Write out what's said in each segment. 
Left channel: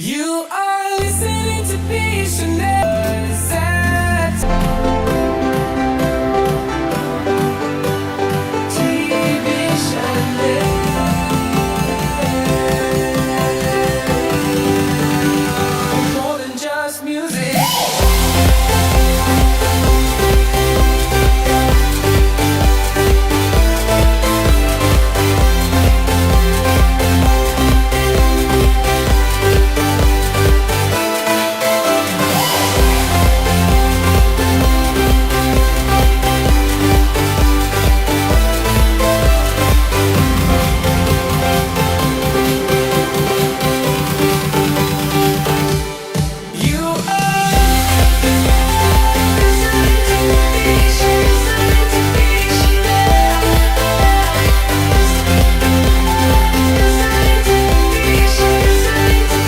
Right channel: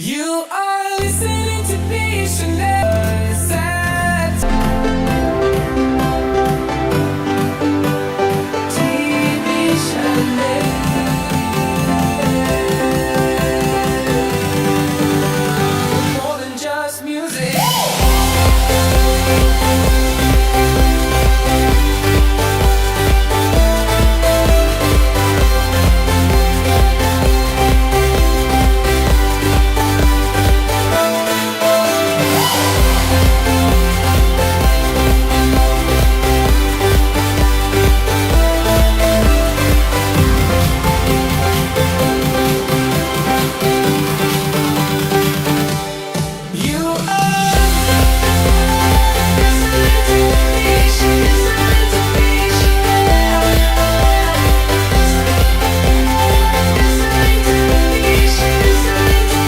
You are listening to Visionaries at TV Channel. More than just music. You are listening to Vision, listening to Vision, listening to Vision, listening to Vision, listening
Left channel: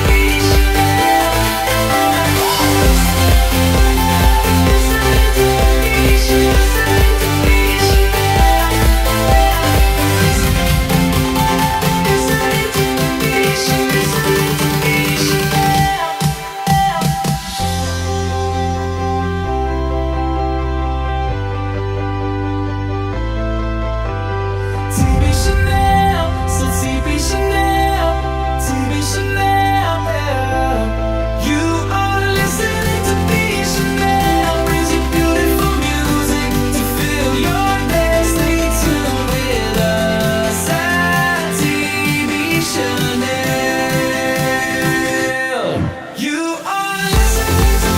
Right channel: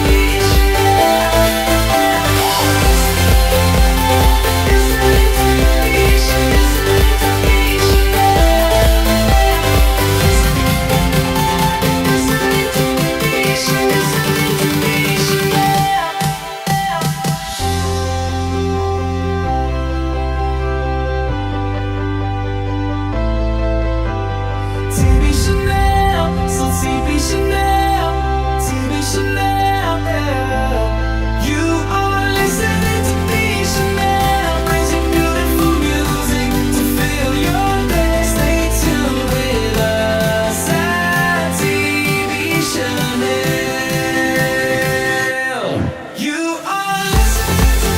to Vision, listening to Vision, listening to Vision, listening to Vision. TV Chanel, so TV Chanel, TV Chanel. You are listening to TV Chanel, brings you beautiful music to fill your day. Stay tuned with us at TV Chanel. You are listening to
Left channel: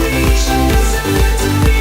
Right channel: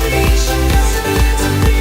Vision, listening to Vision.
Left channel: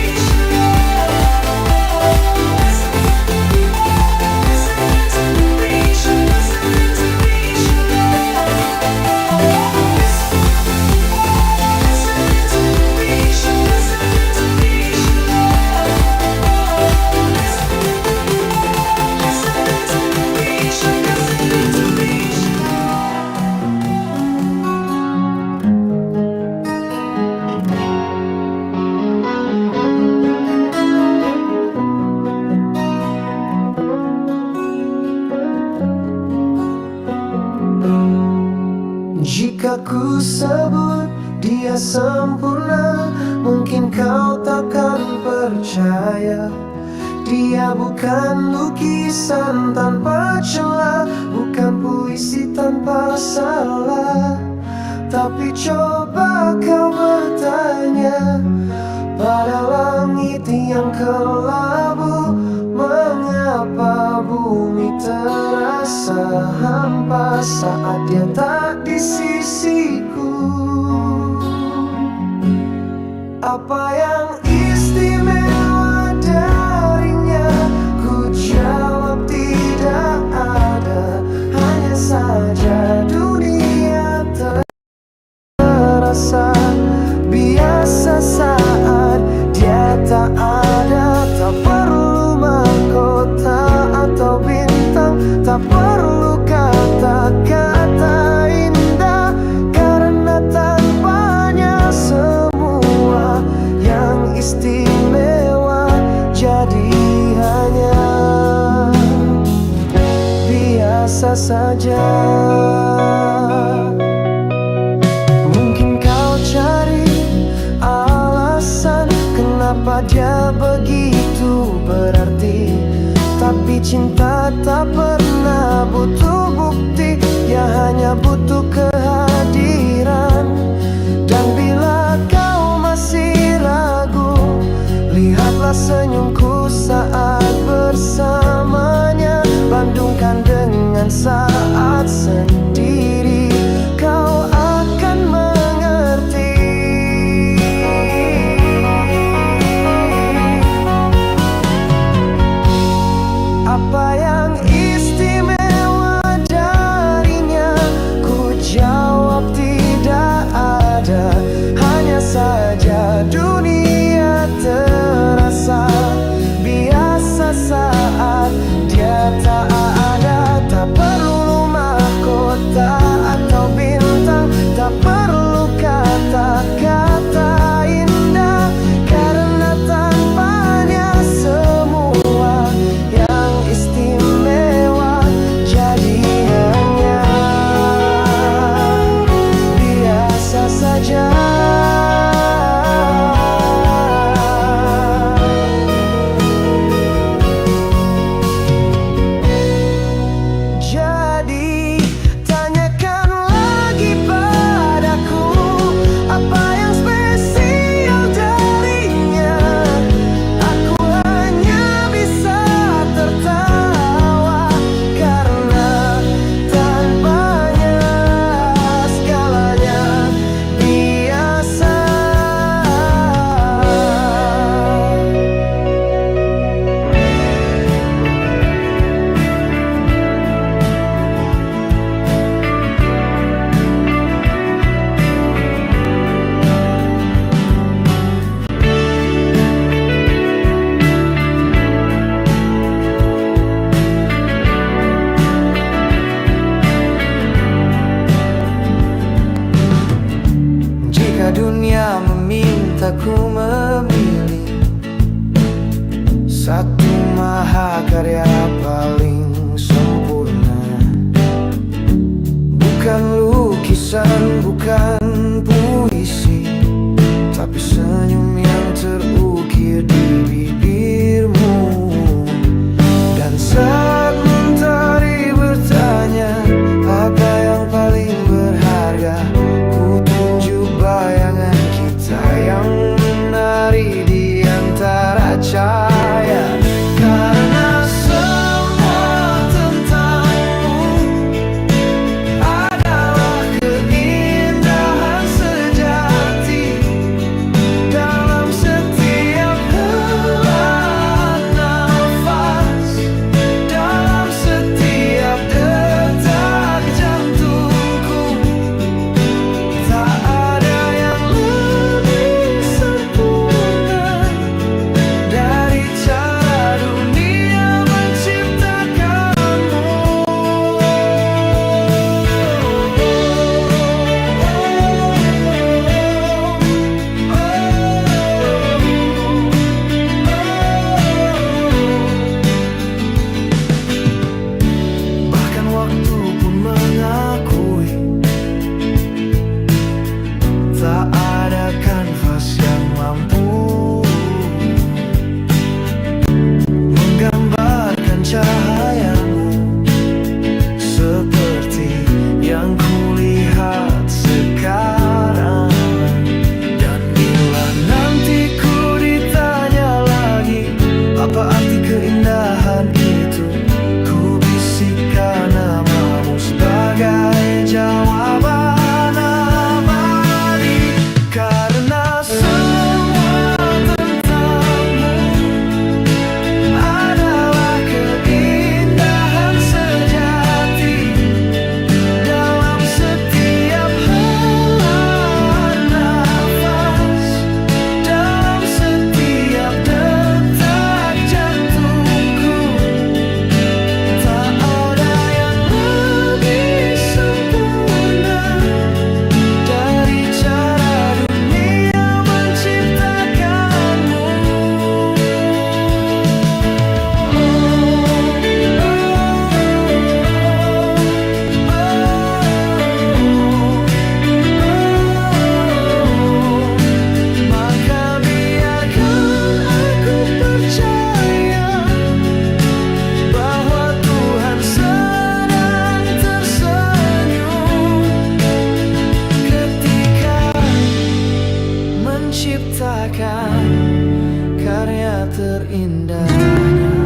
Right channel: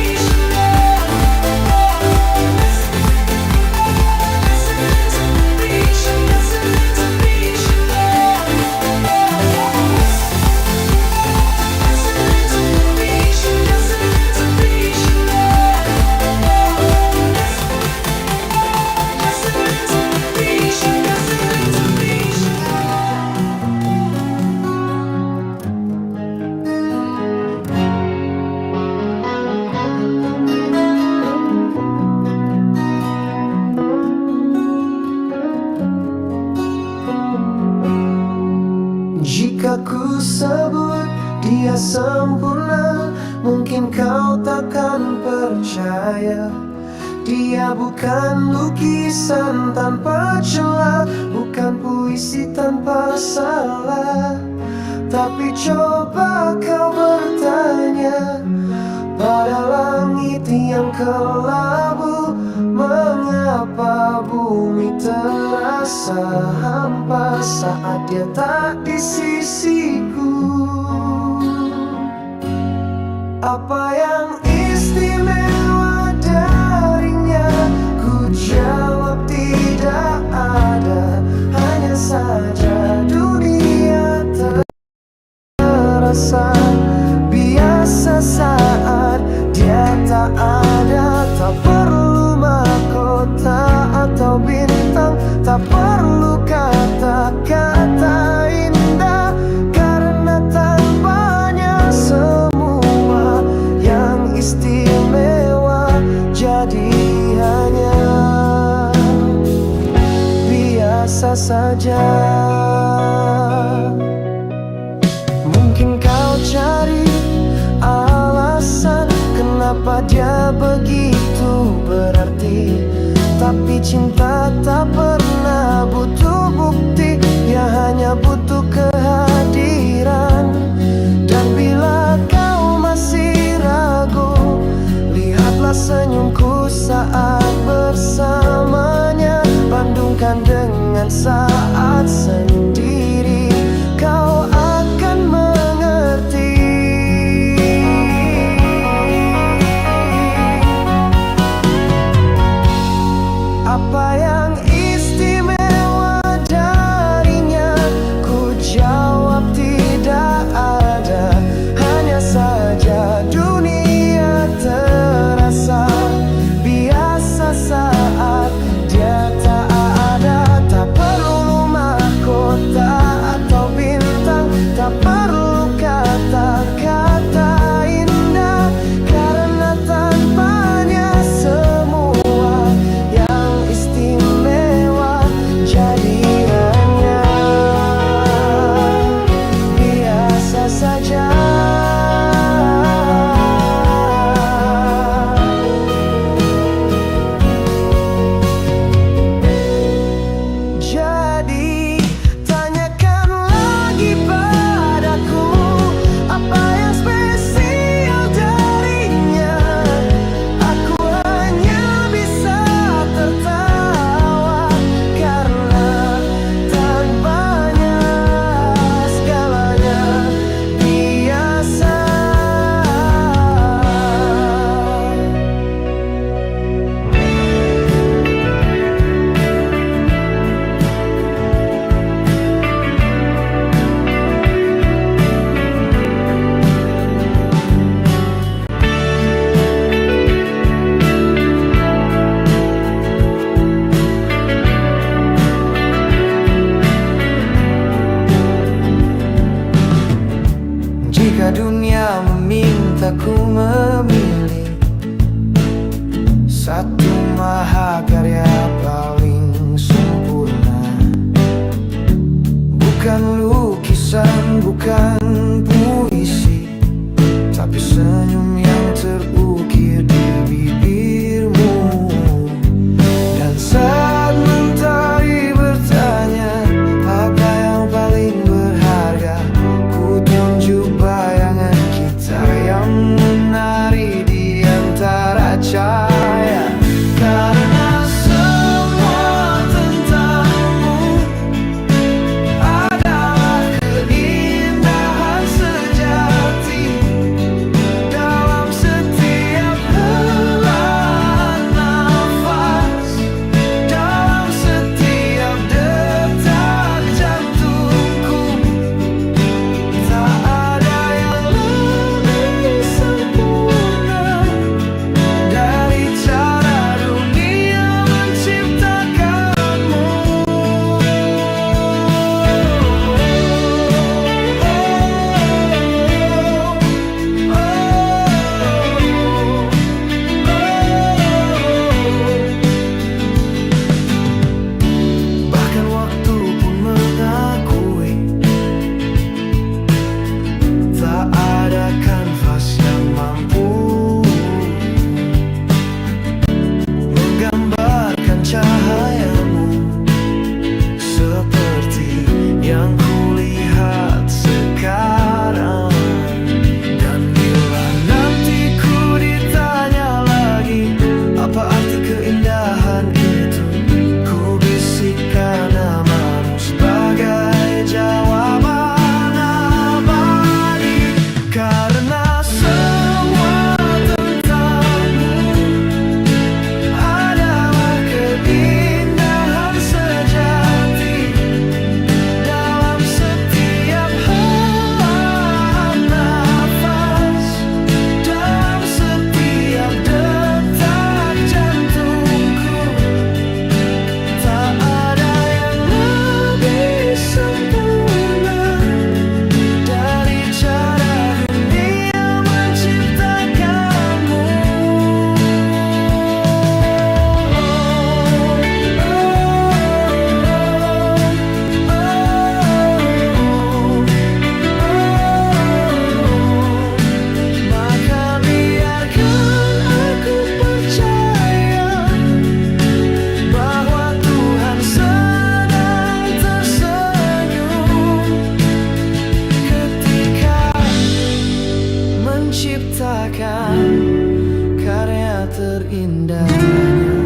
Jika ku sebut dia sempurna, mungkin kau takkan percaya. Dia bukan lukisan tanpa celah, bukan puisi tanpa salah. Tapi coba kau bertanya pada langit yang kelabu, mengapa bumi terasa hampa saat dia tak di sisiku? Apa yang istimewa darinya? Ku jawab tidak ada, hanya saja dunia terasa biasa saat dia tak ada. Tak perlu mahkota atau bintang, tak perlu kata-kata indah, karena tanpanya semua yang istimewa jadi hanya biasa saja. Mungkin kau cari alasan kenapa dia begitu berarti, tapi cinta tak pernah butuh bukti, ya hanya butuh kehadiran. Dan bila kau masih ragu, lihatlah senyumku saat bersamanya. Bandungkan dengan saat sendiri, kau akan mengerti. Apa yang istimewa darinya? Ku jawab tidak ada, hanya saja dunia terasa biasa saat dia tak ada. Tak perlu mahkota atau bintang, tak perlu kata-kata indah, karena tanpanya semua yang istimewa jadi hanya saja. Jadi tanyakan lagi padaku, apa yang spesial darinya. Aku hanya bisa tertawa, karena tanpanya segalanya biasa. Jika dunia memintaku memilih satu mahakarya paling sempurna, bukan lukisan, bukan puisi, tapi senyum yang terukir di bibirmu. Dan saat mentari bertanya apa yang paling berharga, ku tunjuk bayangan kita yang menari di antara cahaya. Karena semua tentangmu adalah keindahan sejati dalam setiap helaan nafas, dalam setiap detak jantungku. Tak ada yang lebih sempurna dari cara dunia menciptakanmu. Bahkan waktu pun mengakui, tak ada kanvas yang mampu menggambarkan cahayamu seperti yang kulihat sekarang. Dan bila nanti ku ditanya lagi apa arti keindahan itu, ku bisikkan namamu sebagai jawaban abadi. Karena semua tentangmu adalah keindahan sejati dalam setiap helaan nafas, dalam setiap detak jantungku. Tak ada yang lebih sempurna dari cara dunia menciptakanmu. Maka biarkan aku percaya bahwa Tuhan sedang tersenyum ketika menciptakan karya terindahnya.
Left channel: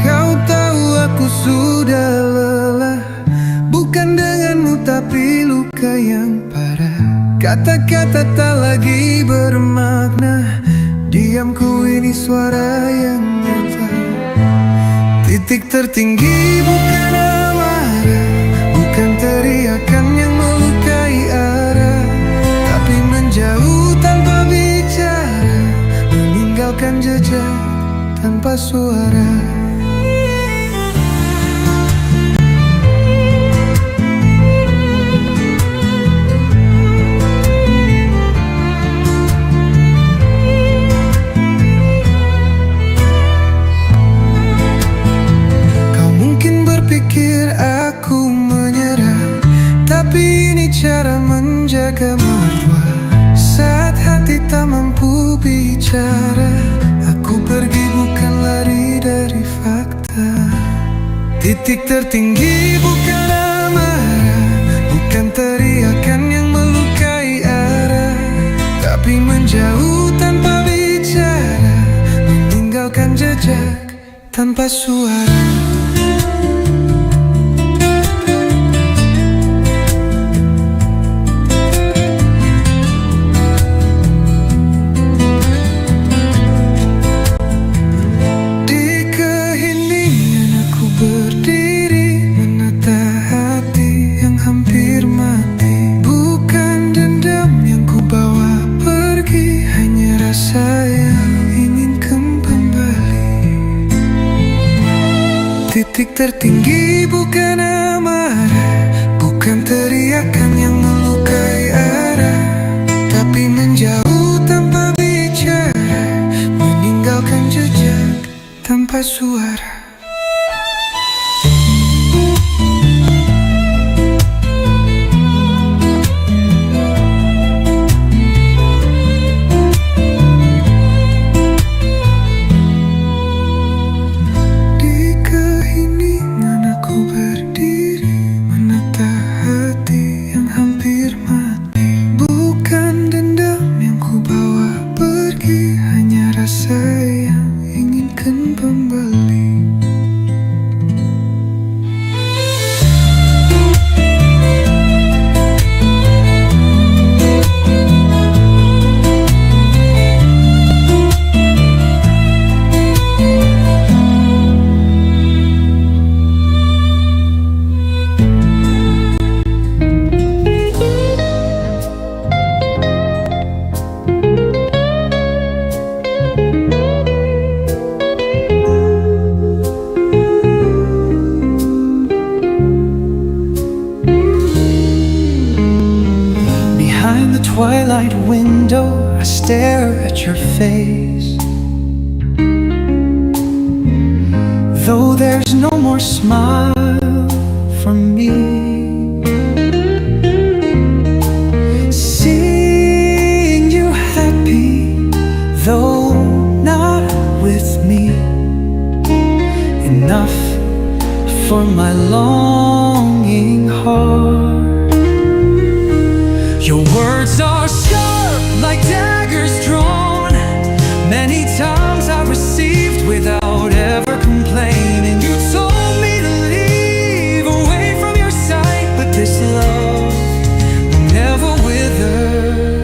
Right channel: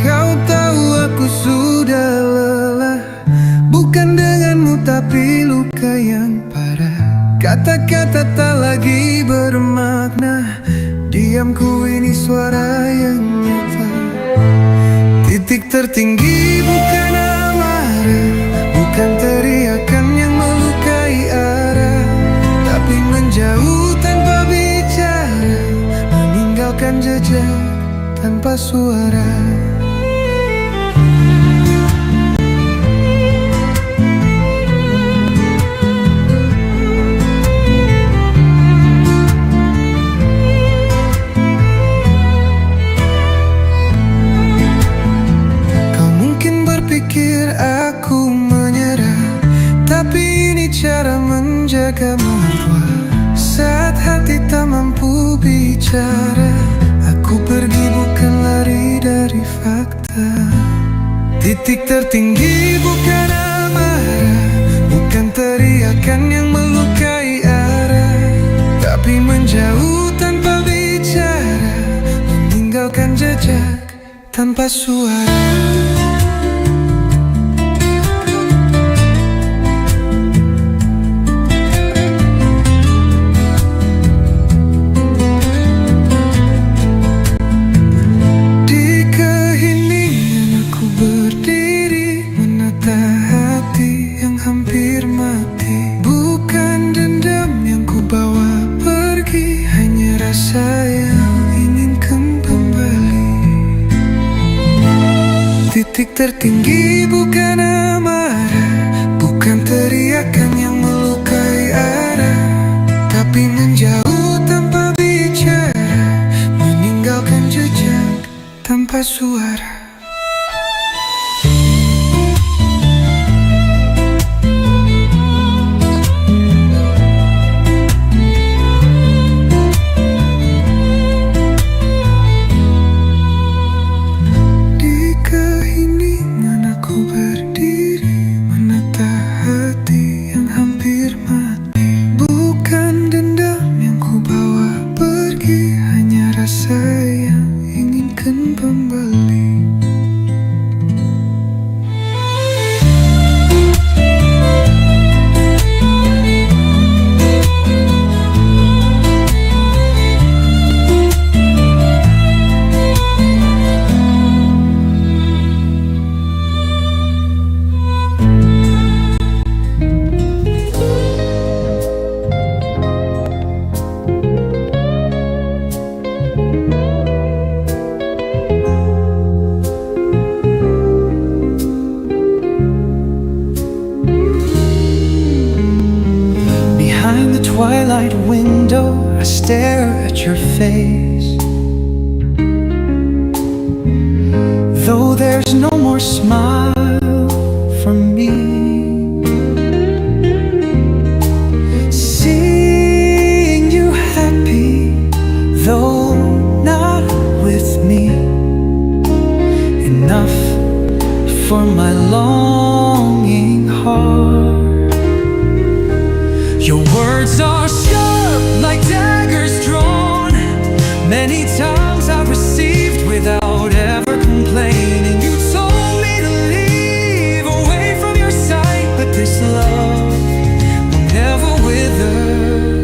Kau tahu aku sudah lelah, bukan denganmu tapi luka yang parah. Kata-kata tak lagi bermakna, diamku ini suara yang nyata. Titik tertinggi bukan amarah, bukan teriakan yang melukai arah, tapi menjauh tanpa bicara, meninggalkan jejak tanpa suara. cara menjaga marwah. Saat hati tak mampu bicara, aku pergi bukan lari dari fakta. Titik tertinggi bukan amarah, bukan teriakan yang melukai arah, tapi menjauh tanpa bicara, meninggalkan jejak tanpa suara. Berdiri menata hati yang hampir mati. Bukan dendam yang ku bawa pergi, hanya rasa yang ingin kembali. Titik tertinggi bukan amarah, bukan teriakan yang melukai arah, tapi menjauh tanpa bicara, meninggalkan jejak tanpa suara. Aku berdiri menata hati yang hampir mati. Bukan dendam yang ku bawa pergi, hanya rasa yang inginkan kembali. Behind the twilight window, I stare at your face. Though there's no more smile from me, seeing you happy, though not with me, enough for my longing heart. Your words are sharp like daggers drawn. Many times I've received without ever complaining. You told me to leave away from your sight, but this love will never wither.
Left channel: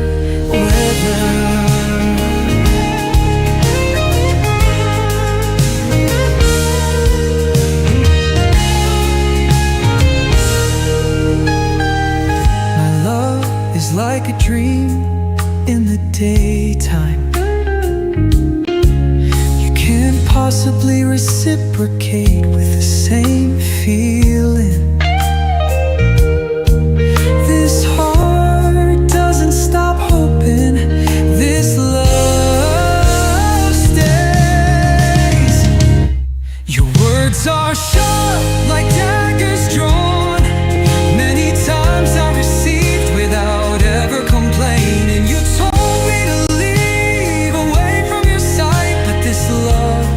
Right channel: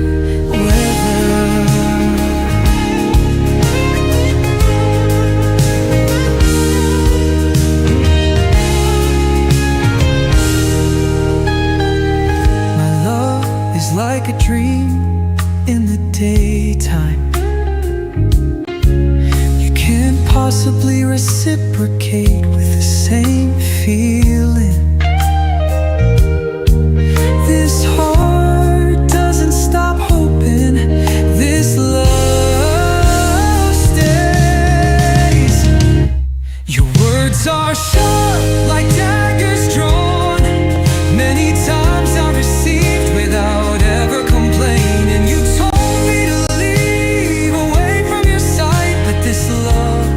My love is like a dream in the daytime. You can't possibly reciprocate with the same feeling. This heart doesn't stop hoping. This love stays. Your words are sharp like daggers drawn. Many times I received without ever complaining. You told me to leave away from your sight, but this love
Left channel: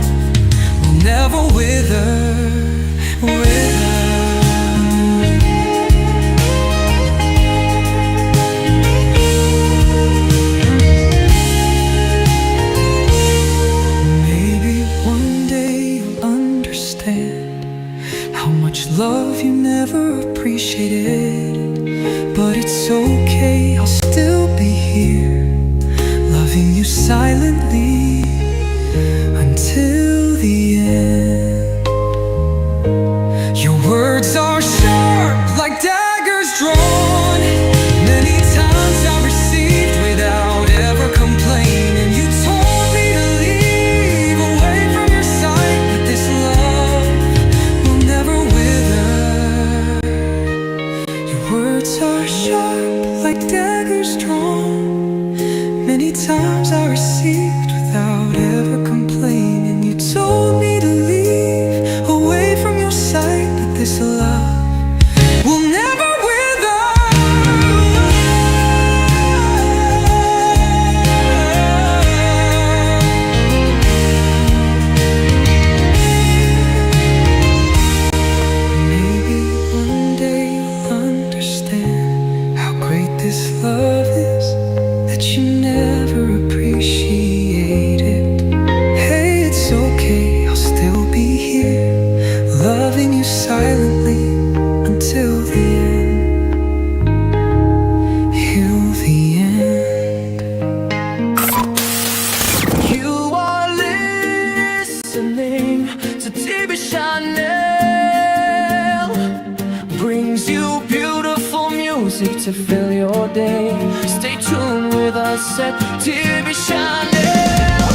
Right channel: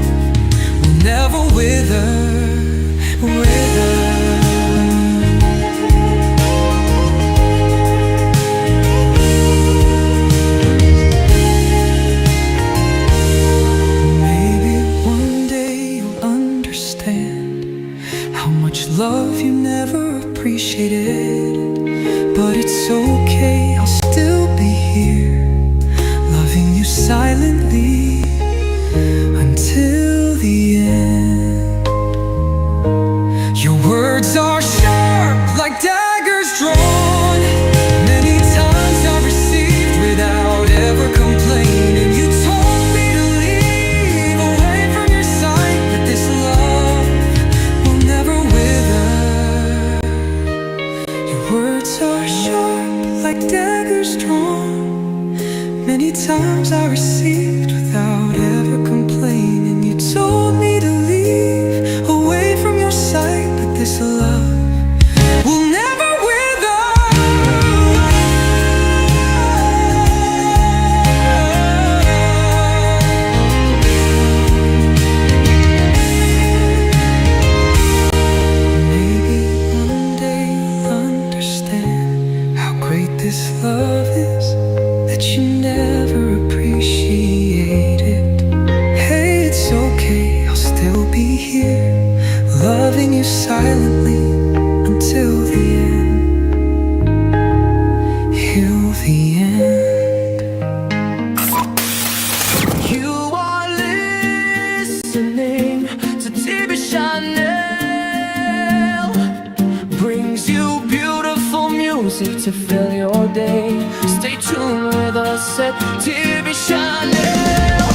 will never wither. Maybe one day you'll understand how much love you never appreciated. But it's okay, I'll still be here, loving you silently until the end. Your words are sharp like daggers drawn. Many times I've received without ever complaining. You told me to leave away from your sight, but this love will never wither. Words are sharp like daggers drawn. Many times I received without ever complaining. You told me to leave away from your sight, but this love will never wither. you never appreciate it. Hey, it's okay, I'll still be here, loving you silently until the end. Till the end. You are listening to TV Chanel. Brings you beautiful music to fill your day. Stay tuned with us at TV Chanel.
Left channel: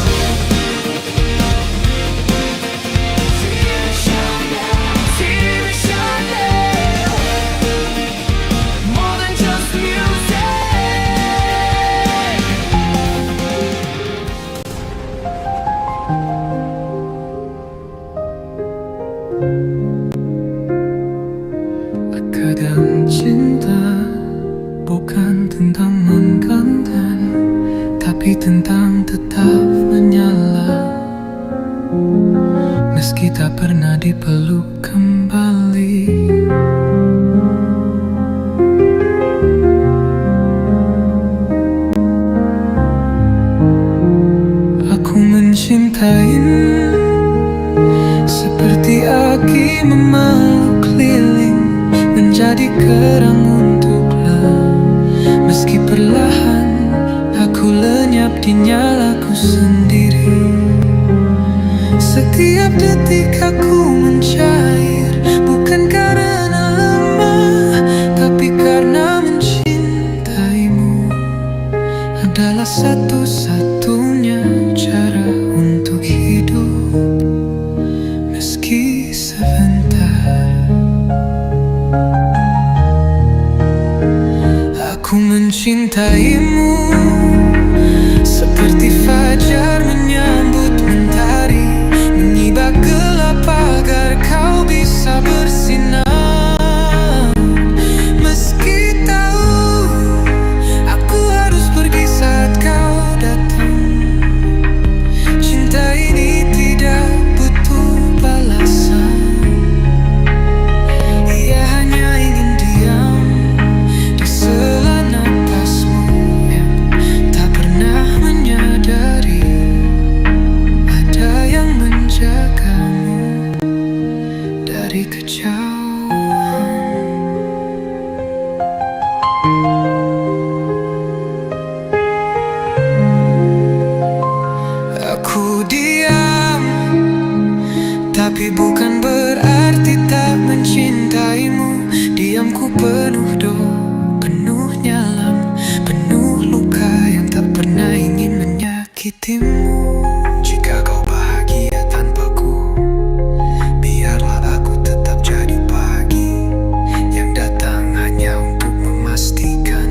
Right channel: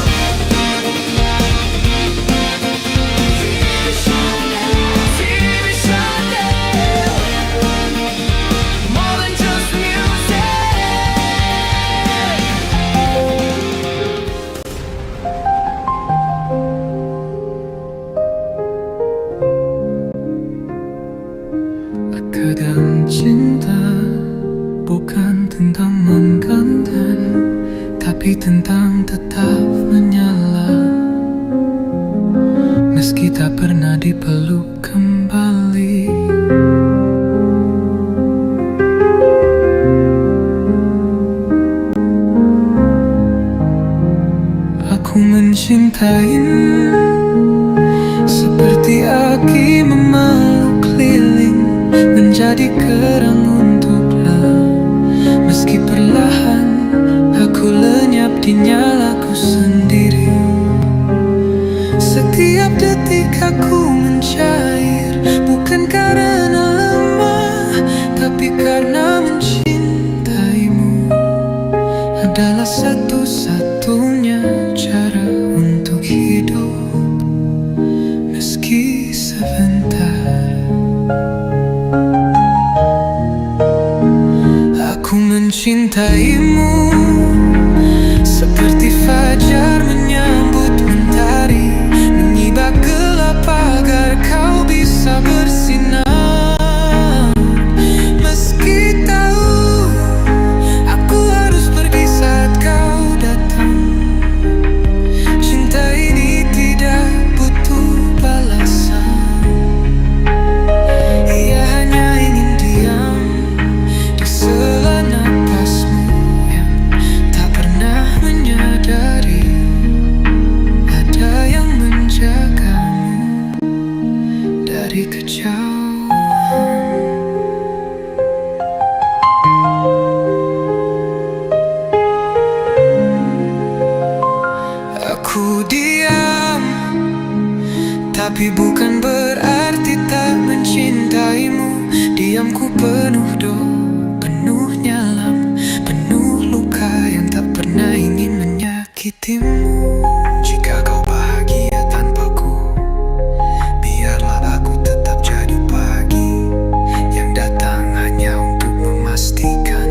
TV Chanel. More than just music. Kadang cinta bukan tentang menggantikan, tapi tentang tetap menyala. Meski tak pernah dipeluk kembali. Aku mencintaimu seperti aki memeluk lilin, menjadi kerang untuklah. Meski perlahan aku lenyap di nyalaku sendiri. Setiap detik aku mencair, bukan karena lemah, tapi karena mencintaimu adalah satu-satunya cara untuk hidup. Meski sebentar, aku mencintaimu seperti fajar menyambut mentari, menyibak gelap agar kau bisa bersinar. Meski tahu aku harus pergi saat kau datang, cinta ini tidak butuh balasan. Ia hanya ingin diam di sela napasmu yang tak pernah menyadari ada yang menjagamu dari kejauhan. Aku diam, tapi bukan berarti tak mencintaimu. Diamku penuh doa, penuh nyalam, penuh luka yang tak pernah ingin menyakitimu. Jika kau bahagia tanpaku, biarlah aku tetap jadi pagi yang datang hanya untuk memastikan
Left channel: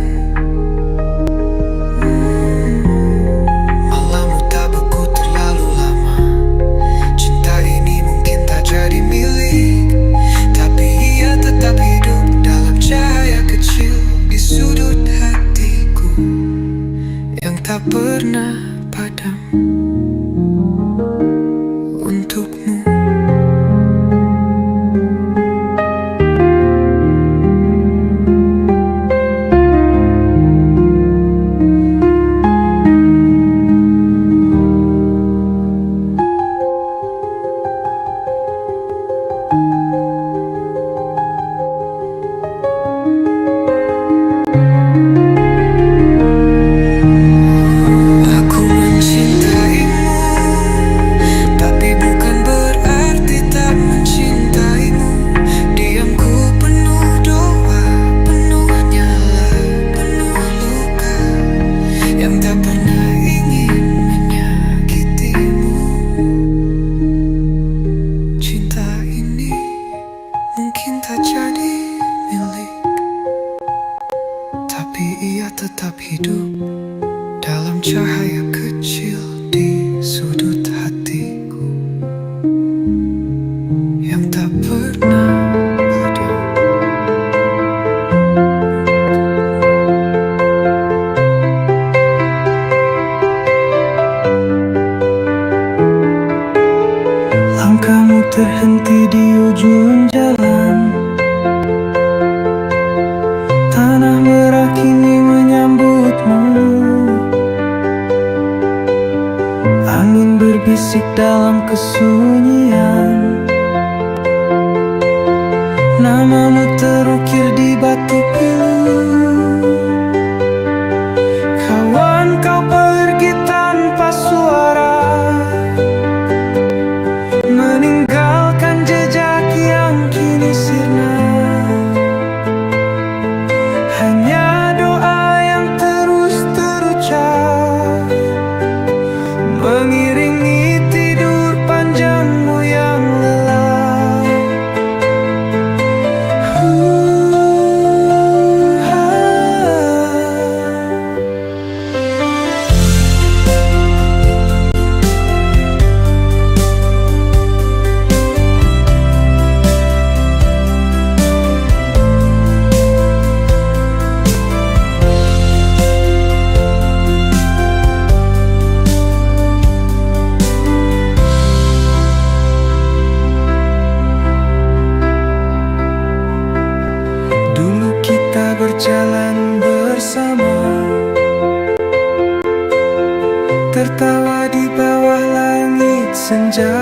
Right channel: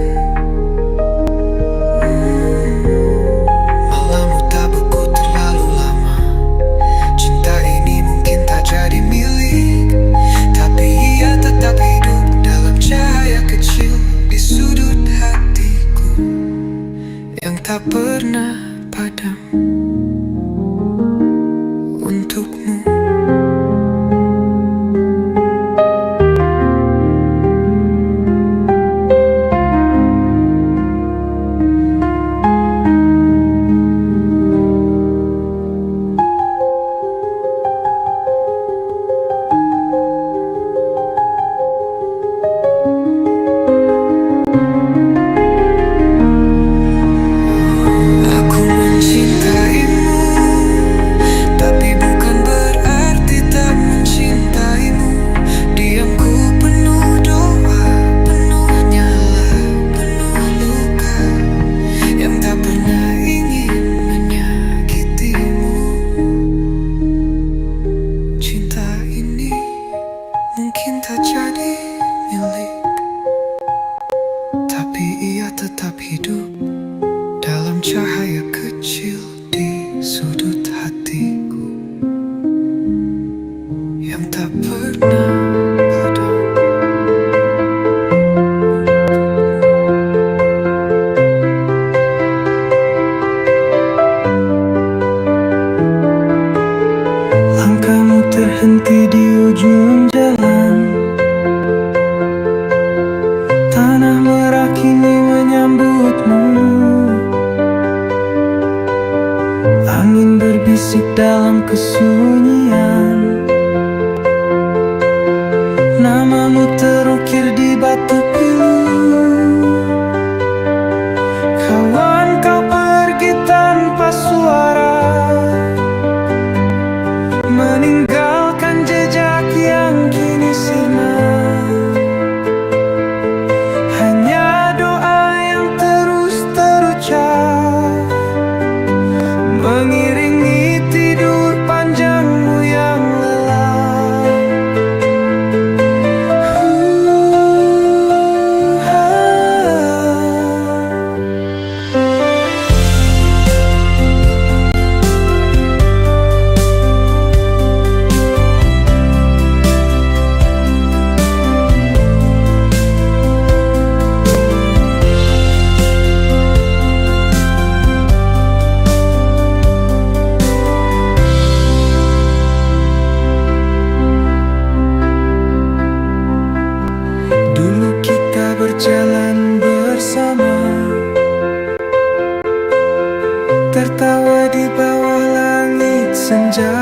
malammu tak beku terlalu lama. Cinta ini mungkin tak jadi milik, tapi ia tetap hidup dalam cahaya kecil di sudut hatiku yang tak pernah padam untukmu. Aku mencintaimu, tapi bukan berarti tak mencintaimu. Diamku penuh doa, penuh nyala, penuh luka yang tak pernah ingin menyakitimu. Cinta ini mungkin tak jadi milik, tapi ia tetap hidup dalam cahaya kecil di sudut hatiku yang tak pernah padam. Langkahmu terhenti di ujung jalan, tanah merah kini menyambutmu. Angin berbisik dalam kesunyian, namamu terukir di batu pilu. Kawan, kau pergi tanpa suara, meninggalkan jejak yang kini sirna. Hanya doa yang terus terucap, mengiringi tidur panjangmu yang lelah. Dulu kita berjalan bersama, tertawa di bawah langit senja.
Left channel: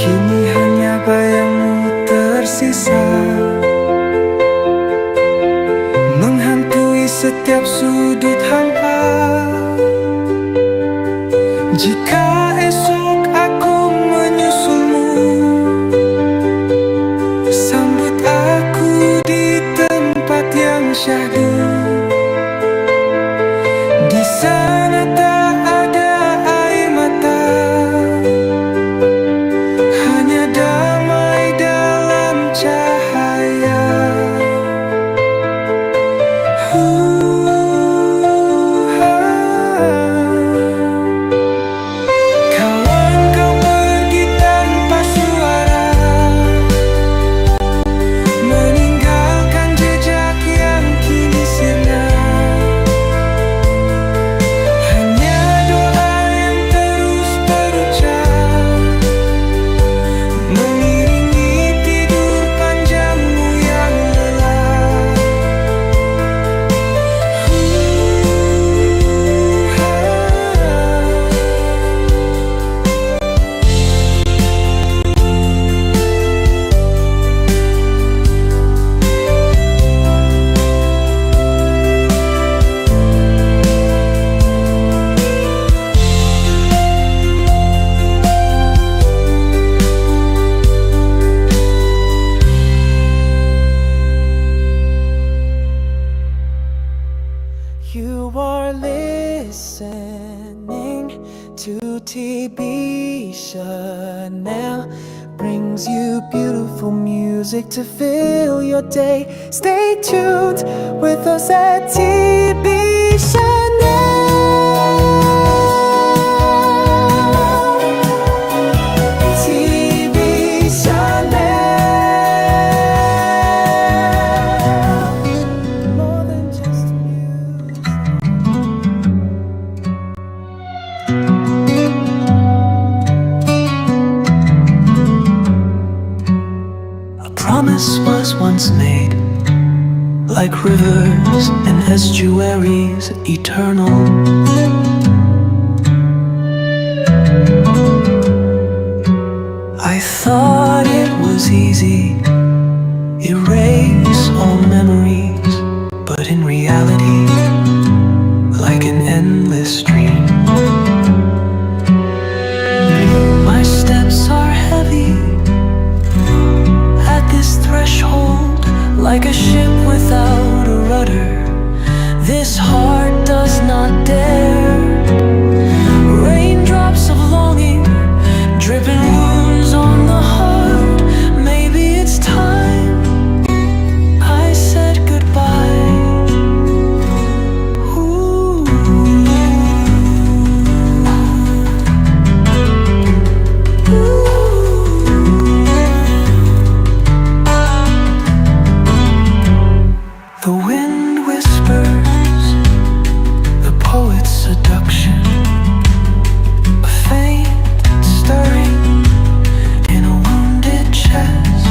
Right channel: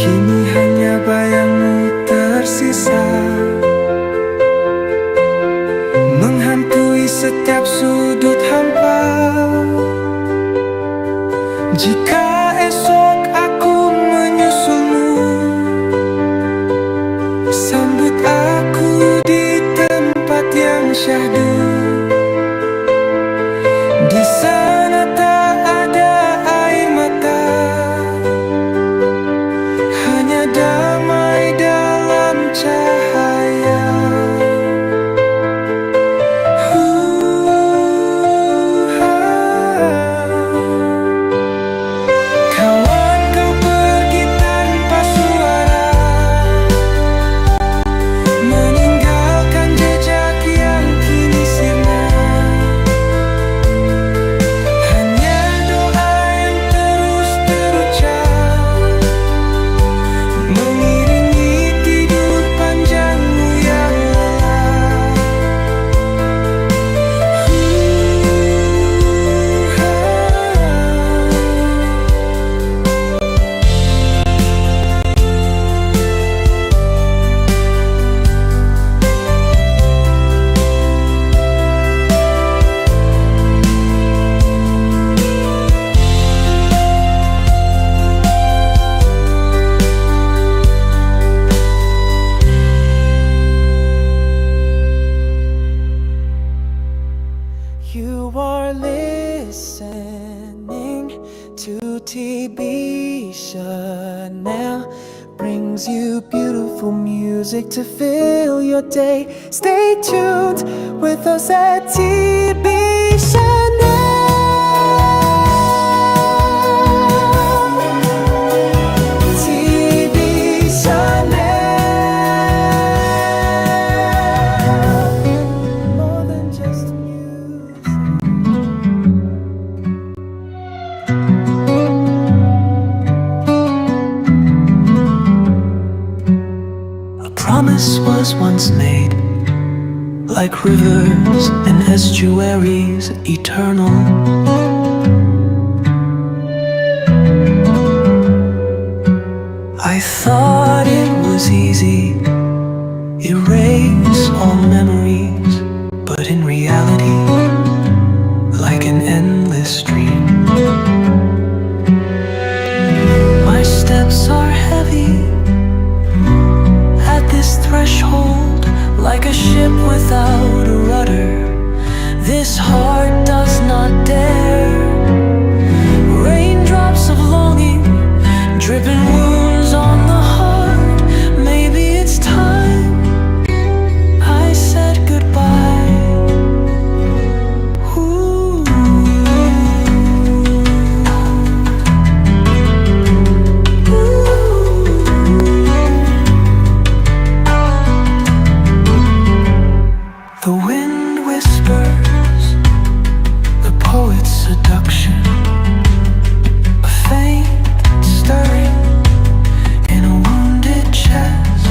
Kini hanya bayangmu tersisa, menghantui setiap sudut hampa. Jika esok aku menyusulmu, sambut aku di tempat yang syahdu. Di sana tak ada air mata, hanya damai dalam cahaya. Kawan, kau pergi tanpa suara, meninggalkan jejak yang kini sirna. Hanya doa yang terus terucap, mengiringi tidur panjangmu yang lelah. You are listening to TB Chanel, brings you beautiful music to fill your day. Stay tuned with us at TB Chanel. TB Chanel, more than just music. A promise was once made, like rivers and estuaries, eternal. I thought it was easy, erase all memories, but in reality, like an endless stream, my steps are heavy at this threshold, like a ship without a rudder. This heart does not dare. Raindrops of longing, dripping wounds on the heart. Maybe it's time I said goodbye. Ooh. The wind whispers, the poet's seduction, a faint stirring in a wounded chest.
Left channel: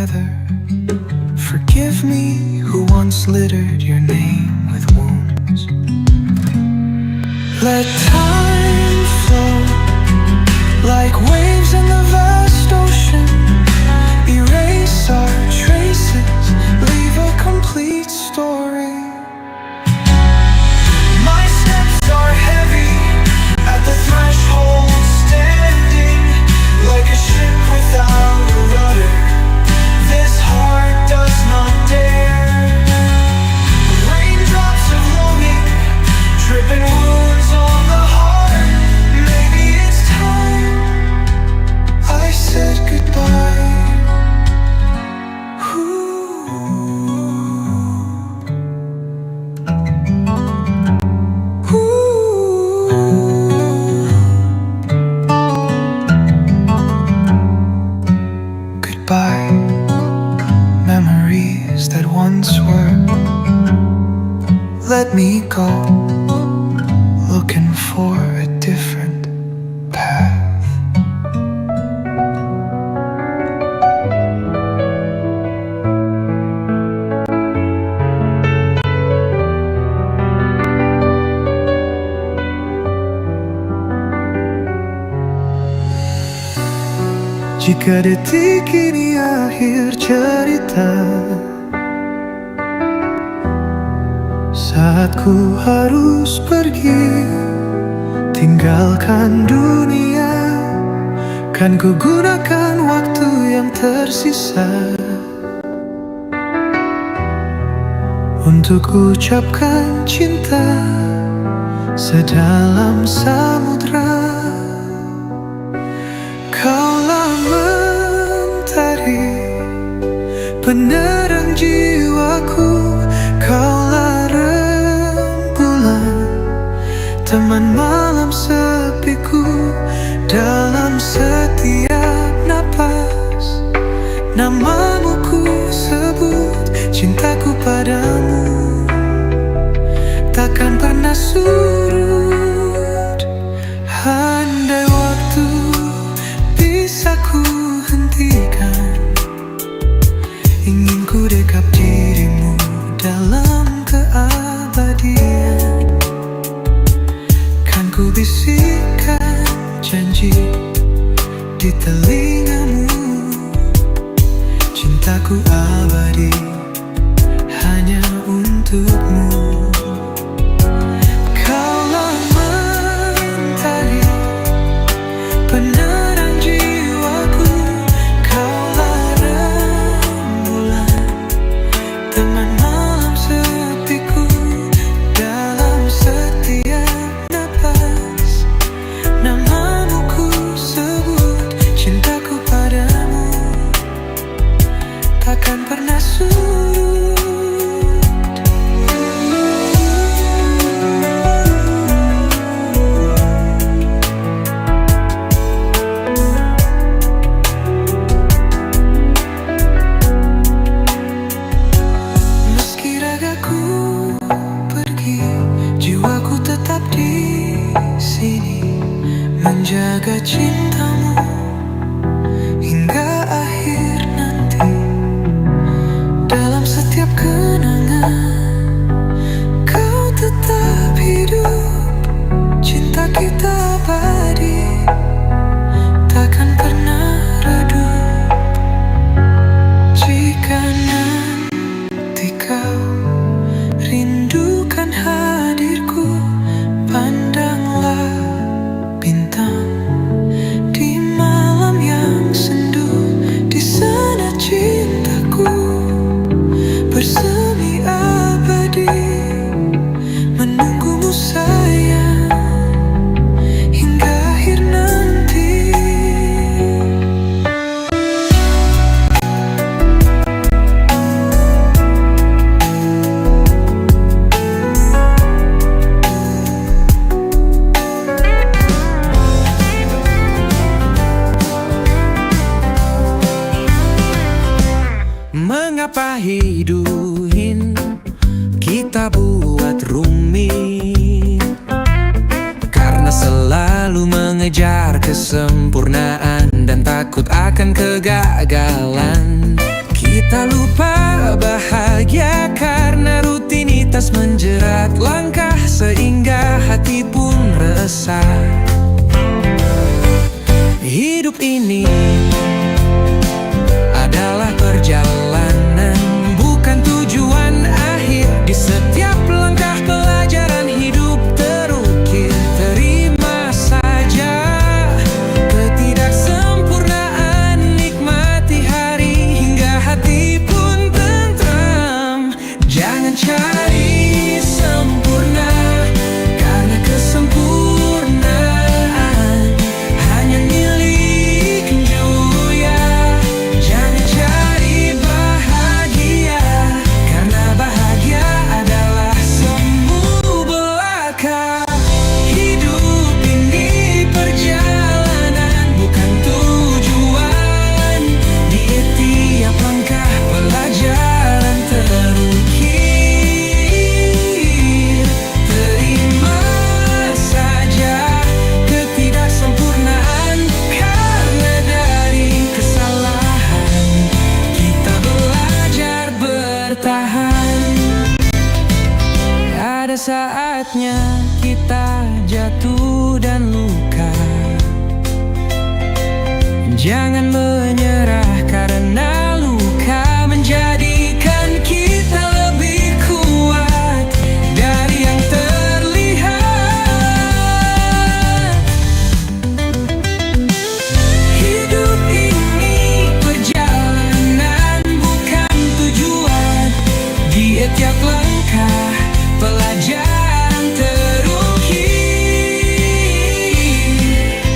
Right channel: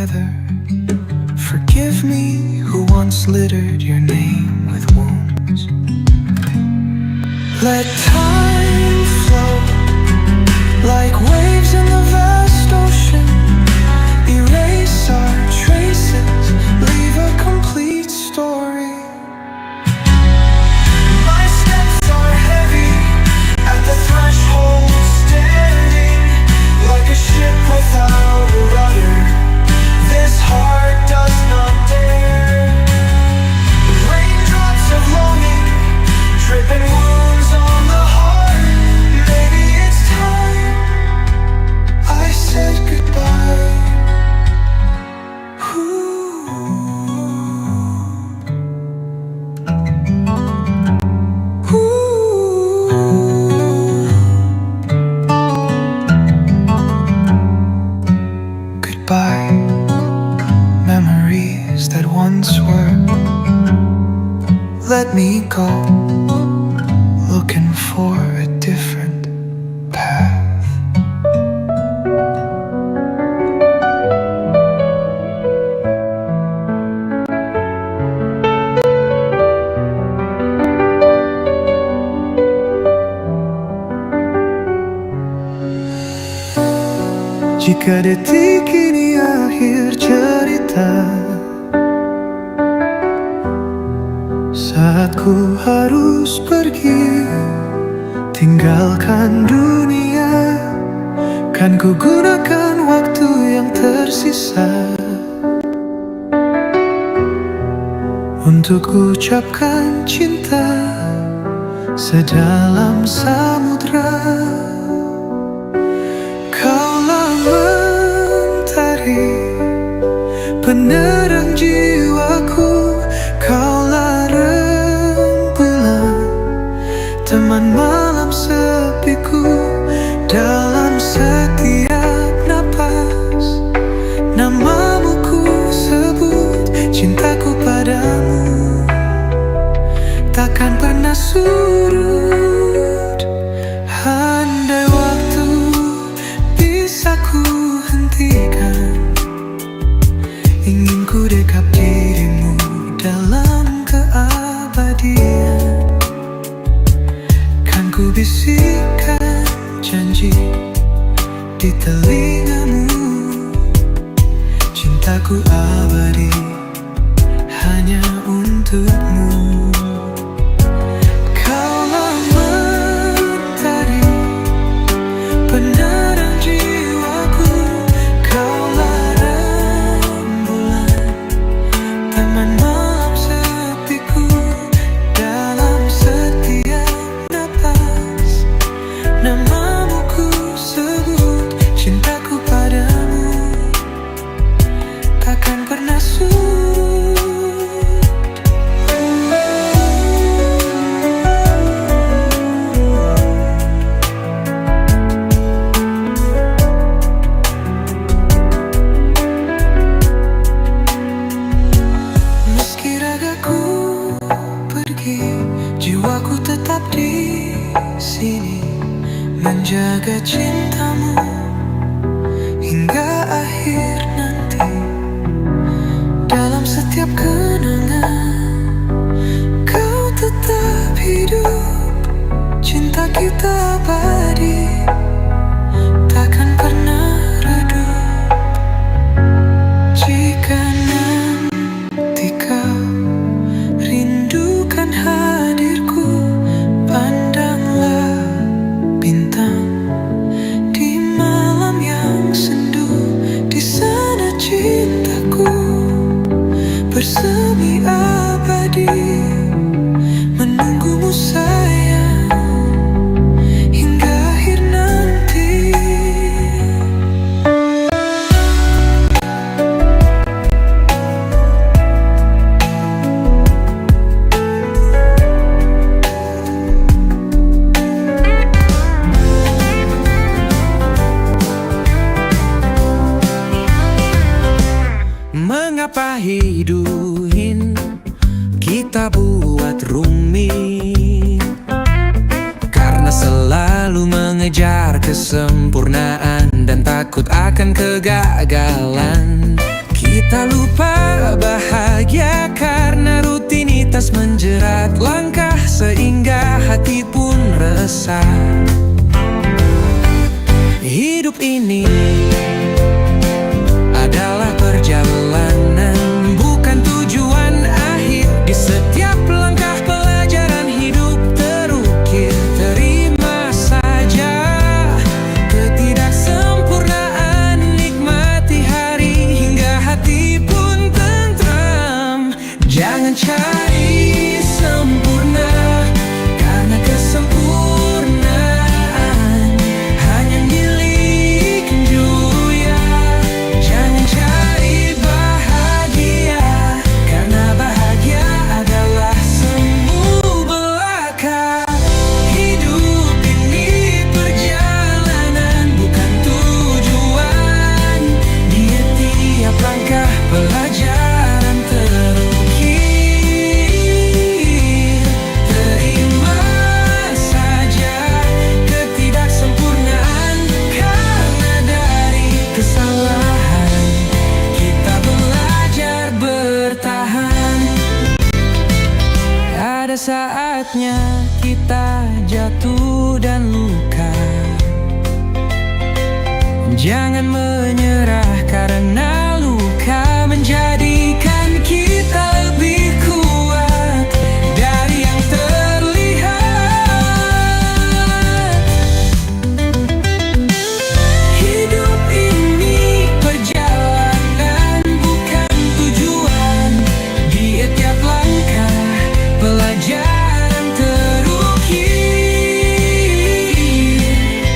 together. Forgive me who once littered your name with wounds. Let time flow like waves in the vast ocean. Erase our traces, leave a complete story. My steps are heavy at the threshold, standing like a ship without a rudder. This heart does not dare. Raindrops of longing, dripping wounds on the heart. Maybe it's time I said goodbye. Goodbye, memories that once were. Let me go, looking for a different path. Jika detik ini akhir cerita, saat ku harus pergi, tinggalkan dunia, kan ku gunakan waktu yang tersisa untuk ucapkan cinta sedalam samudra. Kaulah mentari, penerang jiwaku. Kaulah rembulan, teman malam sepiku. Dalam setiap napas, namamu ku sebut. Cintaku padamu takkan pernah surut. Andai waktu bisa ku hentikan, ingin ku dekap dirimu dalam keabadian. Kan ku bisikkan janji di telingamu, cintaku abadi hanya untukmu. Kaulah mentari, penerang jiwaku. Kaulah rembulan, teman malam sepiku. Dalam setiap napas, namamu ku sebut. Cintaku padamu takkan pernah surut. Ragaku pergi, jiwaku tetap di sini, menjaga cintamu hingga akhir nanti. Dalam setiap kenangan, kau tetap hidup. Cinta kita abadi, takkan pernah redup. Jika nanti kau rindukan hadirku, pandanglah bintang di malam yang sendu. Di sana cintaku bersemi abadi, menunggumu sayang hingga akhir nanti. Mengapa hidup kita buat rumit? Karena selalu mengejar kesempurnaan dan takut akan kegagalan. Tak lupa bahagia karena rutinitas menjerat langkah, sehingga hati pun resah. Hidup ini adalah perjalanan, bukan tujuan akhir. Di setiap langkah pelajaran hidup terukir. Terima saja ketidaksempurnaan, nikmati hari hingga hati pun tentram. Jangan cari sempurna, karena kesempurnaan hanya milik dunia. Jangan cari bahagia, karena bahagia adalah semu belaka. Hidup ini perjalanan, bukan tujuan. Di tiap langkah pelajaran terukir. Terima saja ketidaksempurnaan, karena dari kesalahan kita belajar bertahan. Ada saatnya kita jatuh dan luka. Jangan menyerah, karena luka menjadikan kita lebih kuat dari yang terlihat. Hidup ini perjalanan, bukan tujuan. Di tiap langkah pelajaran terukir.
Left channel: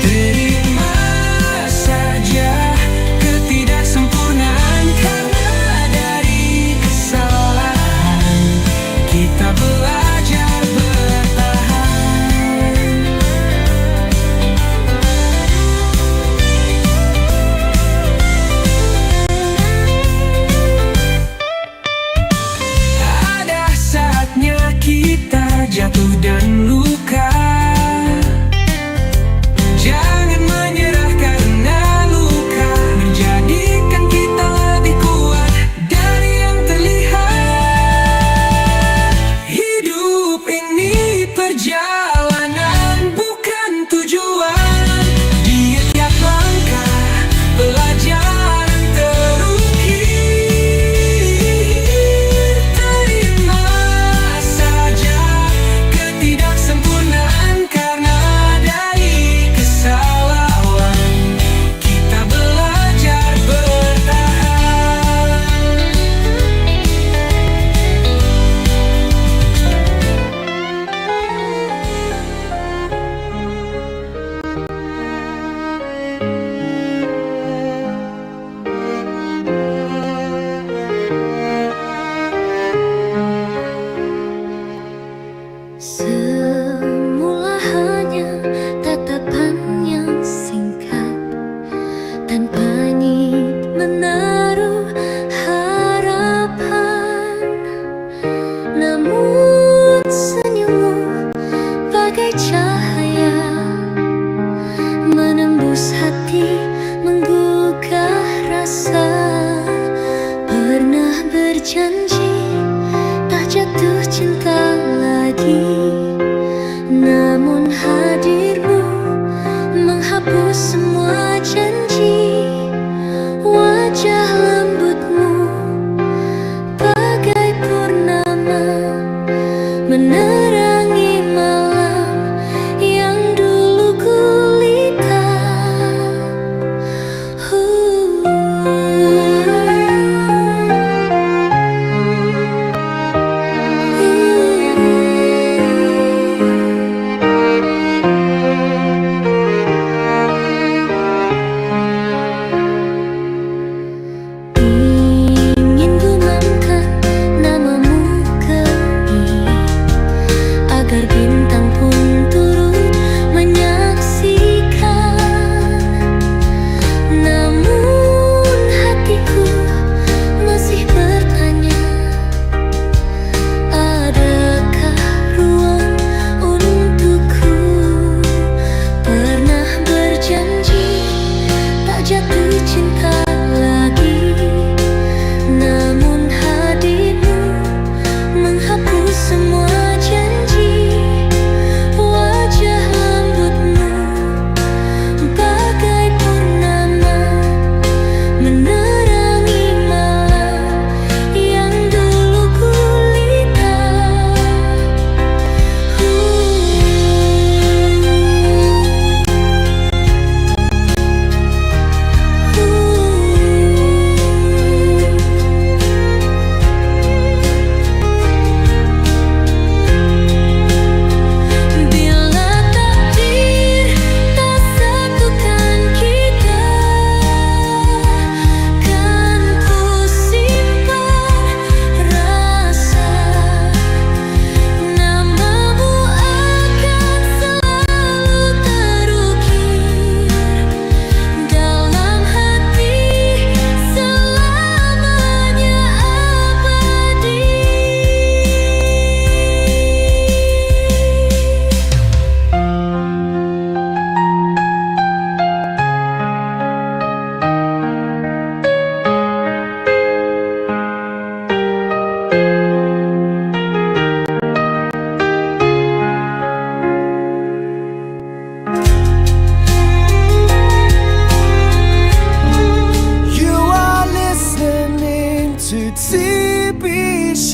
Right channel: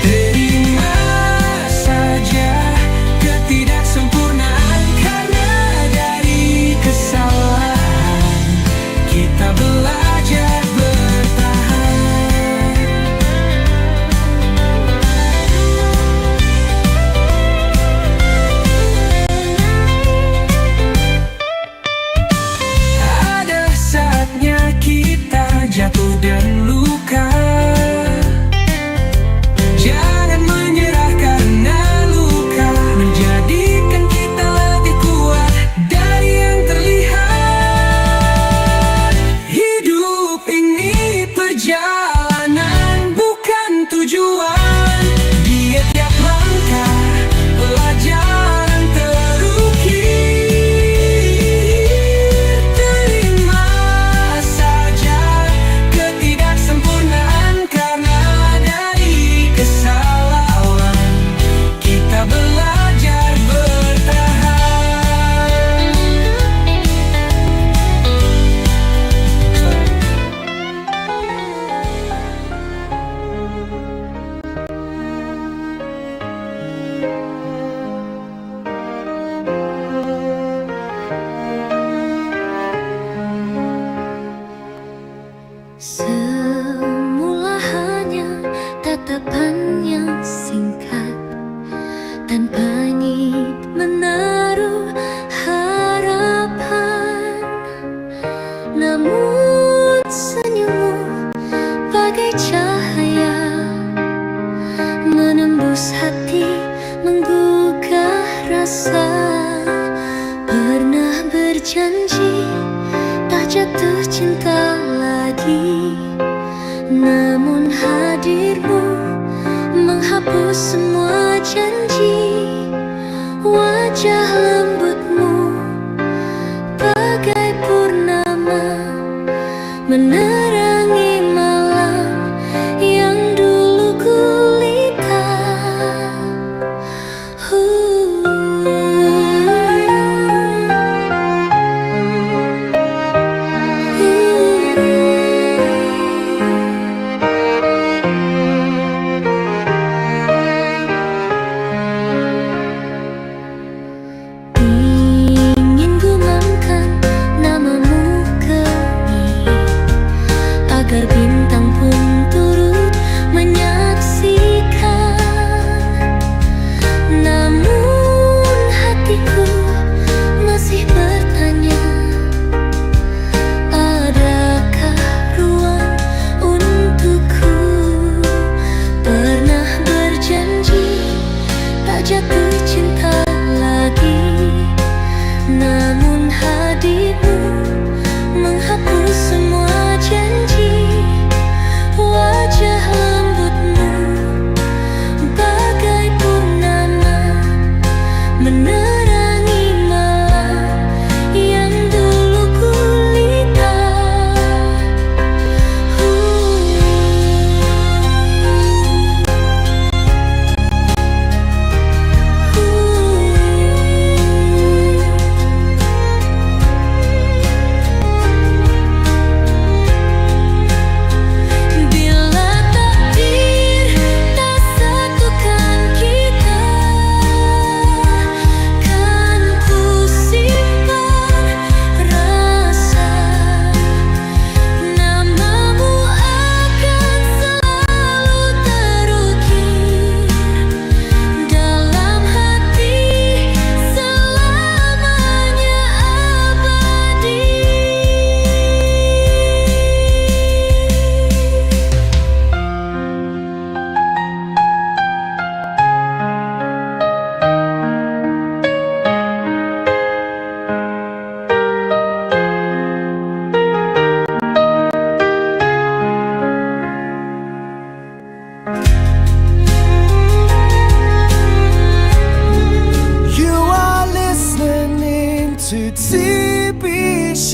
Terima saja ketidaksempurnaan, karena dari kesalahan kita belajar bertahan. Ada saatnya kita jatuh dan luka. Jangan menyerah, karena luka menjadikan kita lebih kuat dari yang terlihat. Hidup ini perjalanan, bukan tujuan. Di tiap langkah pelajaran terukir. Terima saja ketidaksempurnaan, karena dari kesalahan kita belajar bertahan. Semula hanya tatapan yang singkat, tanpa niat menaruh harapan. Namun senyummu bagai cahaya, menembus hati, menggugah rasa. Pernah berjanji tak jatuh cinta lagi, namun hadirmu menghapus semua janji. Wajah lembutmu bagai purnama, menerangi malam yang dulu gulita.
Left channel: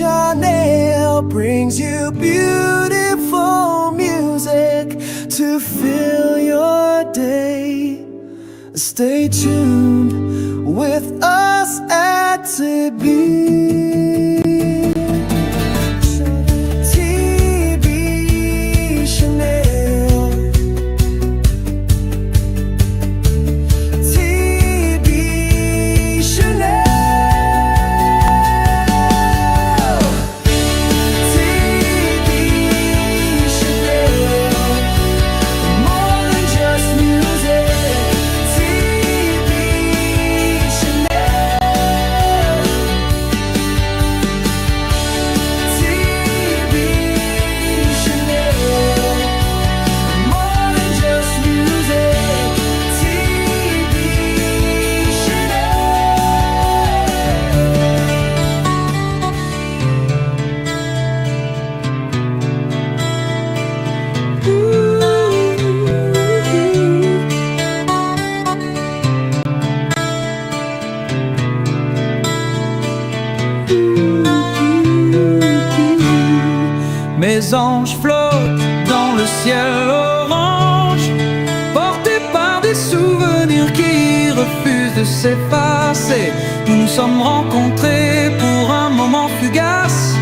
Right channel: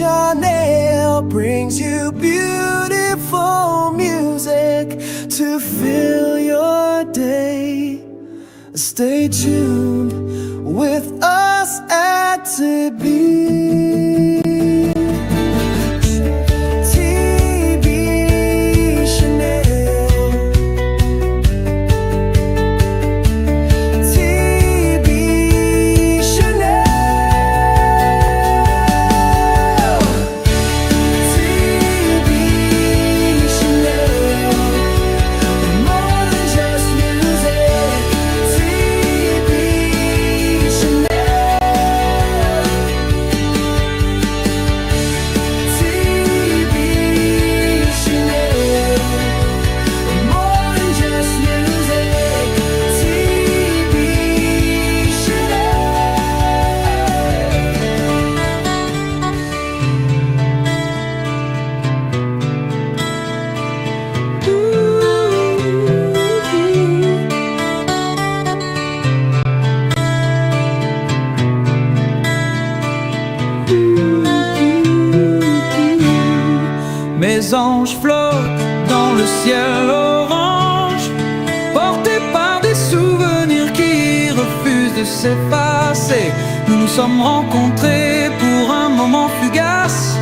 Chanel brings you beautiful music to fill your day. Stay tuned with us at TB. TB Chanel. TB Chanel. TB Chanel. More than just music. TB Chanel. TB Chanel. More than just music. TB Chanel. Mes anges flottent dans le ciel orange, portés par des souvenirs qui refusent de s'effacer. Nous nous sommes rencontrés pour un moment fugace,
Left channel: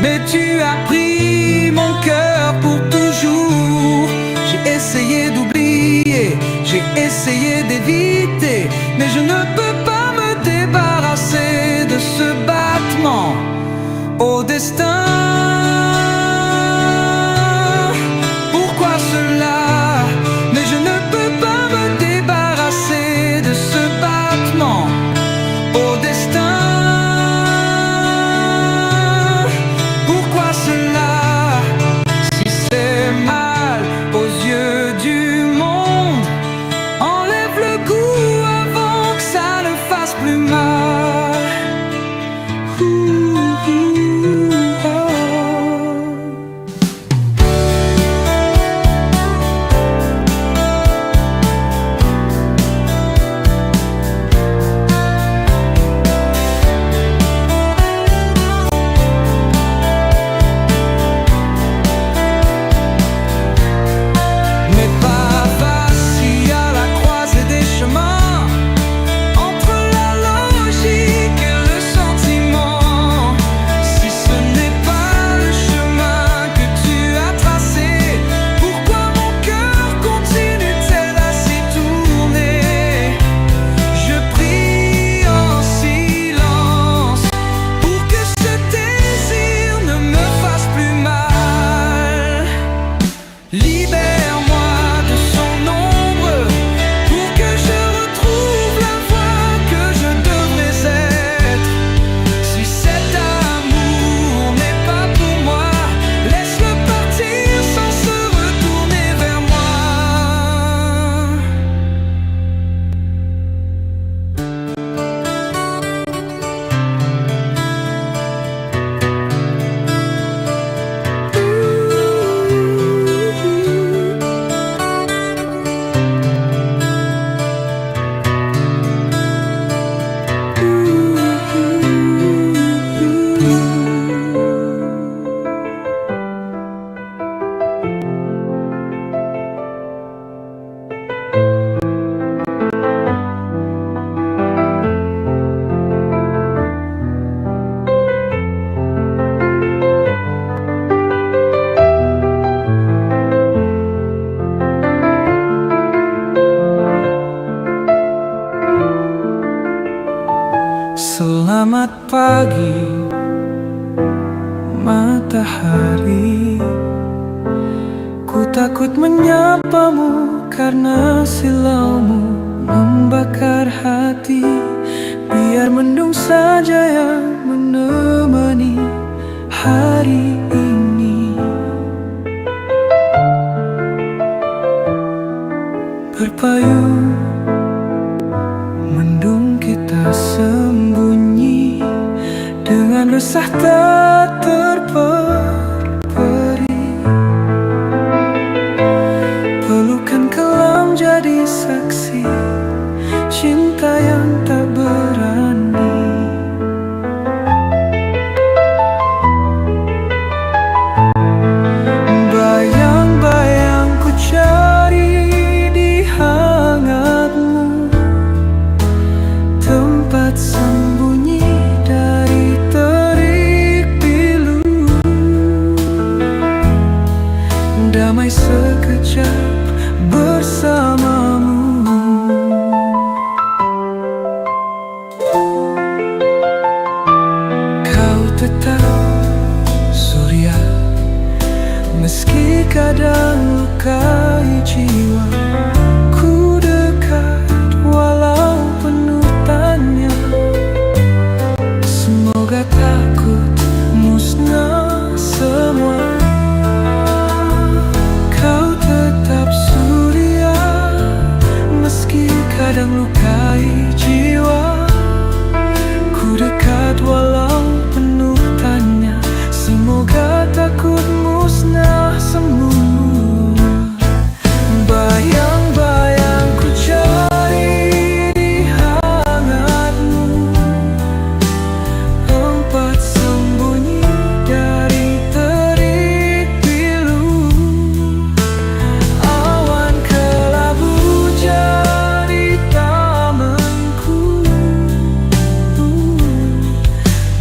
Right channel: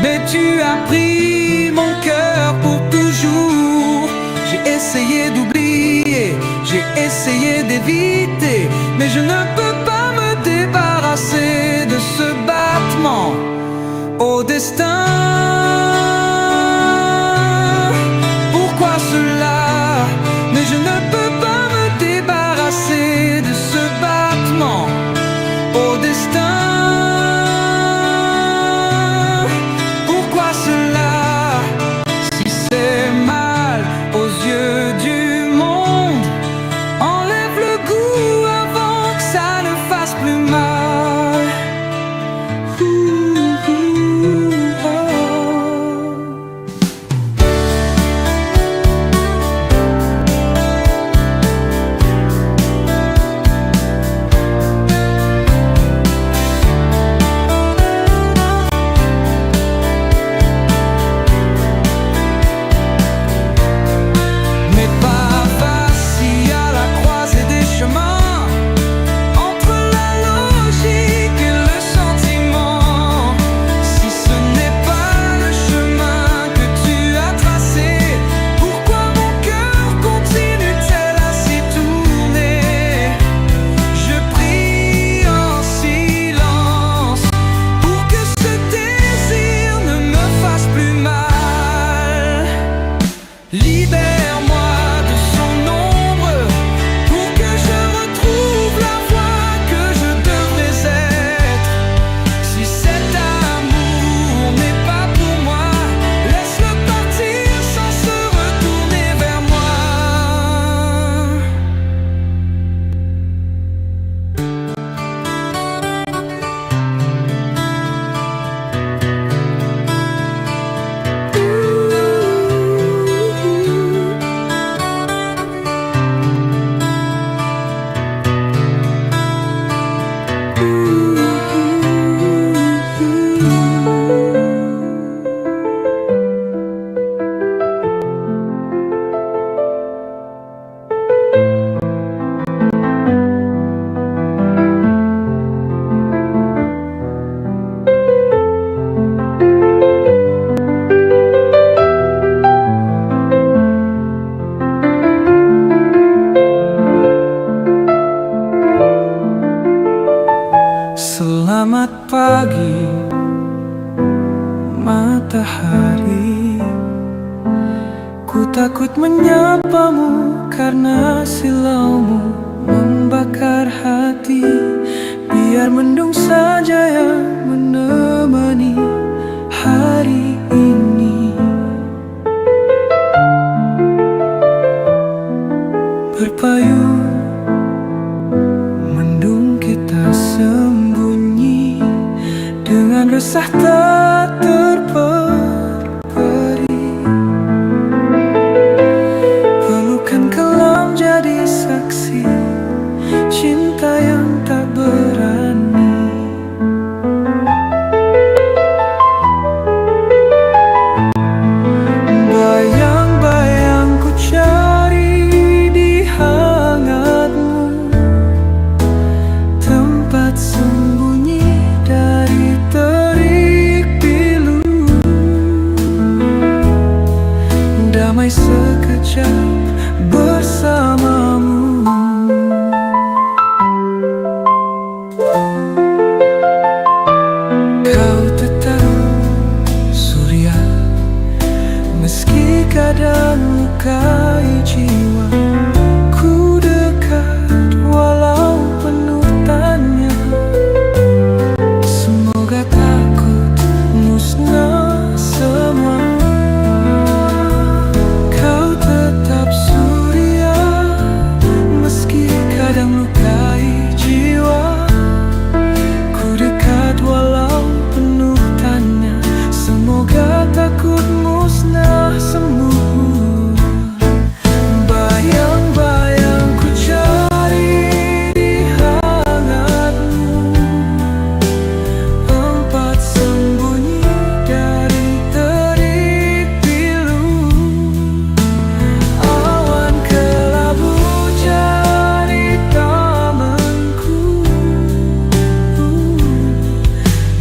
mais tu as pris mon cœur pour toujours. J'ai essayé d'oublier, j'ai essayé d'éviter, mais je ne peux pas me débarrasser de ce battement au destin. Pourquoi cela? Mais je ne peux pas me débarrasser de ce battement au destin. Pourquoi cela? Si c'est mal aux yeux du monde, enlève le goût avant que ça ne fasse plus mal. Oh. Mais pas facile à la croisée des chemins, entre la logique et le sentiment. Si ce n'est pas le chemin que tu as tracé, pourquoi mon cœur continue-t-il à s'y tourner? Je prie en silence pour que ce désir ne me fasse plus mal. Libère-moi de son ombre pour que je retrouve la voix que je devrais être. Si cet amour n'est pas pour moi, laisse-le partir sans se retourner vers moi. Selamat pagi, matahari. Ku takut menyapamu karena silaumu membakar hati. Biar mendung saja yang menemani hari ini. Berpayung mendung kita sembunyi, dengan resah tak terperi. Pelukan kelam jadi saksi cinta yang tak berani. sekejap bersamamu. Kau tetap surya, meski kadang lukai jiwa. Ku dekat walau penuh tanya. Semoga takut musnah semua. Kau tetap surya, meski kadang lukai jiwa. Ku dekat walau penuh tanya. Semoga takut musnah semua. Bayang-bayang ku cari di hangatmu, tempat sembunyi dari terik pilu. Awan kelabu jadi tamanku,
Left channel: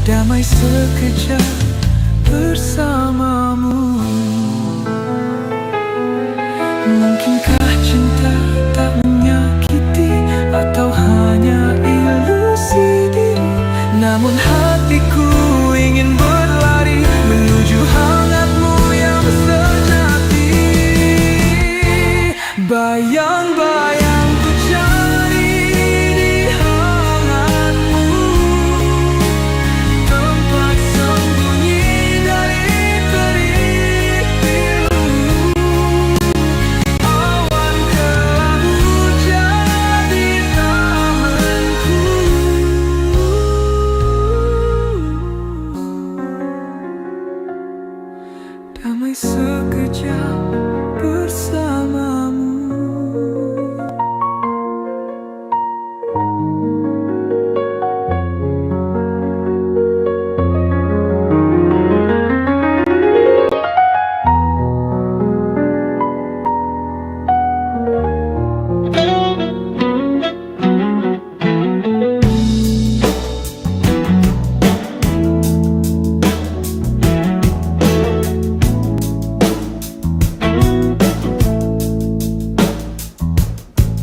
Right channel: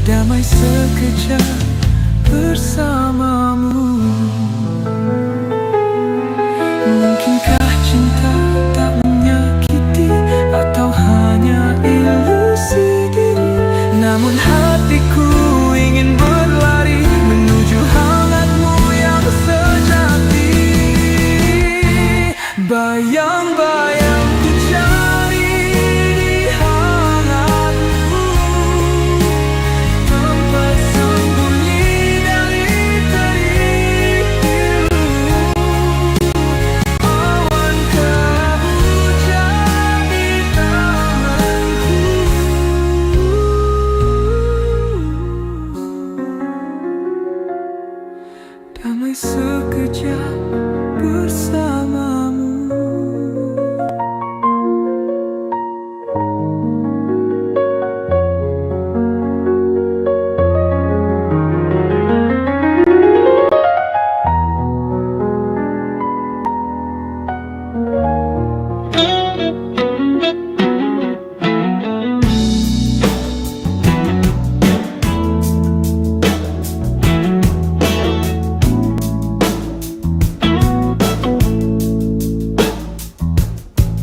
damai sekejap bersamamu. Mungkinkah cinta tak menyakiti, atau hanya ilusi diri? Namun hatiku ingin berlari menuju hangatmu yang sejati. Bayang-bayang ku cari di hangatmu, tempat sembunyi dari terik pilu. Awan kelabu jadi tamanku, damai sekejap bersamamu.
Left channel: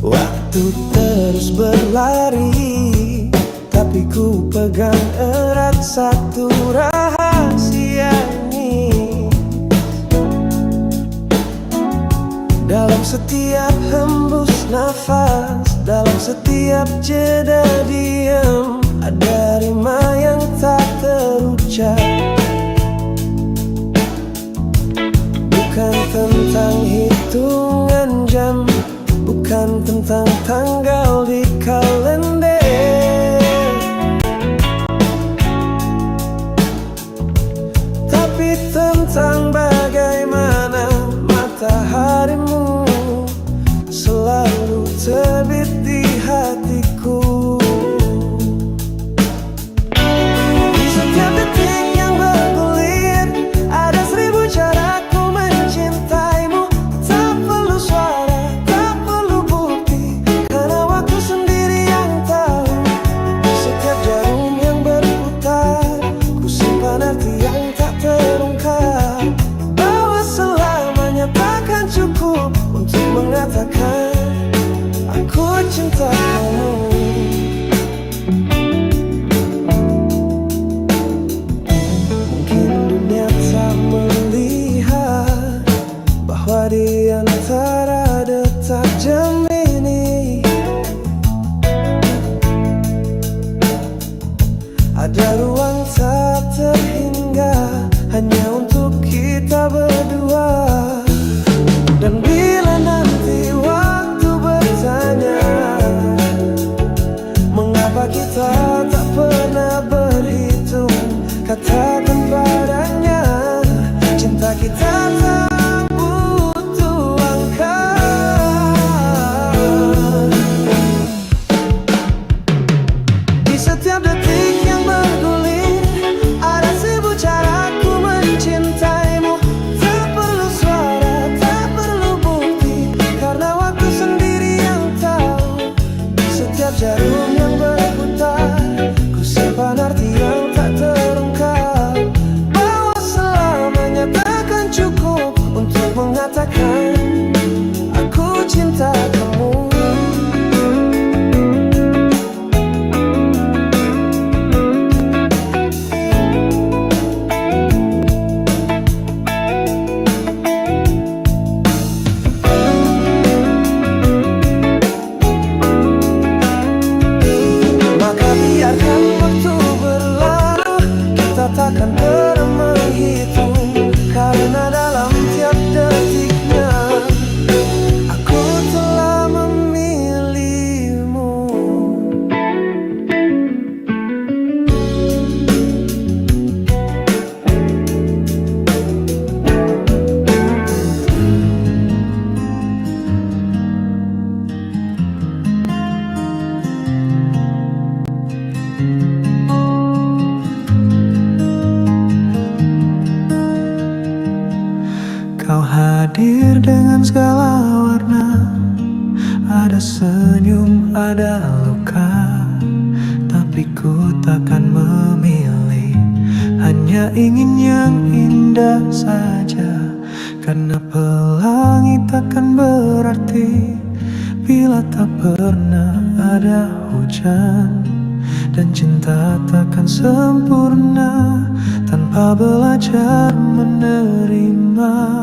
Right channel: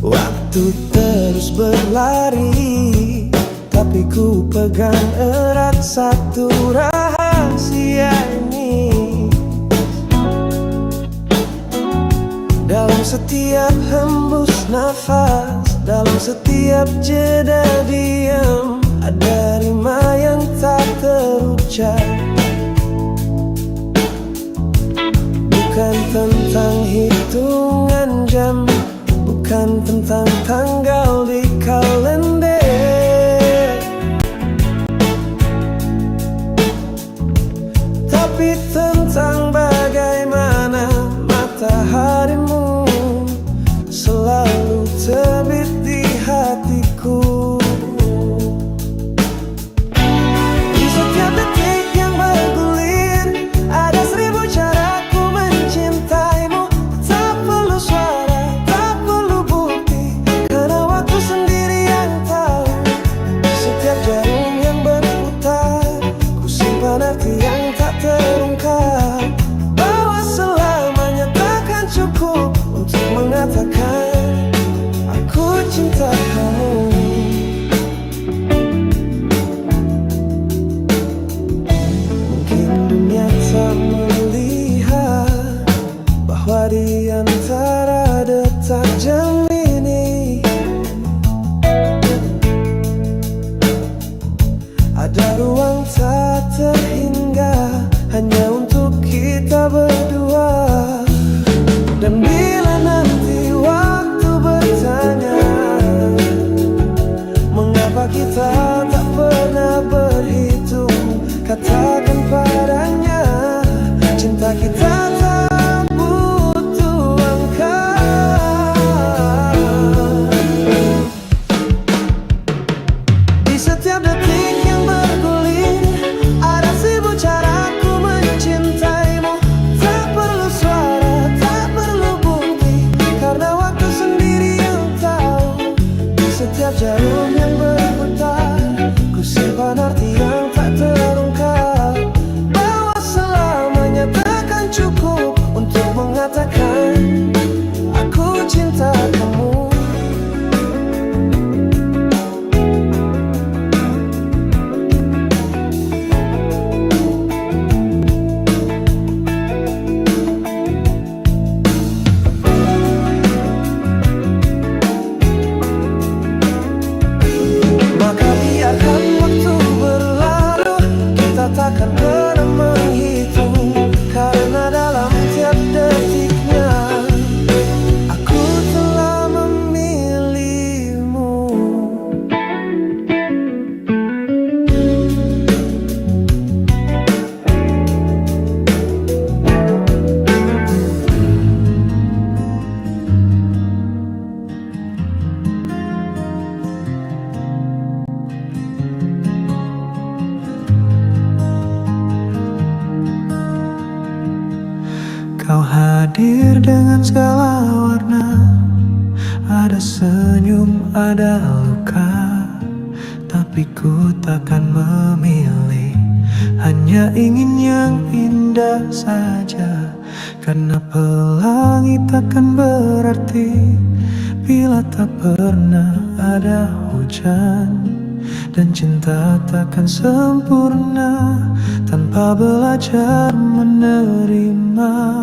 Waktu terus berlari, tapi ku pegang erat satu rahasia ini. Dalam setiap hembus nafas, dalam setiap jeda diam, ada rima yang tak terucap. Bukan tentang hitungan jam, bukan tentang tanggal di kalender, tapi tentang bagaimana mataharimu selalu terbit di hatiku. Di setiap detik yang bergulir, ada 1000 caraku mencintaimu. Tak perlu suara, tak perlu bukti, karena waktu sendiri yang tahu. Di setiap jarum yang berputar, ku simpan arti yang tak terungkap, bahwa selamanya takkan cukup untuk mengatakan aku cinta kamu. Mungkin dunia tak melihat bahwa di antara detak jam ini ada ruang tak terhingga hanya untuk kita berdua. Dan bila nanti waktu bertanya mengapa kita tak pernah berhitung, katakan padanya cinta kita tak butuh angka. Di setiap detik yang bergulir, ada 1000 caraku mencintaimu. Tak perlu suara, tak perlu bukti, karena waktu sendiri yang tahu. Di setiap jarum yang berputar, ku simpan arti yang tak terungkap, bahwa selamanya takkan cukup untuk mengatakan cinta kamu. Maka biarkan waktu berlalu, kita takkan pernah menghitung, karena dalam tiap detiknya aku telah memilihmu. Kau hadir dengan segala warna, ada senyum, ada luka, tapi ku takkan memilih, hanya ingin yang indah saja. Karena pelangi takkan berarti bila tak pernah ada hujan, dan cinta takkan sempurna tanpa belajar menerima.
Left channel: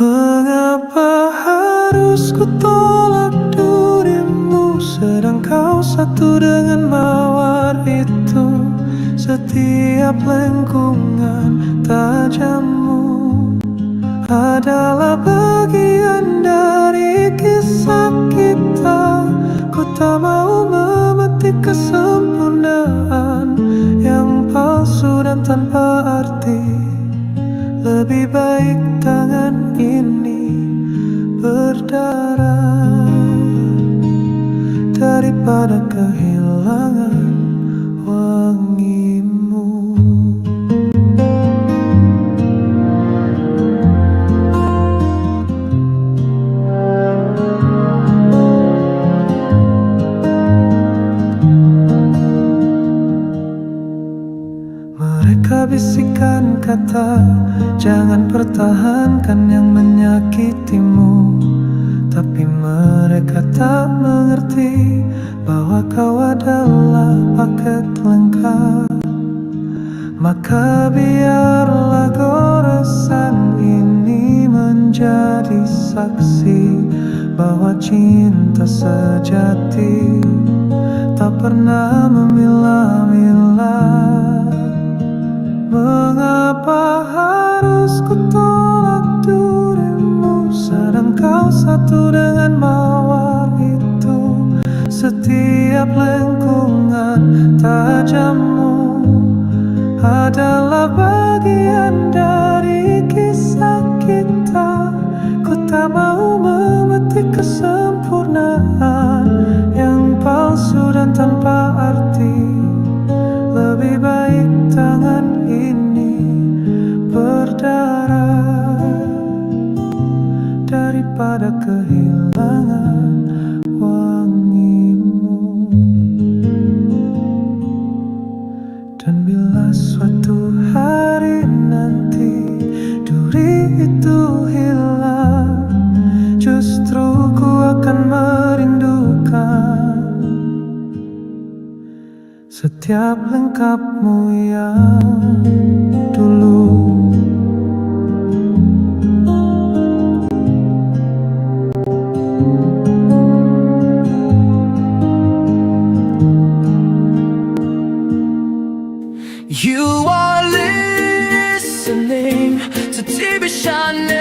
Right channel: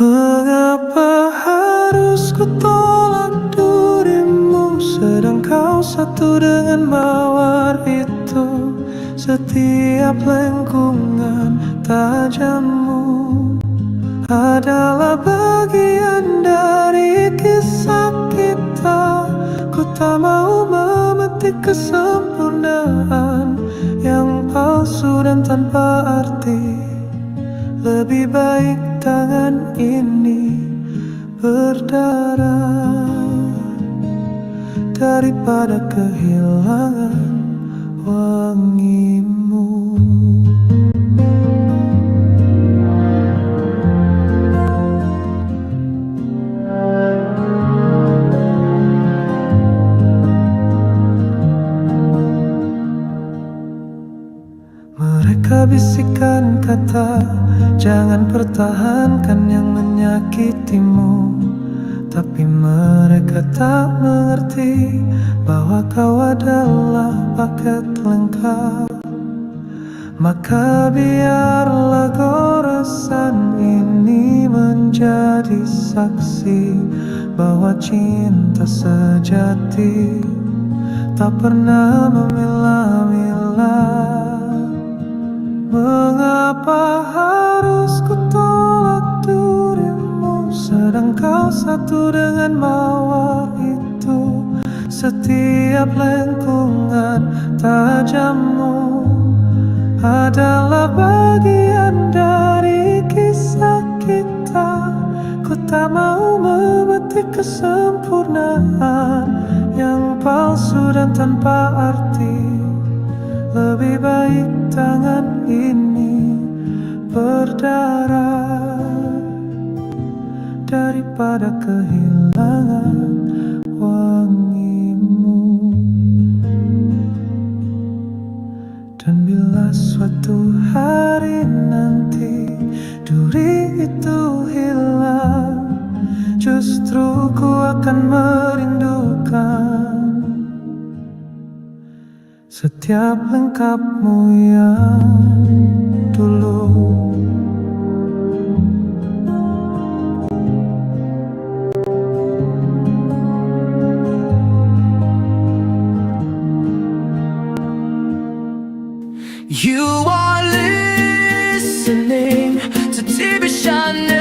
Mengapa harus ku tolak dirimu, sedang kau satu dengan mawar itu? Setiap lengkungan tajammu adalah bagian dari kisah kita. Ku tak mau memetik kesempurnaan yang palsu dan tanpa arti. Lebih baik tangan ini berdarah daripada kehilangan wangimu. Mereka bisikan kata, jangan pertahankan yang menyakitimu. Tapi mereka tak mengerti bahwa kau adalah paket lengkap. Maka biarlah goresan ini menjadi saksi bahwa cinta sejati tak pernah memilah-milah. Mengapa harus ku tolak dirimu, sedang kau satu dengan mawar itu? Setiap lengkungan tajammu adalah bagian dari kisah kita. Ku tak mau memetik kesempurnaan yang palsu dan tanpa arti. Lebih baik tangan ini berdarah daripada kehilangan wangimu. Dan bila suatu hari nanti duri itu hilang, justru ku akan merindukan setiap lengkapmu yang dulu. You are listening to TV Chanel,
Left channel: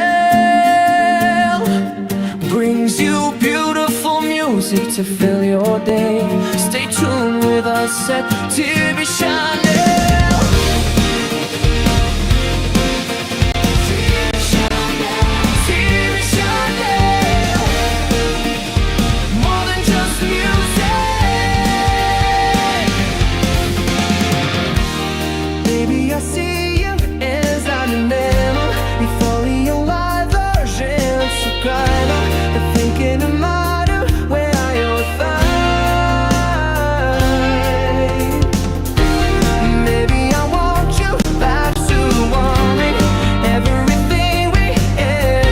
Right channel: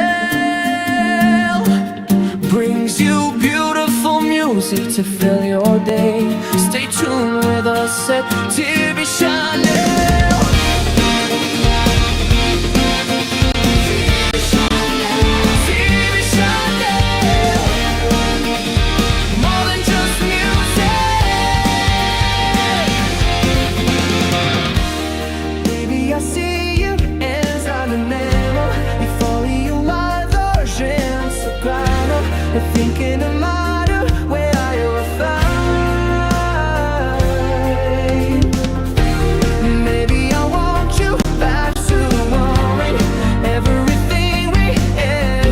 brings you beautiful music to fill your day. Stay tuned with us at TV Chanel. TV Chanel, more than just music. Baby, I see you as an animal. Vi följer live-version Instagram. I'm thinking of my where are you fine? Maybe I want you back to want me. Everything we ever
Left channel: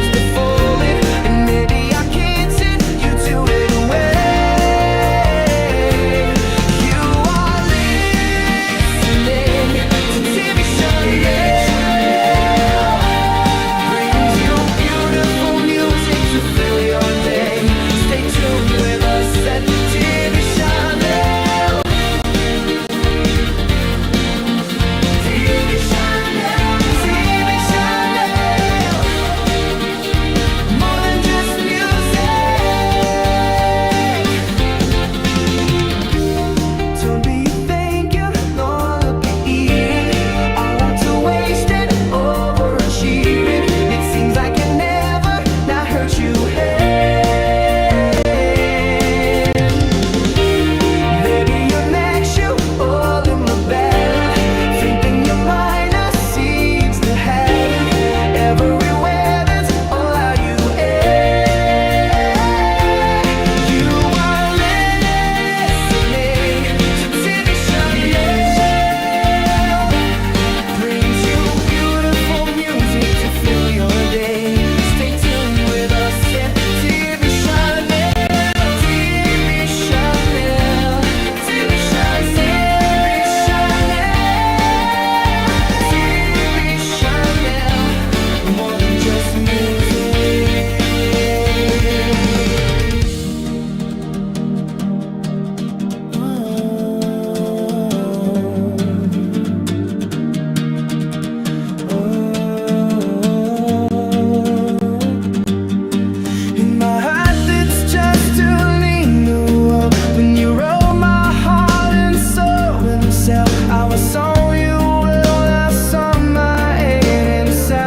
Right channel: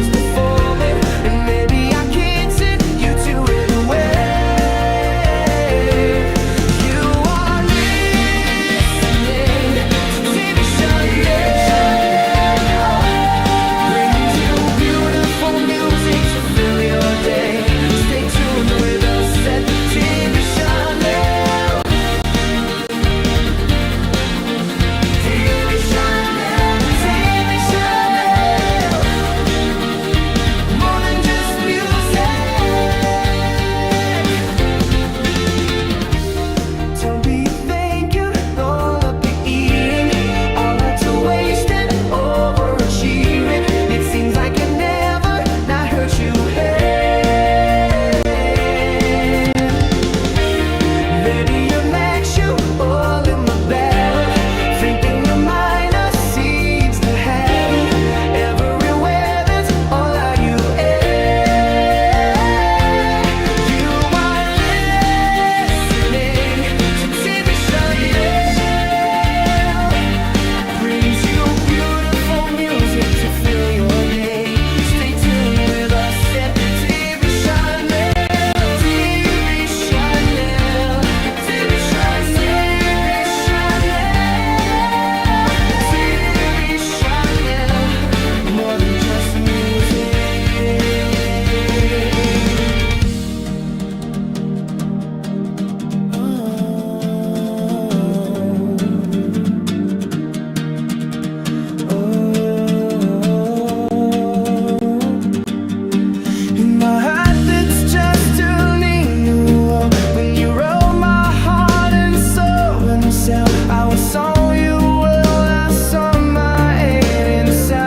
What's on you will last on my head inside.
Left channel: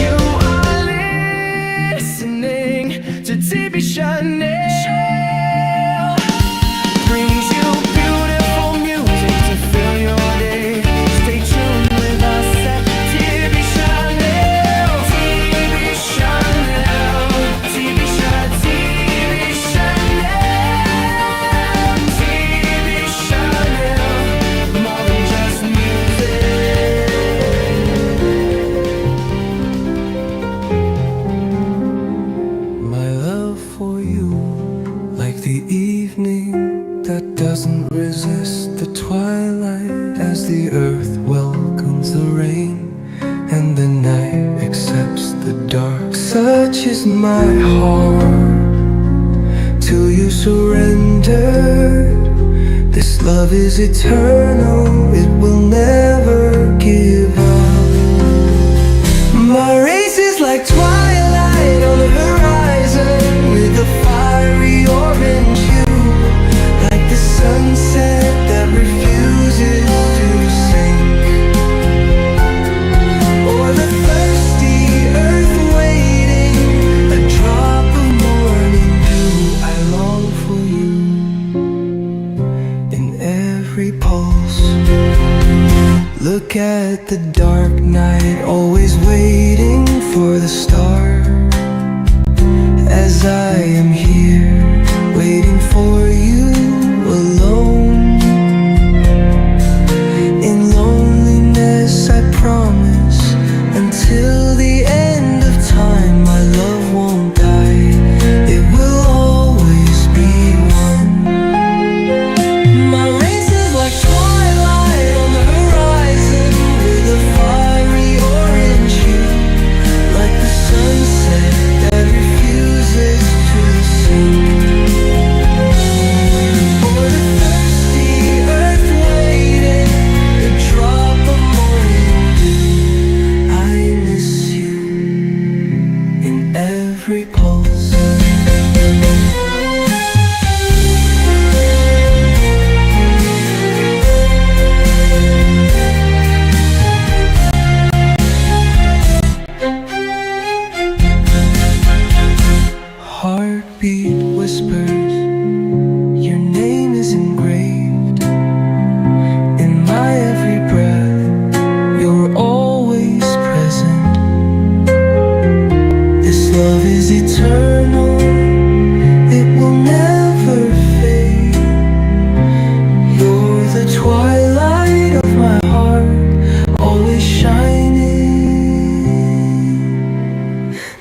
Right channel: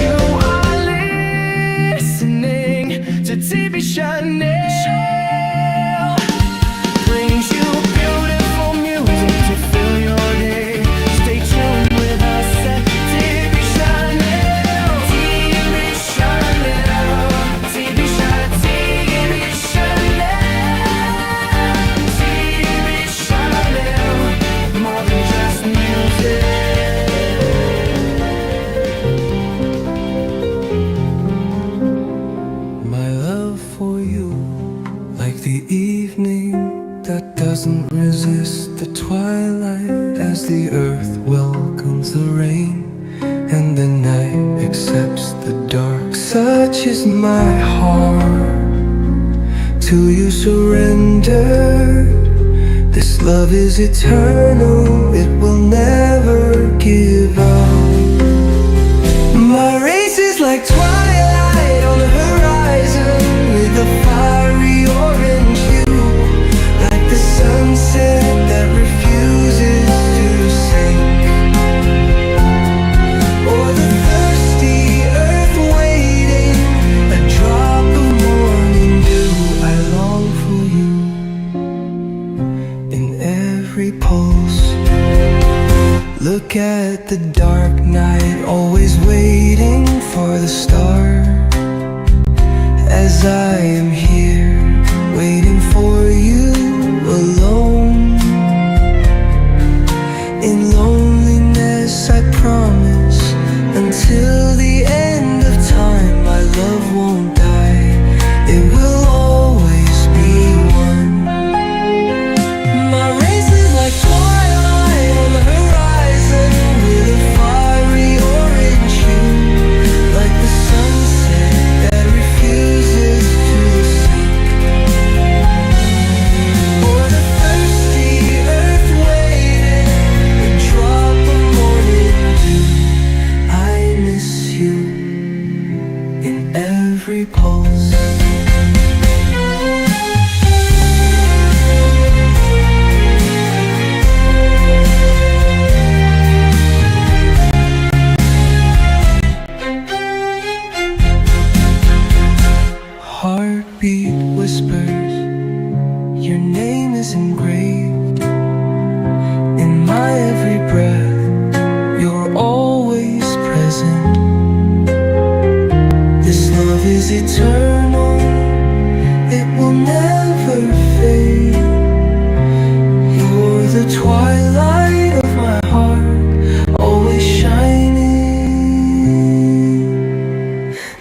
You are listening to TV Chanel. Brings you beautiful music to fill your day. Stay tuned with us at TV Chanel. TV Chanel. TV Chanel. TV Chanel. More than just music. My love for you, like the evening that doesn't resist the twilight, as the earth welcomes the rain and the night accepts the dark. Such is my heart, till you surrendered. This love is eternal, it will never give up. My race is like twilight on the horizon, with a fiery orange hue, like the sunset that refuses to sink, or the thirsty earth waiting, a drop of morning dew. I long for you in every pulse. Look at the dark night, always waiting for the star, as I am here, waiting for you alone. In loneliness I promise, until the end of time, my love won't die, it will always be one. My race is like twilight on the horizon, with a fiery orange hue, like the sunset that refuses to sink, or the thirsty earth waiting, a drop of morning dew. I miss you in every pulse. Heartbeat whispers, your name is engraved in my every breath. You're always present. This love is eternal, it will never fade. You're the twilight of my heart, always shining.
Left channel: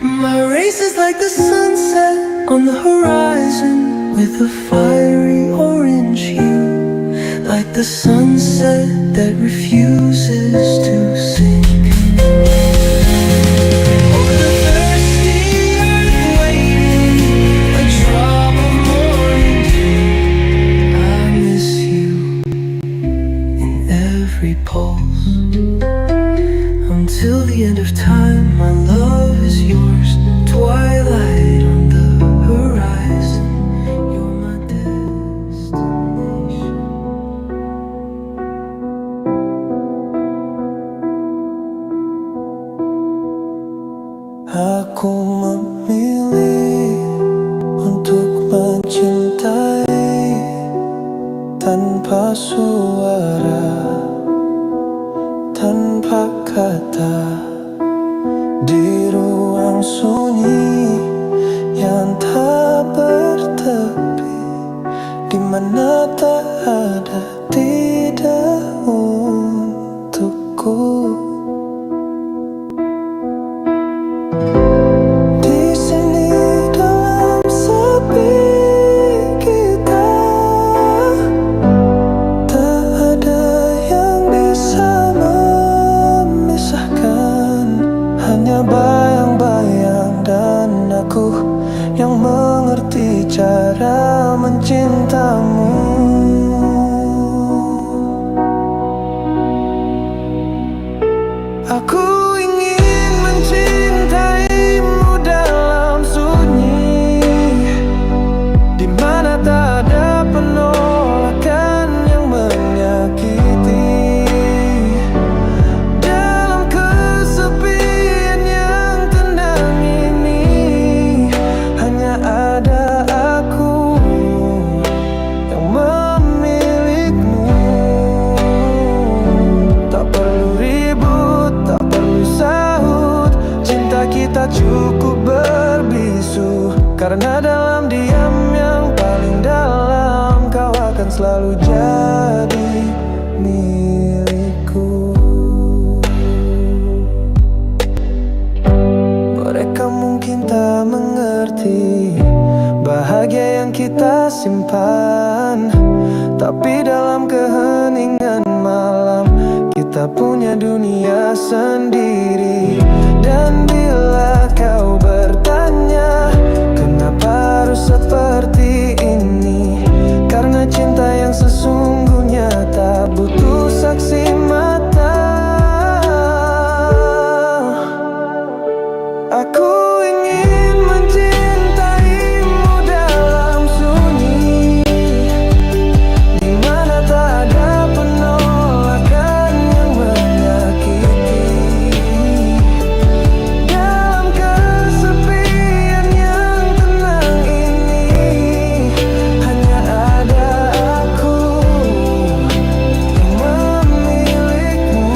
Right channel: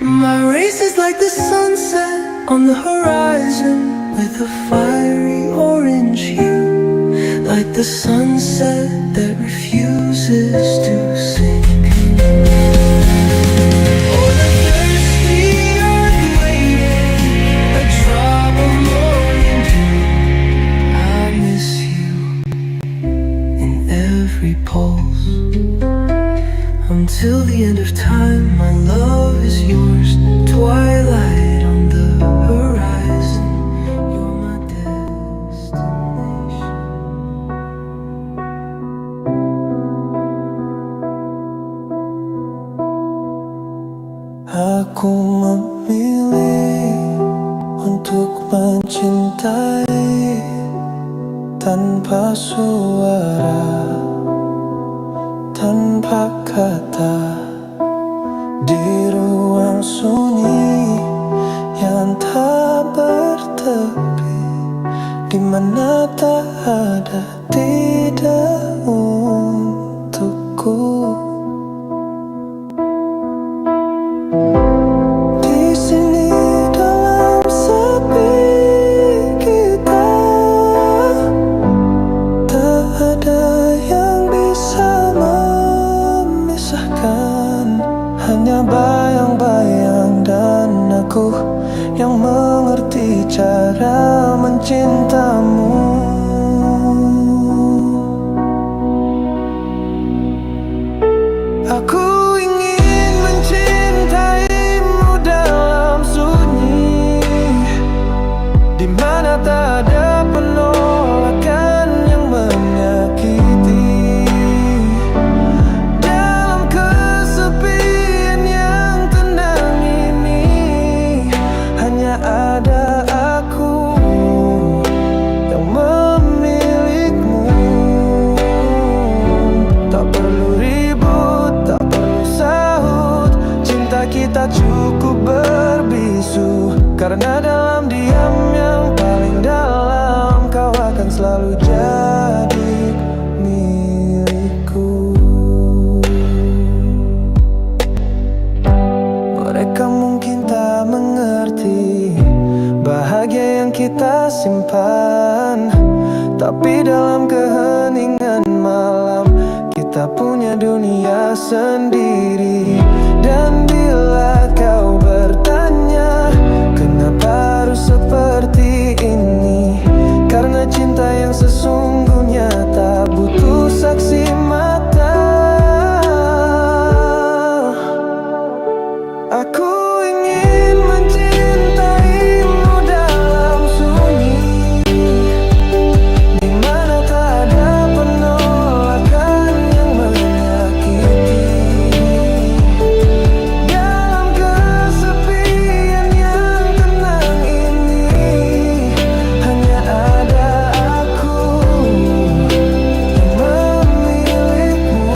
My race is like the sunset on the horizon, with a fiery orange hue, like the sunset that refuses to sink, or the thirsty earth waiting, a drop of morning dew. I miss you in every pulse, until the end of time. My love is yours, twilight on the horizon, you're my destination. Aku memilih untuk mencintai tanpa suara, tanpa kata, di ruang sunyi yang tak bertepi, di mana tak ada tidak untukku. Di sini dalam sepi kita, tak ada yang bisa memisahkan, hanya bayang-bayang dan aku yang mengerti cara mencintamu. Aku ingin mencintaimu dalam sunyi, di mana tak ada penolakan yang cinta kita cukup berbisu. Karena dalam diam yang paling dalam, kau akan selalu jadi milikku. Mereka mungkin tak mengerti bahagia yang kita simpan, tapi dalam keheningan malam kita punya dunia sendiri. Dan bila kau bertanya kenapa harus seperti ini, karena cinta yang sesungguhnya tak butuh saksi mata. Aku ingin mencintaimu dalam sunyi, di mana tak ada penolakan yang menyakiti. Dalam kesepian yang tenang ini, hanya ada aku yang memilikimu.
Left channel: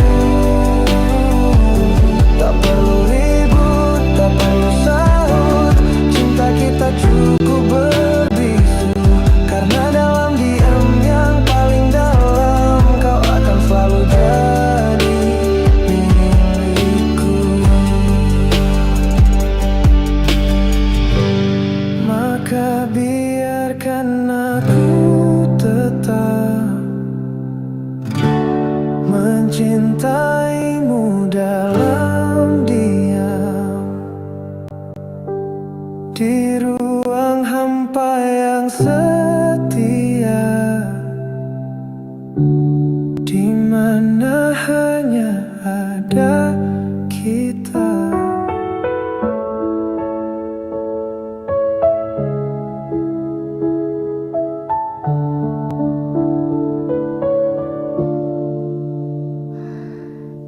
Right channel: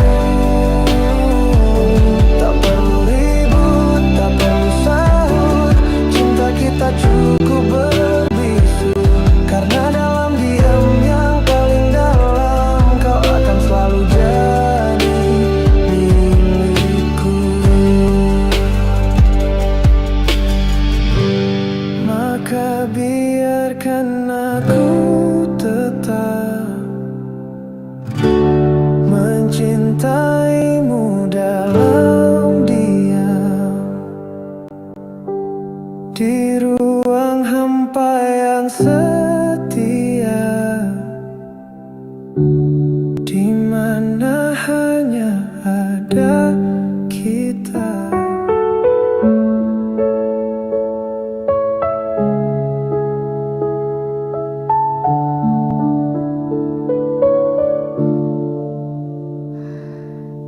Tak perlu ribut, tak perlu sahut, cinta kita cukup berbisu. Karena dalam diam yang paling dalam, kau akan selalu jadi milikku. Maka biarkan aku tetap mencintaimu dalam diam, di ruang hampa yang setia, di mana hanya ada kita.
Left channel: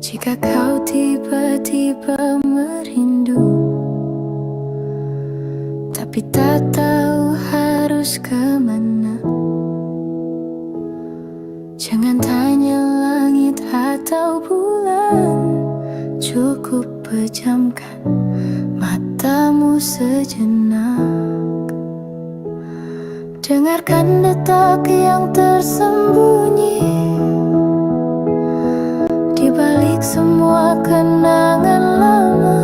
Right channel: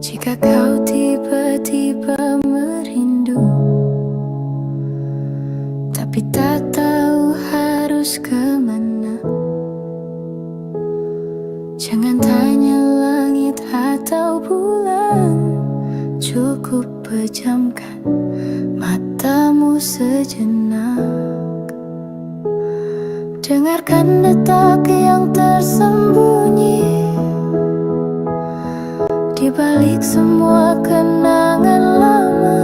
Jika kau tiba-tiba merindu, tapi tak tahu harus kemana, jangan tanya langit atau bulan, cukup pejamkan matamu sejenak. Dengarkan detak yang tersembunyi di balik semua kenangan lama.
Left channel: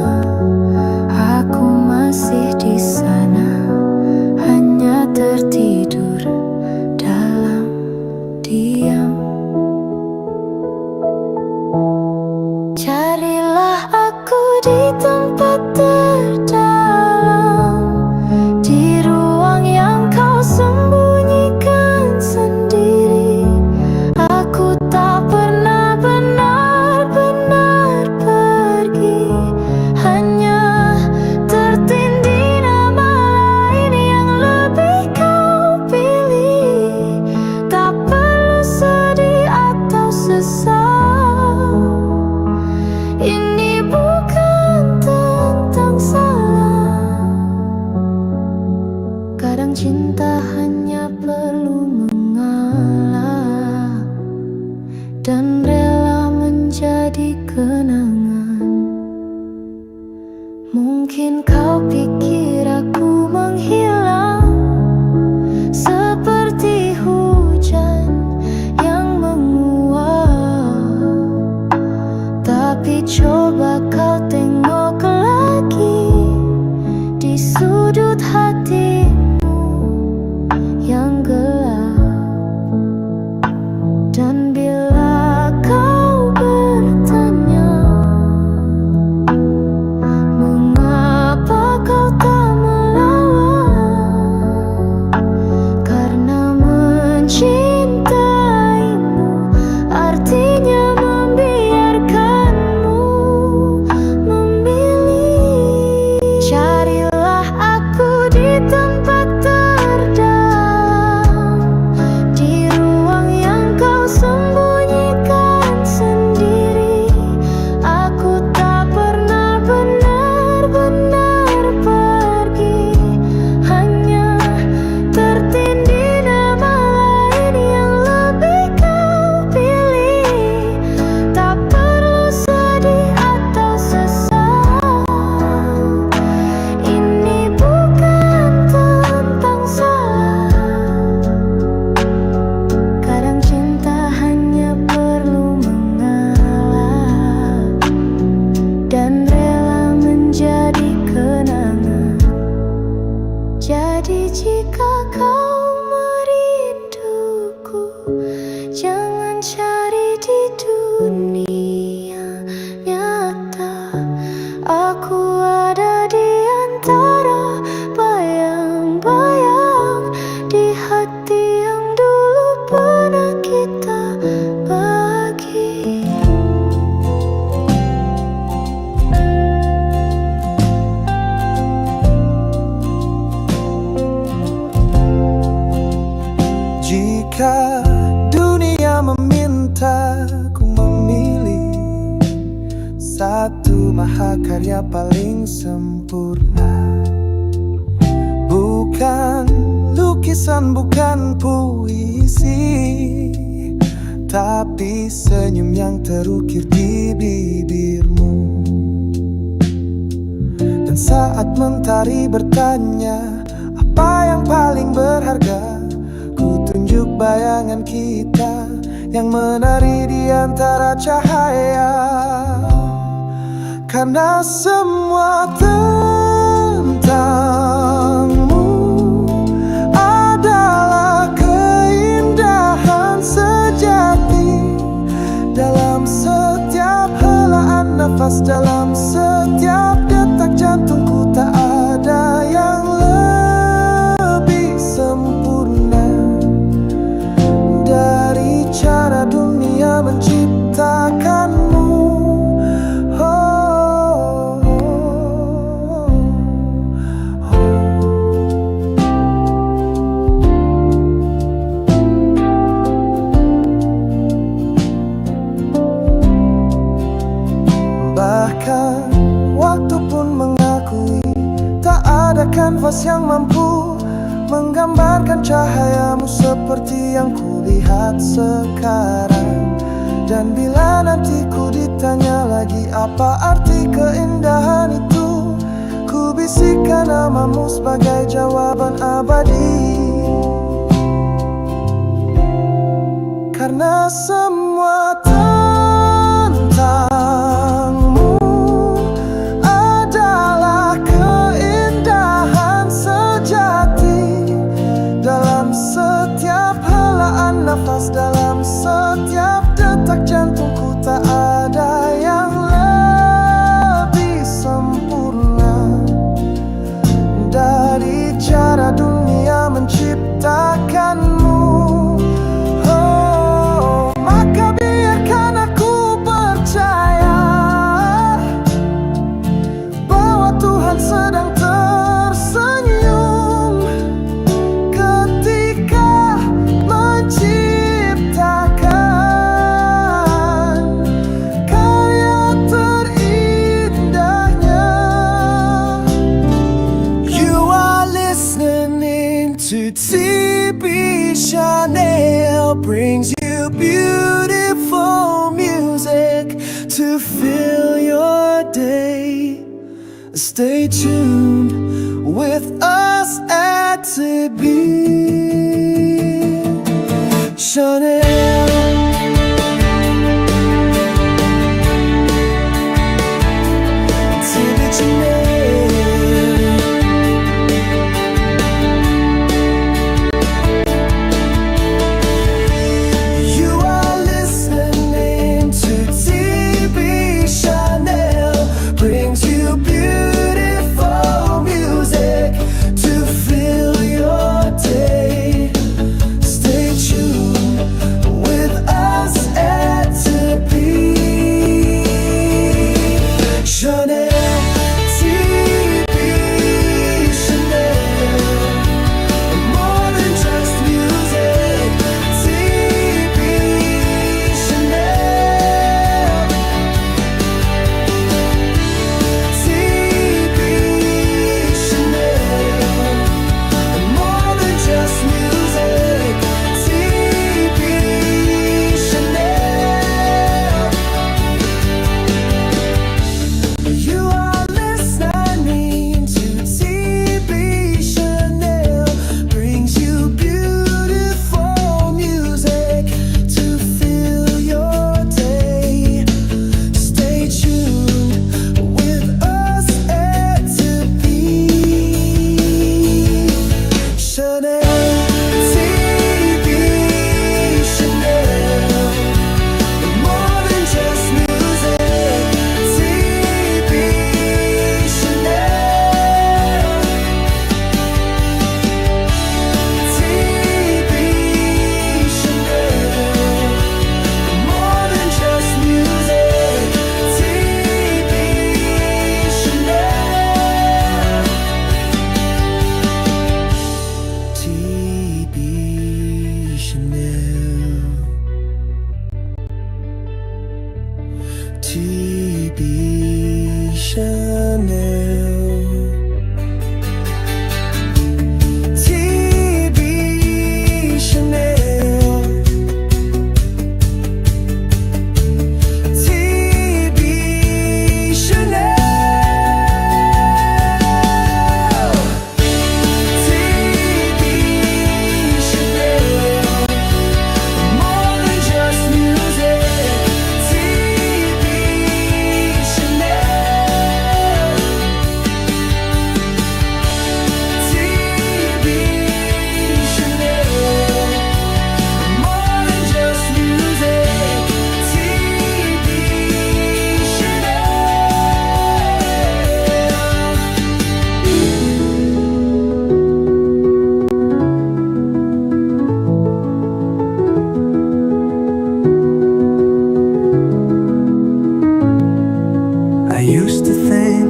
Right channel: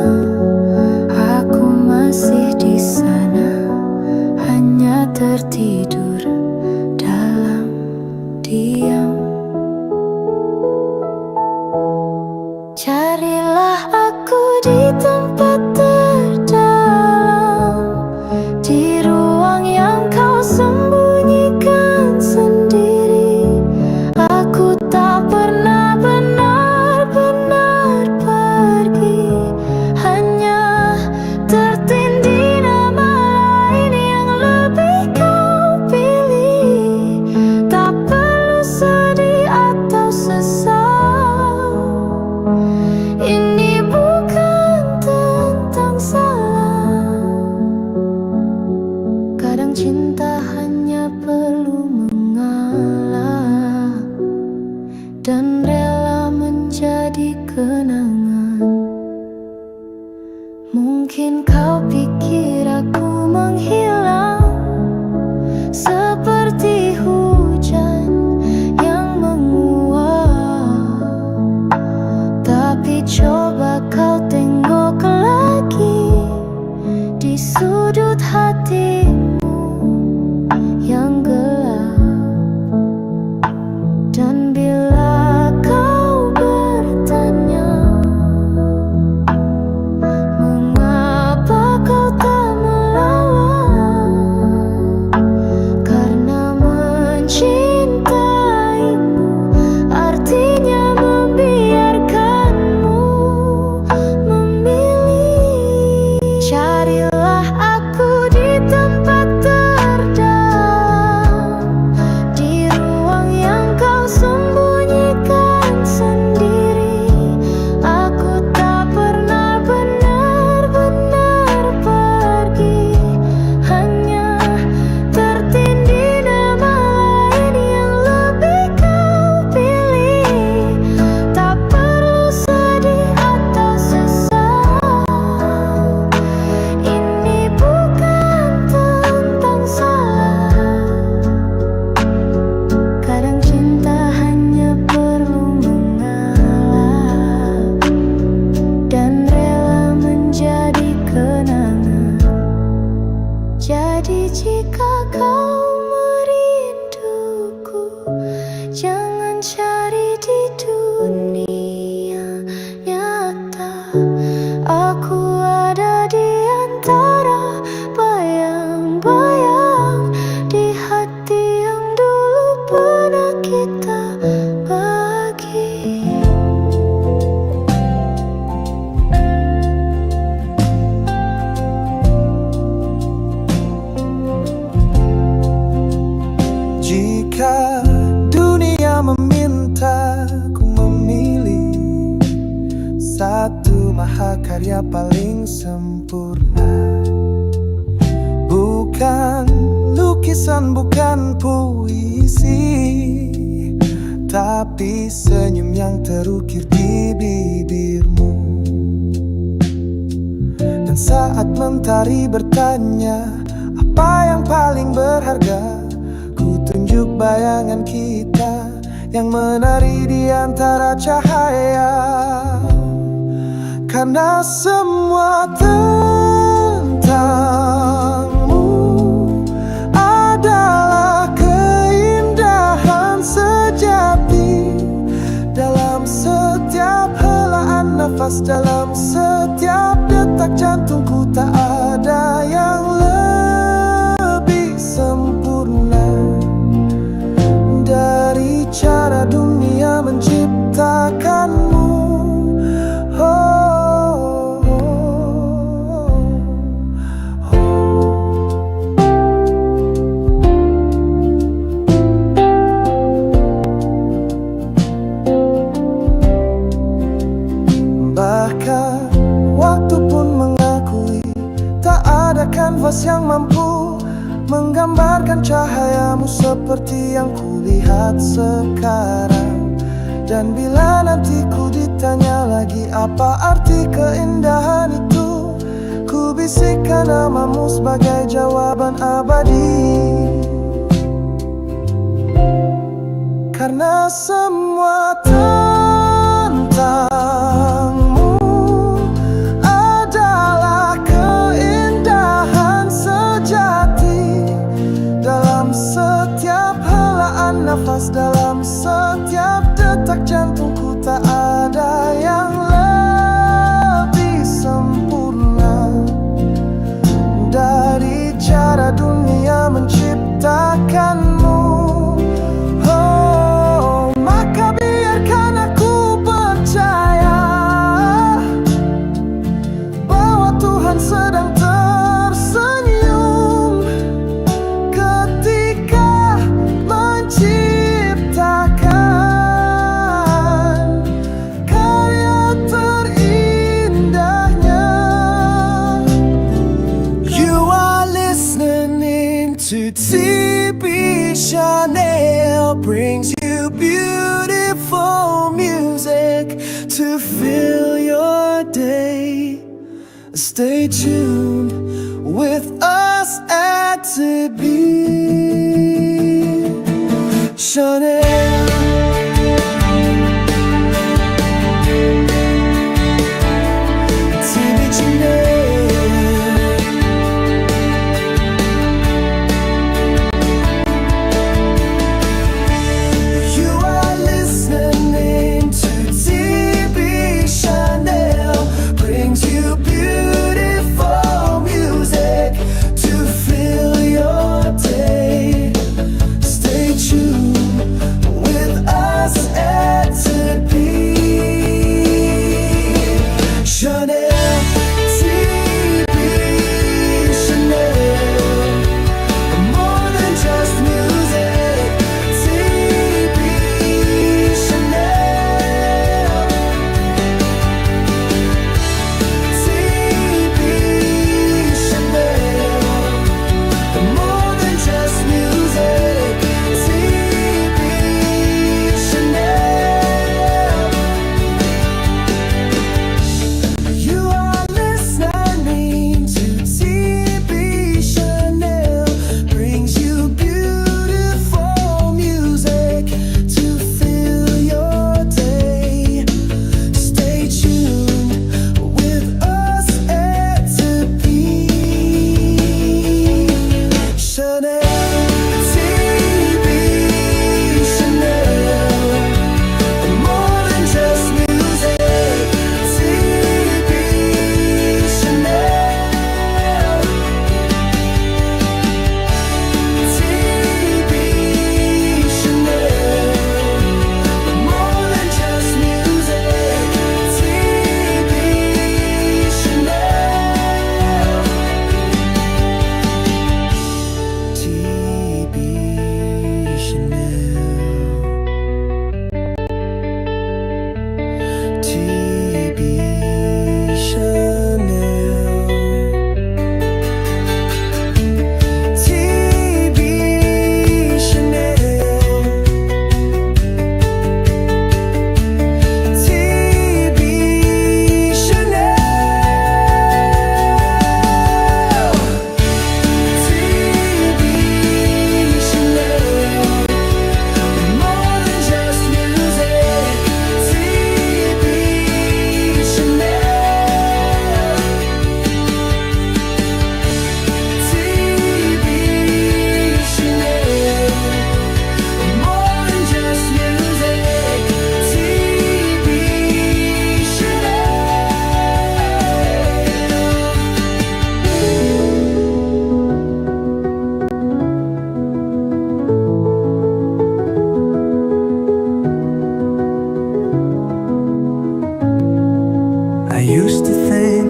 Aku masih di sana, hanya tertidur dalam diam. Carilah aku di tempat terdalam, di ruang yang kau sembunyikan sendiri. Aku tak pernah benar-benar pergi, hanya tertindih nama lain yang lebih kau pilih. Tak perlu sedih atau sesal, ini bukan tentang salah. Kadang cinta hanya perlu mengalah dan rela menjadi kenangan. Mungkin kau pikir aku menghilang seperti hujan yang menguap, tapi coba kau tengok lagi di sudut hatimu yang gelap. Dan bila kau bertanya mengapa kau tak melawan, karena mencintaimu artinya membiarkanmu memilih. Carilah aku di tempat Tapi jika kau merinduku, jangan cari di dunia nyata. Aku ada di antara bayang-bayang di hati yang dulu pernah kita bagi. Jika dunia meminta ku memilih satu mahakarya paling sempurna, bukan lukisan, bukan puisi, tapi senyum yang terukir di bibirmu. Dan saat mentari bertanya apa yang paling berharga, ku tunjuk bayangan kita yang menari di antara cahaya. Karena semua tentangmu adalah keindahan sejati. Dalam setiap helaan nafas, dalam setiap detak jantungku, tak ada yang lebih sempurna dari cara dunia menciptakanmu. Bahkan waktu pun mengakui tak ada kanvas yang mampu menggambarkan cahayamu seperti yang kulihat sekarang. Dan bila nanti ku ditanya lagi apa arti keindahan itu, ku bisikkan namamu sebagai jawaban abadi. Karena semua tentangmu adalah keindahan sejati. Dalam setiap helaan nafas, dalam setiap detak jantungku, tak ada yang lebih sempurna dari cara dunia menciptakanmu. Oh, maka biarkan aku percaya bahwa Tuhan sedang tersenyum ketika menciptakan karya terindahnya. You are listening to TB Chanel, brings you beautiful music to fill your day. Stay tuned with us at TB Chanel. TB Chanel. You are listening to TB Chanel, brings you beautiful music to fill your day. Stay tuned with us at TB Chanel.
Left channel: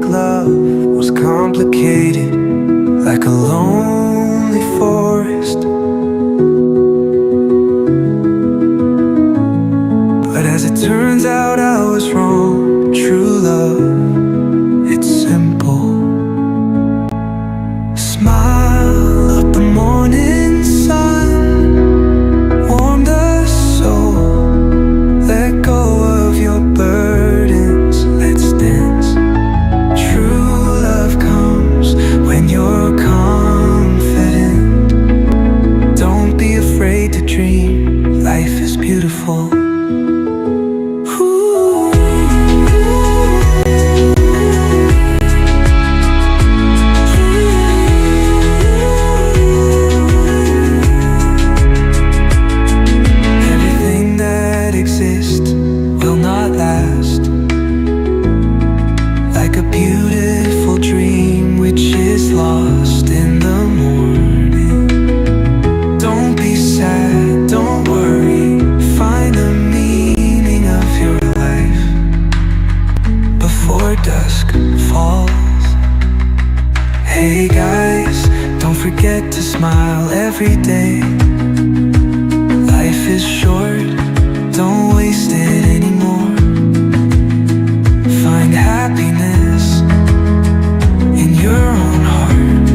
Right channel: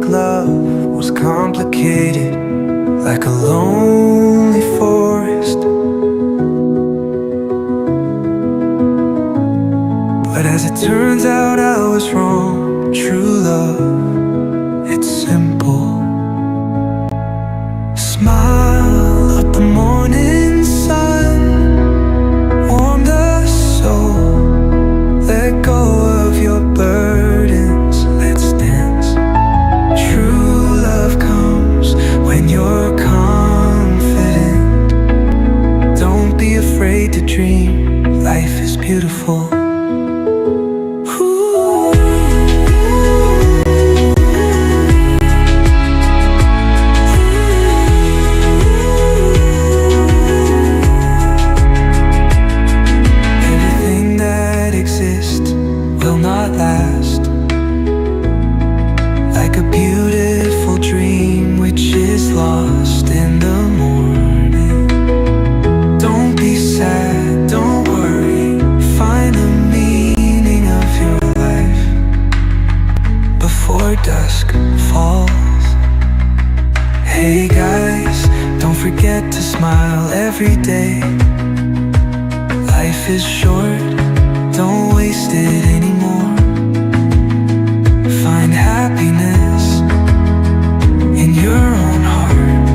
love was complicated, like a lonely forest. But as it turns out, I was wrong. True love, it's simple. Smile of the morning sun, warm the soul. Let go of your burdens, let's dance. True love comes when you're confident. Don't be afraid to dream, life is beautiful. Ooh. Everything that exists will not last, like a beautiful dream which is lost in the morning. Don't be sad, don't worry, find the meaning of your life before dusk falls. Hey guys, don't forget to smile every day. Life is short, don't waste it anymore. Find happiness in your own heart.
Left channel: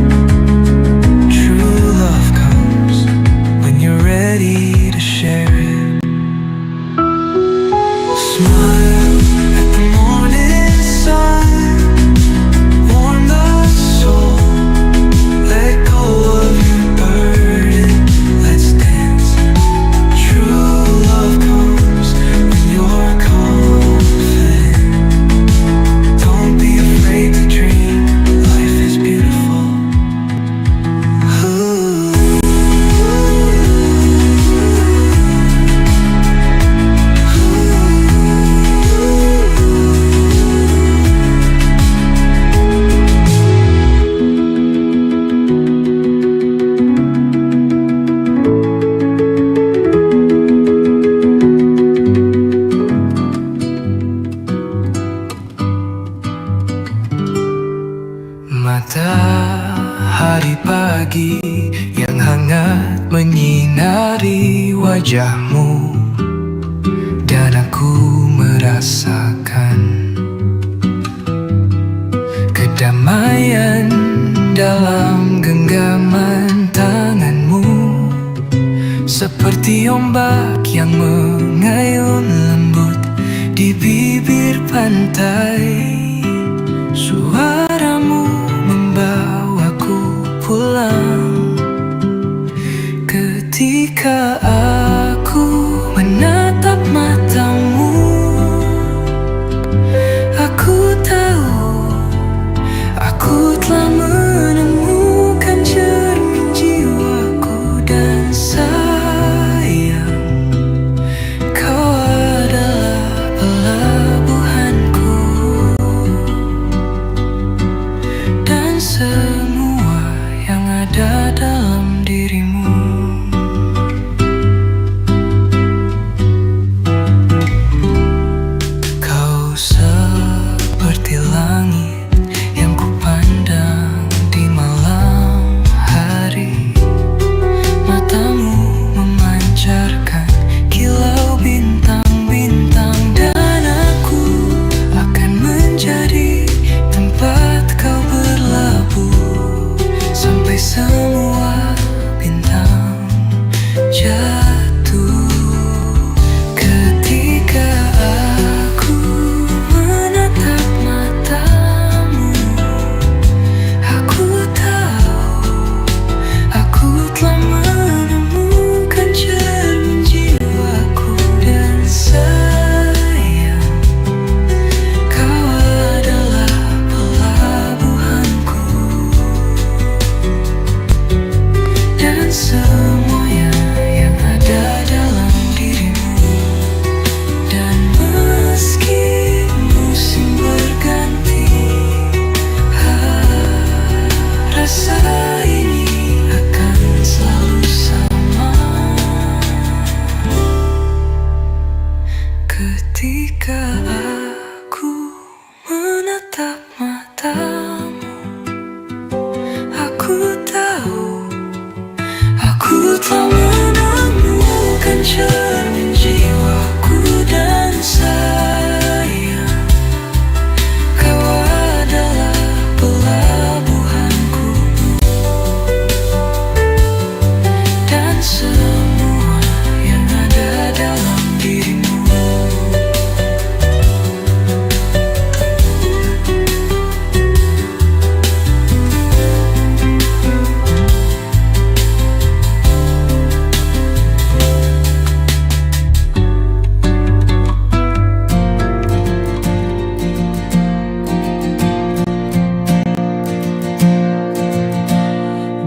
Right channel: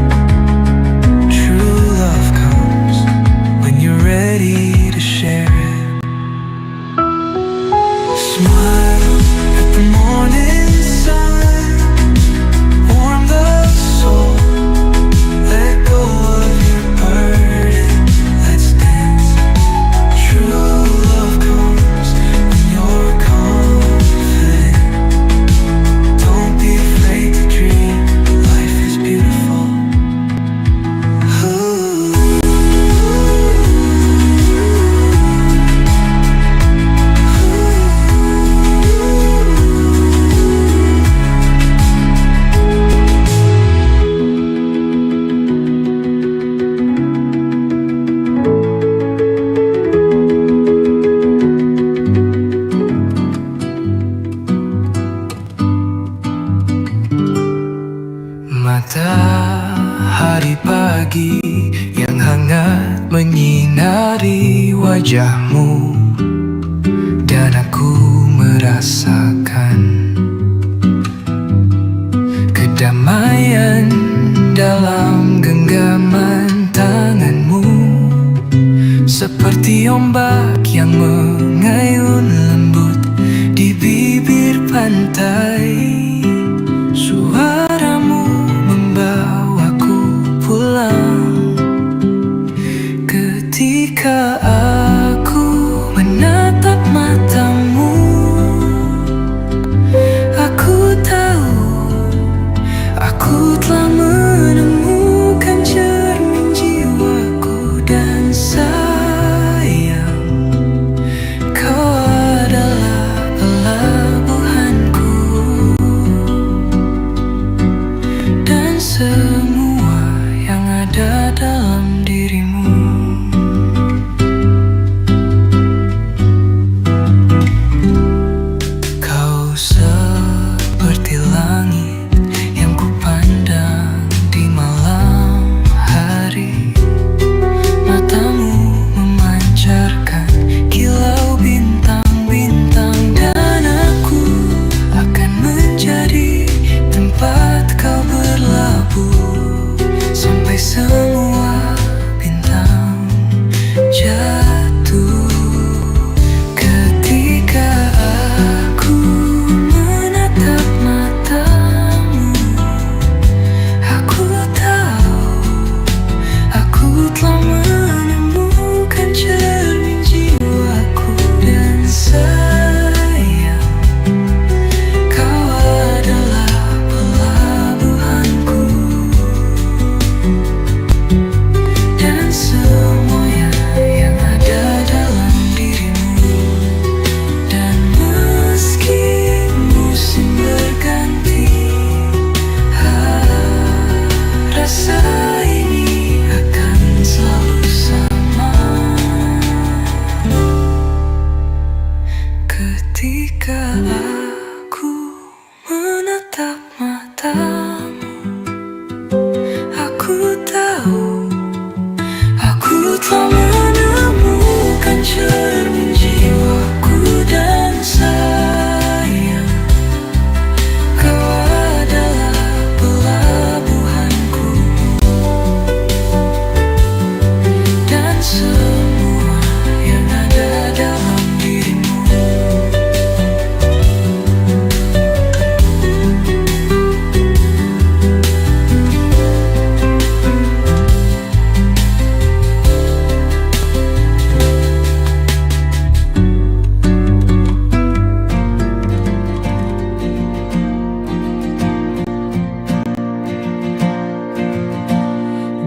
True love comes when you're ready to share it. Smile at the morning sun, warm the soul. Let go of your burden, let's dance. True love comes when you're confident. Don't be afraid to dream, life is beautiful. Matahari pagi yang hangat menyinari wajahmu, dan aku merasakan kedamaian dalam genggaman tanganmu. Seperti ombak yang mengayun lembut di bibir pantai, suaramu membawaku pulang. Ketika aku menatap matamu, aku tahu aku telah menemukan cermin jiwaku. Dan sayang, kau adalah pelabuhanku, dan semua yang ada dalam dirimu. Kau seperti langit yang kupandang di malam hari.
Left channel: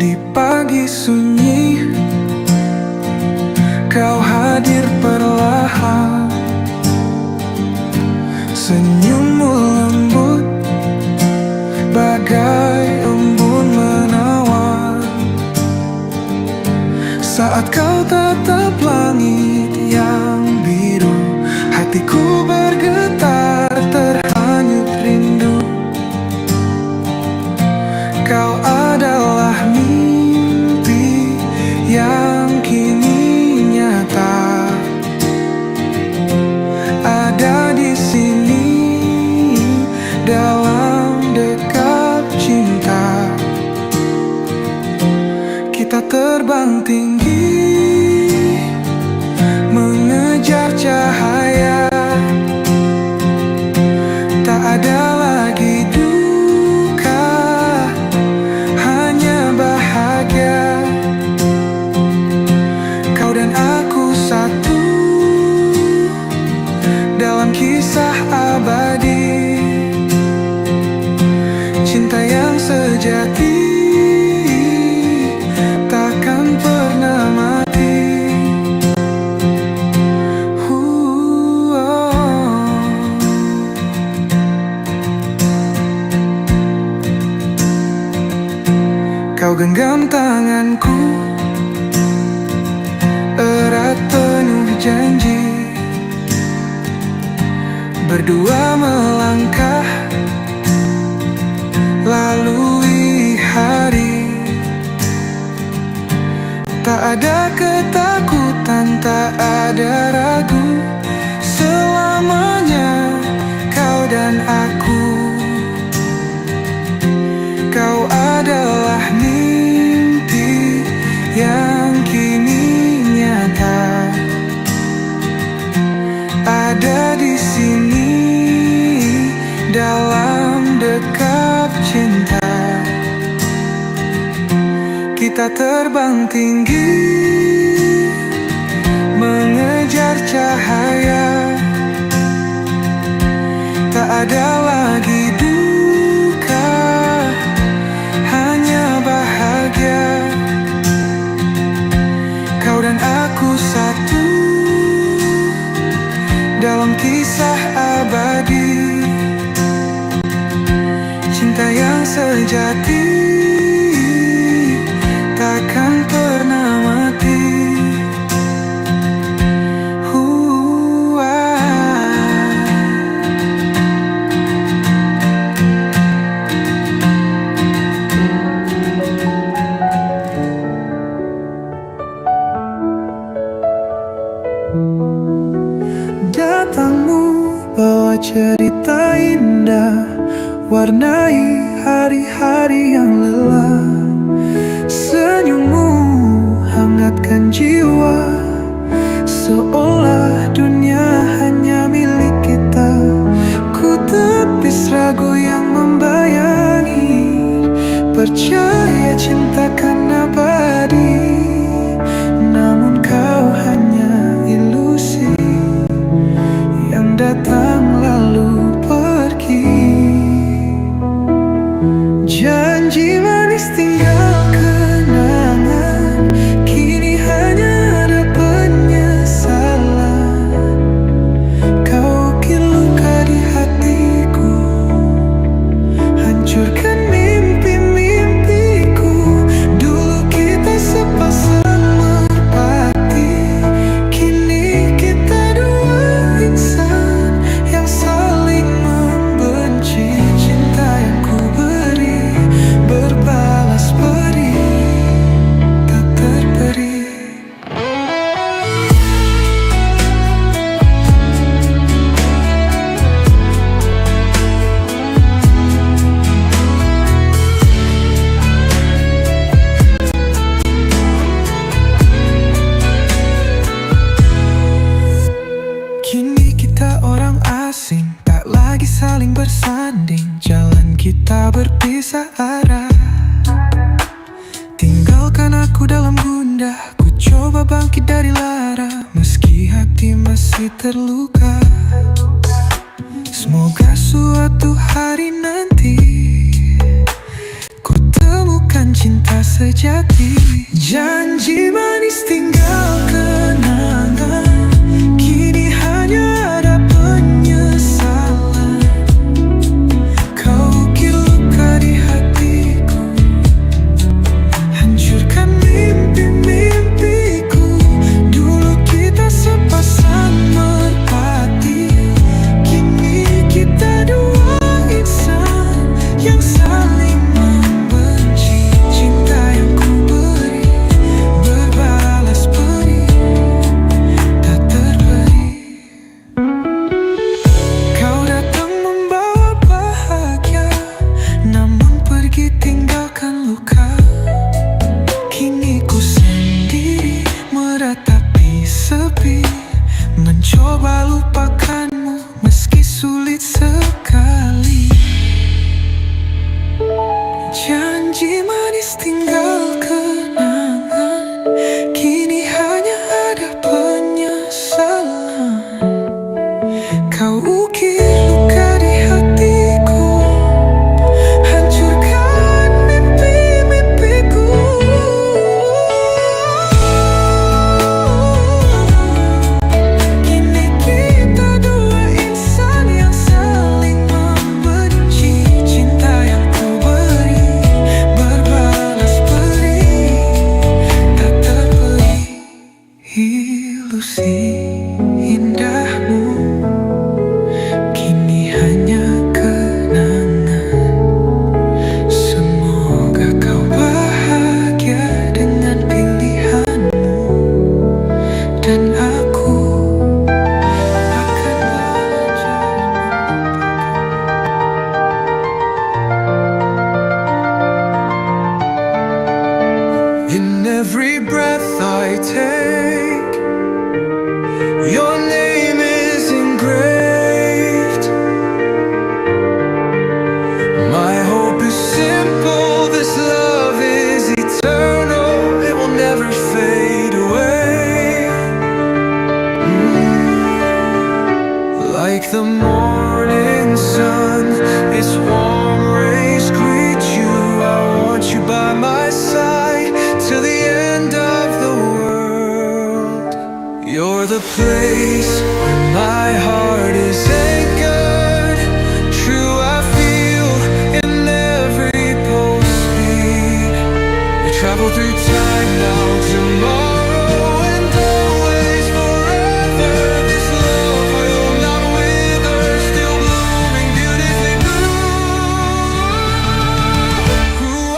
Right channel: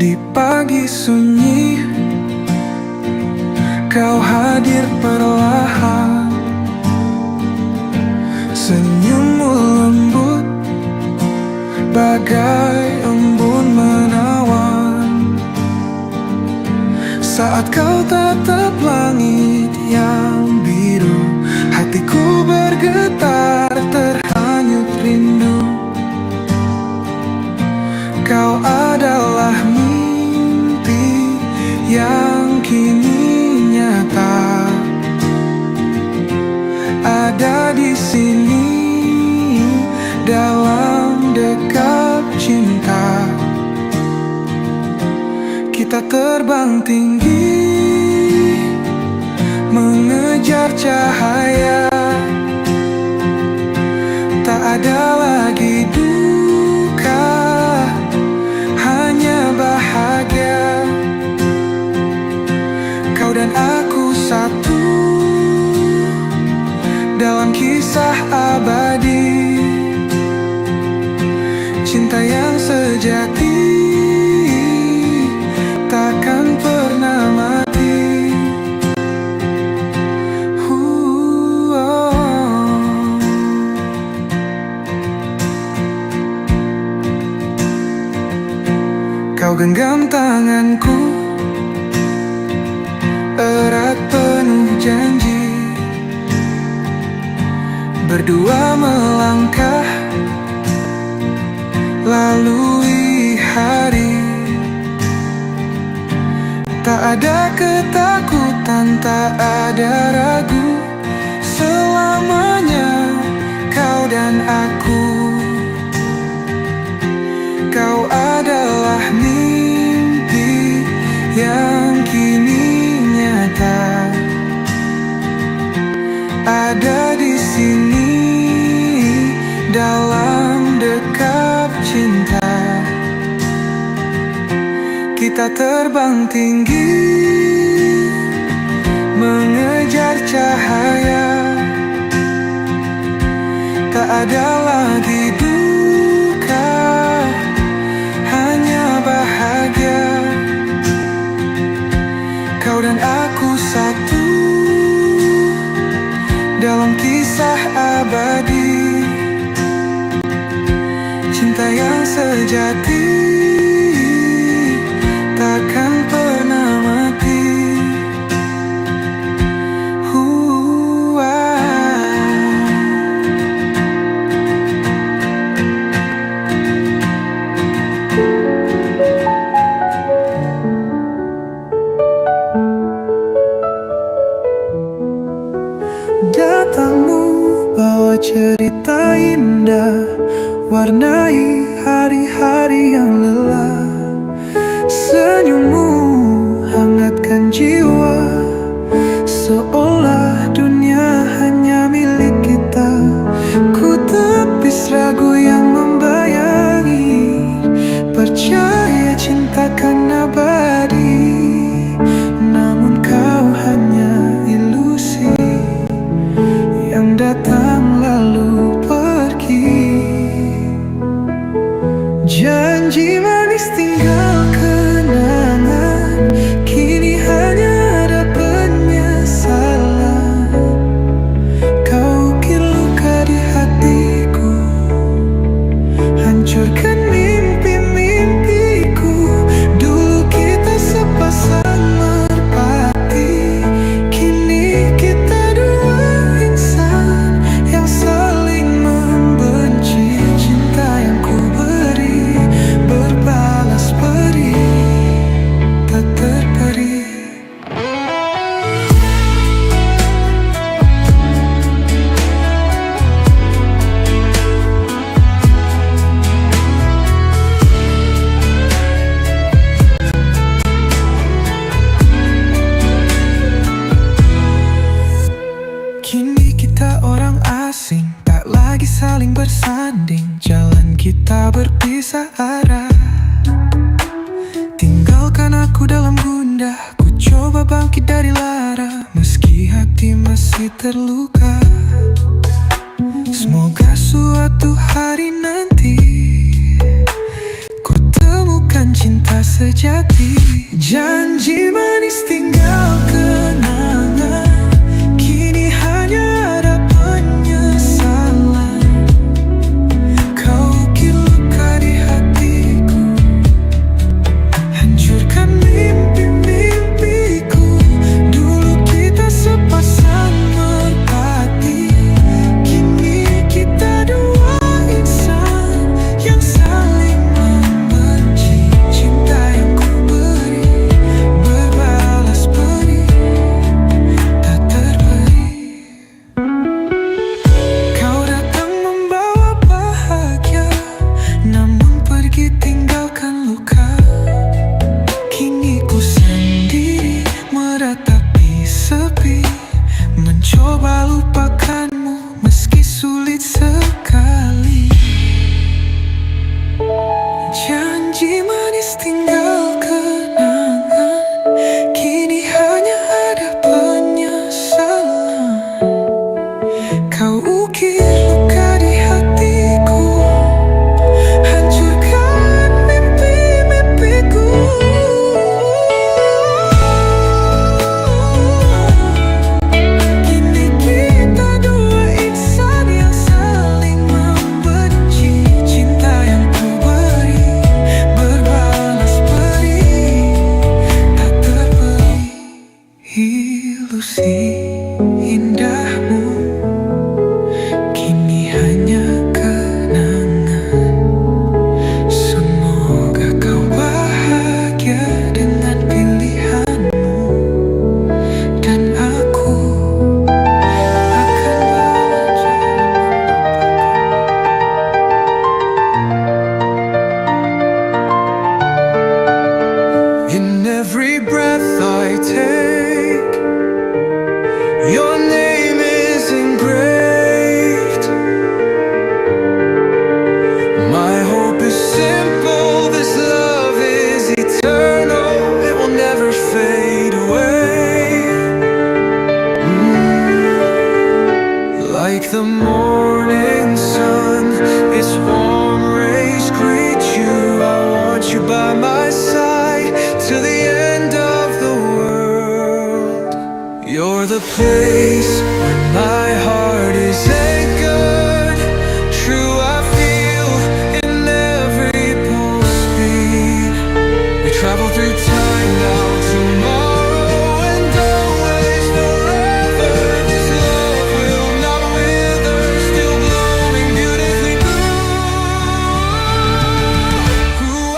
Di pagi sunyi, kau hadir perlahan. Senyummu lembut bagai embun menawan. Saat kau tatap langit yang biru, hatiku bergetar terhanyut rindu. Kau adalah mimpi yang kini nyata. Ada di sini dalam dekap cinta. Kita terbang tinggi mengejar cahaya. Tak ada lagi duka, hanya bahagia. Kau dan aku satu dalam kisah abadi. Cinta yang sejati takkan pernah mati. Kau genggam tanganku, erat penuh janji. Berdua melangkah lalui hari. Tak ada ketakutan, tak ada ragu. Selamanya kau dan aku. Kau adalah mimpi yang kini nyata. Ada di sini dalam dekap cinta. Kita terbang tinggi mengejar cahaya. Tak ada lagi duka, hanya bahagia. Kau dan aku satu dalam kisah abadi. Cinta yang sejati takkan pernah mati. Datangmu bawa cerita indah, warnai hari-hari yang lelah. Senyummu hangatkan jiwa, seolah dunia hanya milik kita. Ku tepis ragu yang membayangi, percaya cinta kan abadi. Namun kau hanya ilusi yang datang lalu pergi. Janji manis tinggal kenangan, kini hanya ada penyesalan. Kau ukir luka di hatiku, hancurkan mimpi-mimpiku. Dulu kita sepasang merpati, kini kita dua insan yang saling membenci. Cinta yang ku beri berbalas beri, tak terperi. Kini kita orang asing, tak lagi saling bersanding. Jalan kita berpisah arah. Tinggalkan aku dalam gundah, ku coba bangkit dari lara. Meski hati masih terluka, semoga suatu hari nanti ku temukan cinta sejati. ditinggalkan luka. Kini ku sendiri meratapi sepi, mencoba lupakanmu meski sulit sekali. Janji manis tinggal kenangan, kini hanya ada penyesalan. Kau ukir luka di hatiku, hancurkan mimpi-mimpiku. Kini kita dua insan yang saling membenci. Cinta yang ku beri berbalas beri, tak terperi. Ilusi indahmu kini hanya kenangan. Semoga kau bahagia dengan pilihanmu, dan aku akan belajar melupakan. In every breath I take, your name is engraved. My hope is simple, this love is eternal, it will never fade away. Like the morning sun, its warm rays greet you. I want you by my side till the end of the world. You're the place where my heart is anchored. True, I feel in every pulse beat. We travel through time now, tomorrow, and always forever. This love will not wither, still blooming beautifully blue. Ooh,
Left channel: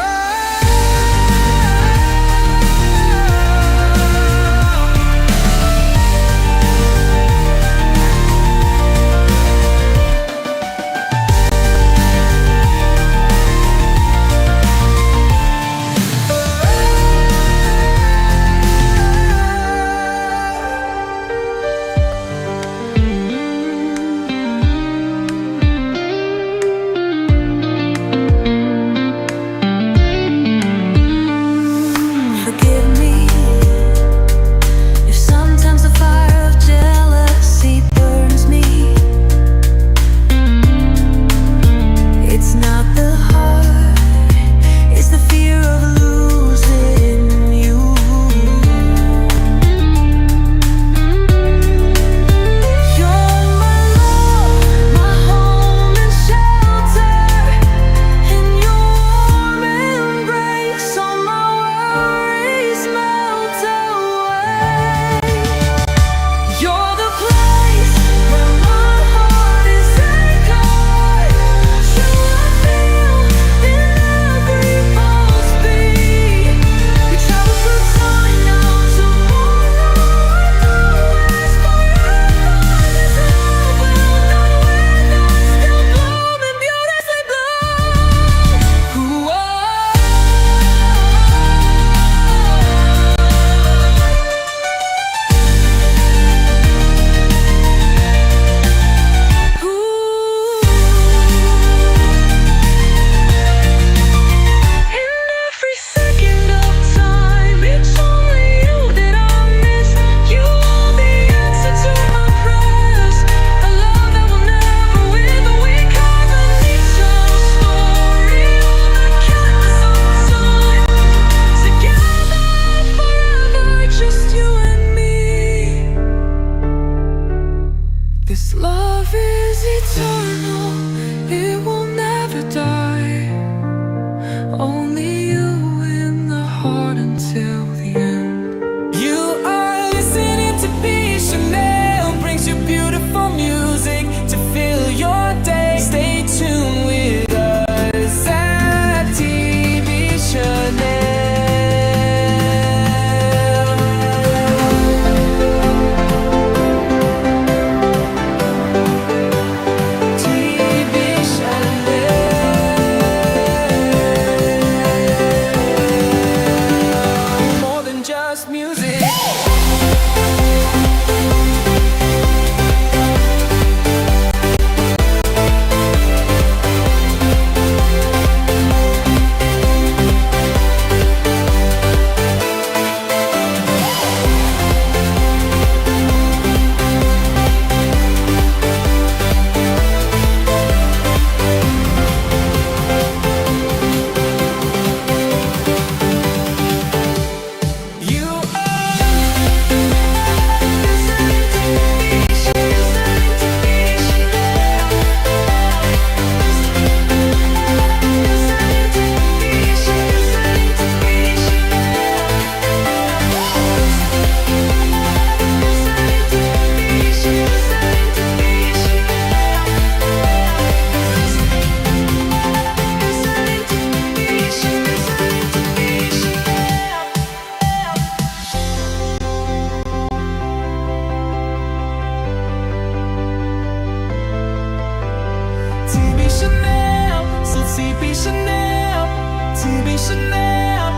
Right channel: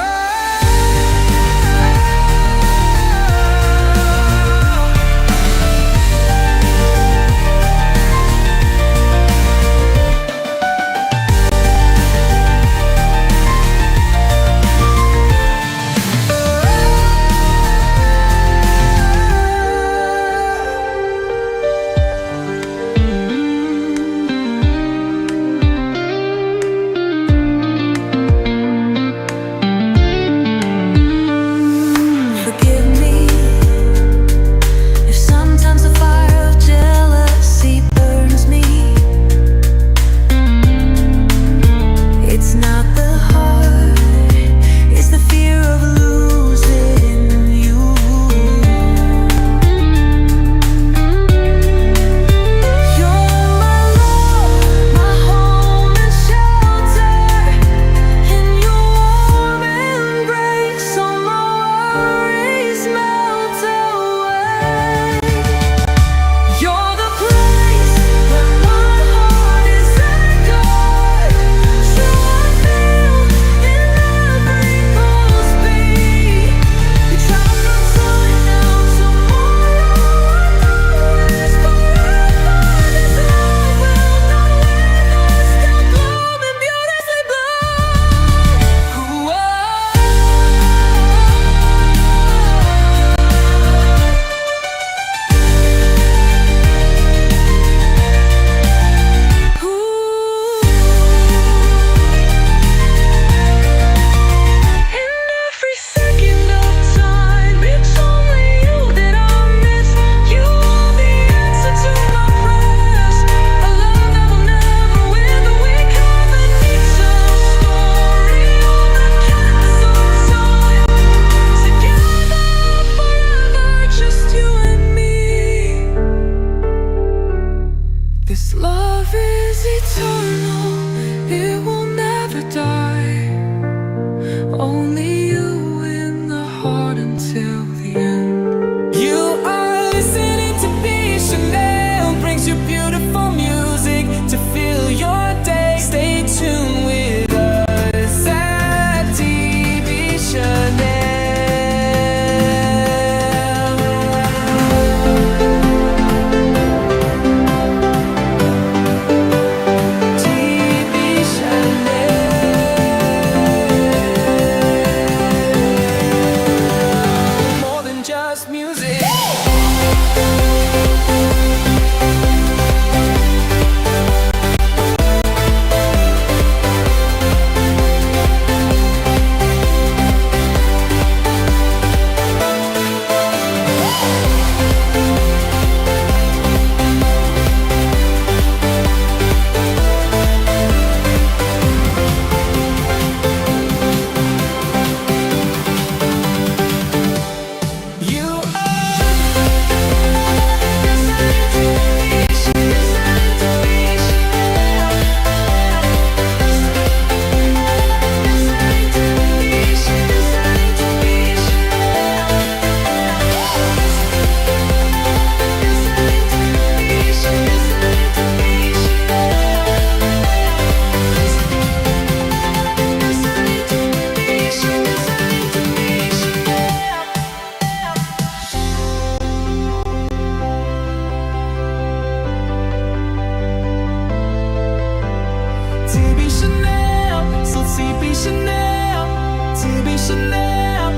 Chanel, to be Chanel.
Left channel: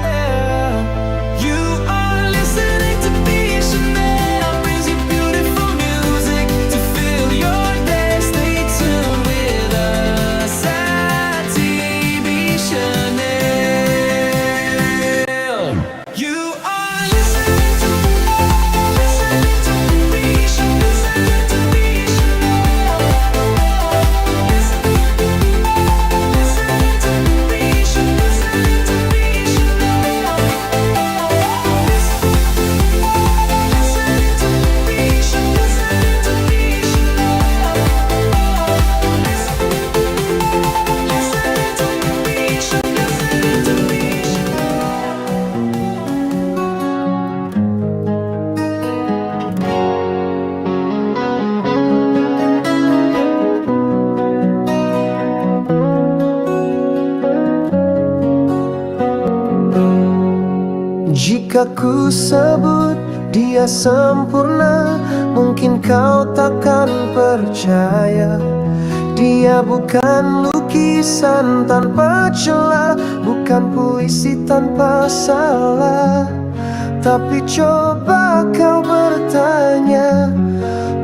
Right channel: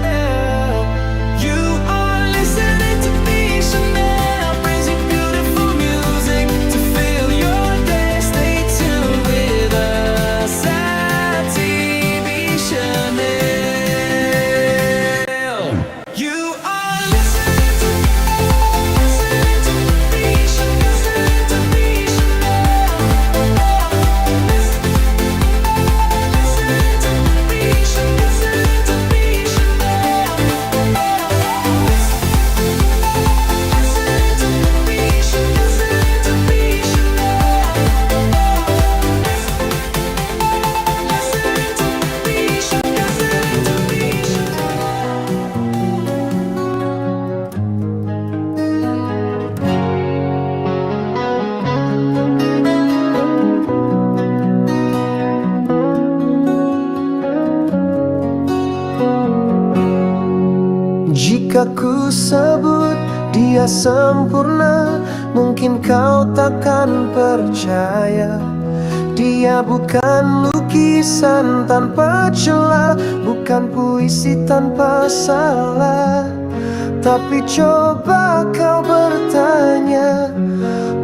You are listening to be Chanel, brings you beautiful music to fill your day. Stay tuned with us at TB Chanel. You are listening to be Chanel, listening to be Chanel. Listening to be Chanel, listening to be Chanel. Listening to be Chanel, listening to be Chanel. Listening to be Chanel, listening to be Chanel. Jika ku sebut dia sempurna, mungkin kau takkan percaya. Dia bukan lukisan tanpa celah, bukan puisi tanpa salah. Tapi coba kau bertanya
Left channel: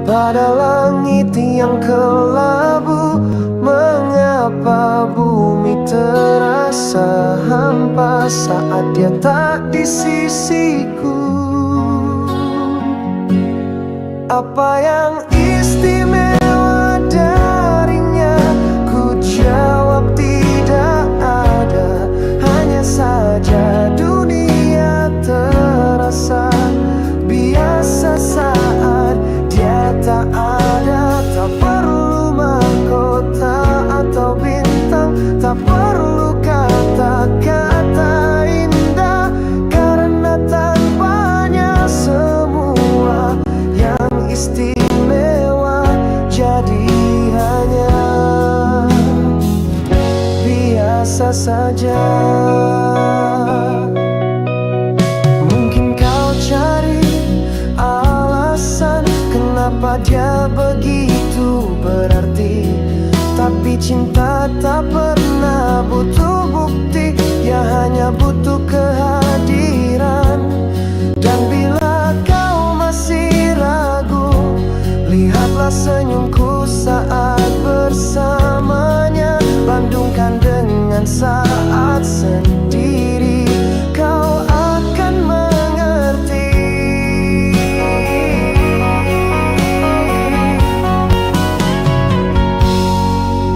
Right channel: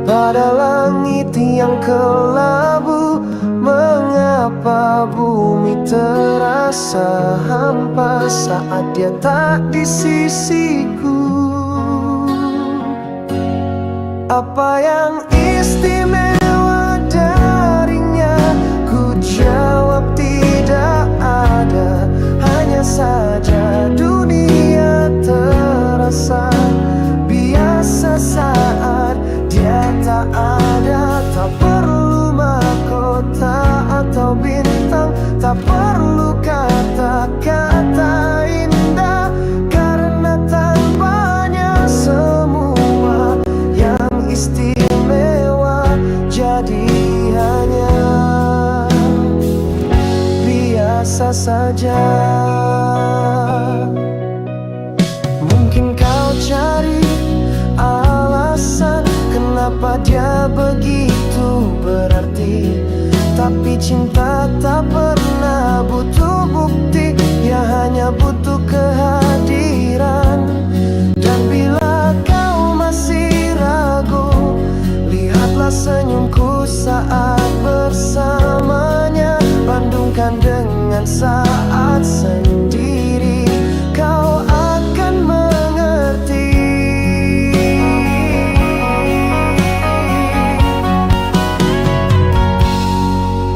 pada langit yang kelabu, mengapa bumi terasa hampa saat dia tak di sisiku? Apa yang istimewa darinya? Ku jawab tidak ada. Hanya saja dunia terasa biasa saat dia tak ada. Tak perlu mahkota atau bintang, tak perlu kata-kata indah, karena tanpanya semua yang istimewa jadi hanya biasa saja. Mungkin kau cari alasan kenapa dia begitu berarti, tapi cinta tak pernah butuh bukti, ya hanya butuh kehadiran. Dan bila kau masih ragu, lihatlah senyumku saat bersamanya. Bandungkan dengan saat sendiri, kau akan mengerti.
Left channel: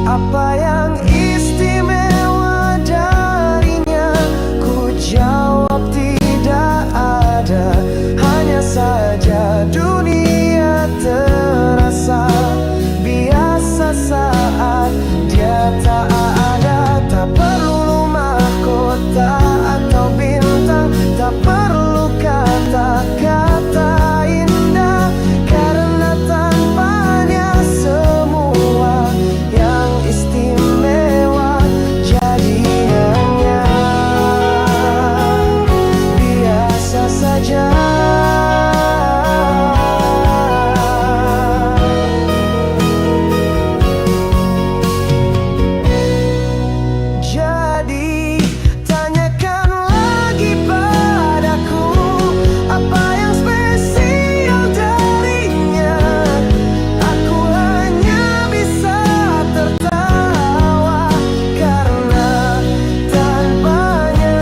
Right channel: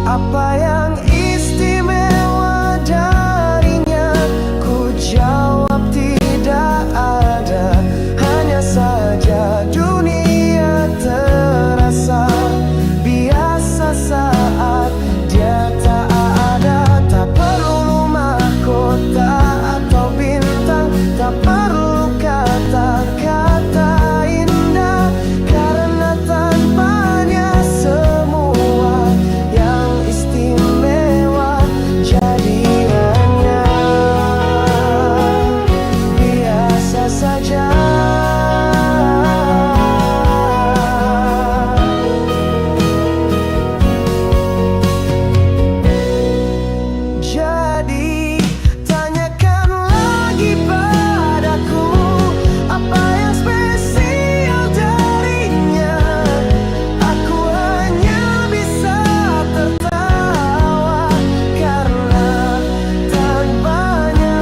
Apa yang istimewa darinya? Ku jawab tidak ada. Hanya saja dunia terasa biasa saat dia tak ada. Tak perlu mahkota atau bintang, tak perlu kata-kata indah, karena tanpanya semua yang istimewa jadi hanya biasa saja. Jadi tanyakan lagi padaku, apa yang spesial darinya? Aku hanya bisa tertawa, karena tanpanya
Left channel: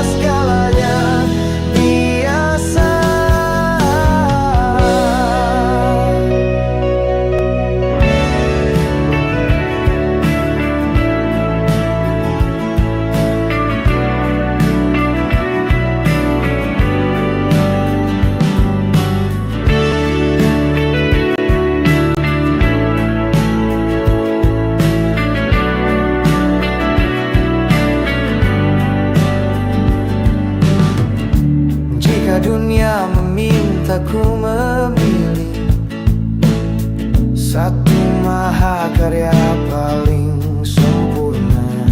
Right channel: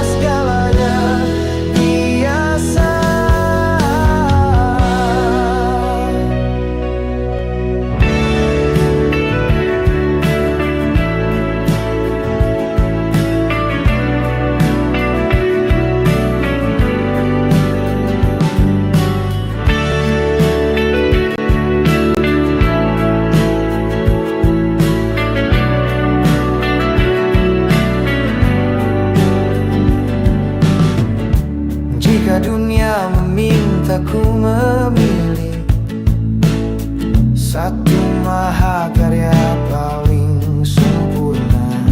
segalanya biasa. Jika dunia memintaku memilih satu mahakarya paling sempurna,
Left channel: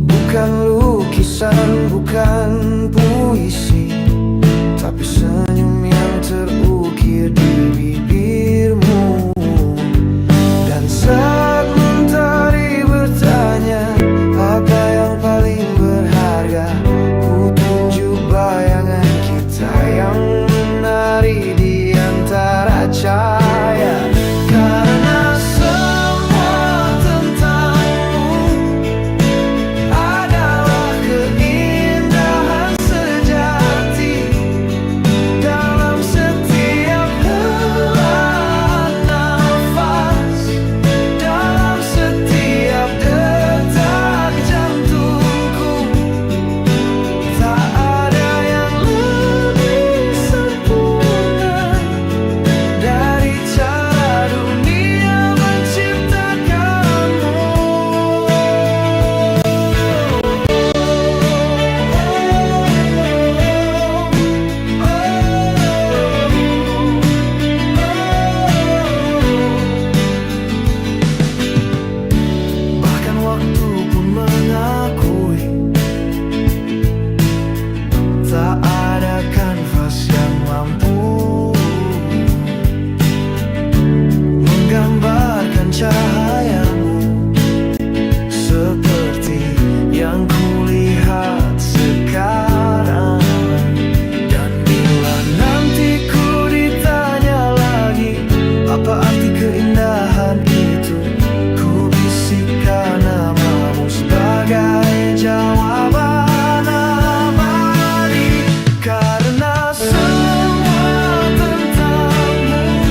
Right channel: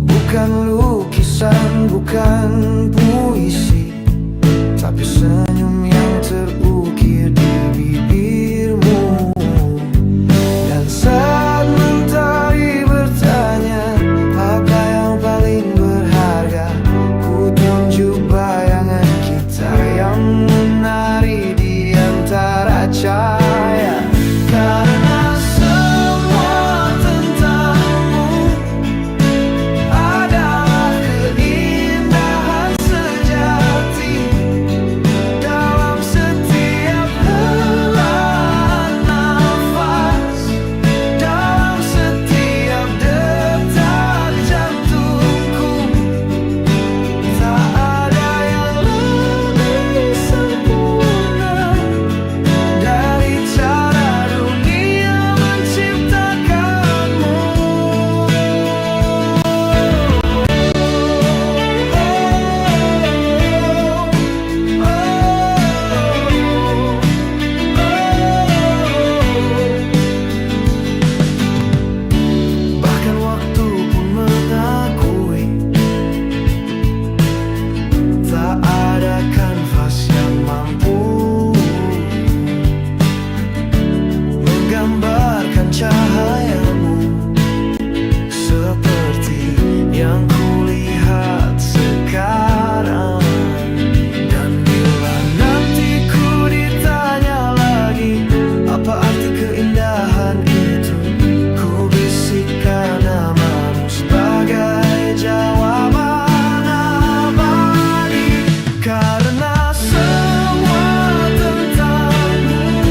bukan lukisan, bukan puisi, tapi senyum yang terukir di bibirmu. Dan saat mentari bertemu bertanya apa yang paling berharga. Ku tunjuk bayangan kita yang menari di antara cahaya. Karena semua tentangmu adalah keindahan sejati. Dalam setiap helaan nafas, dalam setiap detak jantungku, tak ada yang lebih sempurna dari cara dunia menciptakanmu. Bahkan waktu pun mengakui tak ada kanvas yang mampu menggambarkan cahayamu seperti yang kulihat sekarang. Dan bila nanti ku ditanya lagi apa arti keindahan itu, ku bisikkan namamu sebagai jawaban abadi. Karena semua tentangmu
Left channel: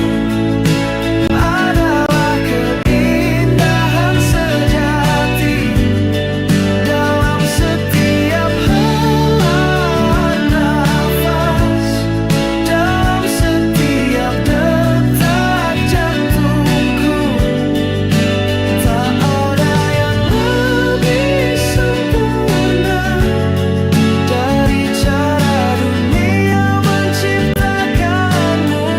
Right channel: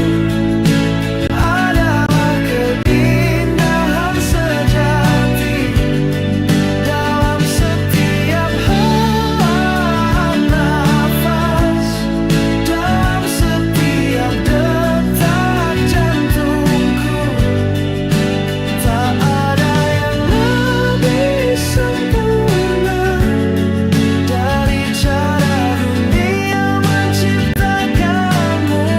adalah keindahan sejati. Dalam setiap helaan nafas, dalam setiap detak jantungku, tak ada yang lebih sempurna dari cara dunia menciptakanmu.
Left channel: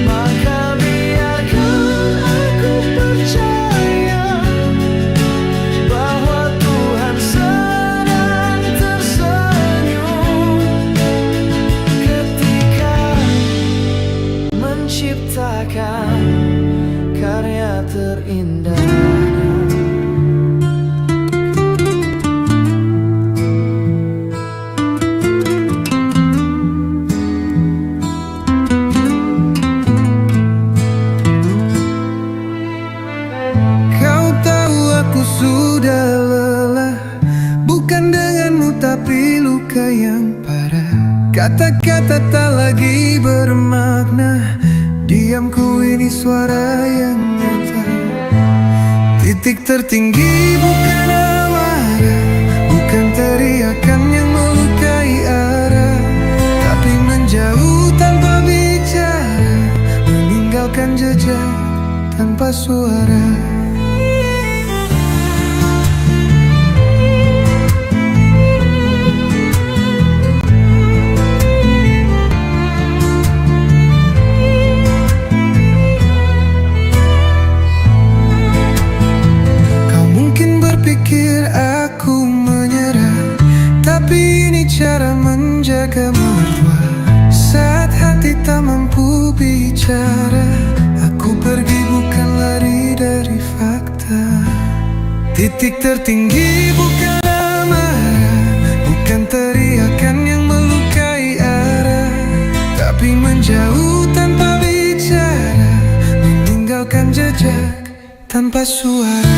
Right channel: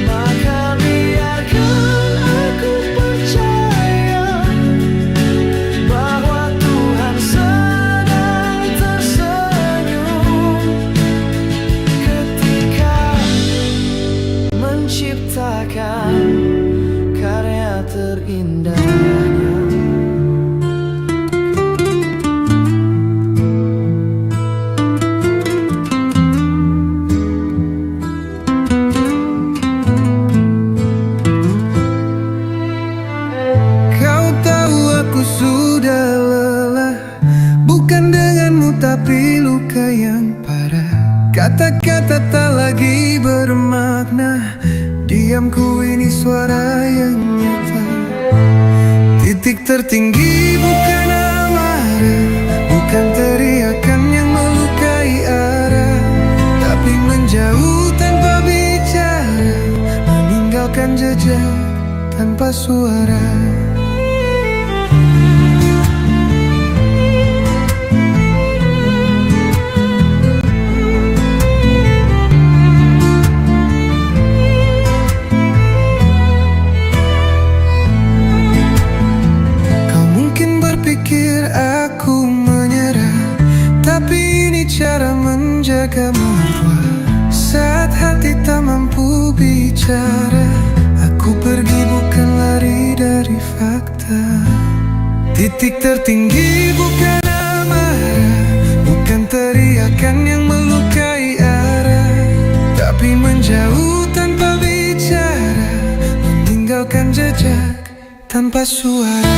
Maka biarkan aku percaya bahwa Tuhan sedang tersenyum ketika menciptakan karya terindahnya. Kau tahu aku sudah lelah, bukan denganmu tapi luka yang parah. Kata-kata tak lagi bermakna, diamku ini suara yang nyata. Titik tertinggi bukan amarah, bukan teriakan yang melukai arah, tapi menjauh tanpa bicara, meninggalkan jejak tanpa suara. Berpikir aku menyerah, tapi ini cara menjaga marwah. Saat hati tak mampu bicara, aku pergi bukan lari dari fakta. Titik tertinggi bukan amarah, bukan teriakan yang melukai arah, tapi menjauh tanpa bicara, meninggalkan jejak tanpa suara.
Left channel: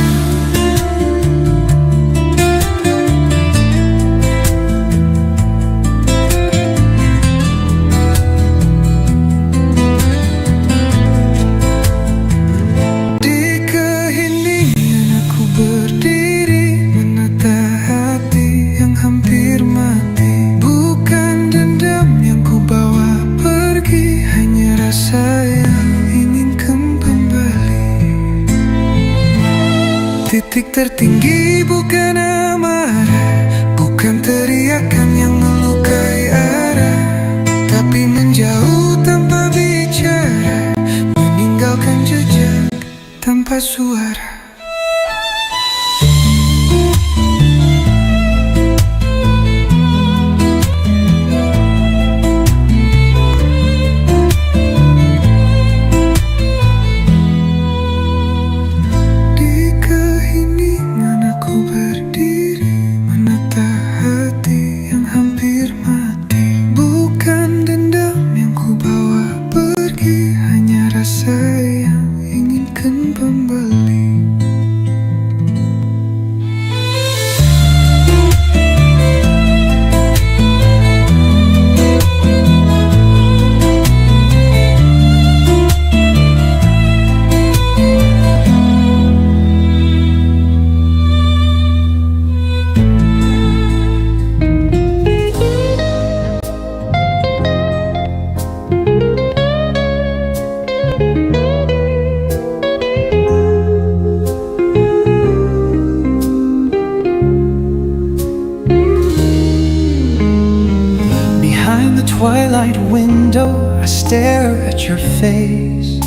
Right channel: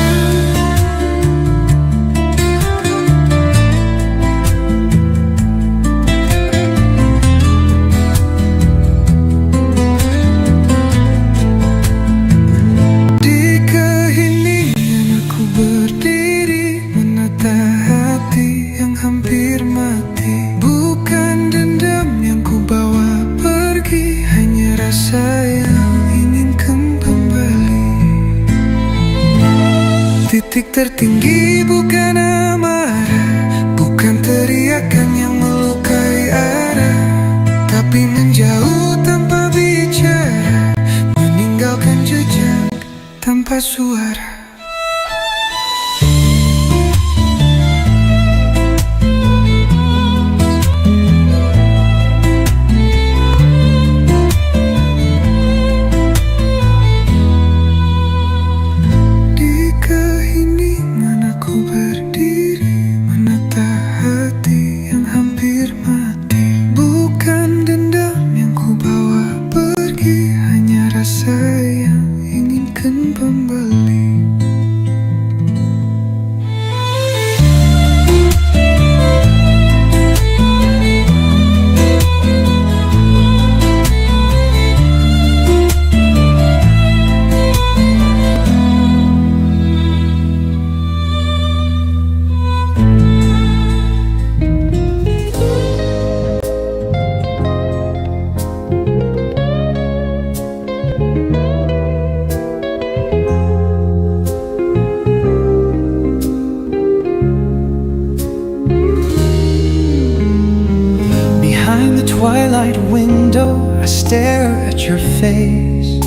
Berdiri menata hati yang hampir mati, bukan dendam yang ku bawa pergi, hanya rasa yang ingin kembali. Titik tertinggi bukan amarah, bukan teriakan yang melukai arah, tapi menjauh tanpa bicara, meninggalkan jejak tanpa suara. Behind the twilight window, I stare at your face.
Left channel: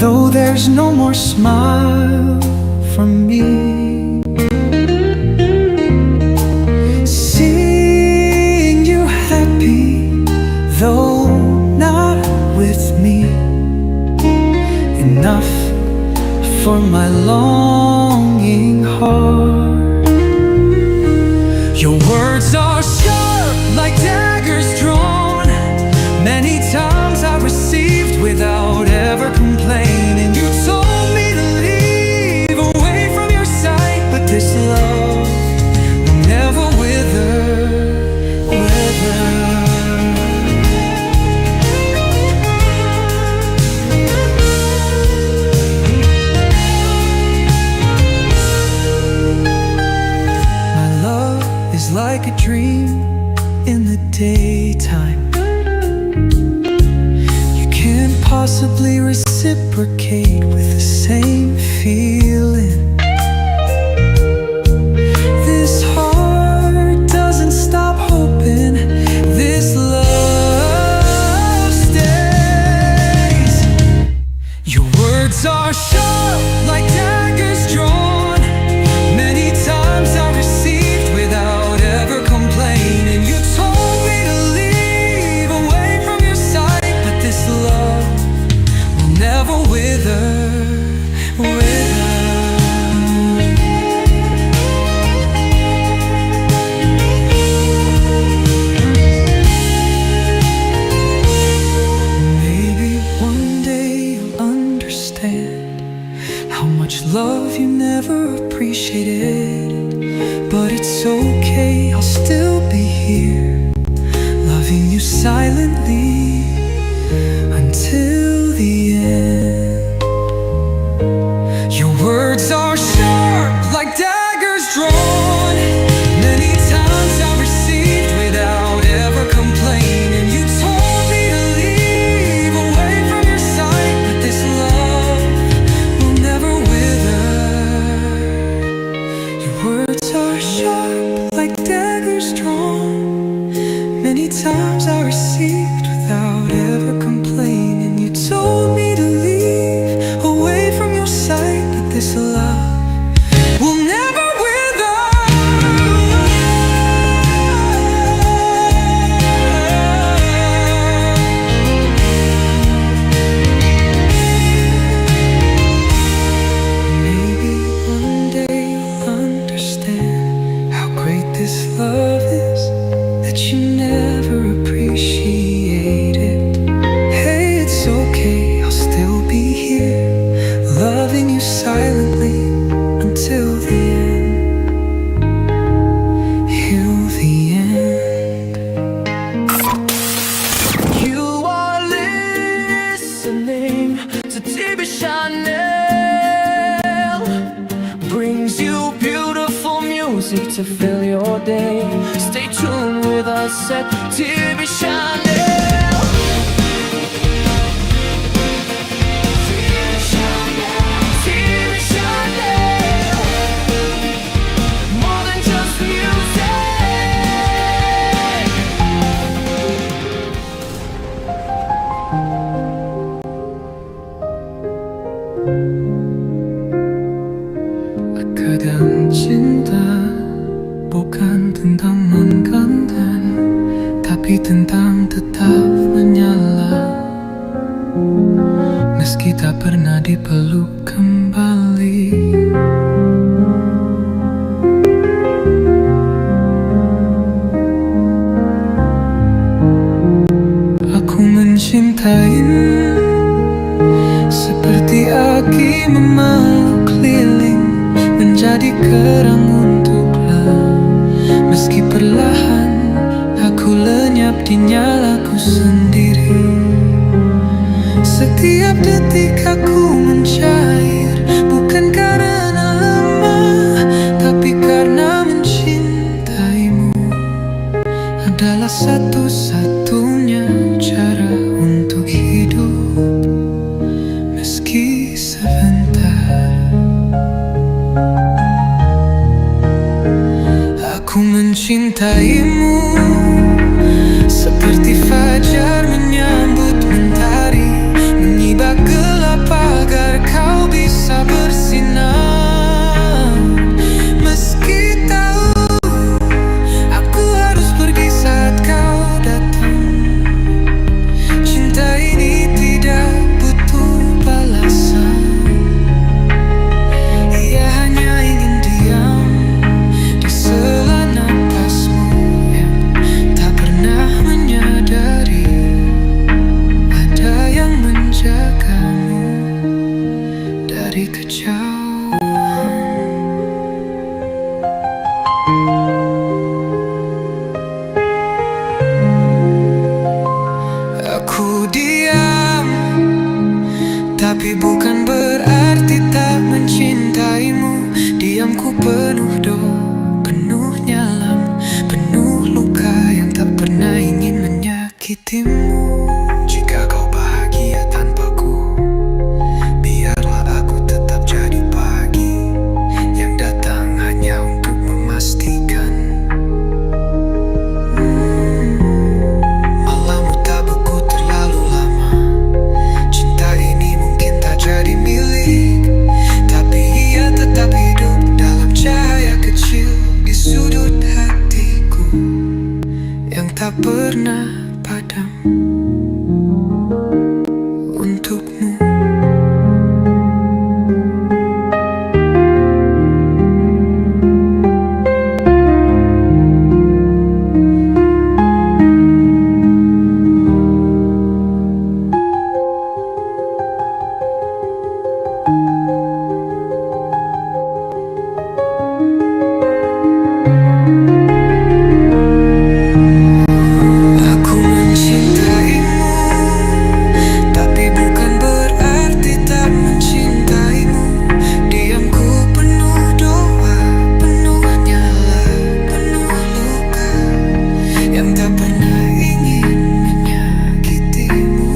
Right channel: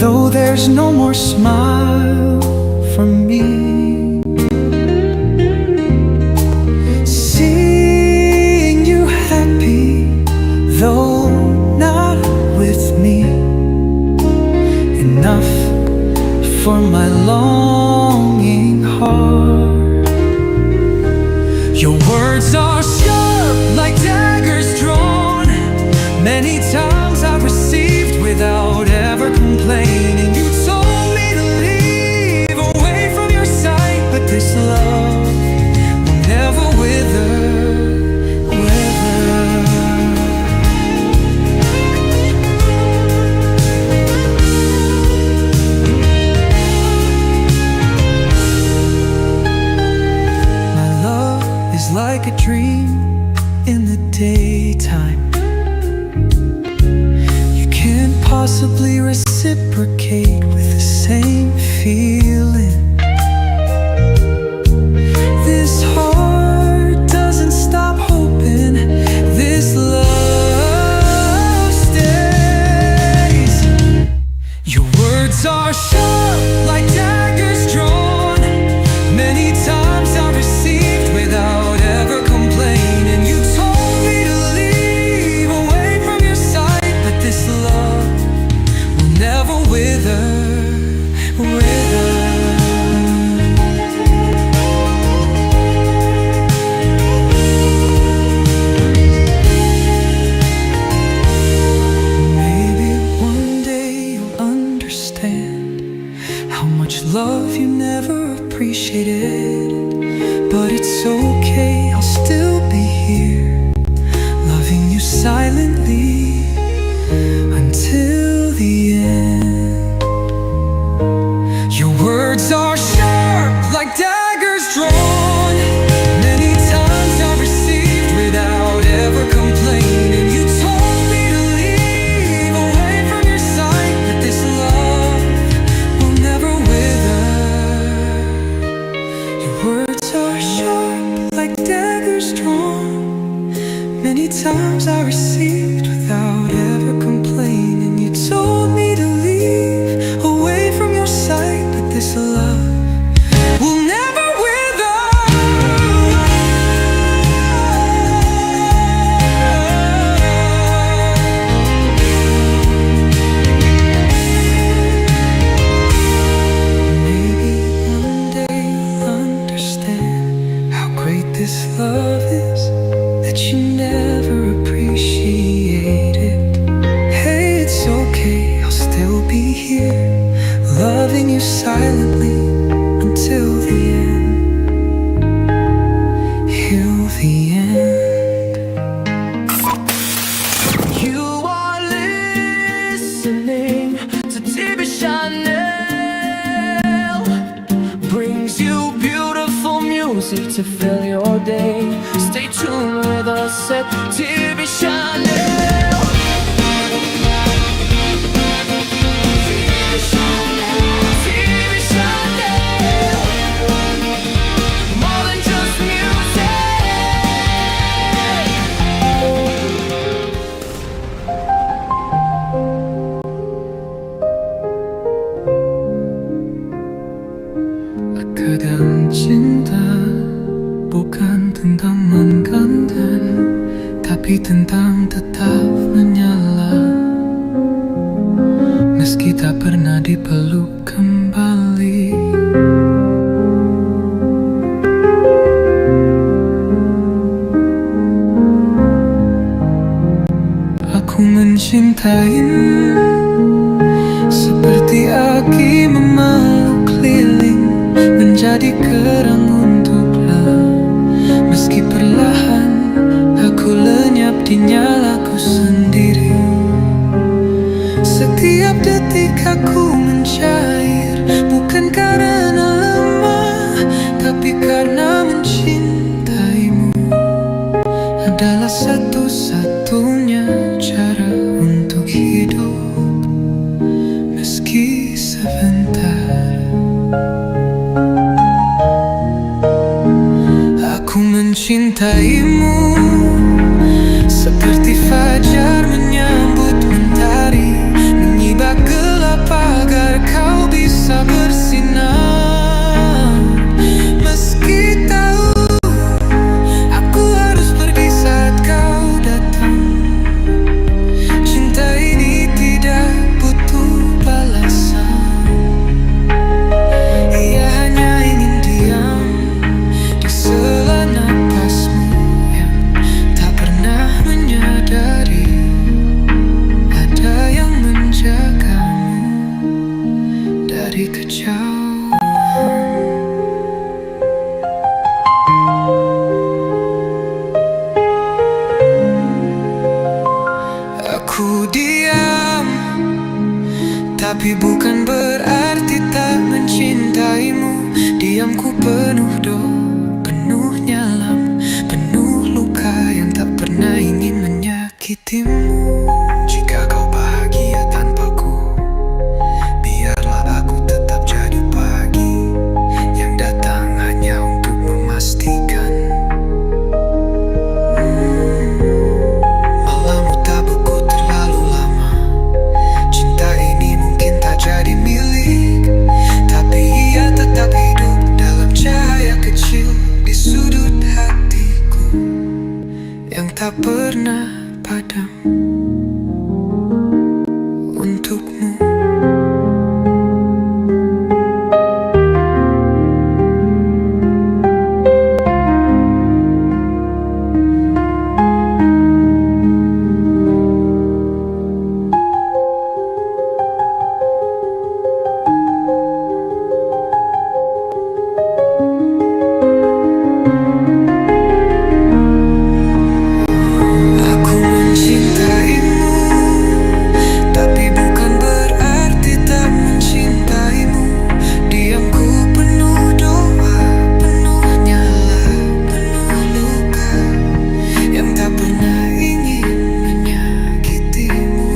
Though there's no more smile from me, seeing you happy, though not with me, enough for my longing heart. Your words are sharp like daggers drawn. Many times I received without ever complaining. You told me to leave away from your sight, but this love will never wither. My love is like a dream in the daytime. You can't possibly reciprocate with the same feeling. This heart doesn't stop hoping. This love stays. Your words are sharp like daggers drawn. Many times I received without ever complaining. You told me to leave away from your sight, but this love will never wither. Maybe one day you'll understand how much love you never appreciated. But it's okay, I'll still be here, loving you silently until the end. Your words are sharp like daggers drawn. Many times I received without ever complaining. You told me to leave away from your sight, but this love will never wither. Your words are sharp like daggers drawn. Many times I received without ever complaining. You told me to leave away from your sight, but this love will never wither. Maybe one day you'll understand how great this love is that you never appreciated. Hey, it's okay, I'll still be here, loving you silently until the end. Till the end. You are listening to TV Chanel. Brings you beautiful music to fill your day. Stay tuned with us at TV Chanel. TV Chanel. More than just music. Kadang cinta bukan tentang menggantikan, tapi tentang tetap menyala. Meski tak pernah dipeluk kembali. Aku mencintaimu seperti aki memeluk keliling, menjadi kerang untuklah. Meski perlahan aku lenyap di nyalaku sendiri. Setiap detik aku mencair, bukan karena lemah, tapi karena mencintaimu adalah satu-satunya cara untuk hidup. Meski sebentar, aku Aku mencintaimu seperti fajar menyambut mentari, menyibak gelap agar kau bisa bersinar. Meski tahu aku harus pergi saat kau datang, cinta ini tidak butuh balasan. Ia hanya ingin diam di sela napasmu yang tak pernah menyadari ada yang menjagamu dari kejauhan. Aku diam, tapi bukan berarti tak mencintaimu. Diamku penuh penuh nyalam, penuh luka yang tak pernah ingin menyakitimu. Jika kau bahagia tanpaku, biarlah aku tetap jadi pagi yang datang hanya untuk memastikan malammu tak beku terlalu lama. Cinta ini mungkin tak jadi milik, tapi ia tetap hidup dalam cahaya kecil di sudut hatiku yang tak pernah padam untukmu. Aku mencintaimu, tapi bukan berarti tak mencintaimu. Diamku penuh doa, penuh nyala, penuh luka yang tak pernah ingin menyakitimu.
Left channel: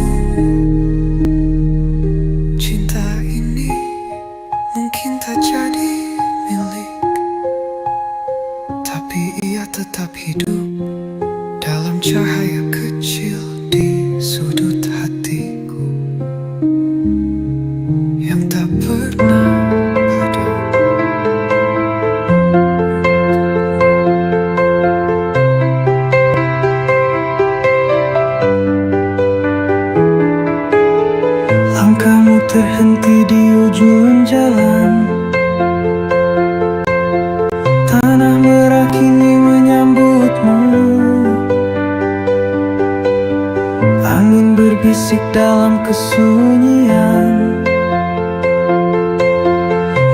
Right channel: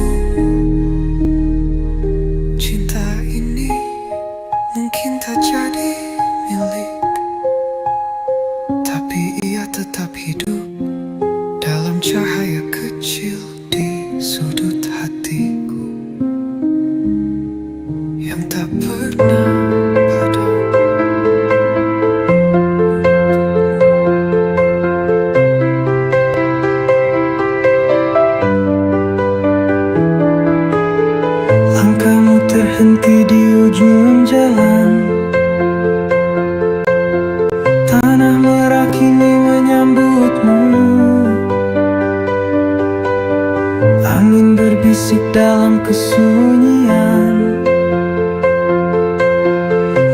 Cinta ini mungkin tak jadi milik, tapi ia tetap hidup dalam cahaya kecil di sudut hatiku yang tak pernah padam. Langkahmu terhenti di ujung jalan, tanah merah kini menyambutmu. Angin berbisik dalam kesunyian,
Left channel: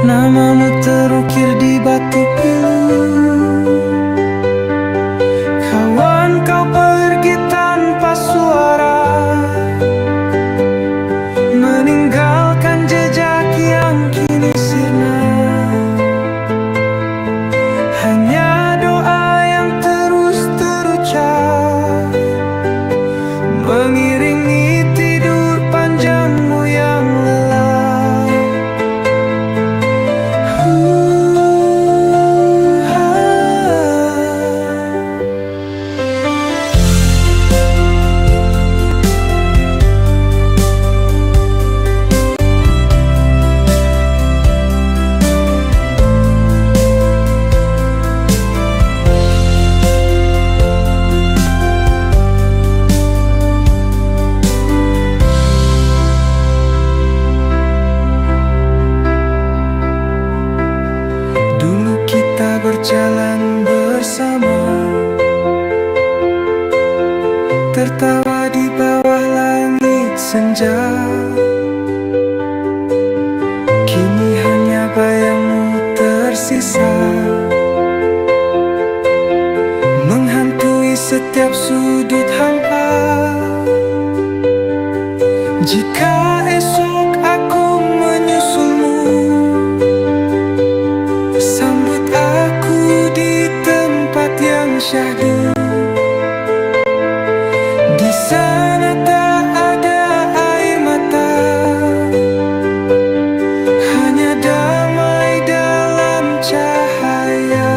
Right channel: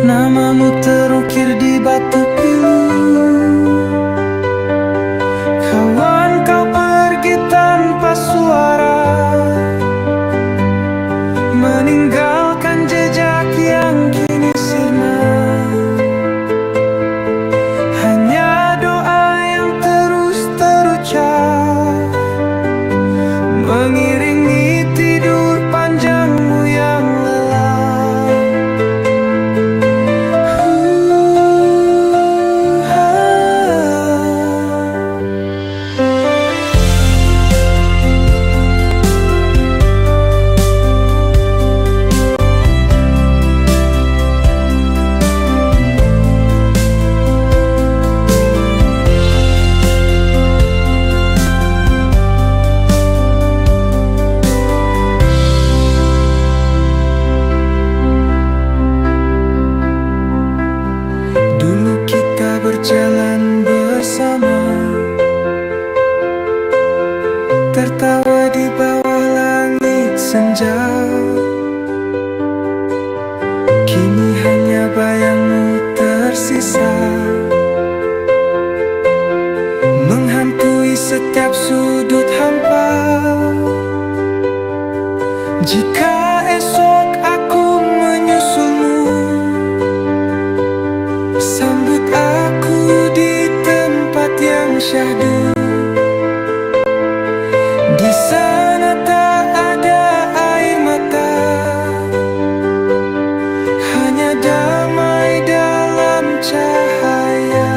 namamu terukir di batu pilu. Kawan, kau pergi tanpa suara, meninggalkan jejak yang kini sirna. Hanya doa yang terus terucap mengiringi tidur panjangmu yang lelap. Dulu kita berjalan bersama, tertawa di bawah langit senja. Kini hanya bayangmu tersisa, menghantui setiap sudut hampa. Jika esok aku menyusulmu, sambut aku di tempat yang syahdu. Di sana tak ada air mata, hanya damai dalam cahaya.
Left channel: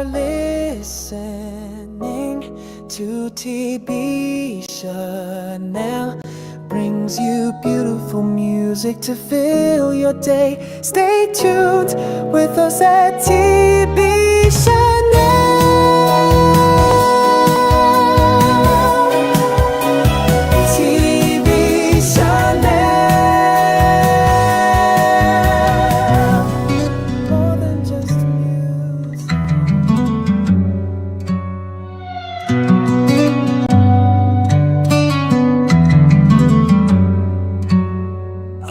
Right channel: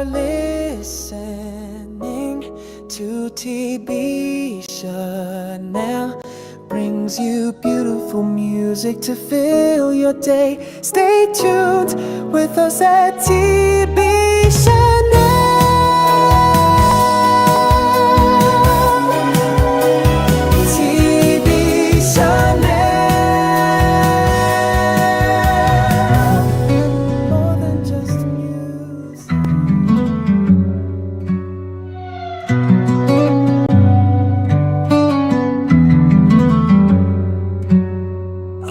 are listening to TB Chanel. Brings you beautiful music to fill your day. Stay tuned with us at TB Chanel. TB Chanel. More than just music.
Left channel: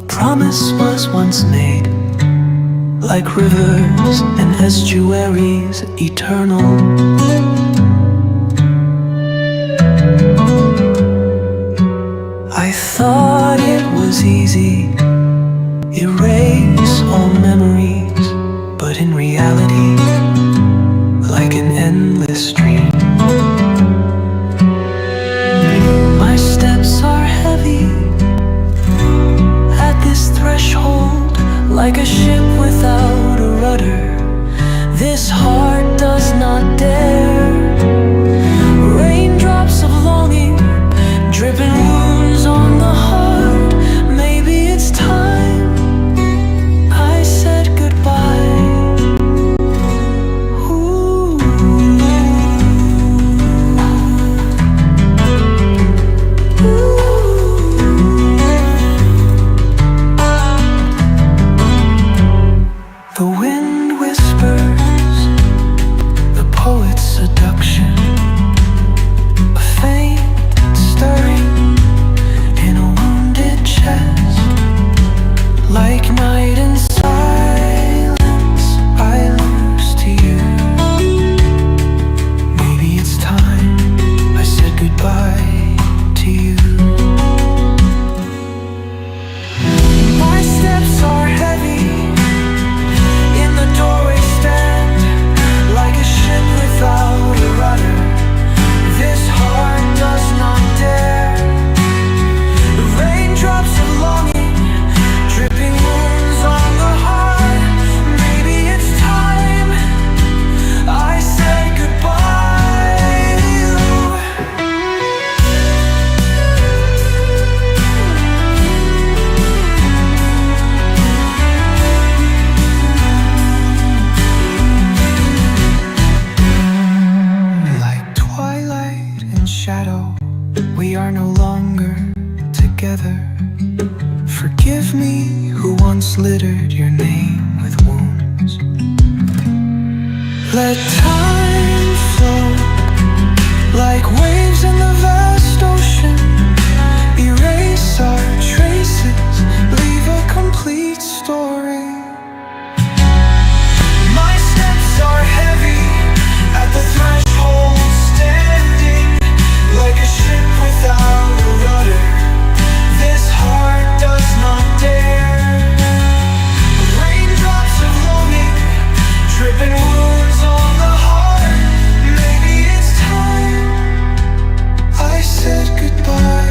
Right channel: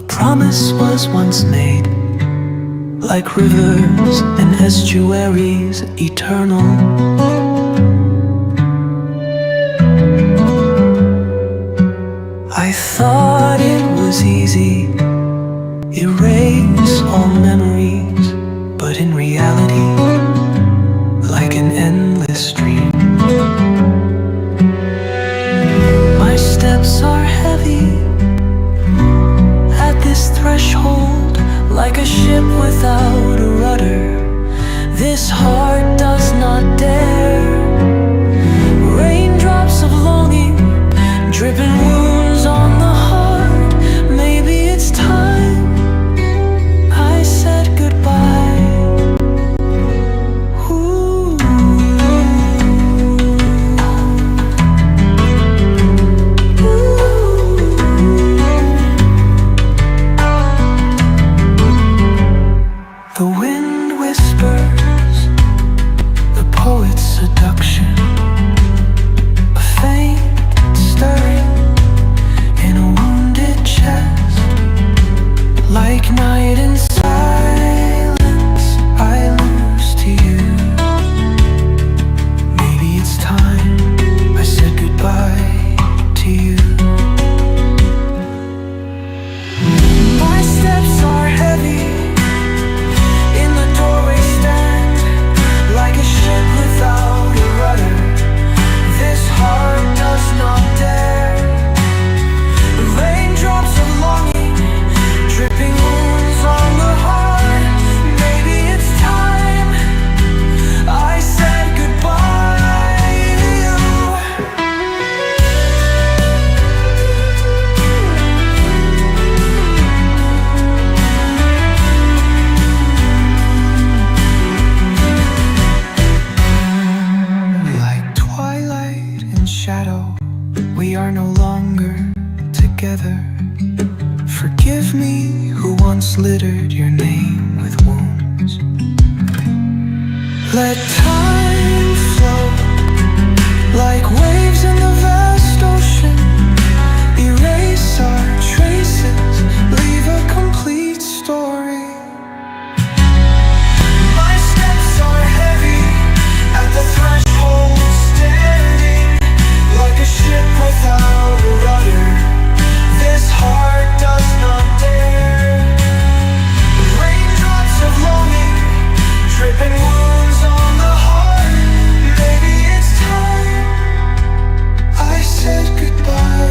Promise was once made, like rivers and estuaries, eternal. I thought it was easy, erase all memories, but in reality, like an endless stream, my steps are heavy at this threshold, like a ship without a rudder. This heart does not dare. Raindrops of longing, dripping wounds on the heart. Maybe it's time I said goodbye. Ooh. The wind whispers, the poet's seduction, a faint stirring in a wounded chest. Like night in silence, I lose to you. Maybe it's time I said goodbye to you. My steps are heavy, in the doorway stand, like a ship without a rudder. This heart does not dare. Raindrops of longing, dripping wounds on the heart. Maybe it's time I said goodbye. Shadow, we are no longer together. Forgive me who once littered your name with wounds. Let time flow like waves in the vast ocean. Erase our traces, leave a complete story. My steps are heavy at the threshold, standing like a ship without a rudder. This heart does not dare. Raindrops of longing, dripping wounds on the heart. Maybe it's time I said goodbye.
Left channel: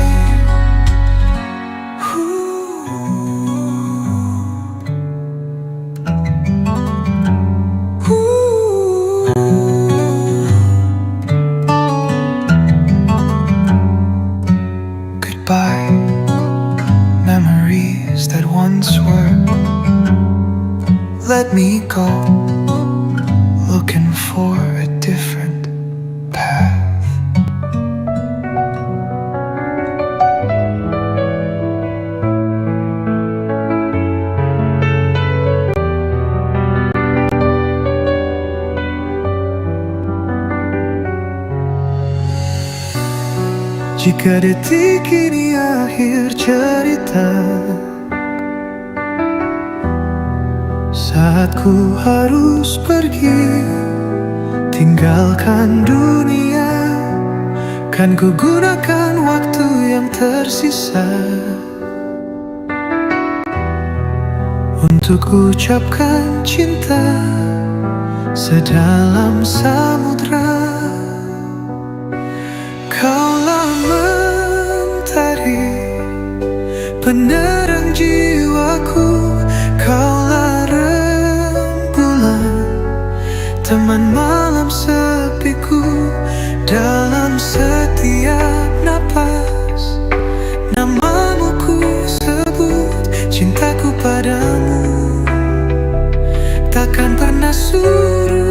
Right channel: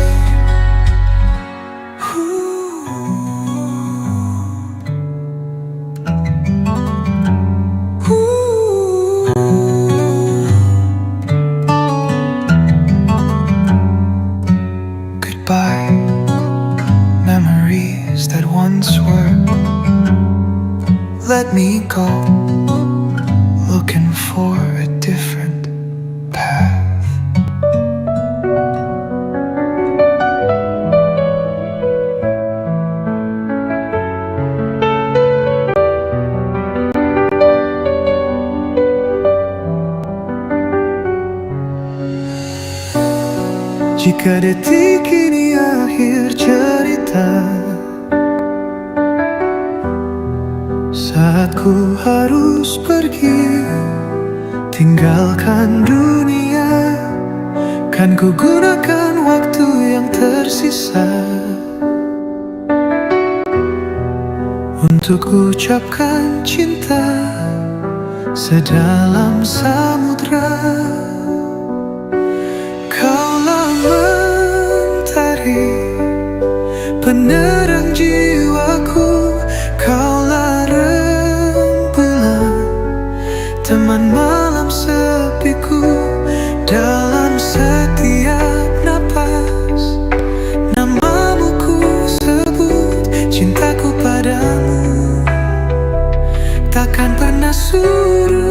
Goodbye, memories that once were. Let me go, looking for a different path. Jika detik ini akhir cerita, saat ku harus pergi, tinggalkan dunia, kan ku gunakan waktu yang tersisa untuk ucapkan cinta sedalam samudra. Kaulah mentari, penerang jiwaku. Kaulah rembulan, teman malam sepiku. Dalam setiap napas namamu ku sebut, cintaku padamu takkan pernah surut.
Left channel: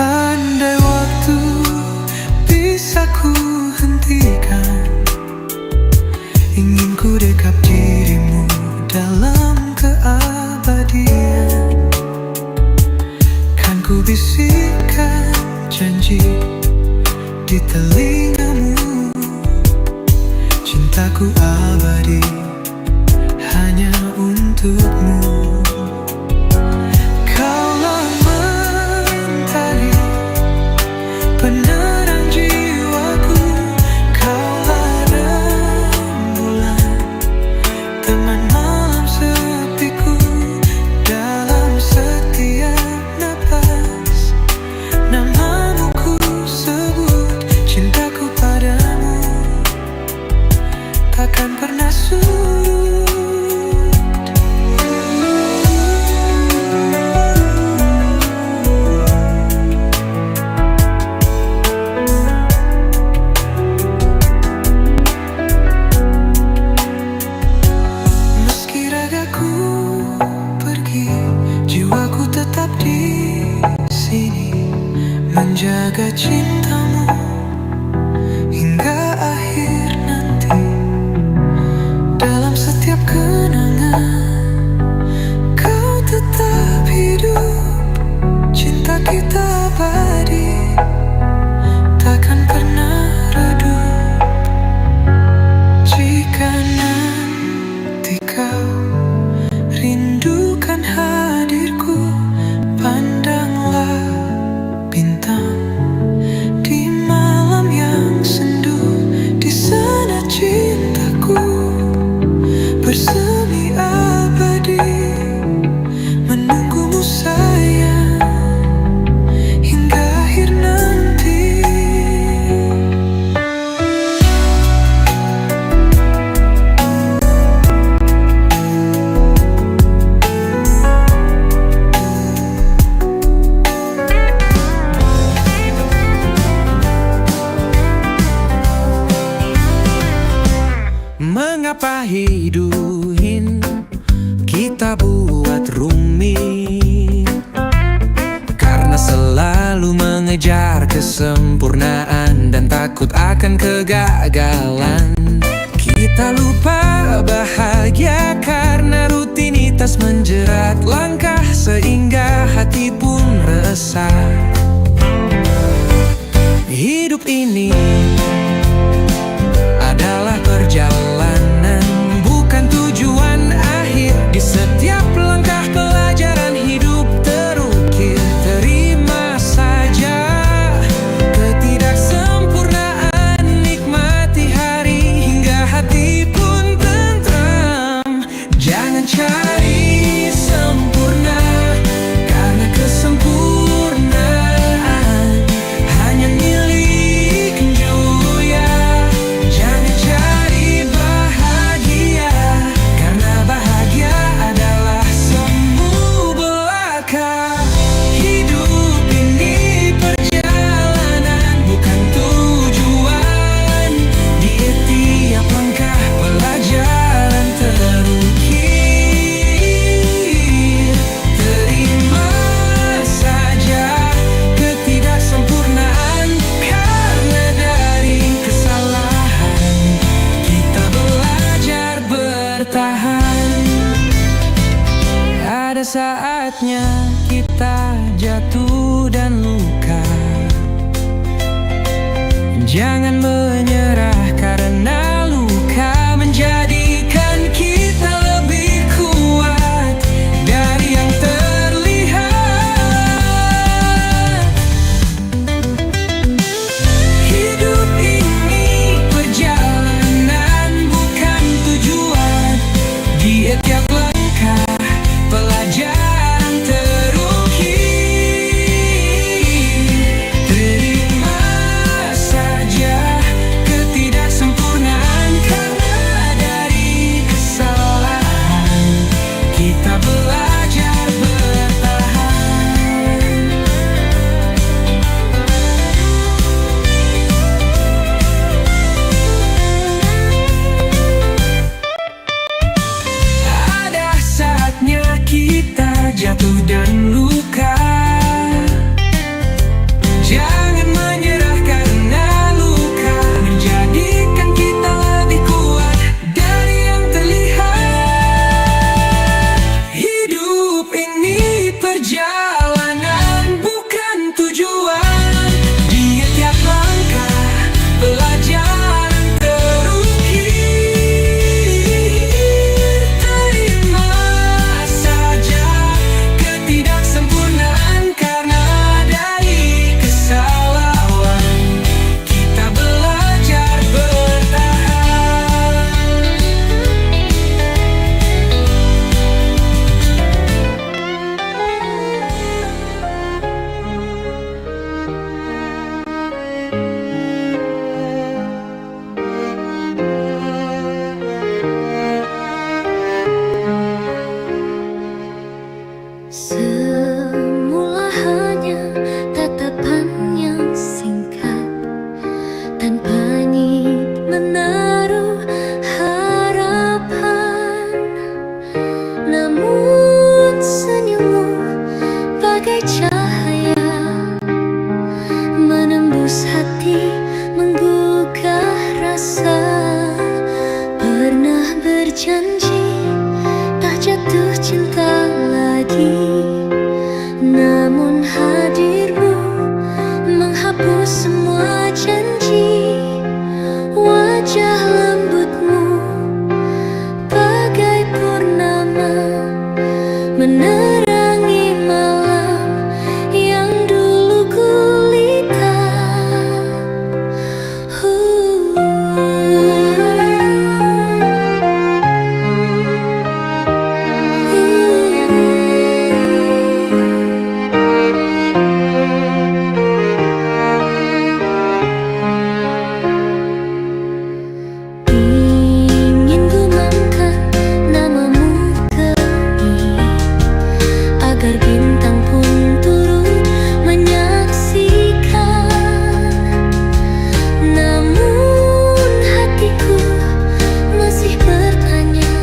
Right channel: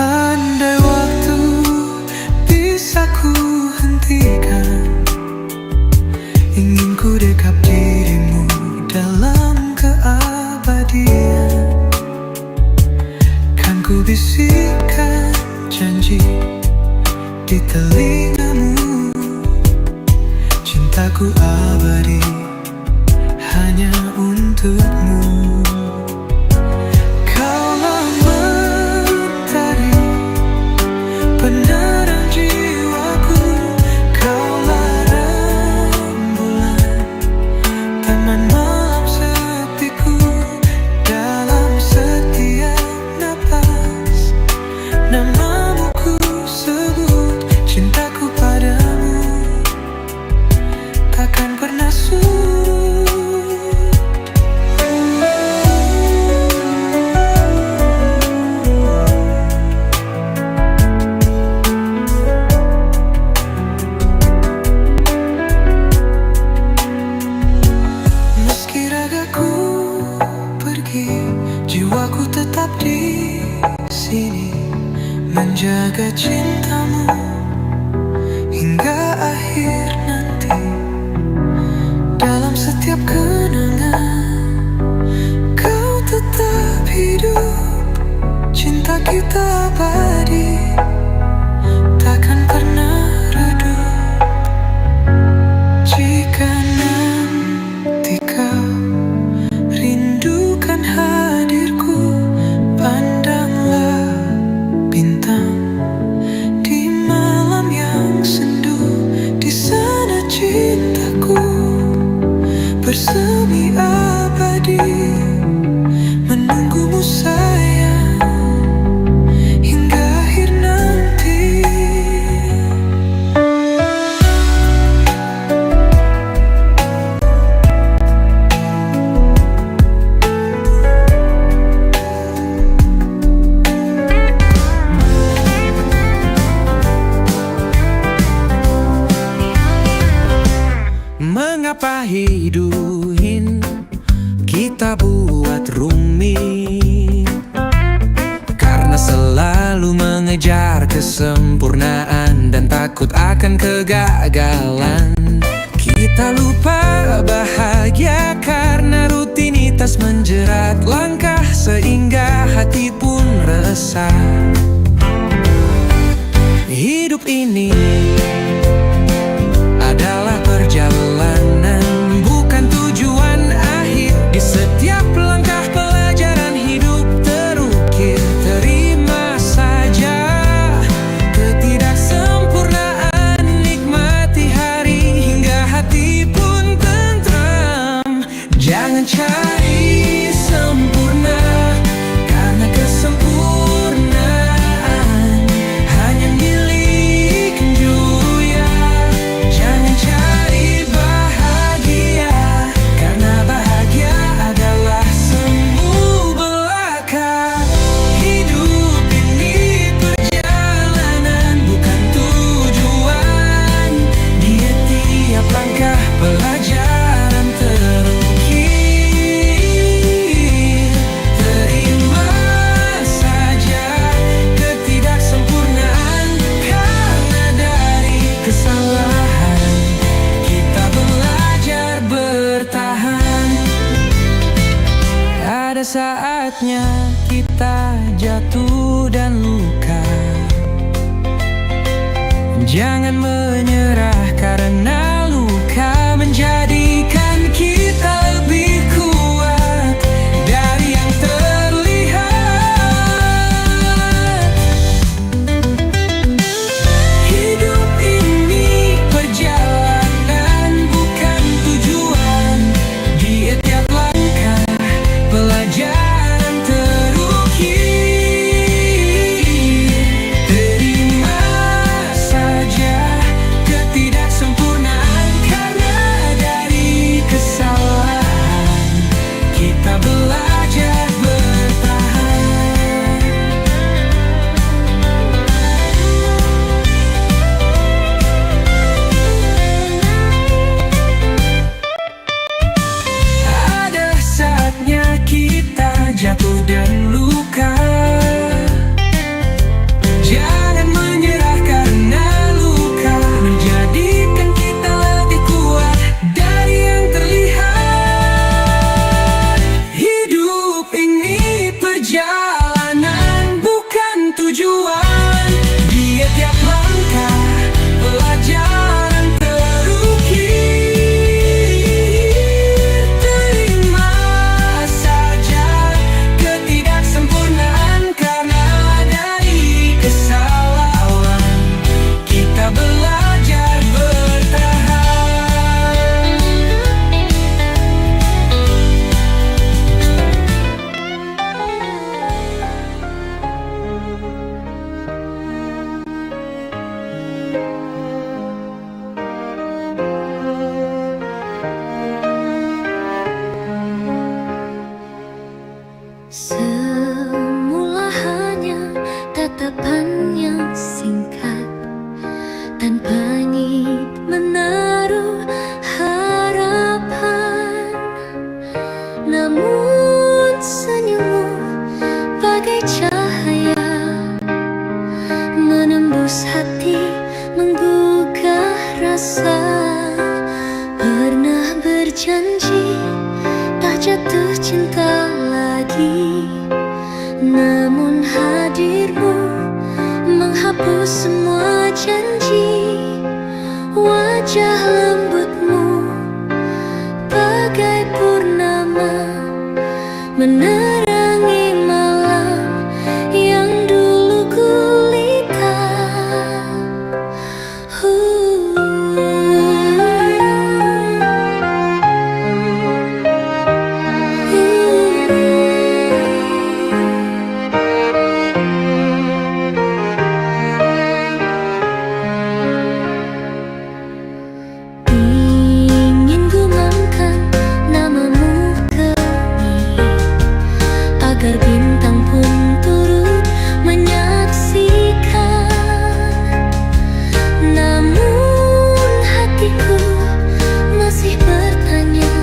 Andai waktu bisa ku hentikan, ingin ku dekap dirimu dalam keabadian. Kan ku bisikkan janji di telingamu, cintaku abadi hanya untukmu. Kaulah mentari penerang jiwaku, kaulah rembulan teman malam sepiku. Dalam setiap napas namamu ku sebut, cintaku padamu takkan pernah surut. Meski ragaku pergi, jiwaku tetap di sini, menjaga cintamu hingga akhir nanti. Dalam setiap kenangan kau tetap hidup, cinta kita abadi takkan pernah redup. Jika nanti kau rindukan hadirku, pandanglah bintang di malam yang sendu. Di sana cintaku bersemi abadi, menunggumu sayang hingga akhir nanti. Mengapa hidup kita buat rumit? Karena selalu mengejar kesempurnaan dan takut akan kegagalan. Kita lupa bahagia karena rutinitas menjerat langkah, sehingga hati pun resah. Hidup ini adalah perjalanan, bukan tujuan akhir. Di setiap langkah pelajaran hidup terukir. Terima saja ketidaksempurnaan, nikmati hari hingga hati pun tentram. Jangan cari sempurna, karena kesempurnaan hanya milik joya. Jangan cari bahagia, karena bahagia adalah semu belaka. Hidup ini perjalanan, bukan tujuan. Di tiap langkah pelajaran terukir. Terima saja ketidaksempurnaan, karena dari kesalahan kita belajar bertahan. Ada saatnya kita jatuh dan luka. Jangan menyerah, karena luka menjadikan kita lebih kuat dari yang terlihat. Hidup ini perjalanan, bukan tujuan. Di tiap langkah pelajaran terukir. Terima saja ketidaksempurnaan, perjalanan bukan tujuan. Di tiap langkah pelajaran terukir. Terima saja ketidaksempurnaan, karena dari kesalahan kita belajar bertahan. Semula hanya tatapan yang singkat, tanpa niat menaruh harapan. Namun senyummu bagai cahaya, menembus hati, menggugah rasa. Pernah berjanji tak jatuh cinta lagi, namun hadirmu menghapus semua janji. Wajah lembutmu bagai purnama, menerangi malam yang dulu gulita. Ingin gumamkan namamu ke langit, agar bintang pun turut menyaksikan. Namun hatiku masih bertanya,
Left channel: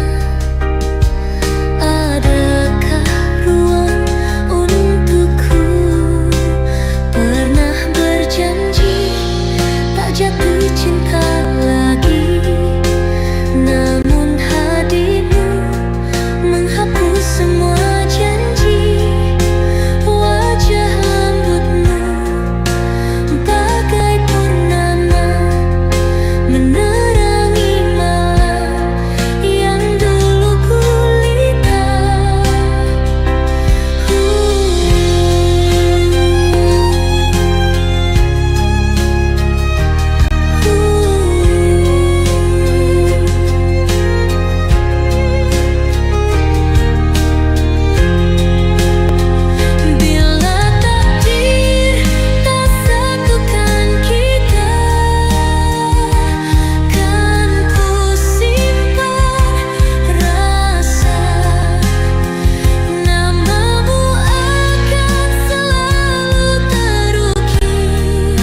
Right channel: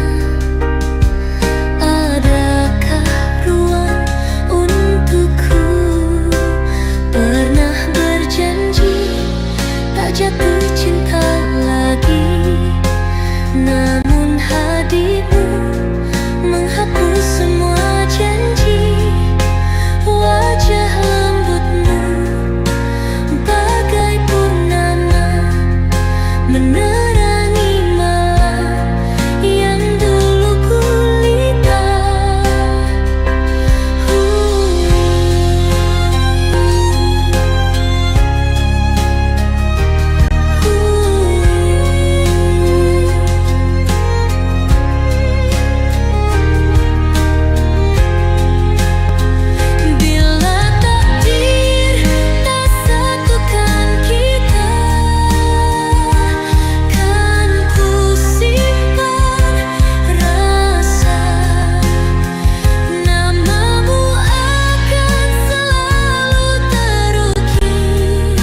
adakah ruang untukku? Pernah berjanji tak jatuh cinta lagi, namun hadirmu menghapus semua janji. Wajah lembutmu bagai purnama, menerangi malam yang dulu gulita. Bila takdir tak satukan kita, kan ku simpan rasa. Namamu akan selalu terukir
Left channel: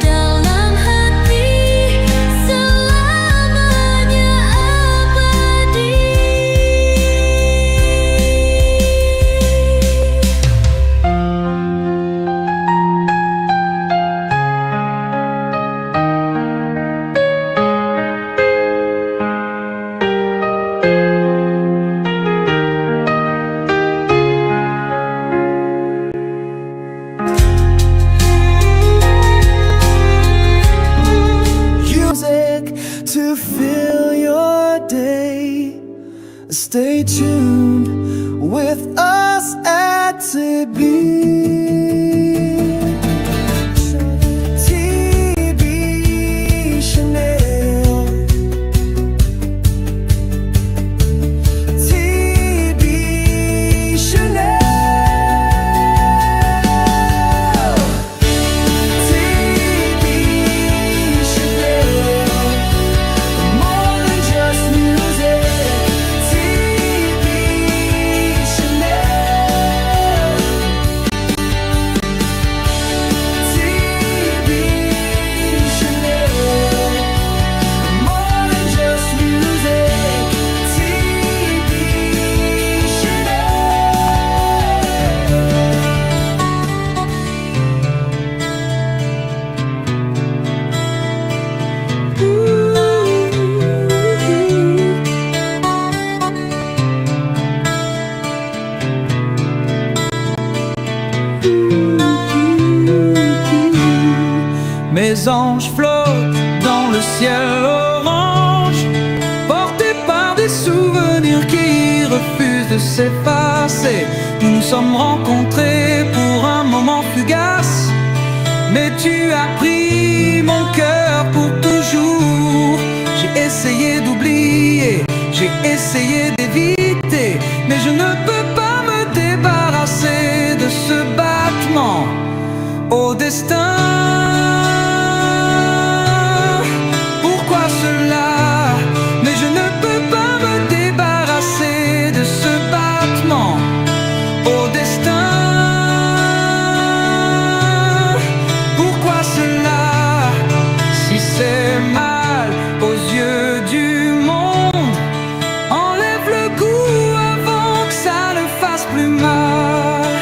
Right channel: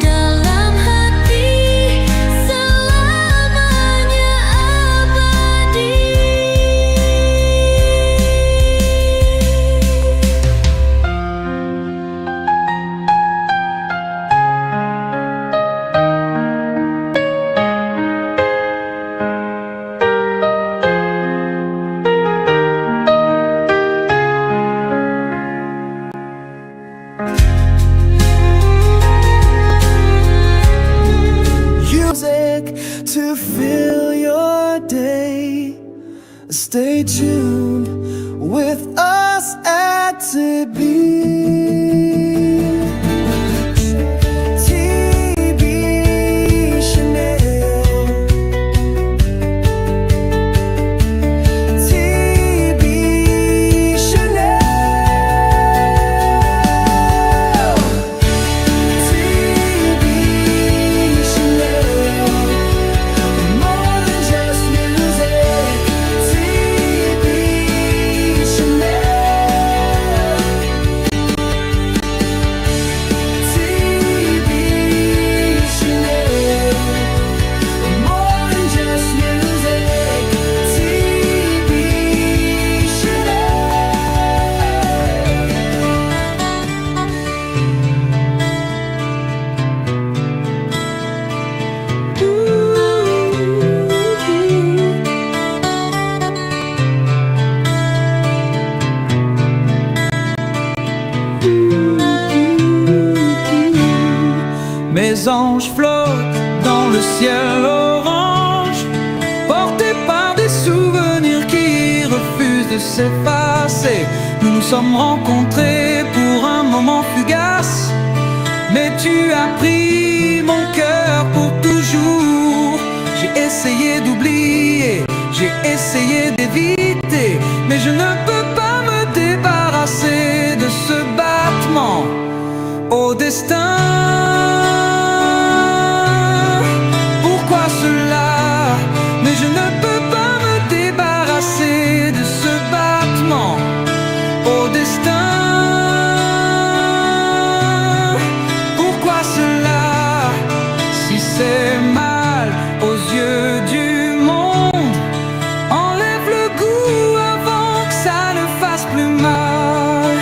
dalam hati, selamanya abadi. Music to fill your day. Stay tuned with us at TB. TB Chanel. TB Chanel. TB Chanel. More than just music. TB Chanel. Mes anges flottent dans le ciel orange, portés par des souvenirs qui refusent de s'effacer. Nous nous sommes rencontrés pour un moment fugace, mais tu as pris mon cœur pour toujours. J'ai essayé d'oublier, j'ai essayé d'éviter, mais je ne peux pas me débarrasser de ce battement au destin. Pourquoi cela? Mais je ne peux pas me débarrasser de ce battement au destin. Pourquoi cela? Si c'est mal aux yeux du monde, enlève le goût avant que ça ne fasse plus mal.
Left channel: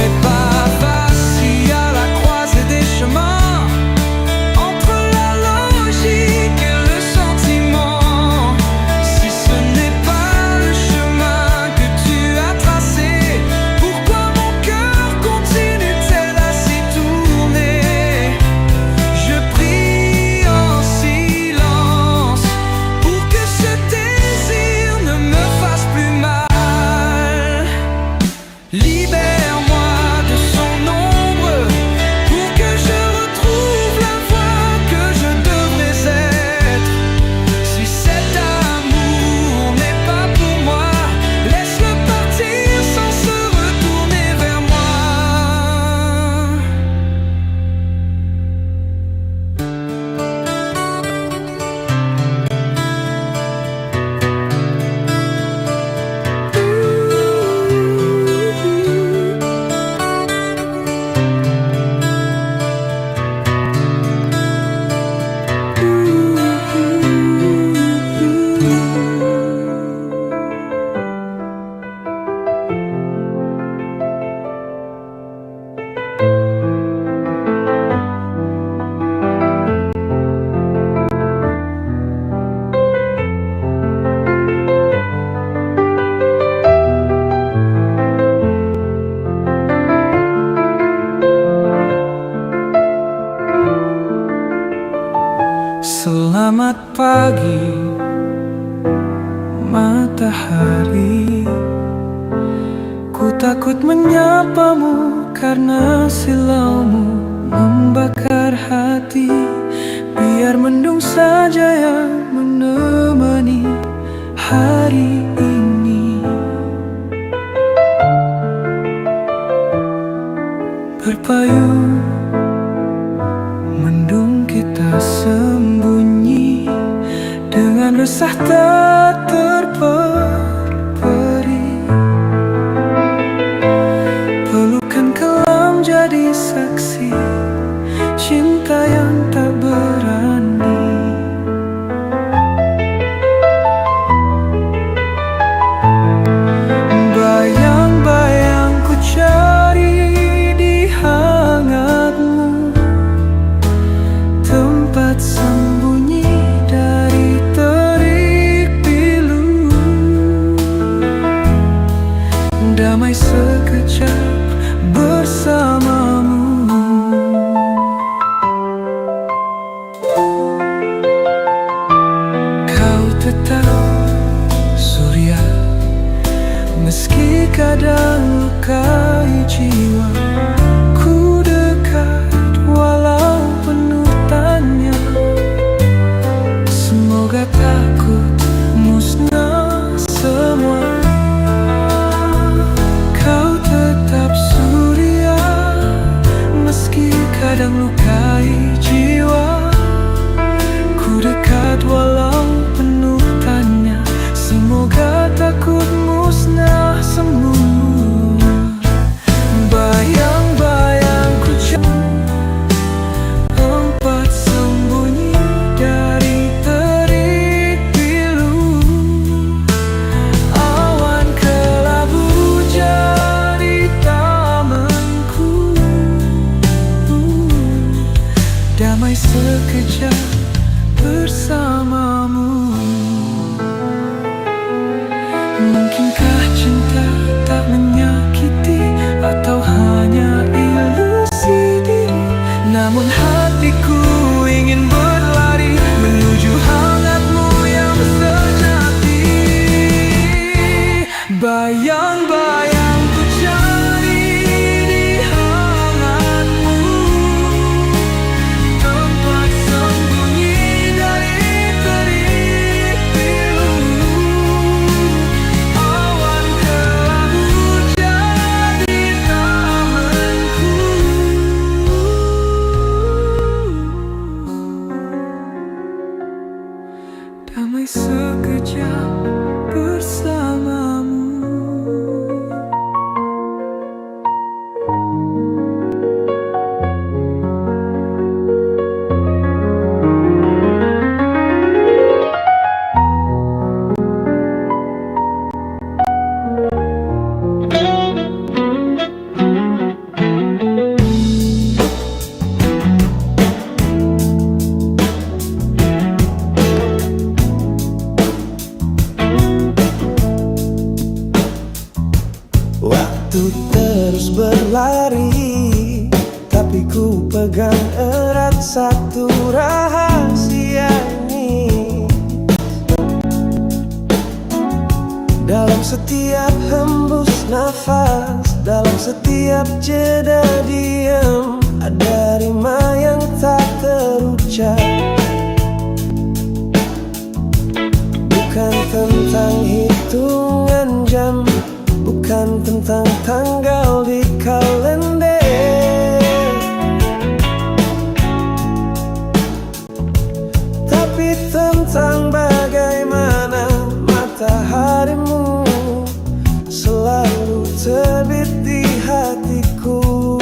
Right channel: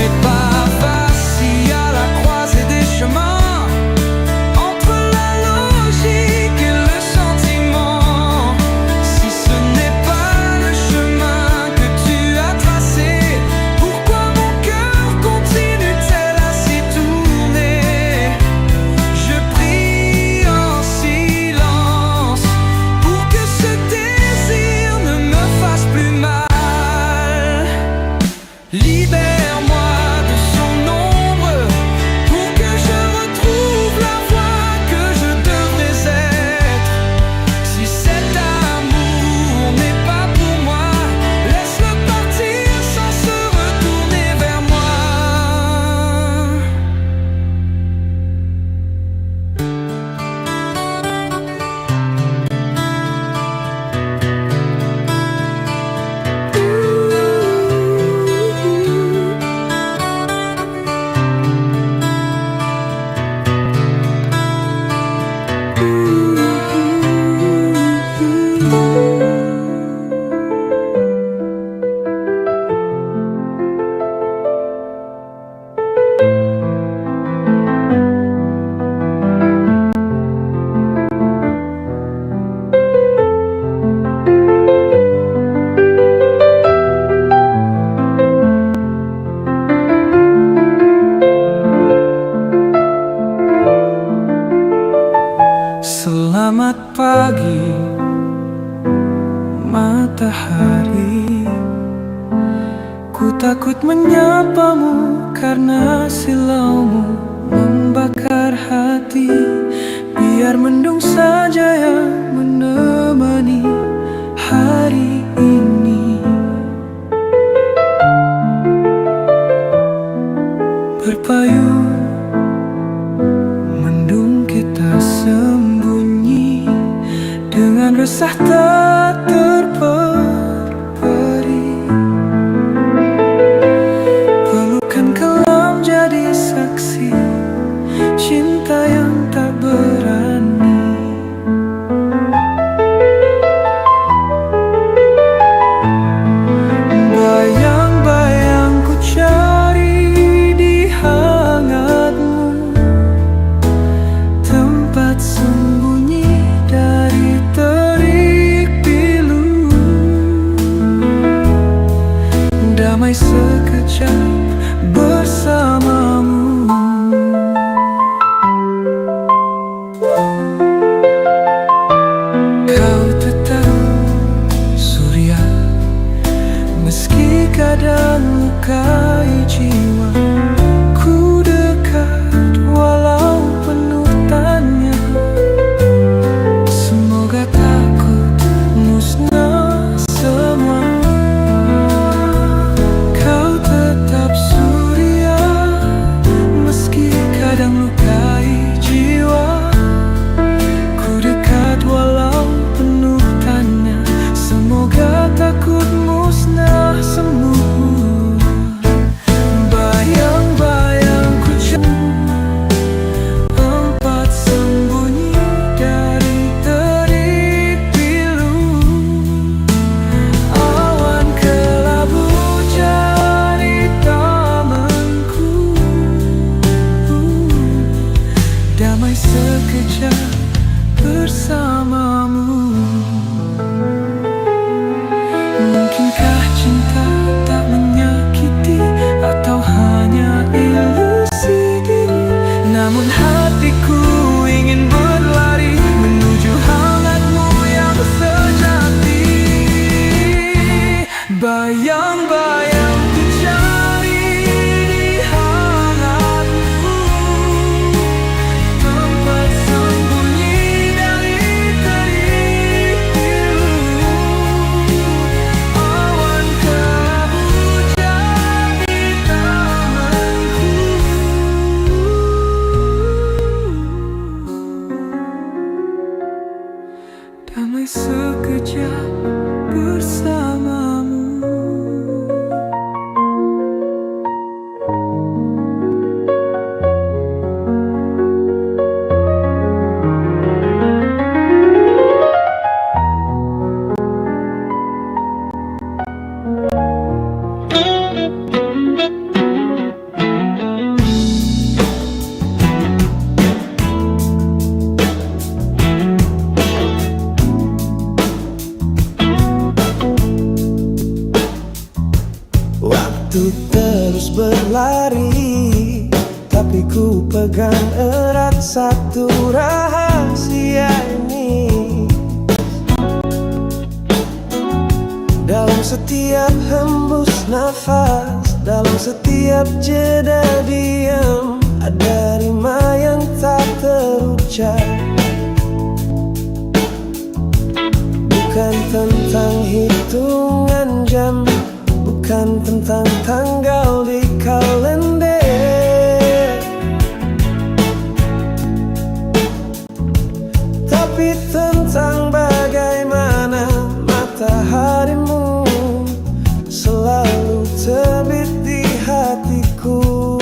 Mais pas facile à la croisée des chemins, entre la logique et le sentiment. Si ce n'est pas le chemin que tu as tracé, pourquoi mon cœur continue-t-il à s'y tourner? Je prie en silence pour que ce désir ne me fasse plus mal. Libère-moi de son ombre pour que je retrouve la voix que je devrais être. Si cet amour n'est pas pour moi, laisse-le partir sans se retourner vers moi. Selamat pagi, matahari. Ku takut menyapamu karena silaumu membakar hati. Biar mendung saja yang menemani hari ini. Berpayung mendung kita sembunyi, dengan resah tak terperi. Pelukan kelam jadi saksi cinta yang tak berani. Bayang-bayang ku cari di hangatmu, tempat sembunyi dari terik pilu. Damai sekejap bersamamu. Kau tetap surya, meski kadang lukai jiwa. Ku dekat walau penuh tanya. Semoga takut musnah semua. Kau tetap surya, meski kadang lukai jiwa. Ku dekat walau penuh tanya. Semoga takut musnah semua. Bayang-bayang ku bersamamu. Mungkinkah cinta tak menyakiti, atau hanya ilusi diri? Namun hatiku ingin berlari menuju hangatmu yang sejati. Bayang-bayang ku cari di hangatmu, tempat sembunyi dari terik pilu. Awan kelabu jadi tamanku, damai sekejap bersamamu. Waktu terus berlari, tapi ku pegang erat satu rahasia ini. Dalam setiap hembus nafas, dalam setiap jeda diam, ada rima yang tak terucap. Bukan tentang hitungan jam, bukan tentang tanggal di kalender, tapi tentang bagaimana mataharimu selalu terbit di hatiku.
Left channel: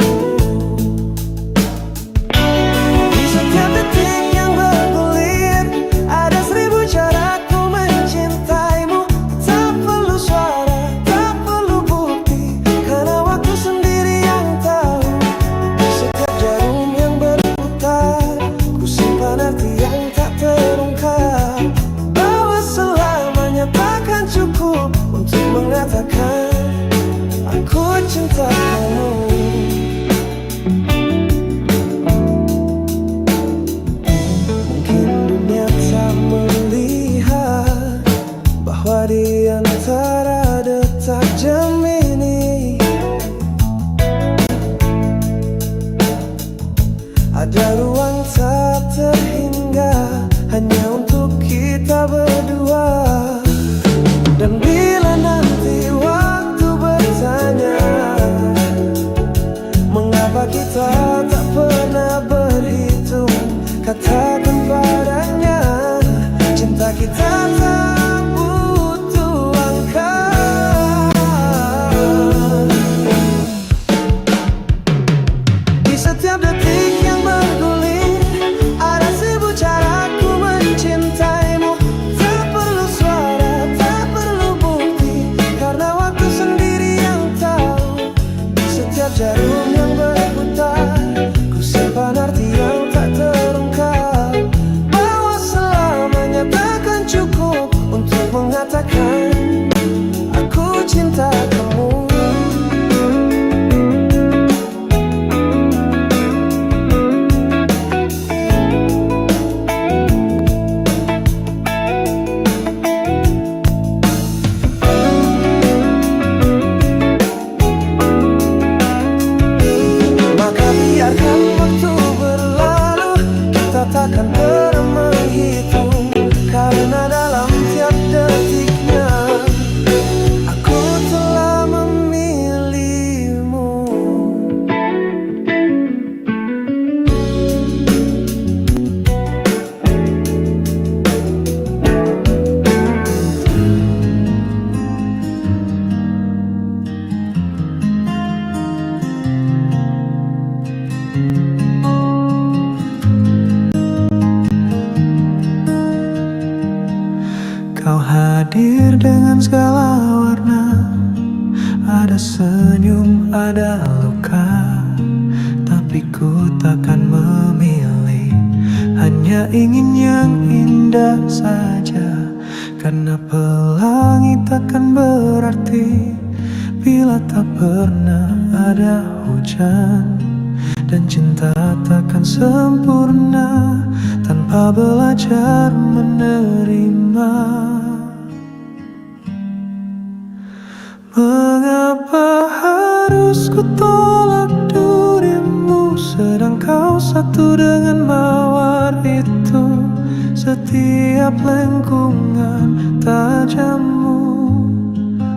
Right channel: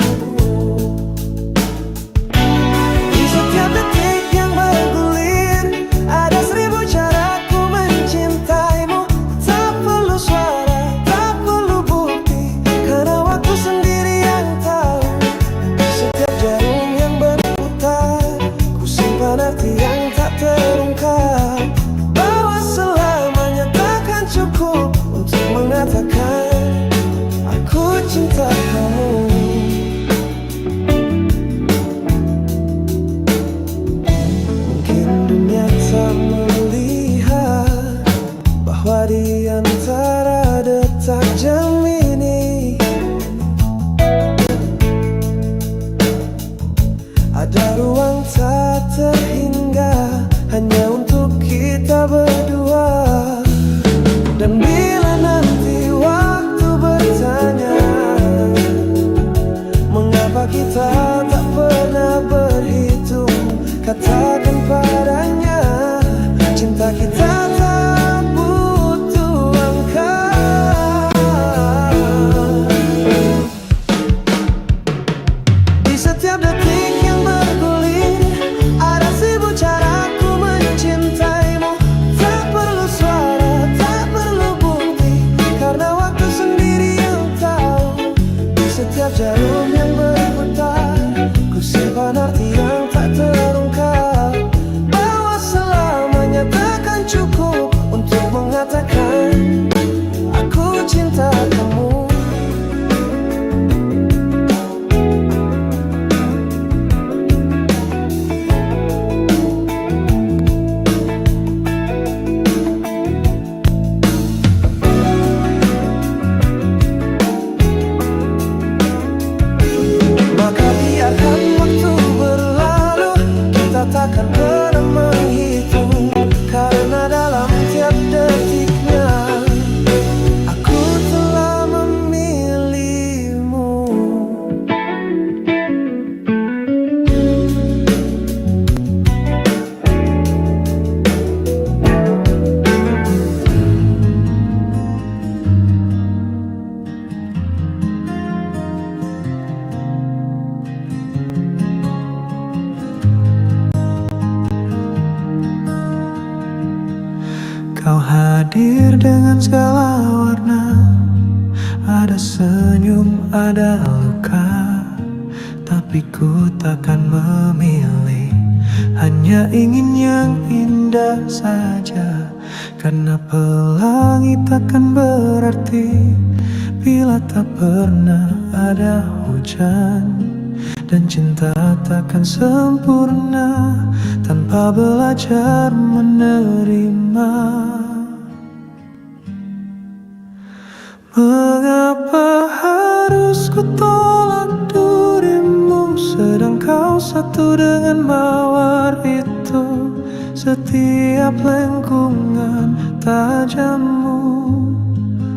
Di setiap detik yang bergulir, ada 1000 caraku mencintaimu. Tak perlu suara, tak perlu bukti, karena waktu sendiri yang tahu. Di setiap jarum yang berputar, ku simpan arti yang tak terungkap, bahwa selamanya takkan cukup untuk mengatakan aku cinta kamu. Mungkin dunia tak melihat bahwa di antara detak jam ini ada ruang tak terhingga hanya untuk kita berdua. Dan bila nanti waktu bertanya mengapa kita tak pernah berhitung, katakan padanya cinta kita tak butuh angka. Di setiap detik yang bergulir, ada 1000 caraku mencintaimu. Tak perlu suara, tak perlu bukti, karena waktu sendiri yang tahu. Di setiap jarum yang berputar, ku simpan arti yang tak terungkap, bahwa selamanya takkan cukup untuk mengatakan aku cinta kamu. Maka biarkan waktu berlalu, kita takkan pernah menghitung, karena dalam tiap detiknya aku telah memilihmu. Kau hadir dengan segala warna, ada senyum, ada luka, tapi ku takkan memilih hanya ingin yang indah saja. Karena pelangi takkan berarti bila tak pernah ada hujan. Dan cinta takkan sempurna tanpa belajar menerima. Mengapa harus ku tolak dirimu, sedang kau satu dengan mawar itu. Setiap lengkungan tajammu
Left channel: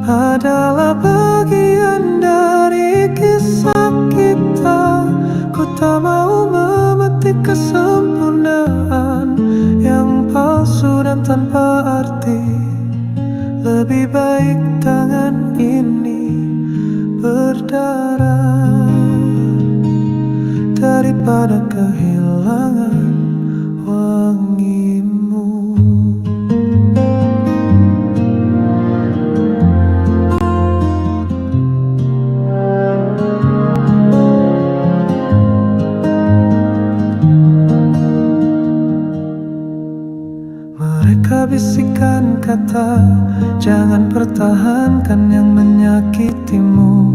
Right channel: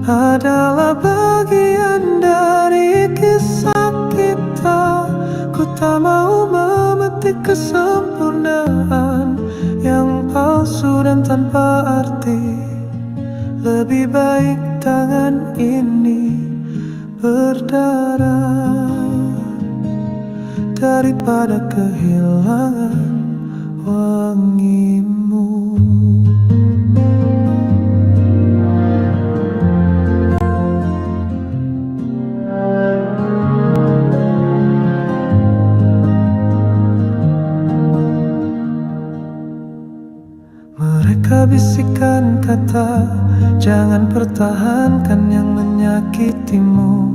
adalah bagian dari kisah kita. Ku tak mau memetik kesempurnaan yang palsu dan tanpa arti. Lebih baik tangan ini berdarah daripada kehilangan wangimu. Mereka bisikan kata, jangan pertahankan yang menyakitimu.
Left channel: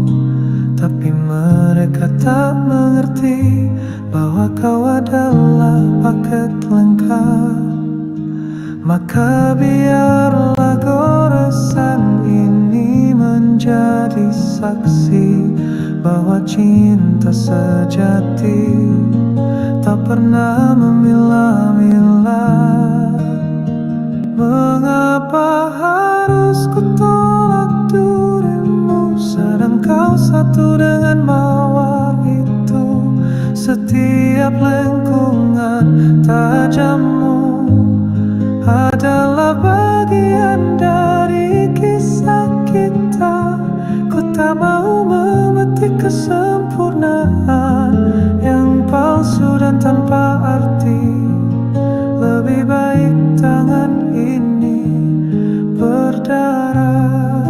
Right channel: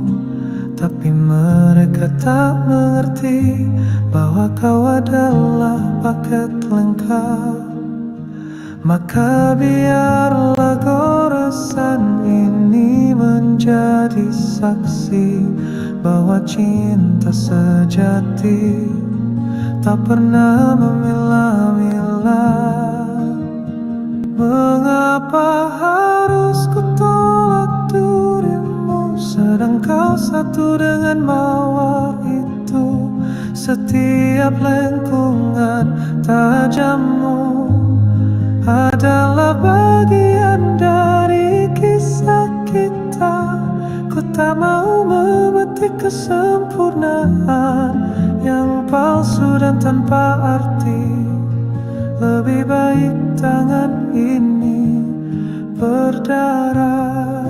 Tapi mereka tak mengerti bahwa kau adalah paket lengkap. Maka biarlah goresan ini menjadi saksi bahwa cinta sejati tak pernah memilah-milah. Mengapa harus ku tolak dirimu, sedang kau satu dengan mawar itu. Setiap lengkungan tajammu adalah bagian dari kisah kita. Ku tak mau memetik kesempurnaan yang palsu dan tanpa arti. Lebih baik tangan ini berdarah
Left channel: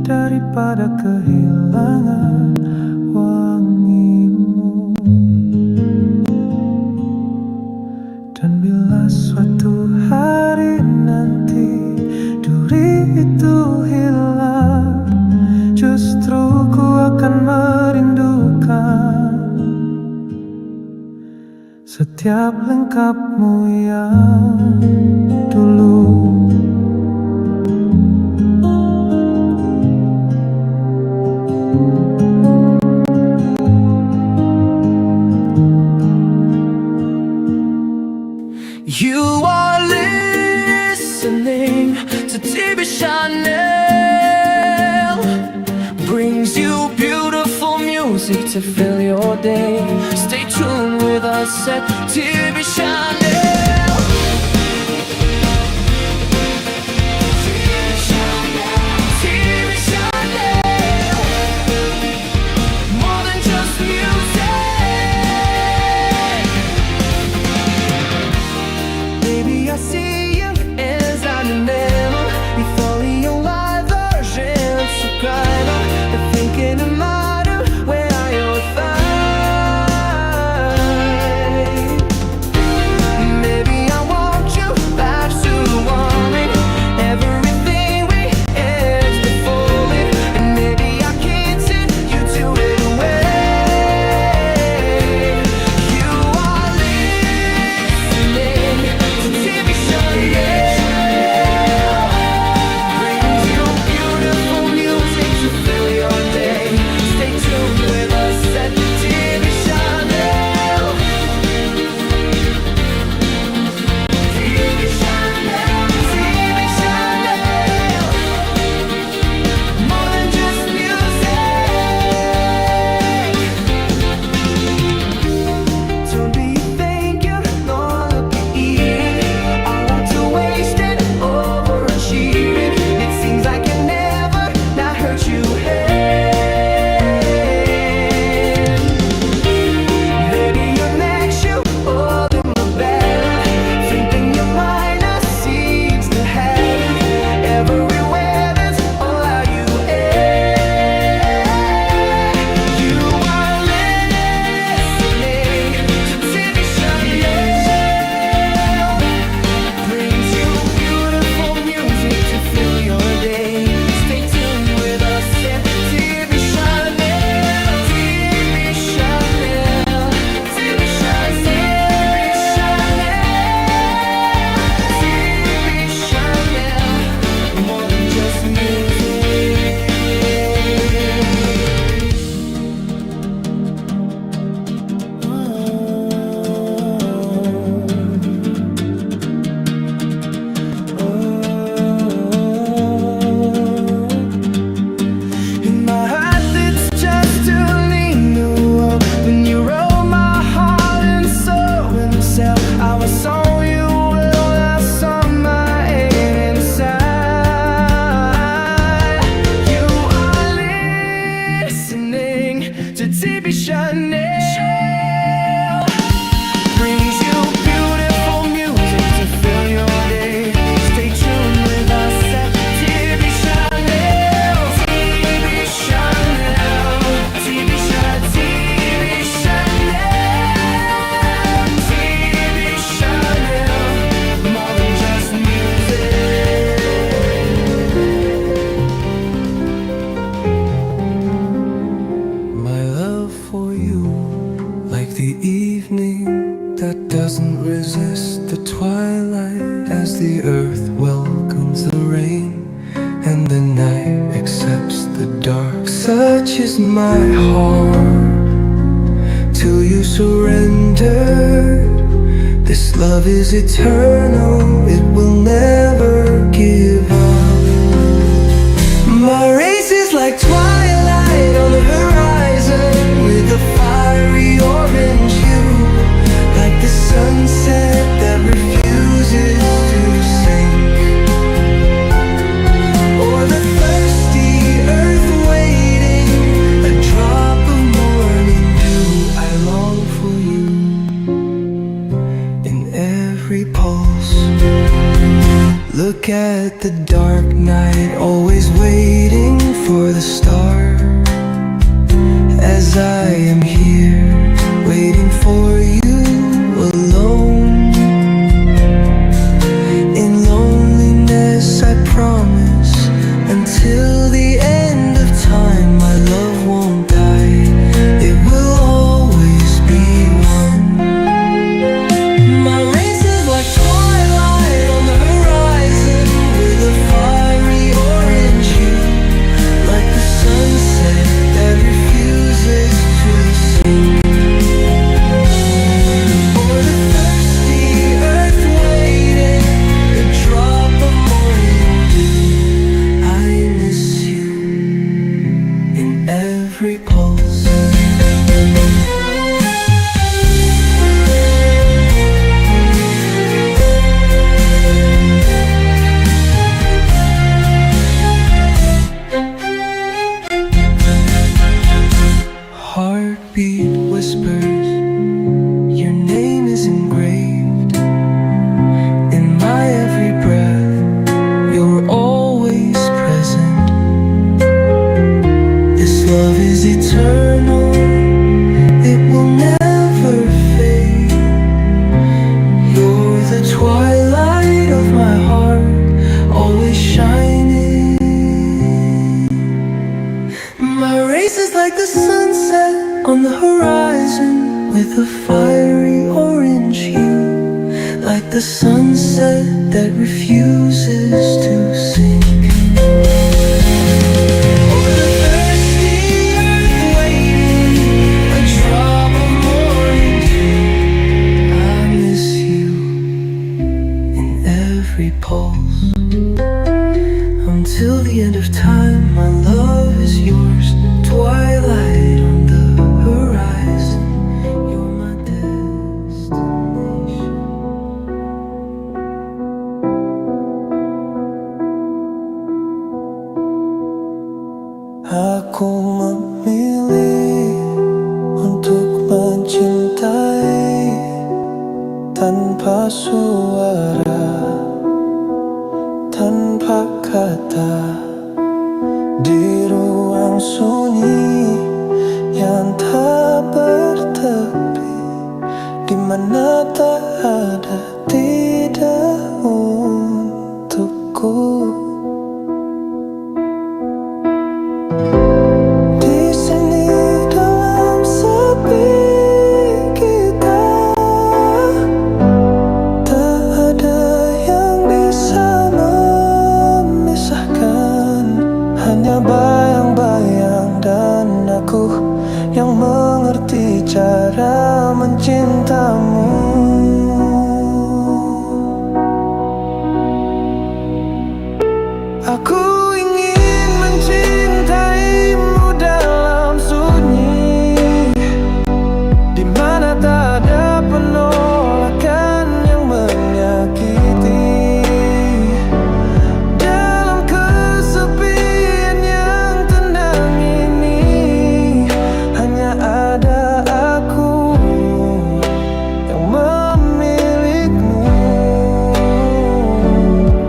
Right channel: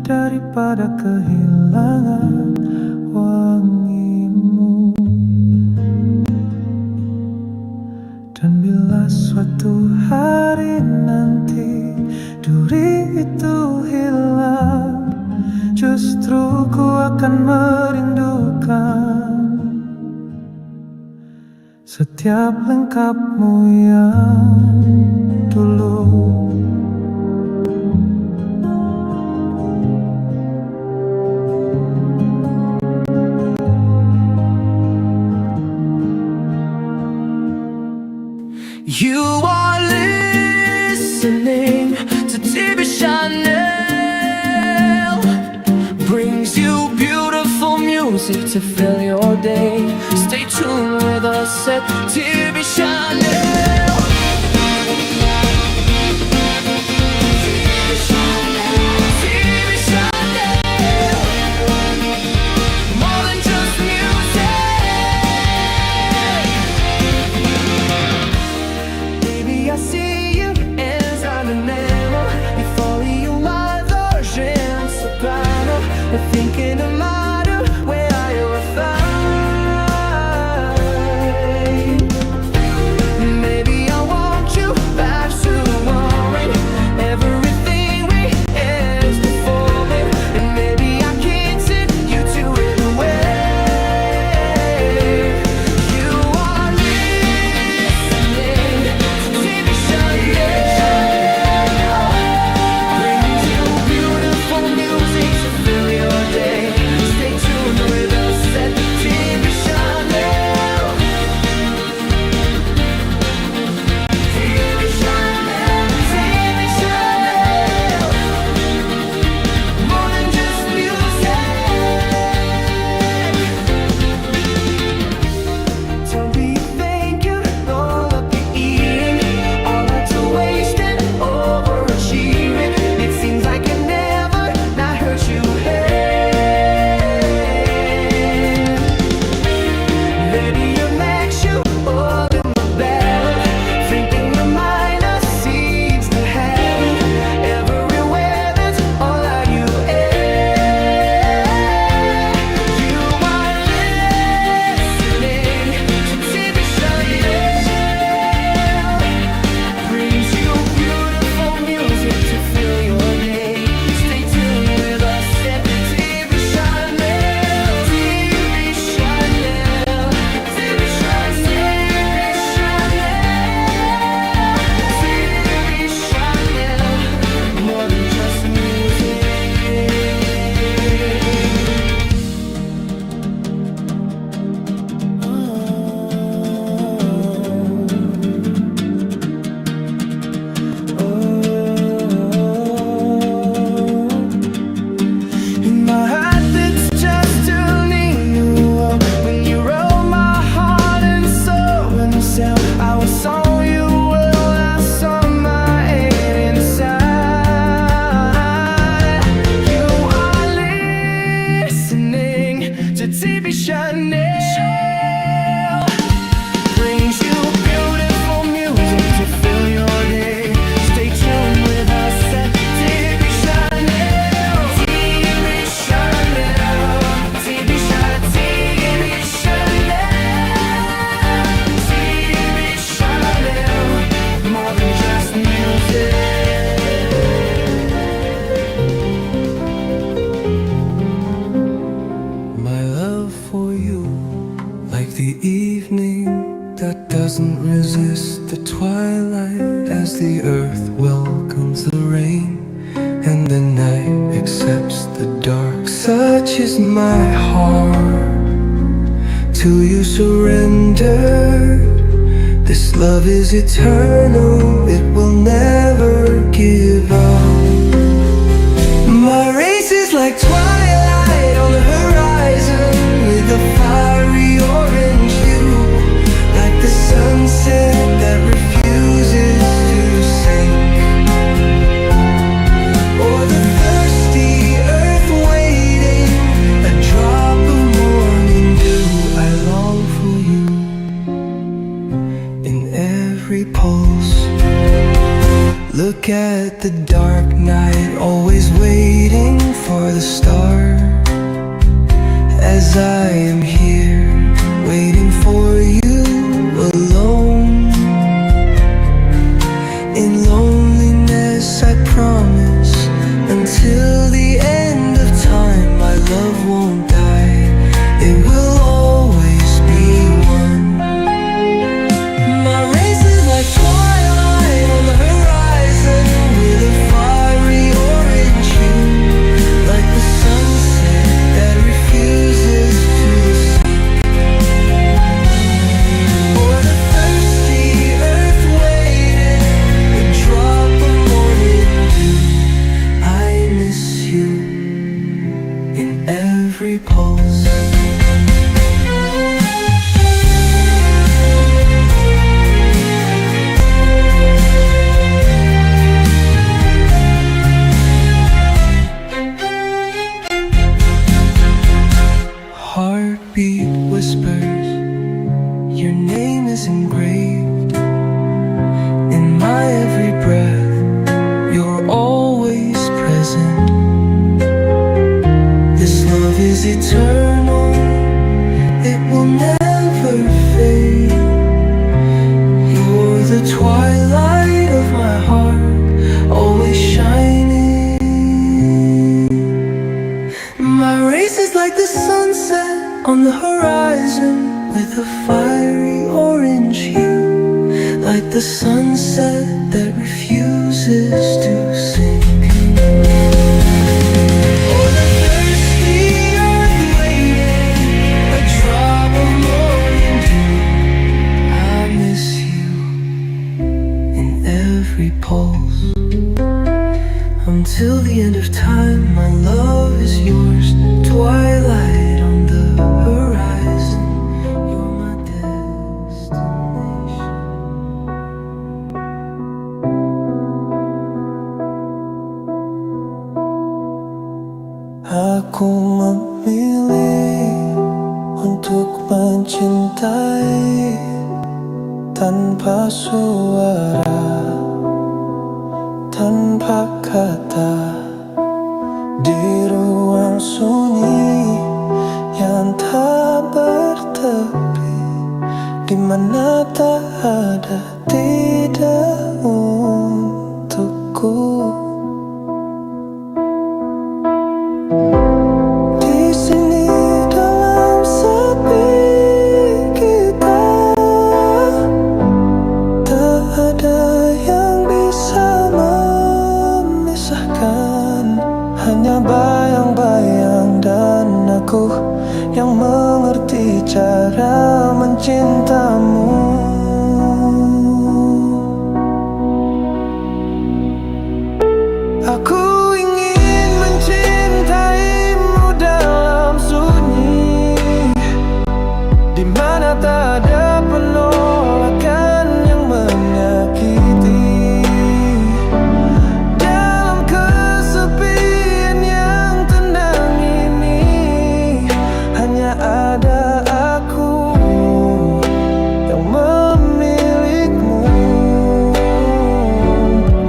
daripada kehilangan wangimu. Dan bila suatu hari nanti duri itu hilang, justru ku akan merindukan setiap lengkapmu yang dulu. You are listening to TV Chanel. Brings you beautiful music to fill your day. Stay tuned with us at TV Chanel. TV Chanel. More than just music. Baby, I see you as an animal. Before you are the gens så griner. Thinking it matter where I will find. Maybe I want you back to warming. Everything we had to fall in. And maybe I can't sit you to it away. You are listening to TV Chanel. Brings you beautiful music to fill your day. Stay I was so you will, I saw my head inside. You are listening to TV Chanel. Brings you beautiful music to fill your day. Stay tuned with us at TV Chanel. TV Chanel. TV Chanel. TV Chanel. More than just music. My love for you, like the evening that doesn't resist the twilight, as the earth welcomes the rain and the night accepts the dark. Such is my heart, till you surrendered. This love is eternal, it will never give up. My race is like twilight on the horizon, with a fiery orange hue, like the sunset that refuses to sink, or the thirsty earth waiting, a drop of morning dew. I long for you in every pulse. Look at the dark night, always waiting for the star, as I am here, waiting for you alone. In loneliness I promise, until the end of time, my love won't die, it will always be one. My race is like twilight on the horizon, with a fiery orange hue, like the sunset that refuses to sink, or the thirsty earth waiting, a drop of morning dew. I miss you in every pulse. Heartbeat whispers, your name is engraved in my every breath. You're always present. This love is eternal, it will never fade. You're the twilight of my heart, always shining. My race is like the sunset on the horizon, with a fiery orange hue, like the sunset that refuses to sink, or the thirsty earth waiting, a drop of morning dew. I miss you in every pulse. Until the end of time, my love is yours. Twilight on the horizon, you're my destination. Aku memilih untuk mencintai tanpa suara, tanpa kata, di ruang sunyi yang tak bertepi, di mana tak ada tidak untukku. Di sini dalam sepi kita, tak ada yang bisa memisahkan, hanya bayang-bayang dan aku yang mengerti cara mencintamu. Aku ingin mencintaimu dalam sunyi, di mana tak ada penolakan menyakiti. Dalam kesepian yang tenang ini, hanya ada aku yang memilikimu.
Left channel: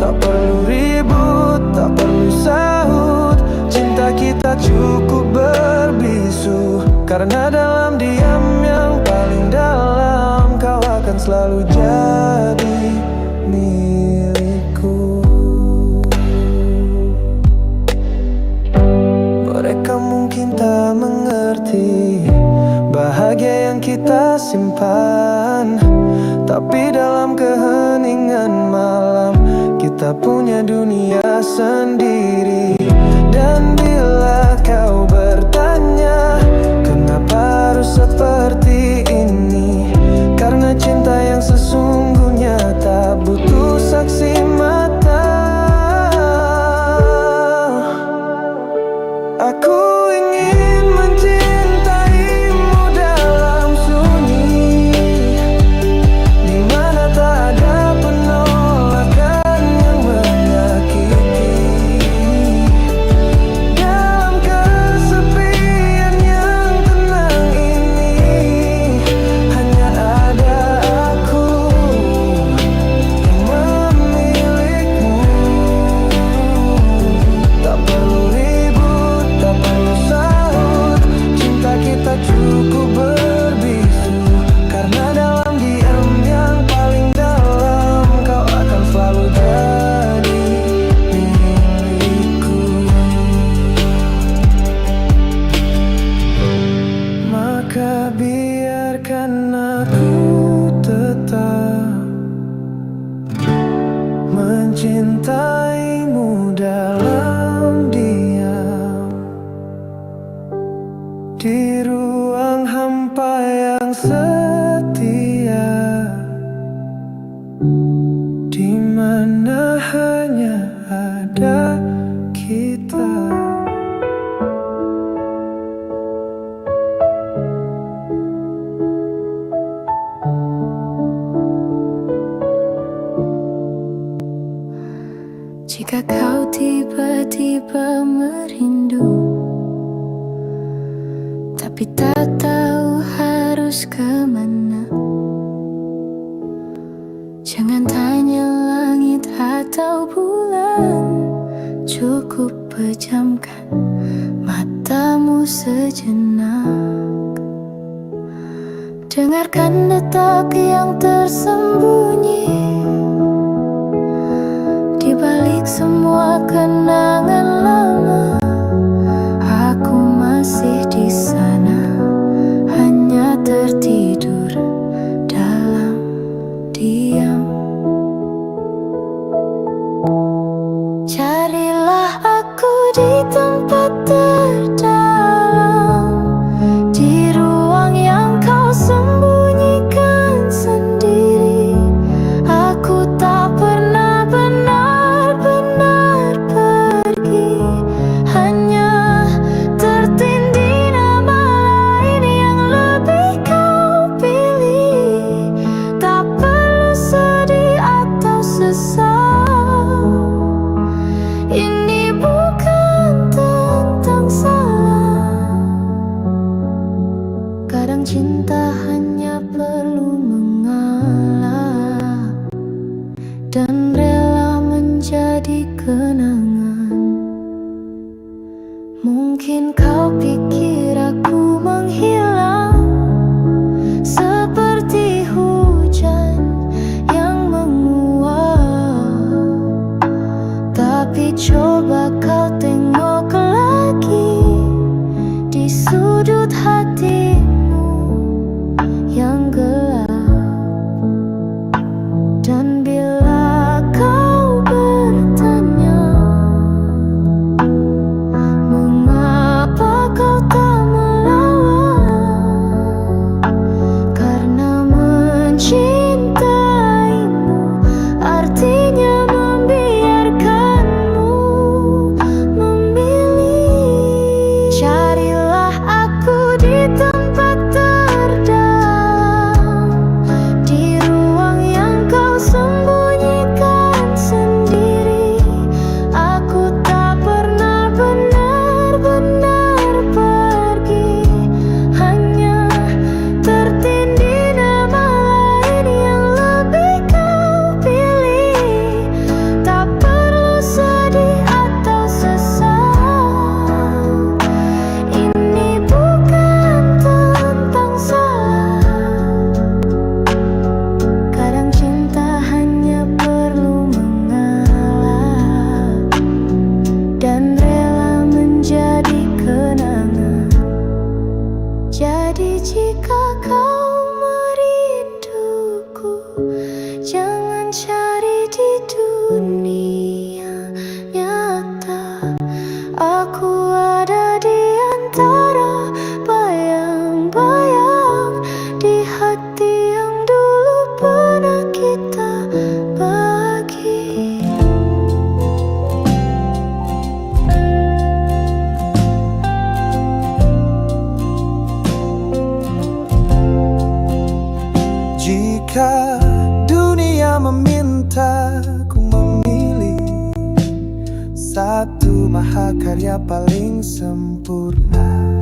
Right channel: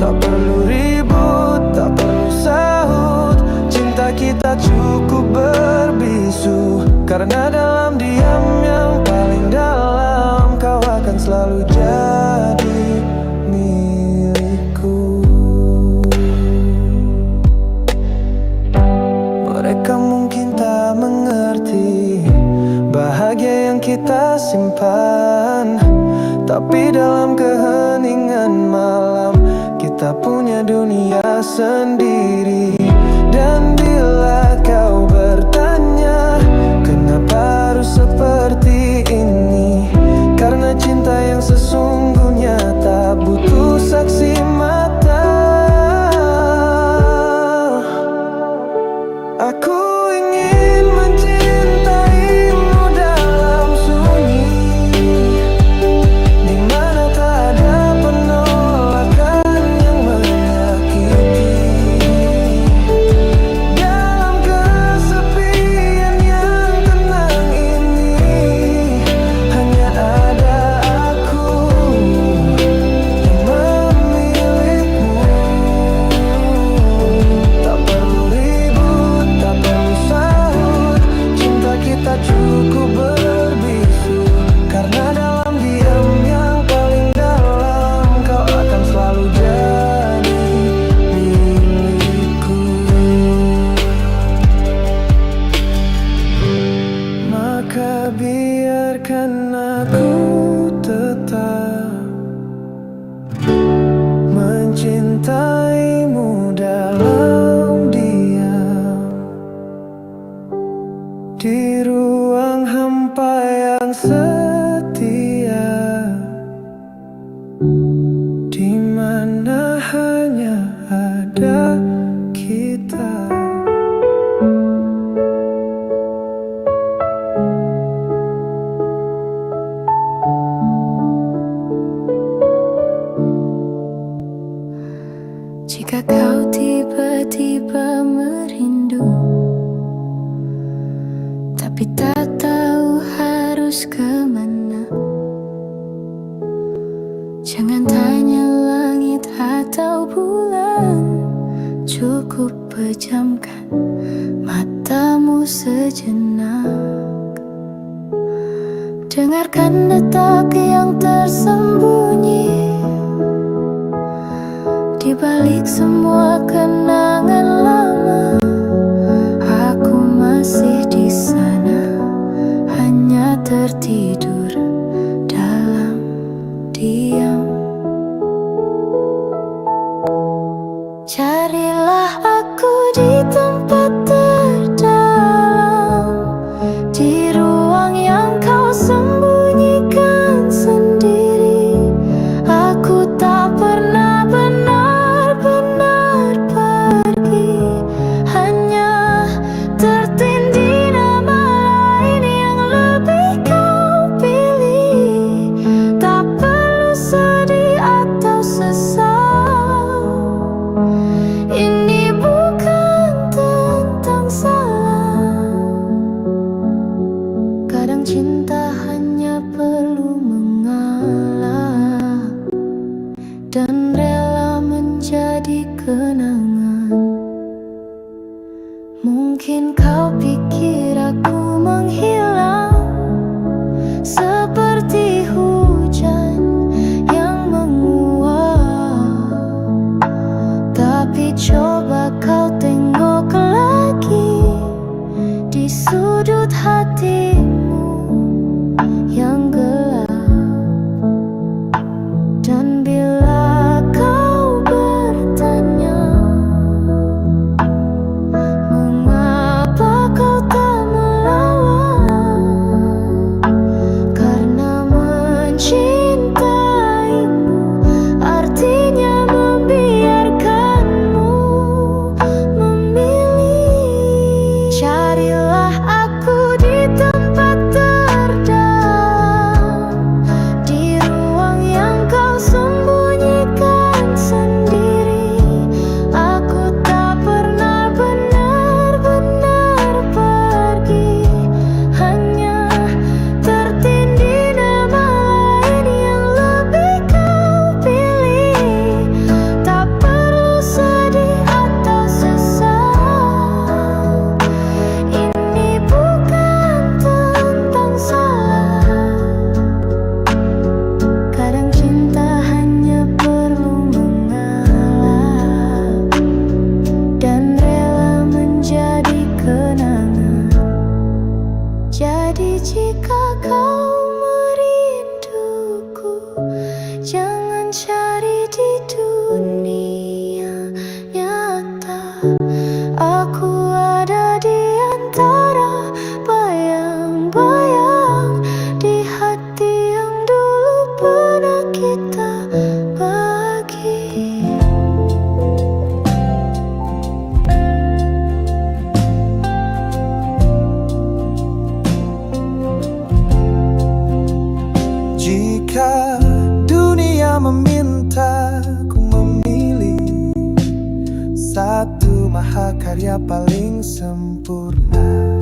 Tak perlu ribut, tak perlu sahut, cinta kita cukup berbisu. Karena dalam diam yang paling dalam, kau akan selalu jadi milikku. Mereka mungkin tak mengerti bahagia yang kita simpan, tapi dalam keheningan malam kita punya dunia sendiri. Dan bila kau bertanya kenapa harus seperti ini, karena cinta yang sesungguhnya tak butuh saksi mata. Aku ingin mencintaimu dalam sunyi, di mana tak ada penolakan yang menyakiti. Dalam kesepian yang tenang ini, hanya ada aku yang memilikimu. Tak perlu ribut, tak perlu sahut, cinta kita cukup berbisu. Karena dalam diam yang paling dalam, kau akan selalu jadi milikku. Maka biarkan aku tetap mencintaimu dalam diam, di ruang hampa yang setia, di mana hanya ada kita. Jika kau tiba-tiba merindu, tapi tak tahu harus kemana, jangan tanya langit atau bulan, cukup pejamkan matamu sejenak. Dengarkan detak yang tersembunyi di balik semua kenangan lama. Aku masih di sana, hanya tertidur dalam diam. Carilah aku di tempat terdalam, di ruang yang kau sembunyikan sendiri. Aku tak pernah benar-benar pergi, hanya tertindih nama lain yang lebih kau pilih. Tak perlu sedih atau sesal, ini bukan tentang salah. Kadang cinta hanya perlu mengalah dan rela menjadi kenangan. Mungkin kau pikir aku menghilang seperti hujan yang menguap, tapi coba kau tengok lagi di sudut hatimu yang gelap. Dan bila kau bertanya mengapa kau tak melawan, karena mencintaimu artinya membiarkanmu memilih. Carilah aku di tempat terdalam, di ruang yang kau sembunyikan dan rela menjadi kenangan. Jadi jika kau merinduku, jangan cari di dunia nyata. Aku ada di antara bayang-bayang di hati yang dulu pernah kita bagi. Jika dunia meminta ku memilih satu mahakarya paling sempurna,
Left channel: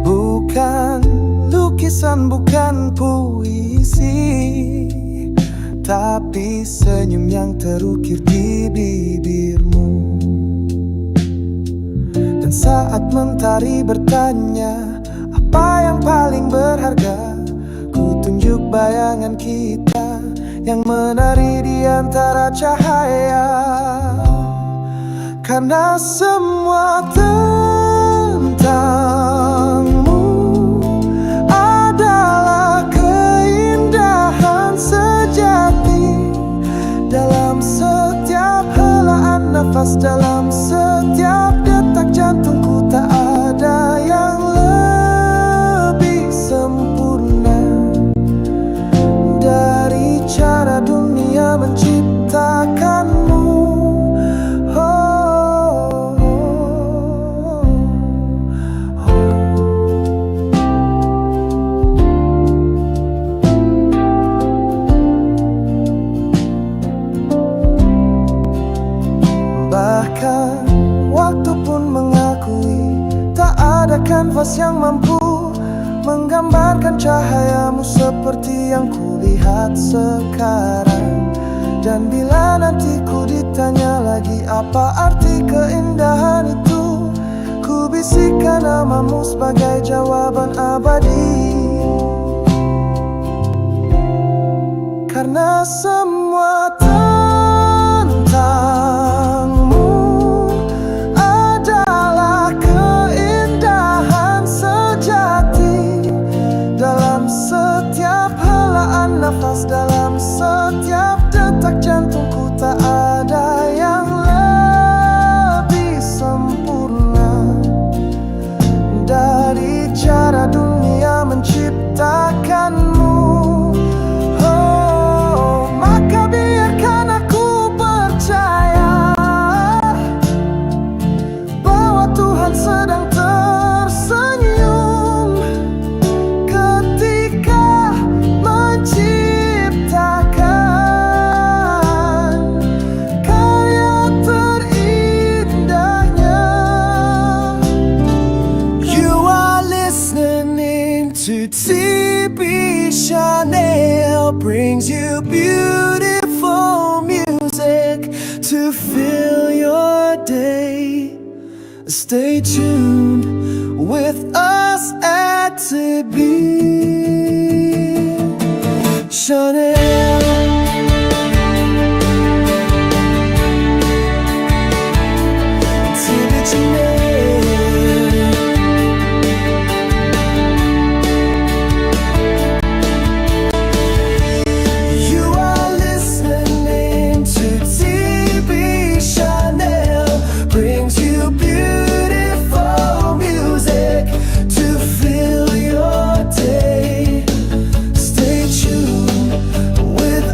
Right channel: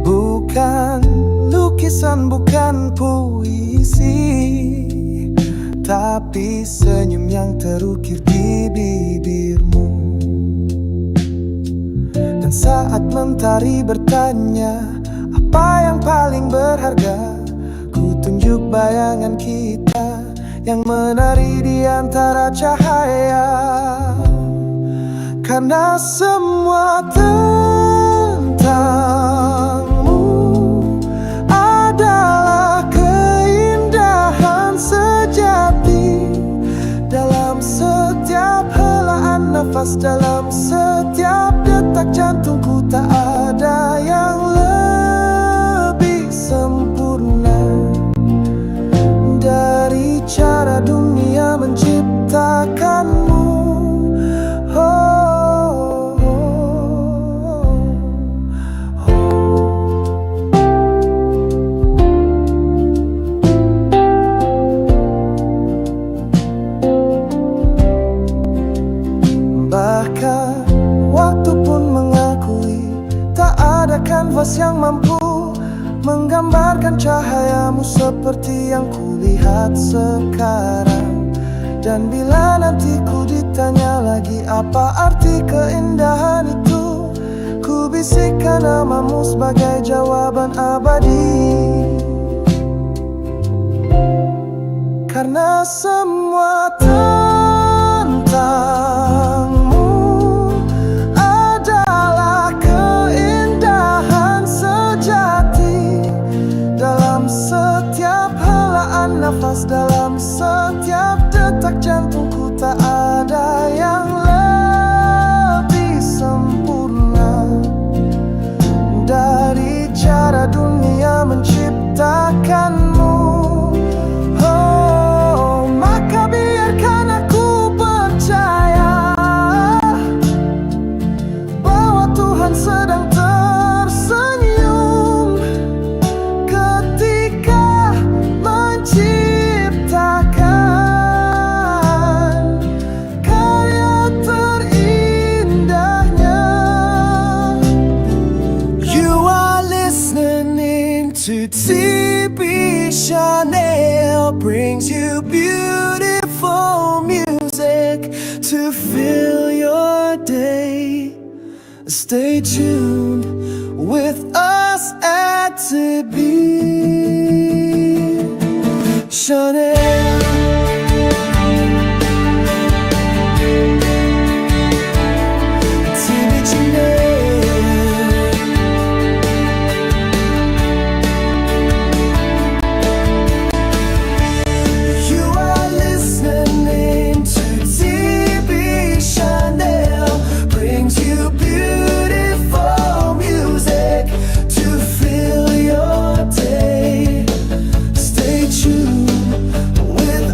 bukan lukisan, bukan puisi, tapi senyum yang terukir di bibirmu. Dan saat mentari bertanya apa yang paling berharga, ku tunjuk bayangan kita yang menari di antara cahaya. Karena semua tentangmu adalah keindahan sejati. Dalam setiap helaan nafas, dalam setiap detak jantungku, tak ada yang lebih sempurna dari cara dunia menciptakanmu. Bahkan waktu pun mengakui tak ada kanvas yang mampu menggambarkan cahayamu seperti yang kulihat sekarang. Dan bila nanti ku ditanya lagi apa arti keindahan itu, ku bisikkan namamu sebagai jawaban abadi. Karena semua tentangmu adalah keindahan sejati. Dalam setiap helaan nafas, dalam setiap detak jantungku, tak ada yang lebih sempurna dari cara dunia menciptakanmu. Oh, maka biarkan aku percaya bahwa Tuhan sedang tersenyum ketika menciptakan karya terindahnya. You are listening to TB Chanel, brings you beautiful music to fill your day. Stay tuned with us at TB Chanel. TB Chanel. You are listening to TB Chanel, brings you beautiful music to fill your day. Stay tuned with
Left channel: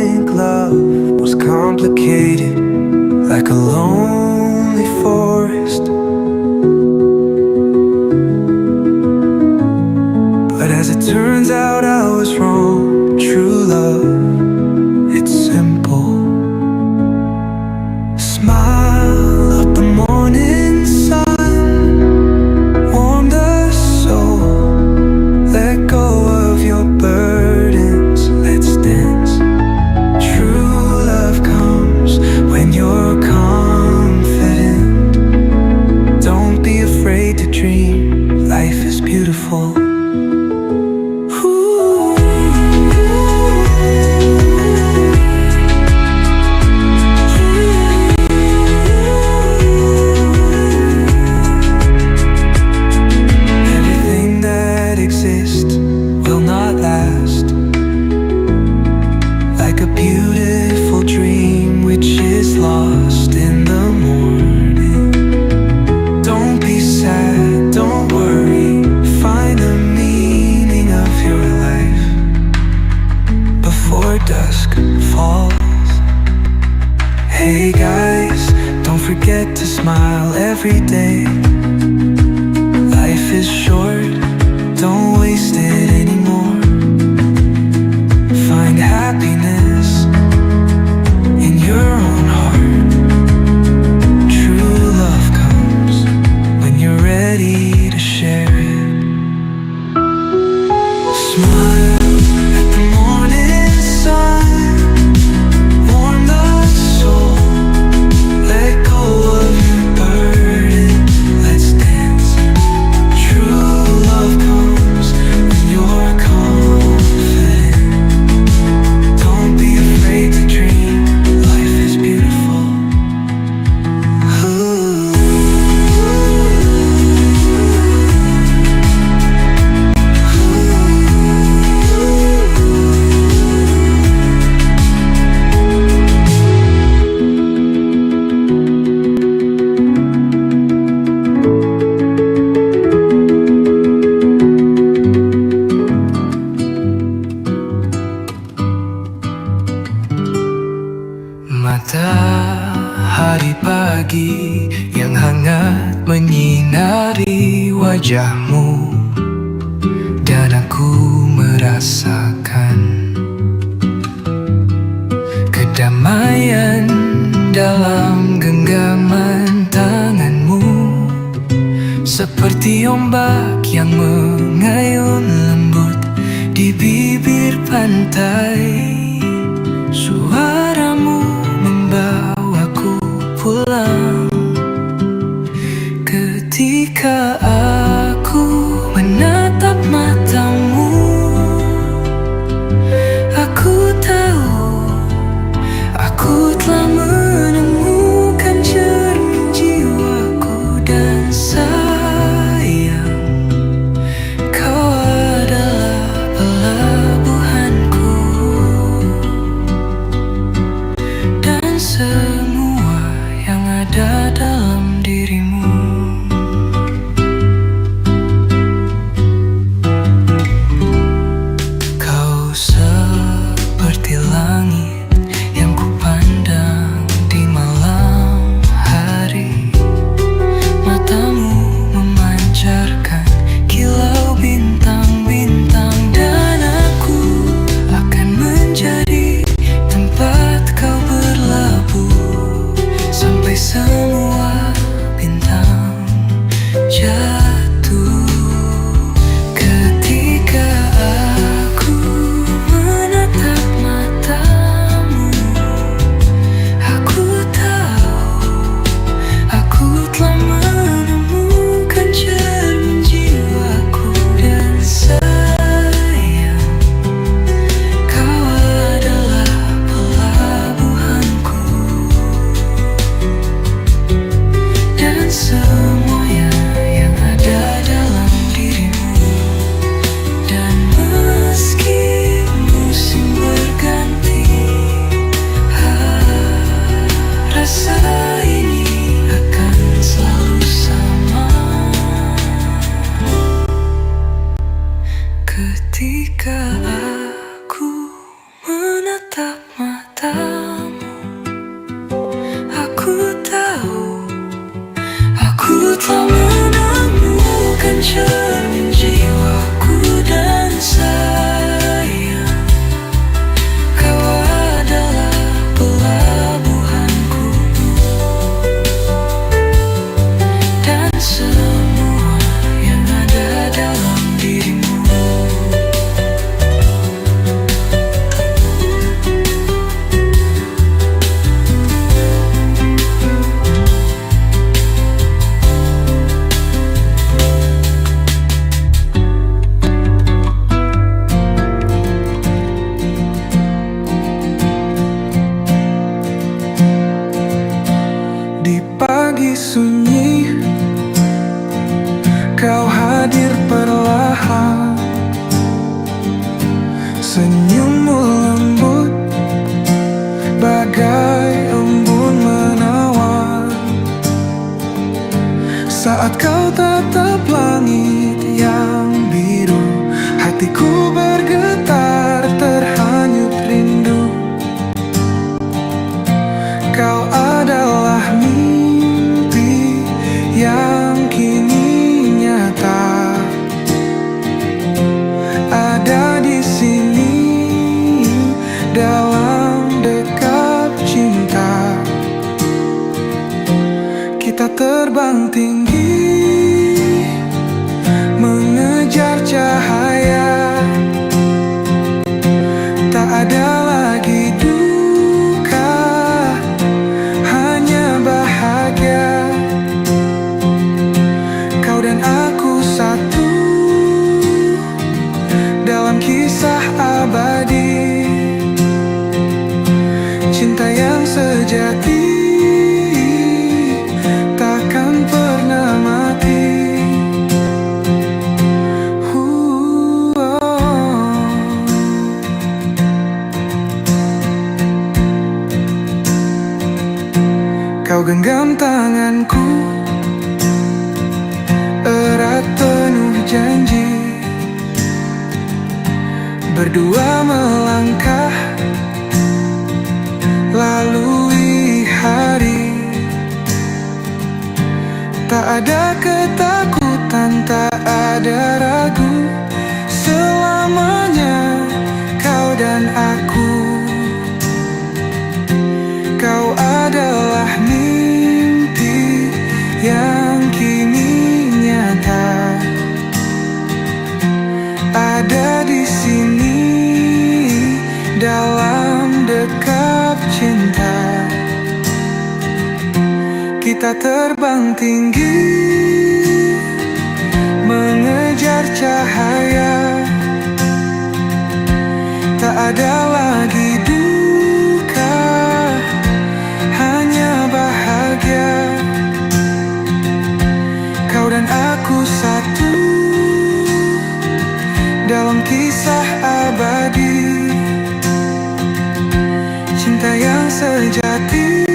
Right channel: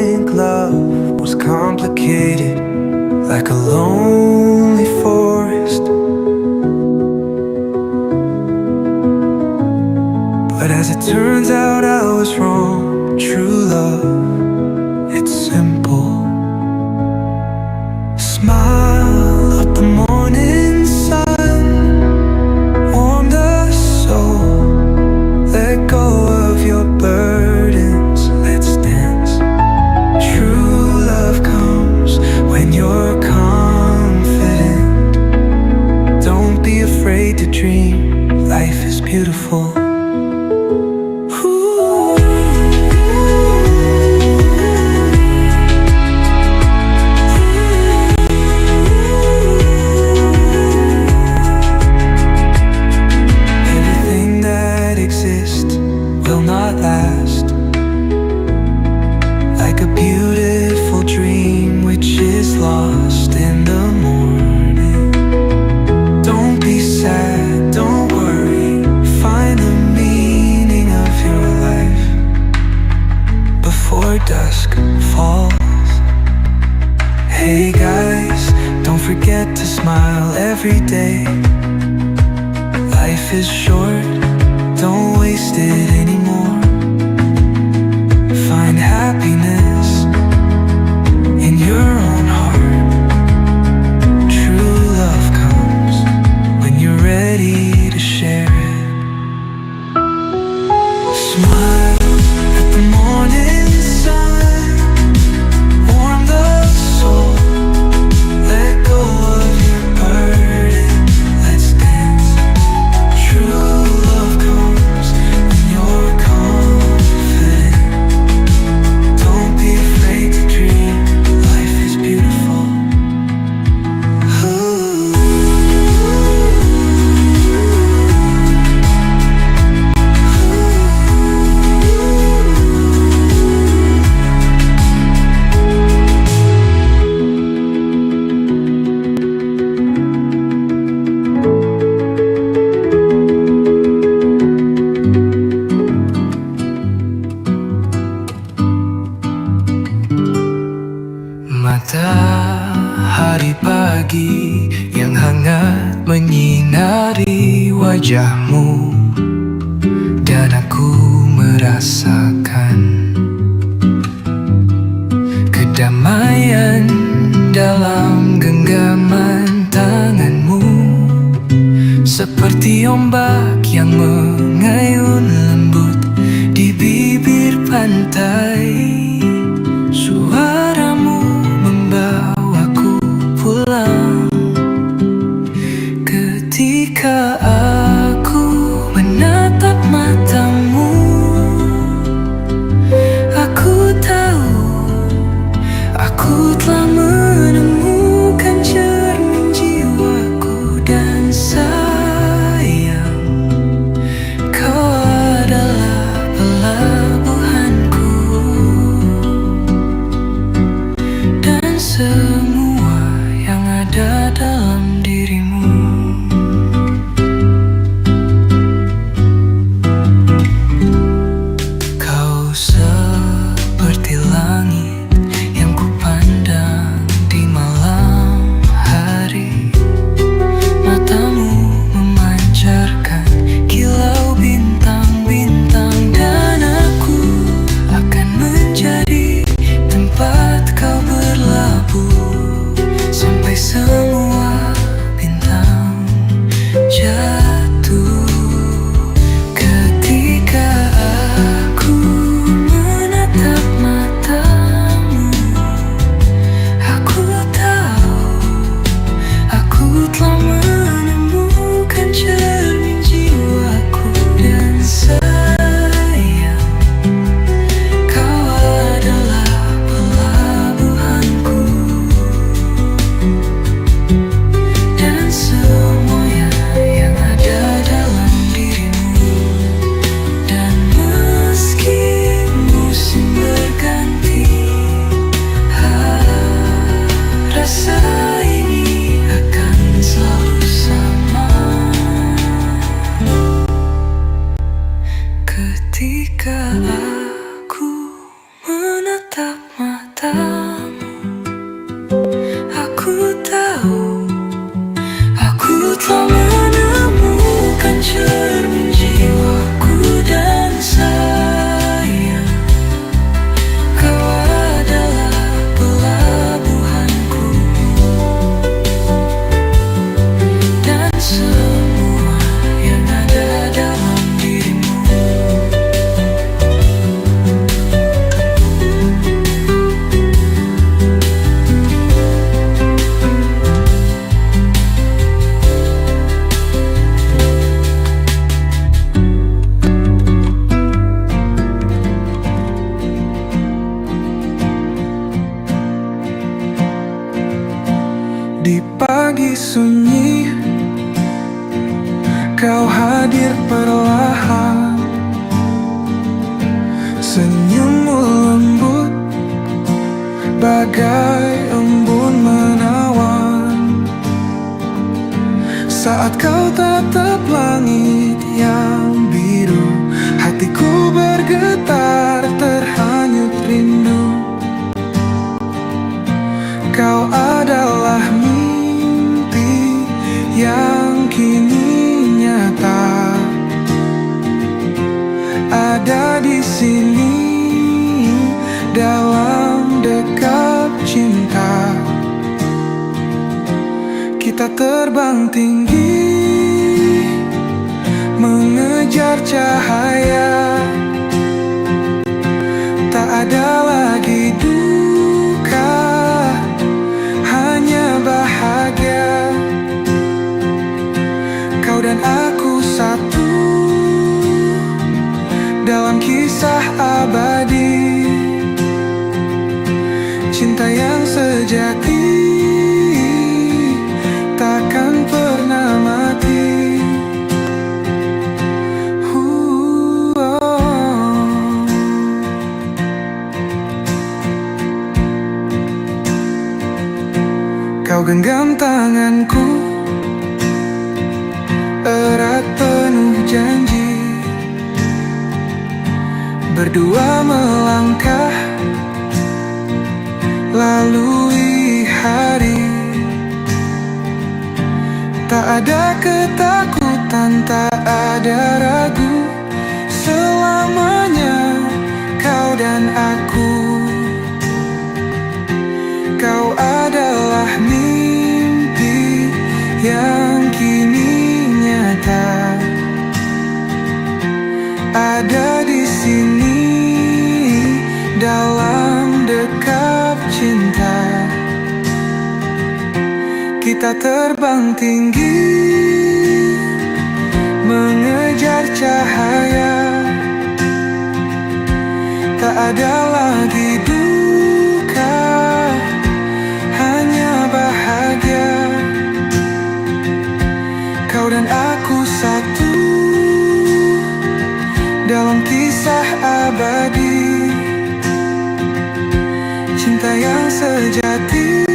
think love was complicated, like a lonely forest. But as it turns out, I was wrong. True love, it's simple. Smile up the morning sun, warm the soul. Let go of your burdens, let's dance. True love comes when you're confident. Don't be afraid to dream, life is beautiful. Ooh. Everything that exists will not last, like a beautiful dream which is lost in the morning. Don't be sad, don't worry, find the meaning of your life before dusk falls. Hey guys, don't forget to smile every day. Life is short, don't waste it anymore. Find happiness in your own heart. True love comes when you're ready to share it. Smile at the morning sun, warm the soul. Let go of your burden, let's dance. True love comes when you're confident. Don't be afraid to dream, life is beautiful. Matahari pagi yang hangat menyinari wajahmu, dan aku merasakan kedamaian dalam genggaman tanganmu. Seperti ombak yang mengayun lembut di bibir pantai, suaramu membawaku pulang. Ketika aku menatap matamu, aku tahu aku telah menemukan cermin jiwaku. Dan sayang, kau adalah pelabuhanku, dan semua yang ada dalam dirimu. Kau seperti langit yang kupandang di malam hari. Matamu memancarkan kilau bintang-bintang, dan aku akan menjadi tempat kau berlabuh sampai semua bintang jatuh. Ketika aku menatap matamu, aku tahu aku telah menemukan cermin jiwaku. Dan sayang, kau adalah pelabuhanku, dan semua yang ada dalam dirimu. Dan meski musim berganti, rasa ini akan selalu sama. Ketika aku menatap matamu, sunyi, kau hadir perlahan. Senyummu lembut bagai embun menawan. Saat kau tatap langit yang biru, hatiku bergetar terhanyut rindu. Kau adalah mimpi yang kini nyata, ada di sini dalam dekap cinta. Kita terbang tinggi mengejar cahaya, tak ada lagi duka, hanya bahagia. Kau dan aku satu dalam kisah abadi, cinta yang sejati takkan pernah mati. Kau genggam tanganku, erat penuh janji, berdua melangkah lalui hari. Tak ada ketakutan, tak ada ragu, selamanya kau dan aku. Kau adalah mimpi yang kini nyata, ada di sini dalam dekap cinta. Kita terbang tinggi mengejar cahaya, tak ada lagi duka, hanya bahagia. Kau dan aku satu dalam kisah abadi, cinta yang sejati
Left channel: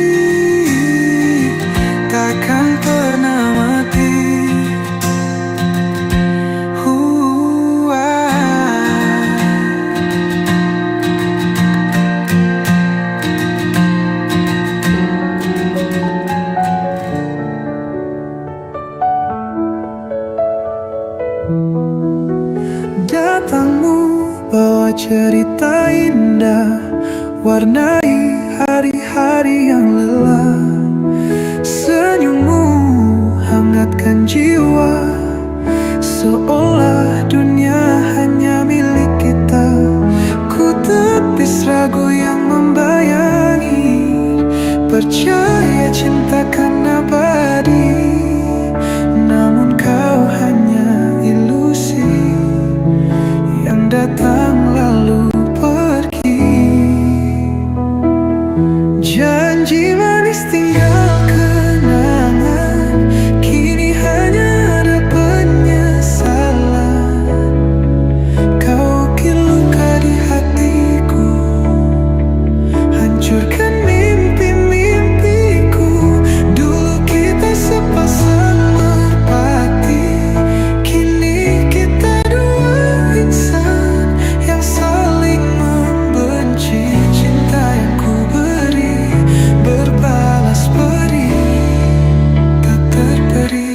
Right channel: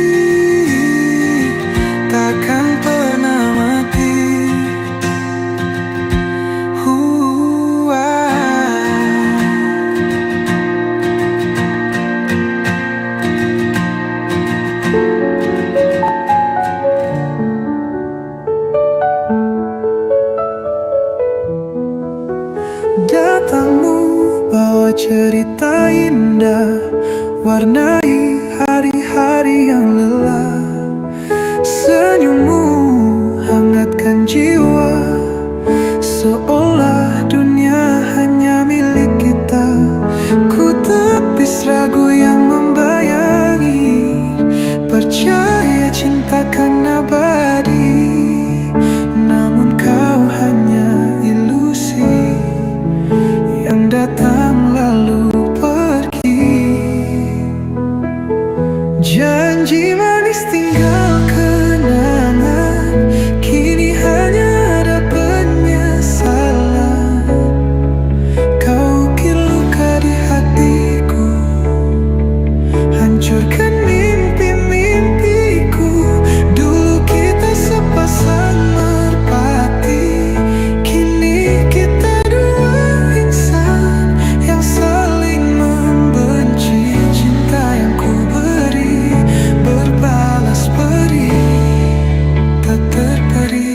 takkan pernah mati. Datangmu bawa cerita indah, warnai hari-hari yang lelah. Senyummu hangatkan jiwa, seolah dunia hanya milik kita. Ku tepis ragu yang membayangi, percaya cinta kan abadi. Namun kau hanya ilusi yang datang lalu pergi. Janji manis tinggal kenangan, kini hanya ada penyesalan. Kau ukir luka di hatiku, hancurkan mimpi-mimpiku. Dulu kita sepasang merpati, kini kita dua insan yang saling membenci. Cinta yang ku beri berbalas beri, tak terperi.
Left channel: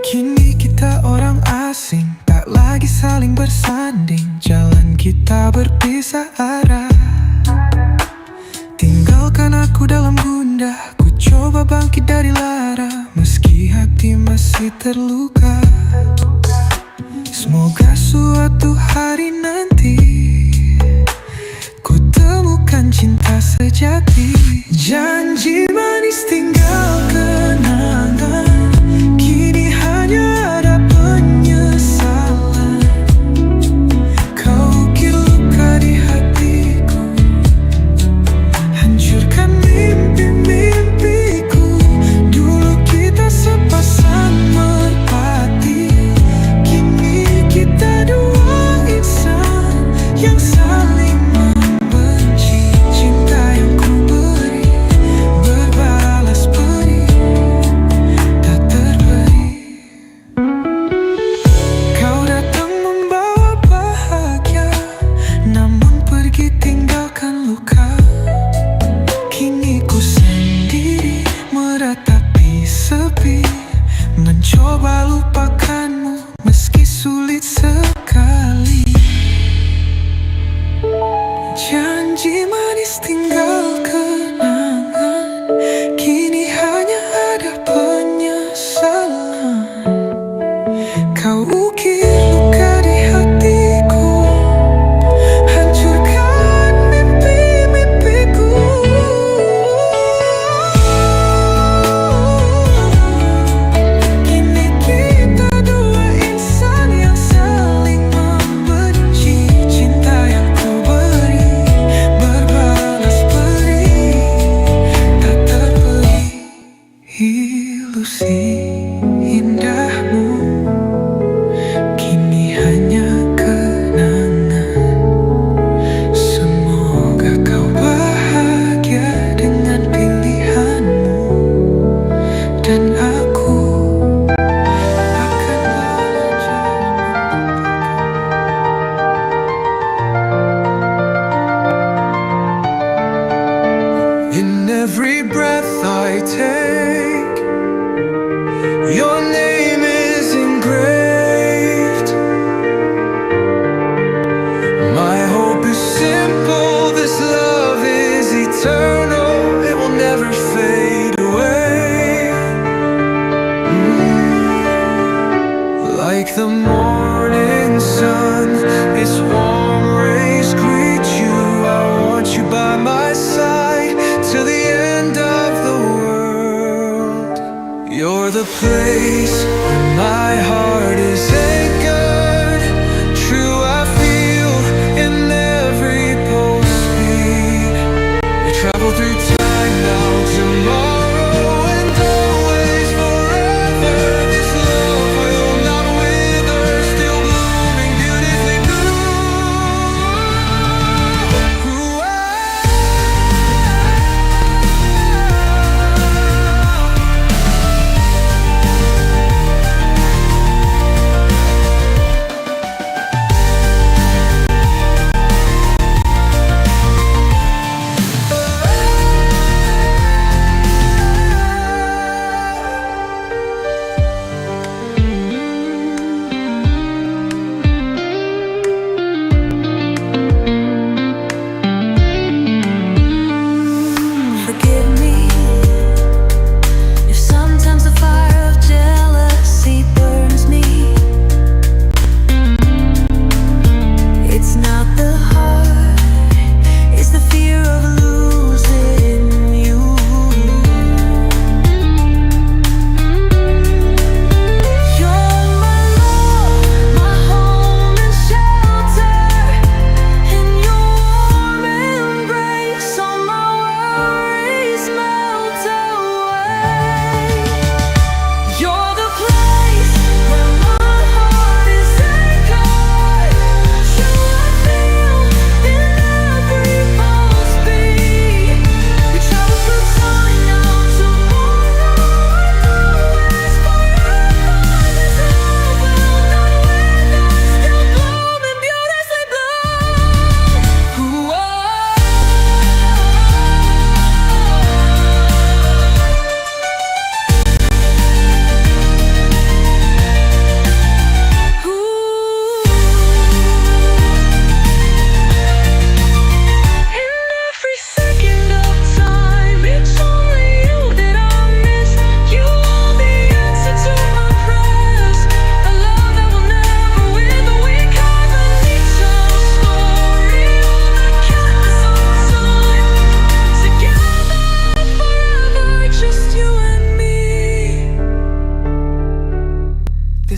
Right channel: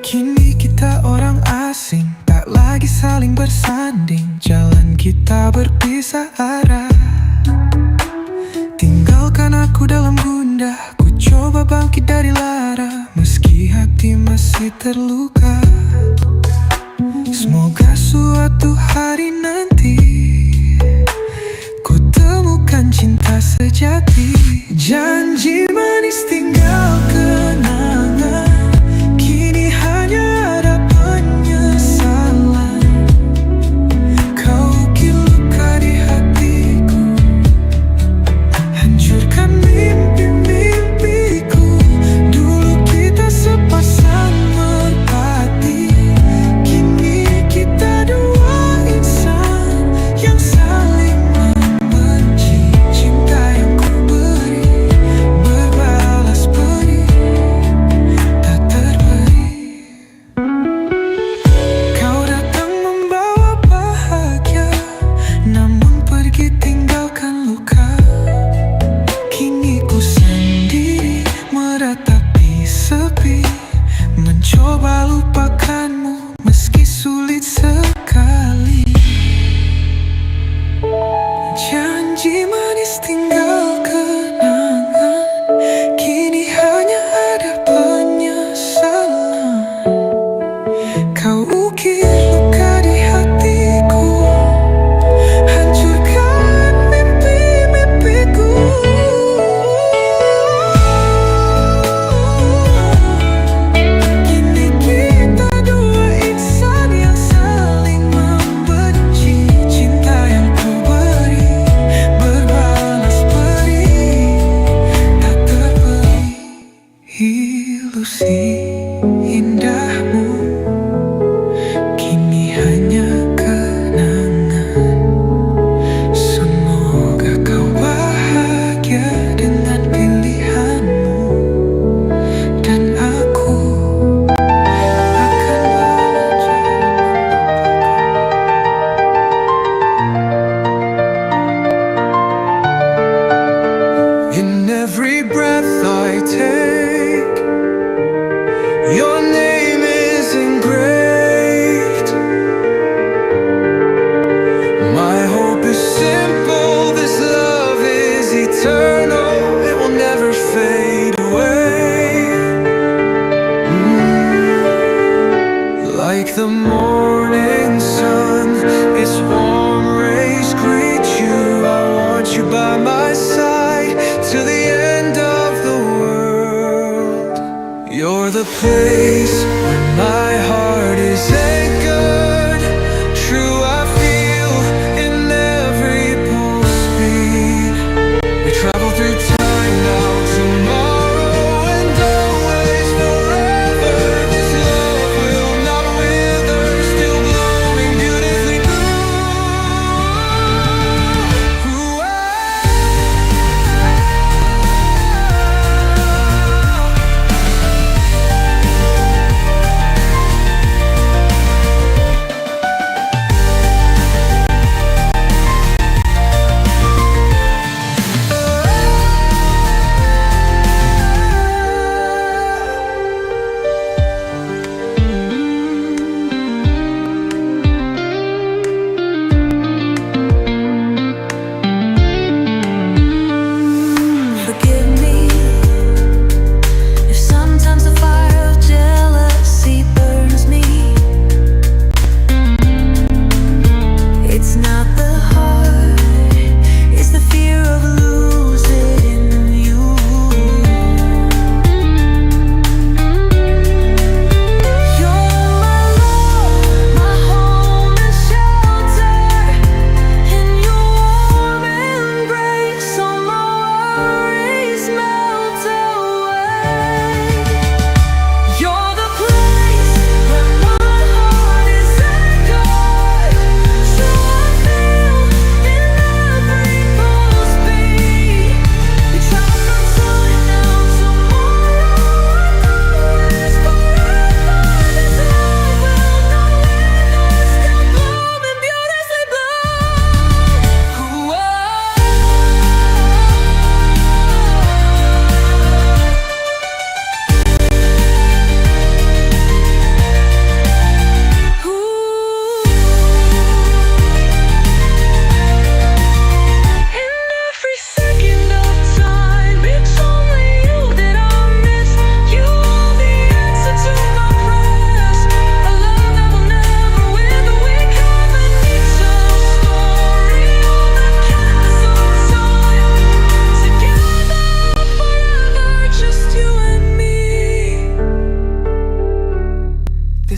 Kini kita orang asing, tak lagi saling bersanding. Jalan kita berpisah arah, tinggalkan aku dalam gundah. Ku coba bangkit dari lara, meski hati masih terluka. Semoga suatu hari nanti ku temukan dengan cinta sejati. Janji manis tinggal kenangan, kini hanya ada penyesalan. Kau ukir luka di hatiku, hancurkan mimpi-mimpiku. Dulu kita sepasang merpati, kini kita dua insan yang saling membenci. Cinta yang ku beri berbalas beri, tak terberi. Kau datang membawa bahagia, namun pergi tinggalkan luka. Kini ku sendiri meratapi sepi, mencoba lupakanmu meski sulit sekali. Janji manis tinggal kenangan, kini hanya ada penyesalan. Kau ukir luka di hatiku, hancurkan mimpi-mimpiku. Kini kita dua insan yang saling membenci. Cinta yang ku beri berbalas beri, tak terberi. Ilusi indahmu kini hanya kenangan. Semoga kau bahagia dengan pilihanmu, dan aku akan belajar melupakan. In every breath I take, your name is engraved. My hope is simple, this love is eternal, it will never fade away. Like the morning sun, its warm rays greet you. I want you by my side till the end of the world. You're the place where my heart is anchored. True, I feel in every pulse beat. We travel through time now, tomorrow, and always forever. This love will not wither, still blooming beautifully blue. Ooh,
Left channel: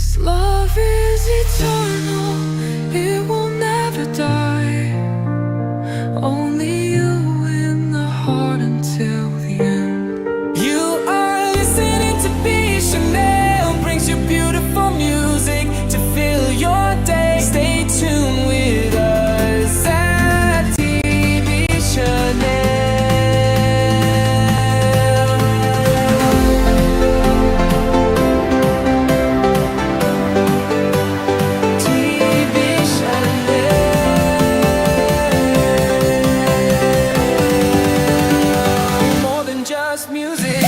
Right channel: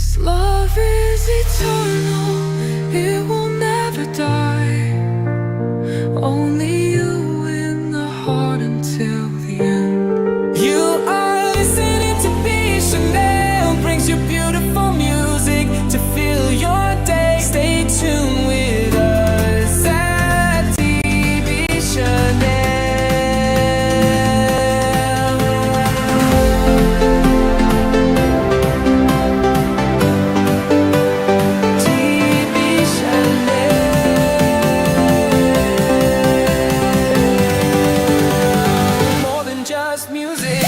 This love is eternal, it will never die. Only you in the heart until the end. You are listening to B. Chanel, brings you beautiful music to fill your day. Stay tuned with us at TB Chanel. Just music.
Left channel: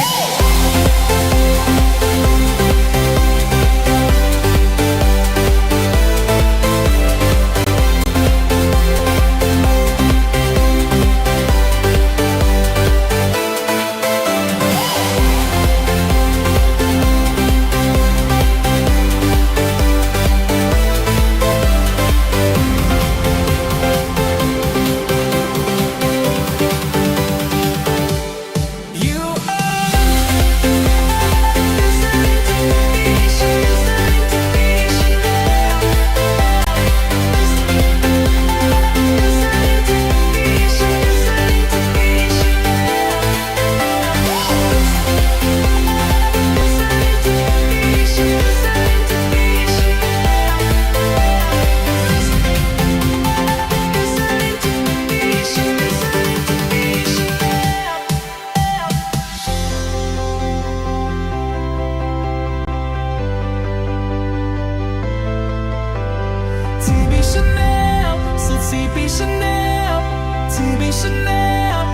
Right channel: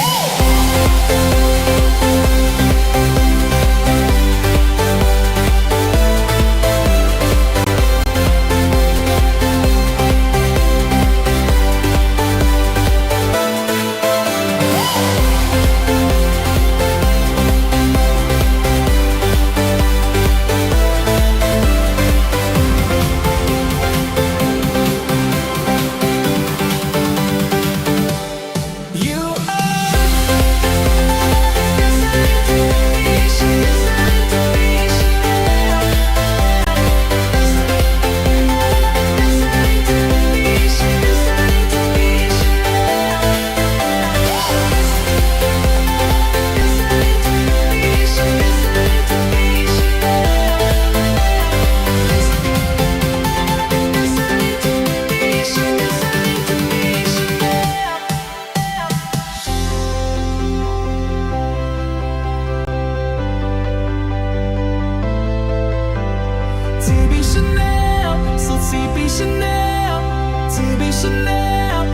TB Chanel, so TB Chanel, TB Chanel.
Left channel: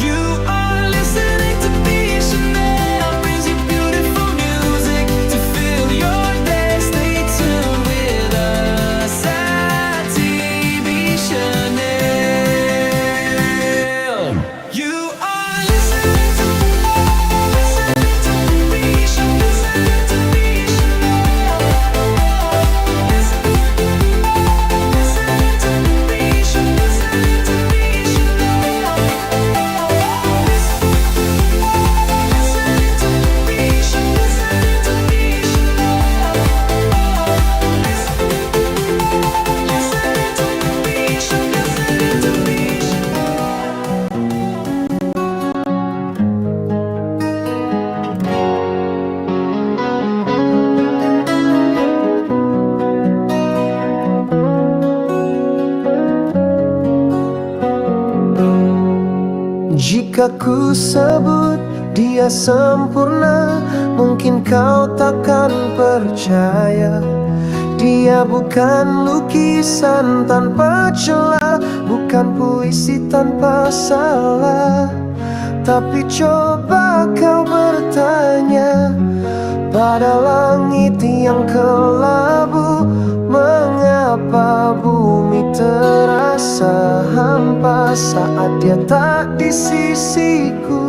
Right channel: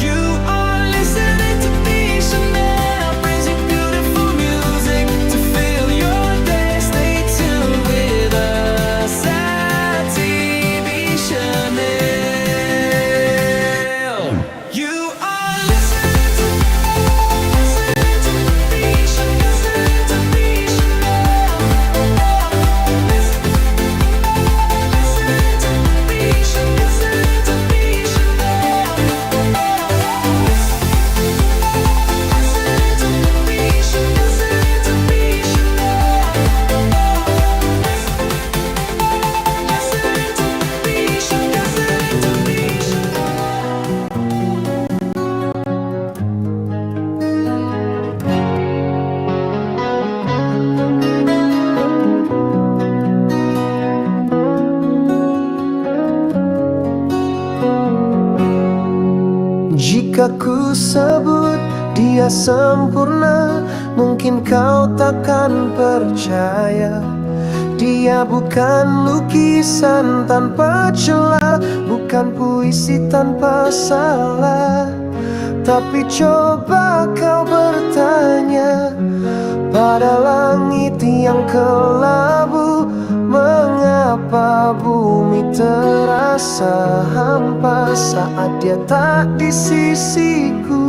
You are listening to B. Chanel, brings you beautiful music to fill your day. Stay tuned with us at TB Chanel. You are listening to B. Chanel, listening to B. Chanel. Jika ku sebut dia sempurna, mungkin kau takkan percaya. Dia bukan lukisan tanpa celah, bukan puisi tanpa salah. Tapi coba kau bertanya pada langit yang kelabu, mengapa bumi terasa hampa saat dia tak di sisiku?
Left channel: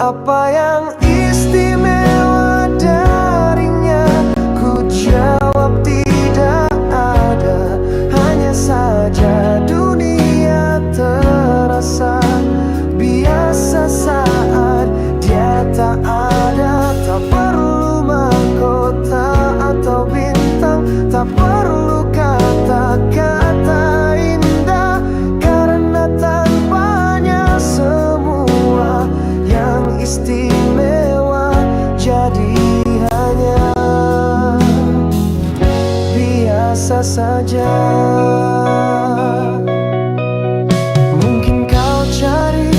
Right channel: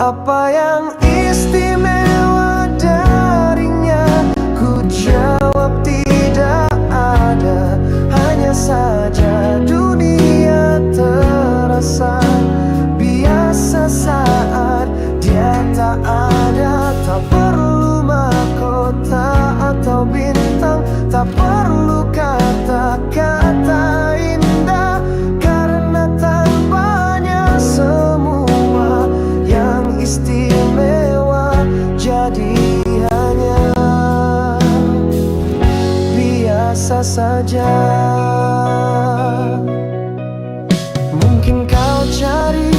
Apa yang istimewa darinya? Ku jawab tidak ada. Hanya saja dunia terasa biasa saat dia tak ada. Tak perlu mahkota atau bintang, tak perlu kata-kata indah, karena tanpanya semua yang istimewa jadi hanya biasa saja. Mungkin kau cari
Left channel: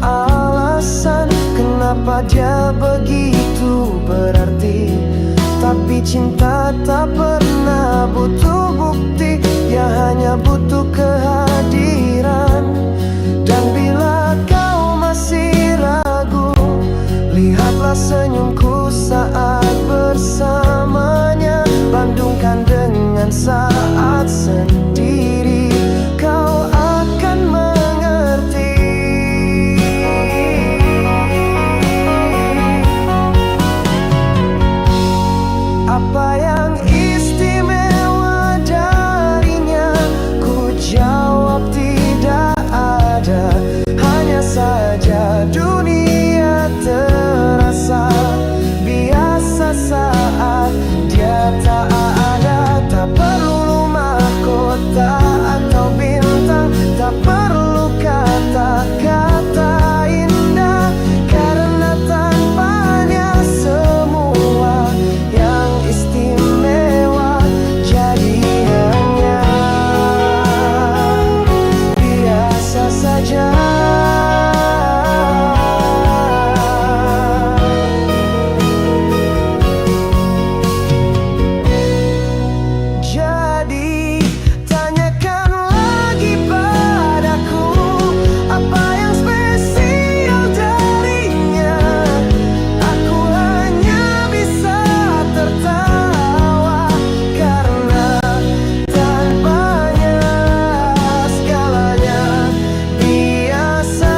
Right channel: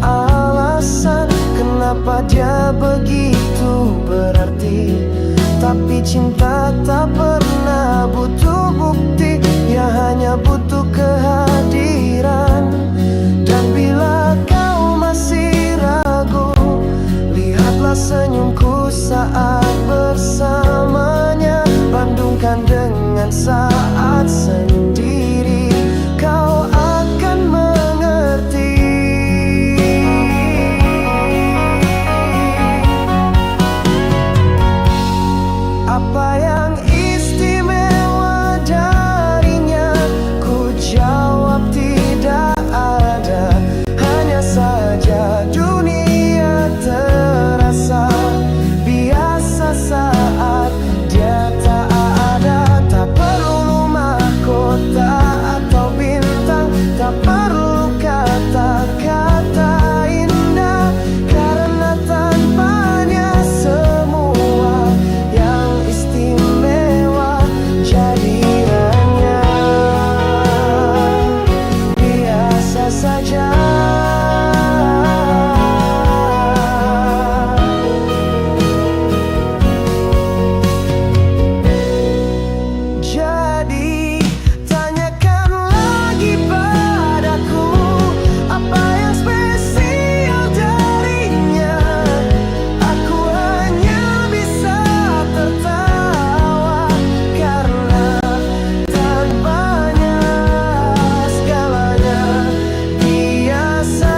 alasan kenapa dia begitu berarti, tapi cinta tak pernah butuh bukti, ya hanya butuh kehadiran. Dan bila kau masih ragu, lihatlah senyumku saat bersamanya. Bandungkan dengan saat sendiri, kau akan mengerti. Apa yang istimewa darinya? Ku jawab tidak ada. Hanya saja dunia terasa tak perlu kata-kata indah, karena tanpanya semua yang istimewa jadi hanya biasa saja. Jadi tanyakan lagi padaku, apa yang spesial darinya. Aku hanya bisa tertawa, karena tanpanya segalanya biasa.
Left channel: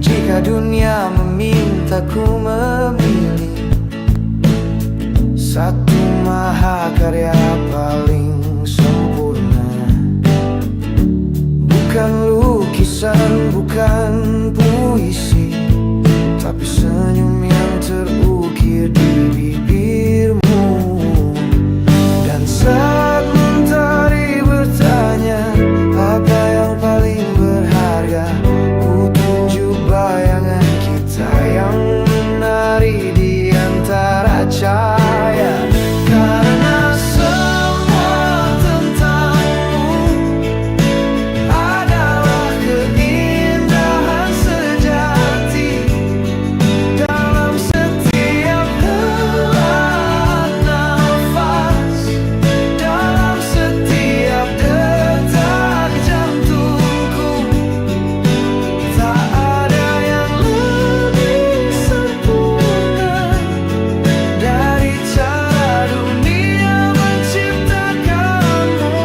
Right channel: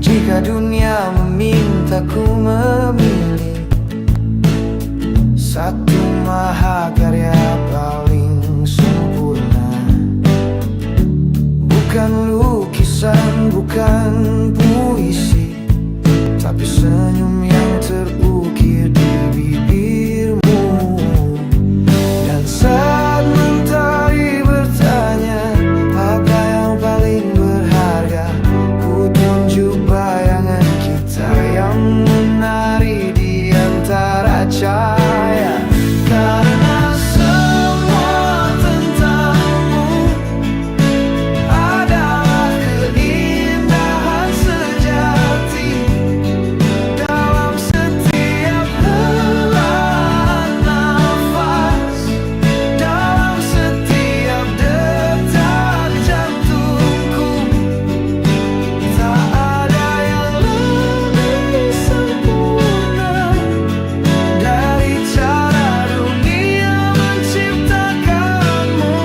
Jika dunia memintaku memilih satu mahakarya paling sempurna, bukan lukisan, bukan puisi, tapi senyum yang terukir di bibirmu. Dan saat mentari bertanya apa yang paling berharga, ku tunjuk bayangan kita yang menari di antara cahaya. Karena semua tentangmu adalah keindahan sejati dalam setiap helaan nafas, dalam setiap detak jantungku. Tak ada yang lebih sempurna dari cara dunia menciptakanmu.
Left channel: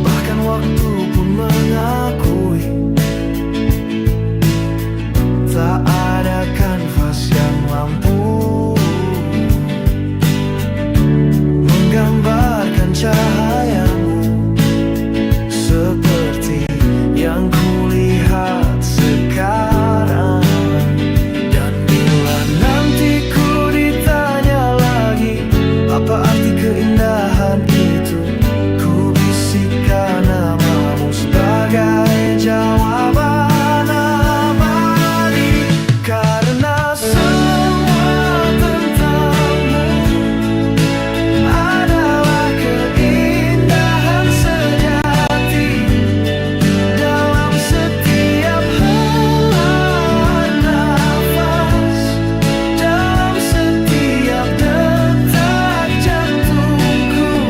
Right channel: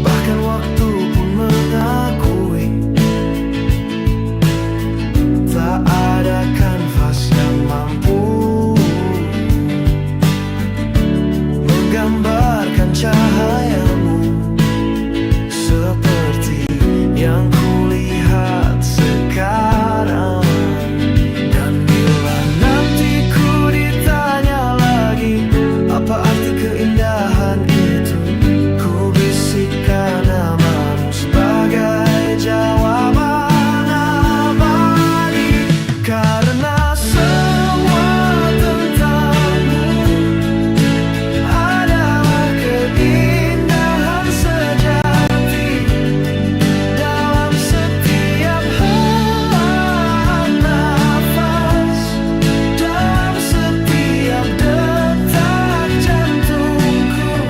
Bahkan waktu pun mengakui tak ada kanvas yang mampu menggambarkan cahayamu seperti yang kulihat sekarang. Dan bila nanti ku ditanya lagi apa arti keindahan itu, ku bisikkan namamu sebagai jawaban abadi. Karena semua tentangmu adalah keindahan sejati dalam setiap helaan nafas, dalam setiap detak jantungku.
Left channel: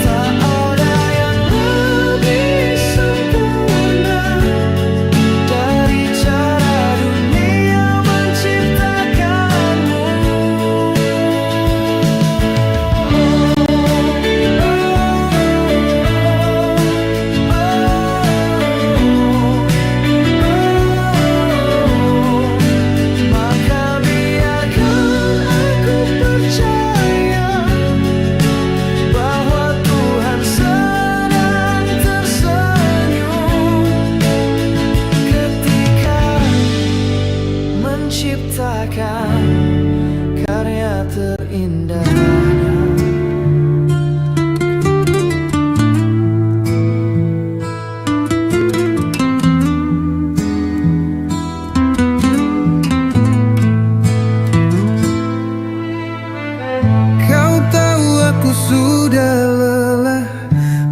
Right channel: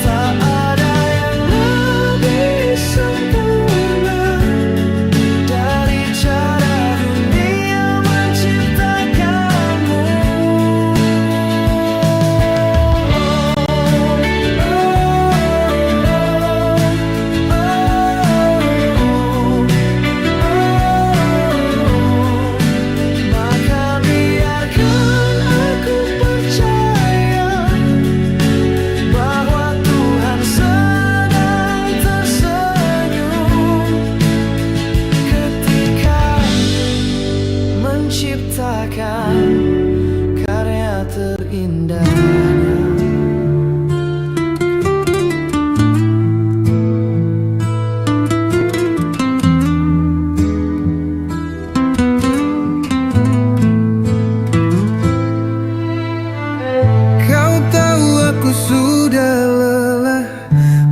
Tak ada yang lebih sempurna dari cara dunia menciptakanmu. Maka biarkan aku percaya bahwa Tuhan sedang tersenyum ketika menciptakan karya terindahnya. Kau tahu aku sudah lelah,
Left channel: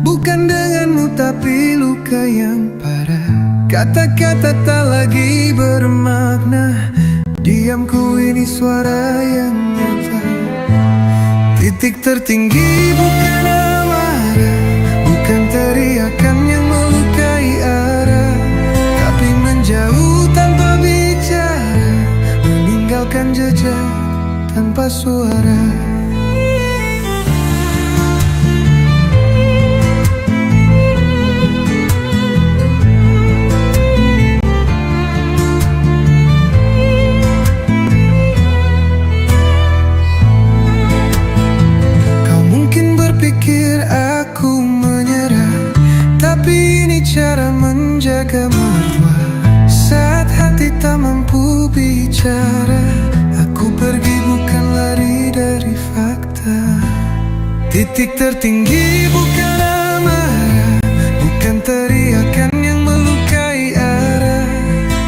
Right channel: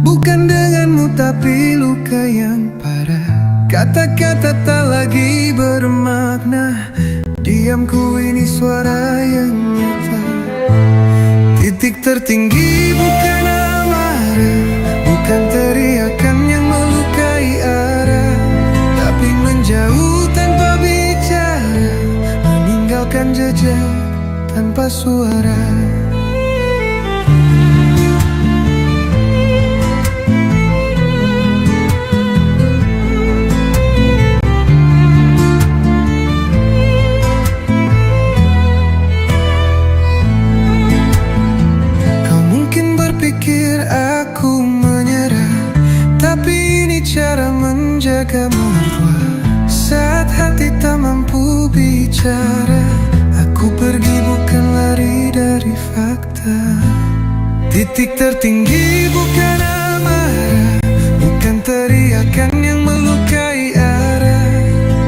bukan denganmu tapi luka yang parah. Kata-kata tak lagi bermakna, diamku ini suara yang nyata. Titik tertinggi bukan amarah, bukan teriakan yang melukai arah, tapi menjadi meninggalkan jejak tanpa suara. Kau mungkin berpikir aku menyerah, tapi ini cara menjaga marwah. Saat hati tak mampu bicara, aku pergi bukan lari dari fakta. Titik tertinggi bukan amarah, bukan teriakan yang melukai arah,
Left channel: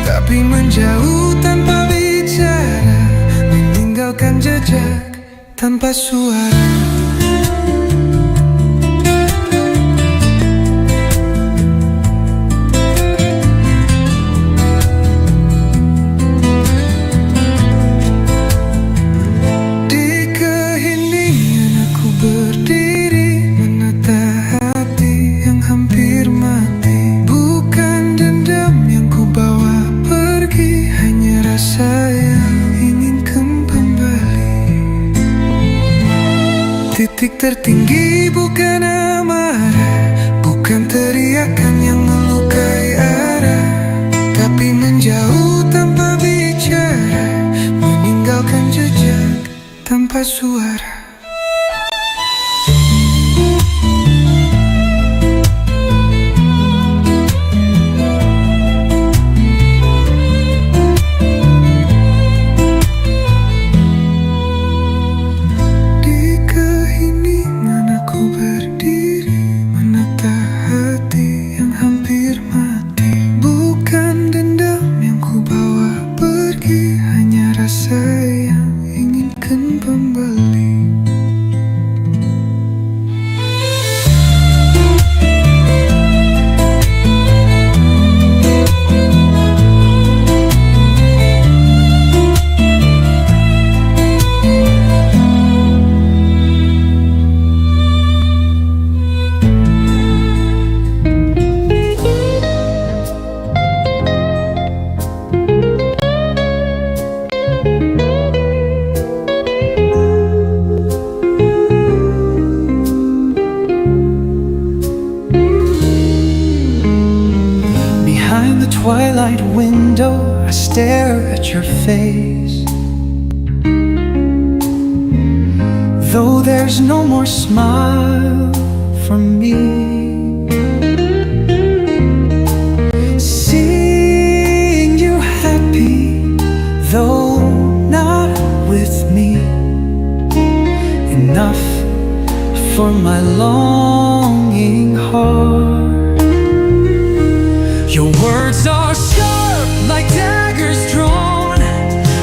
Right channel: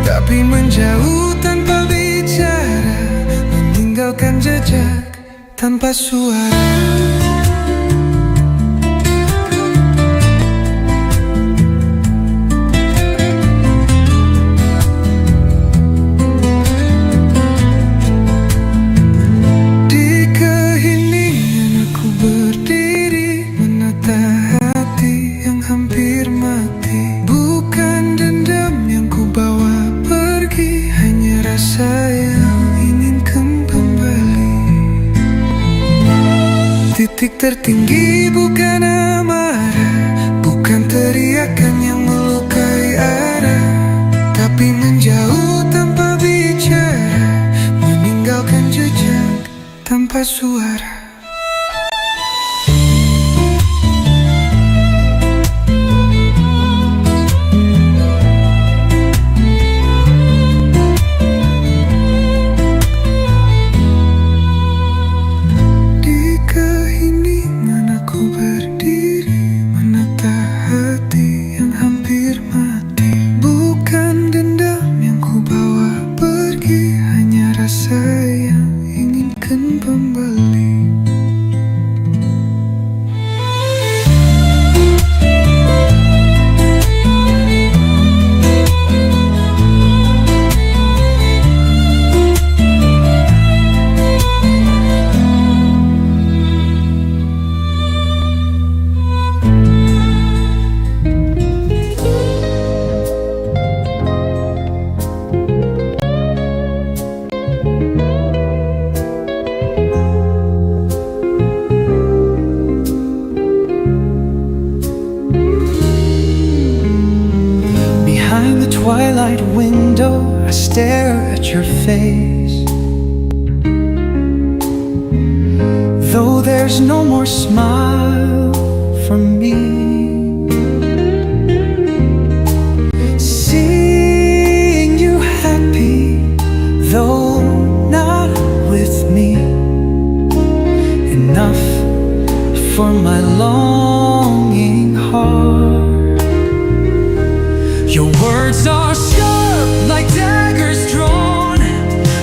tapi menjauh tanpa bicara, meninggalkan jejak tanpa suara. Berdiri menata hati yang hampir mati. Bukan dendam yang ku bawa pergi, hanya rasa yang ingin kembali. Titik tertinggi bukan amarah, bukan teriakan yang melukai arah, tapi menjauh tanpa bicara, meninggalkan jejak tanpa suara. Behind the twilight window, I stare at your face. Though there's no more smile from me, seeing you happy, though not with me, enough for my longing heart. Your words are sharp like daggers drawn.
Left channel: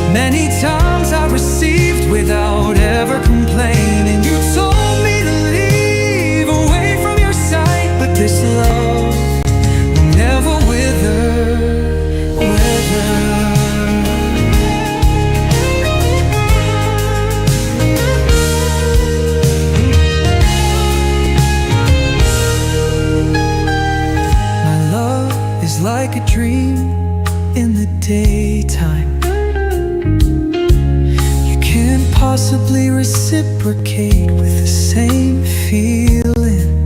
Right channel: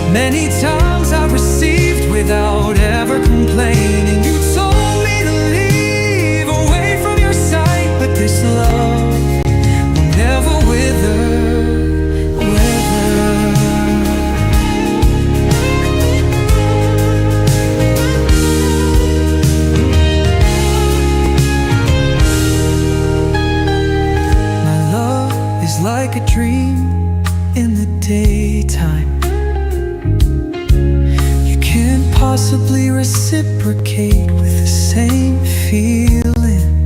Many times I received without ever complaining. You told me to leave away from your sight, but this love will never wither. Like a dream in the daytime, you can't possibly reciprocate with the same feeling.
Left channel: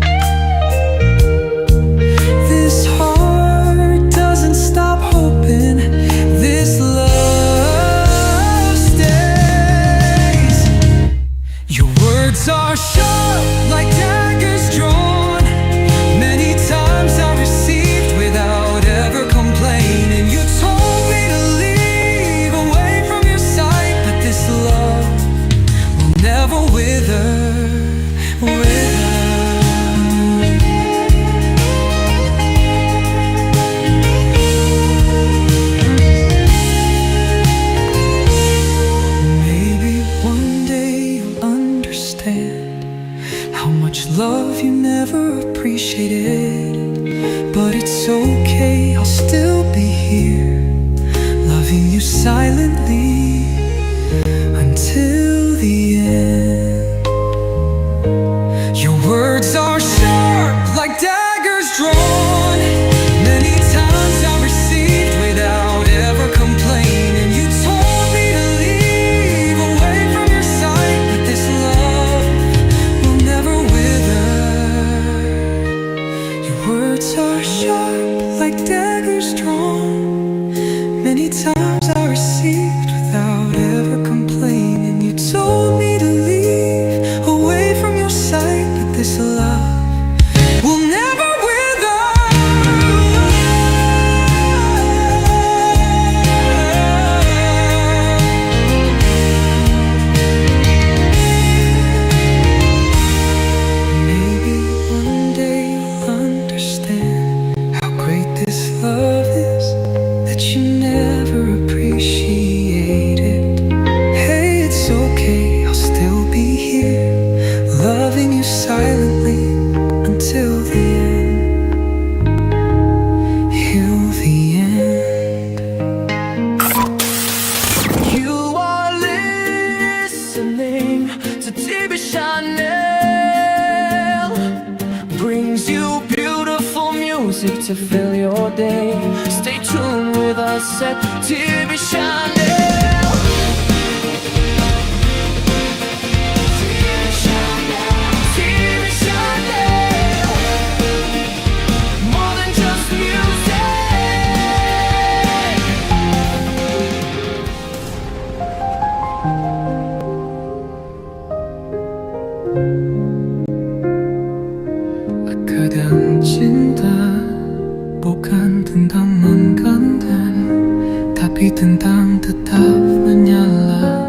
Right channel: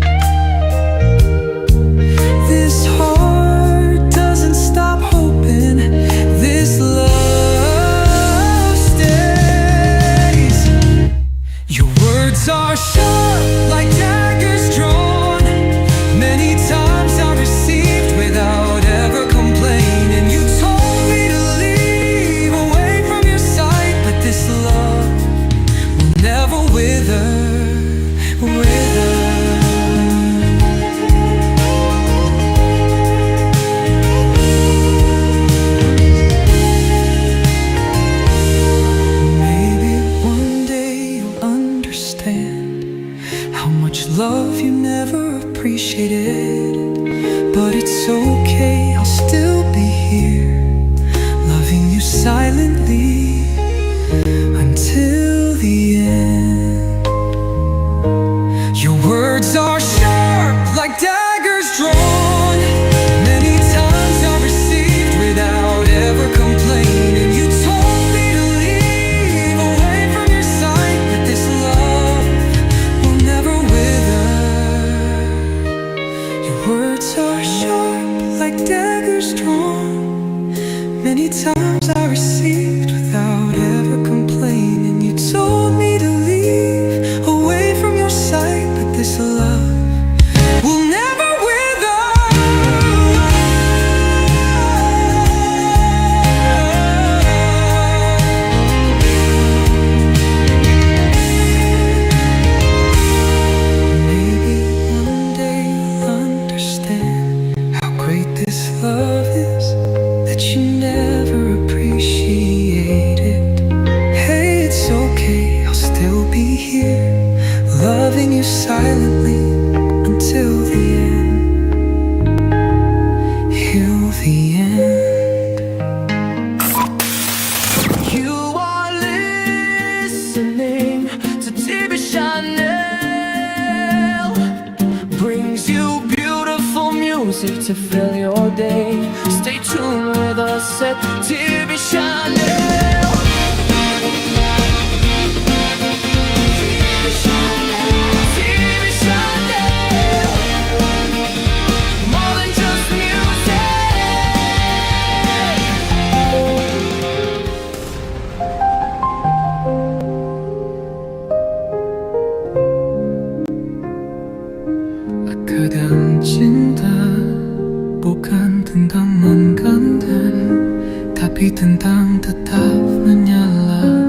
This heart doesn't stop hoping, this love stays. Your words are sharp like daggers drawn. Many times I received without ever complaining. You told me to leave away from your sight, but this love will never wither. Maybe one day you'll understand how much love you never appreciated. But it's okay, I'll still be here, loving you silently until the end. Your words are sharp like daggers drawn. Many times I received without ever complaining. You told me to leave this love will never wither. Maybe one day you'll understand how great this love is that you never appreciated. Hey, it's okay, I'll still be here, loving you silently until the end. Till the end. You are listening to TV Chanel. Brings you beautiful music to fill your day. Stay tuned with us at TV Chanel. TV Chanel. More than just music. Kadang cinta bukan tentang menggantikan, tapi tentang tetap menyala.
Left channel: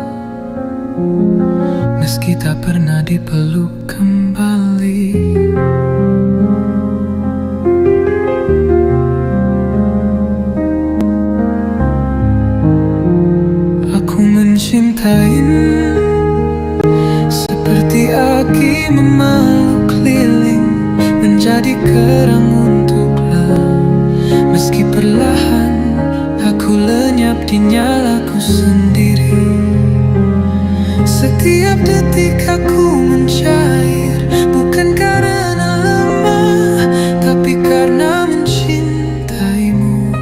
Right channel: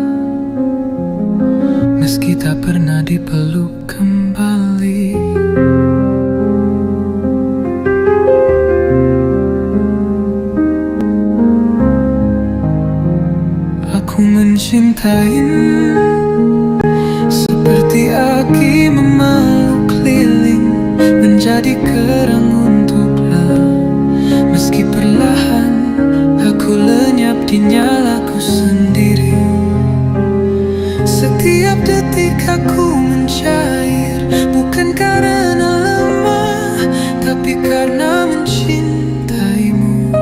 Meski tak pernah dipeluk kembali. Aku mencintaimu seperti aki memeluk lilin, menjadi kerang untuklah. Meski perlahan aku lenyap di nyalaku sendiri. Setiap detik aku mencair, bukan karena lemah, tapi karena mencintaimu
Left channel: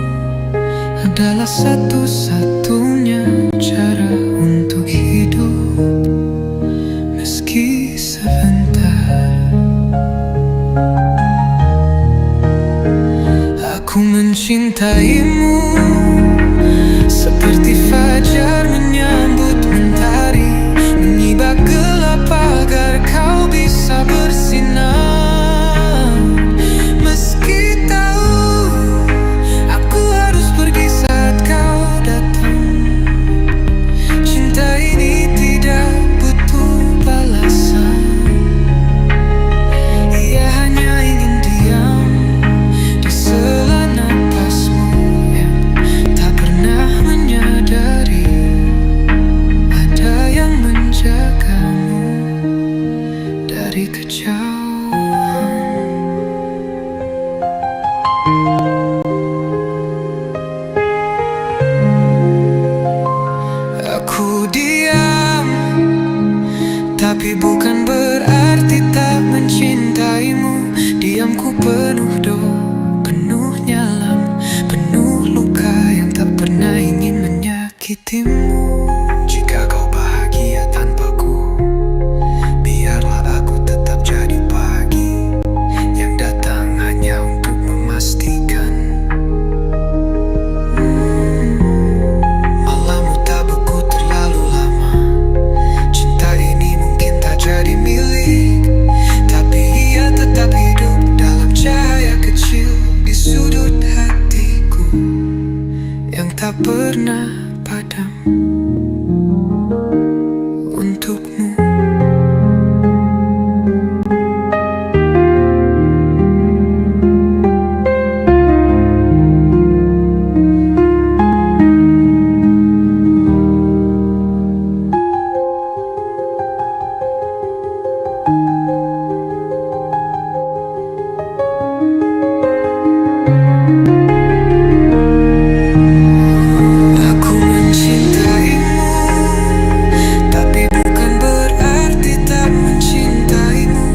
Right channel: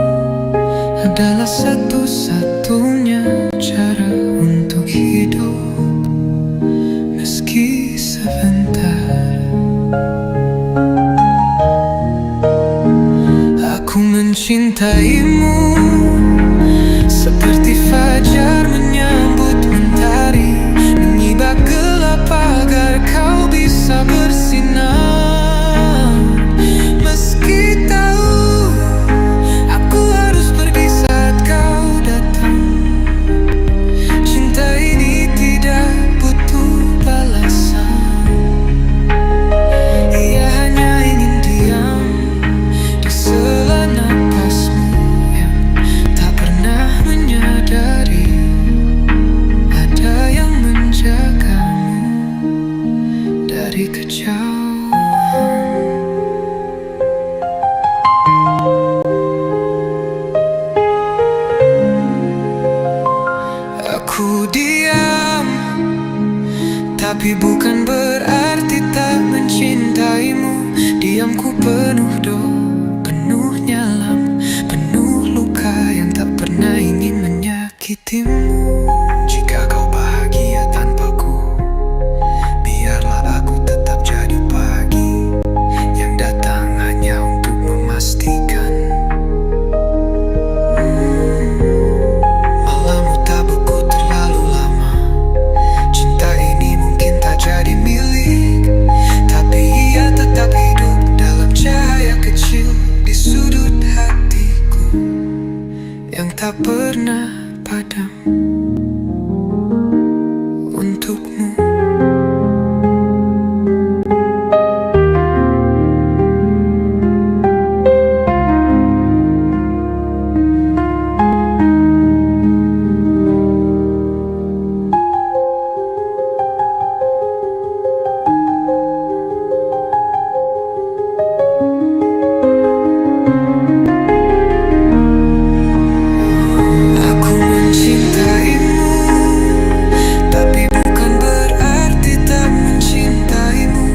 adalah satu-satunya cara untuk hidup. Meski sebentar, aku mencintaimu seperti fajar menyambut mentari, menyibak gelap agar kau bisa bersinar. Meski tahu aku harus pergi saat kau datang, cinta ini tidak butuh balasan. Ia hanya ingin diam di sela napasmu yang tak pernah menyadari ada yang menjagamu dari kejauhan. Aku diam, tapi bukan berarti tak mencintaimu. Diamku penuh doa, penuh nyalam, penuh luka yang tak pernah ingin menyakitimu. Jika kau bahagia tanpaku, biarlah aku tetap jadi pagi yang datang hanya untuk memastikan malammu tak beku terlalu lama. Cinta ini mungkin tak jadi milik, tapi ia tetap hidup dalam cahaya kecil di sudut hatiku yang tak pernah padam untukmu. Aku mencintaimu, tapi bukan berarti tak mencintaimu.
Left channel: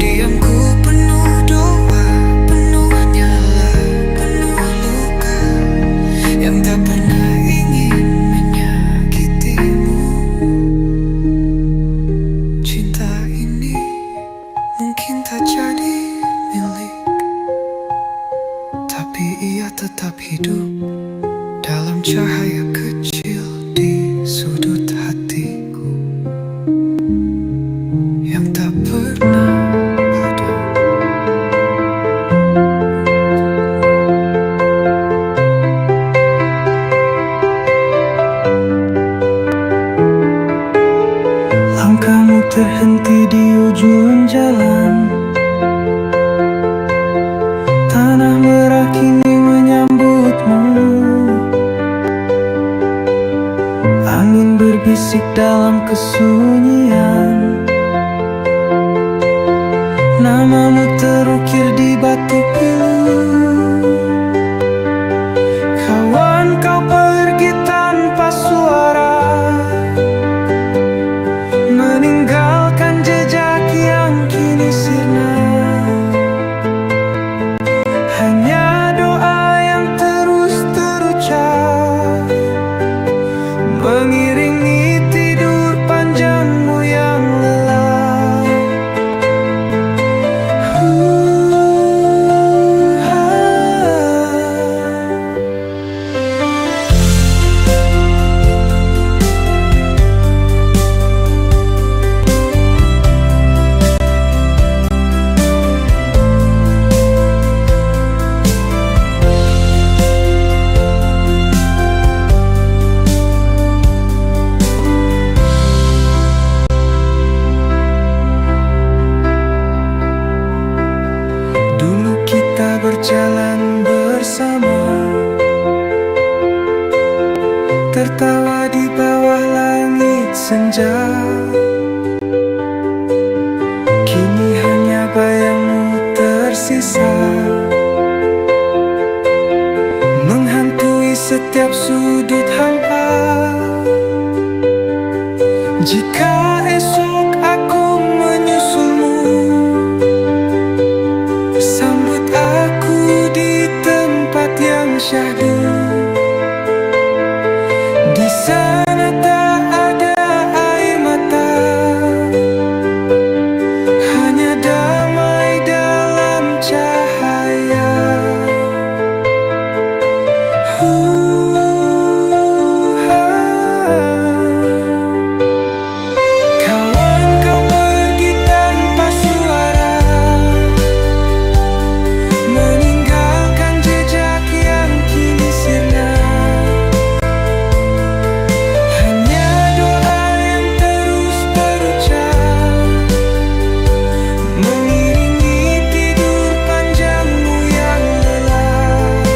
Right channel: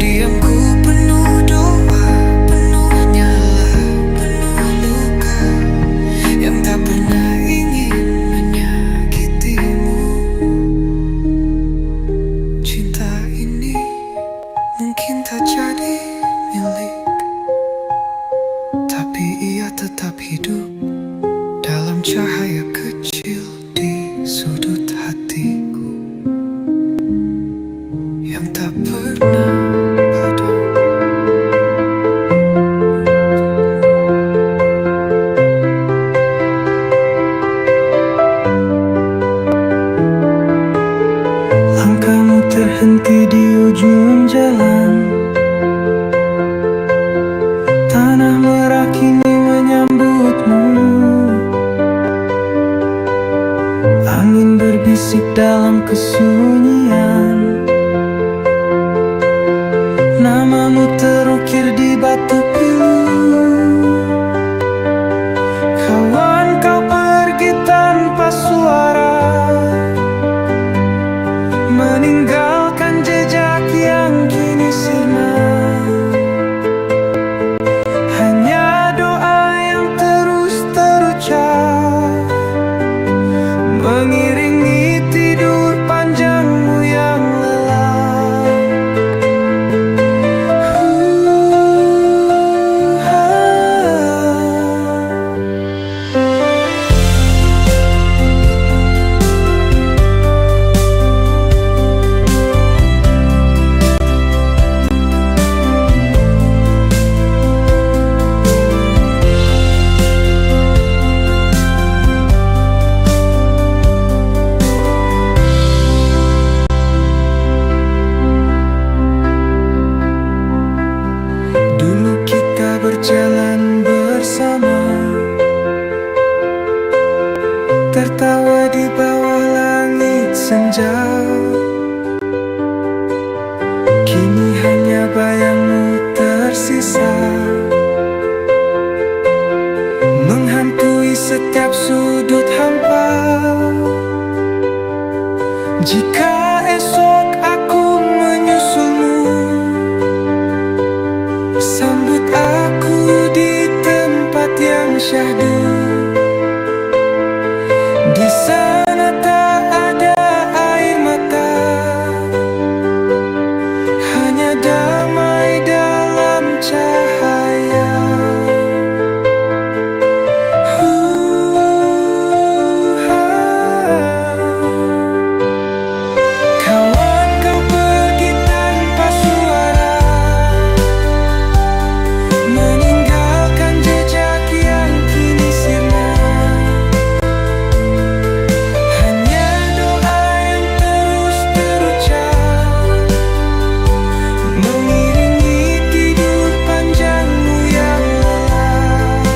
Diamku penuh doa, penuh nyala, penuh luka yang tak pernah ingin menyakitimu. Cinta ini mungkin tak jadi milik, tapi ia tetap hidup dalam cahaya kecil di sudut hatiku yang tak pernah terhenti di ujung jalan. Tanah merah kini menyambutmu. Angin berbisik dalam kesunyian. Namamu terukir di batu pilu. Kawan, kau pergi tanpa suara, meninggalkan jejak yang kini sirna. Hanya doa yang terus terucap, mengiringi tidur panjangmu yang lelap. Dulu kita berjalan bersama, tertawa di bawah langit senja. Kini hanya bayangmu tersisa, menghantui setiap sudut hampa. Jika esok aku menyusulmu, sambut aku di tempat yang syahdu. Di sana tak ada air mata, hanya damai dalam cahaya. Kawan, kau pergi tanpa suara, meninggalkan jejak yang kini sirna. Hanya doa yang terus terucap, mengiringi tidur panjangmu yang lelap.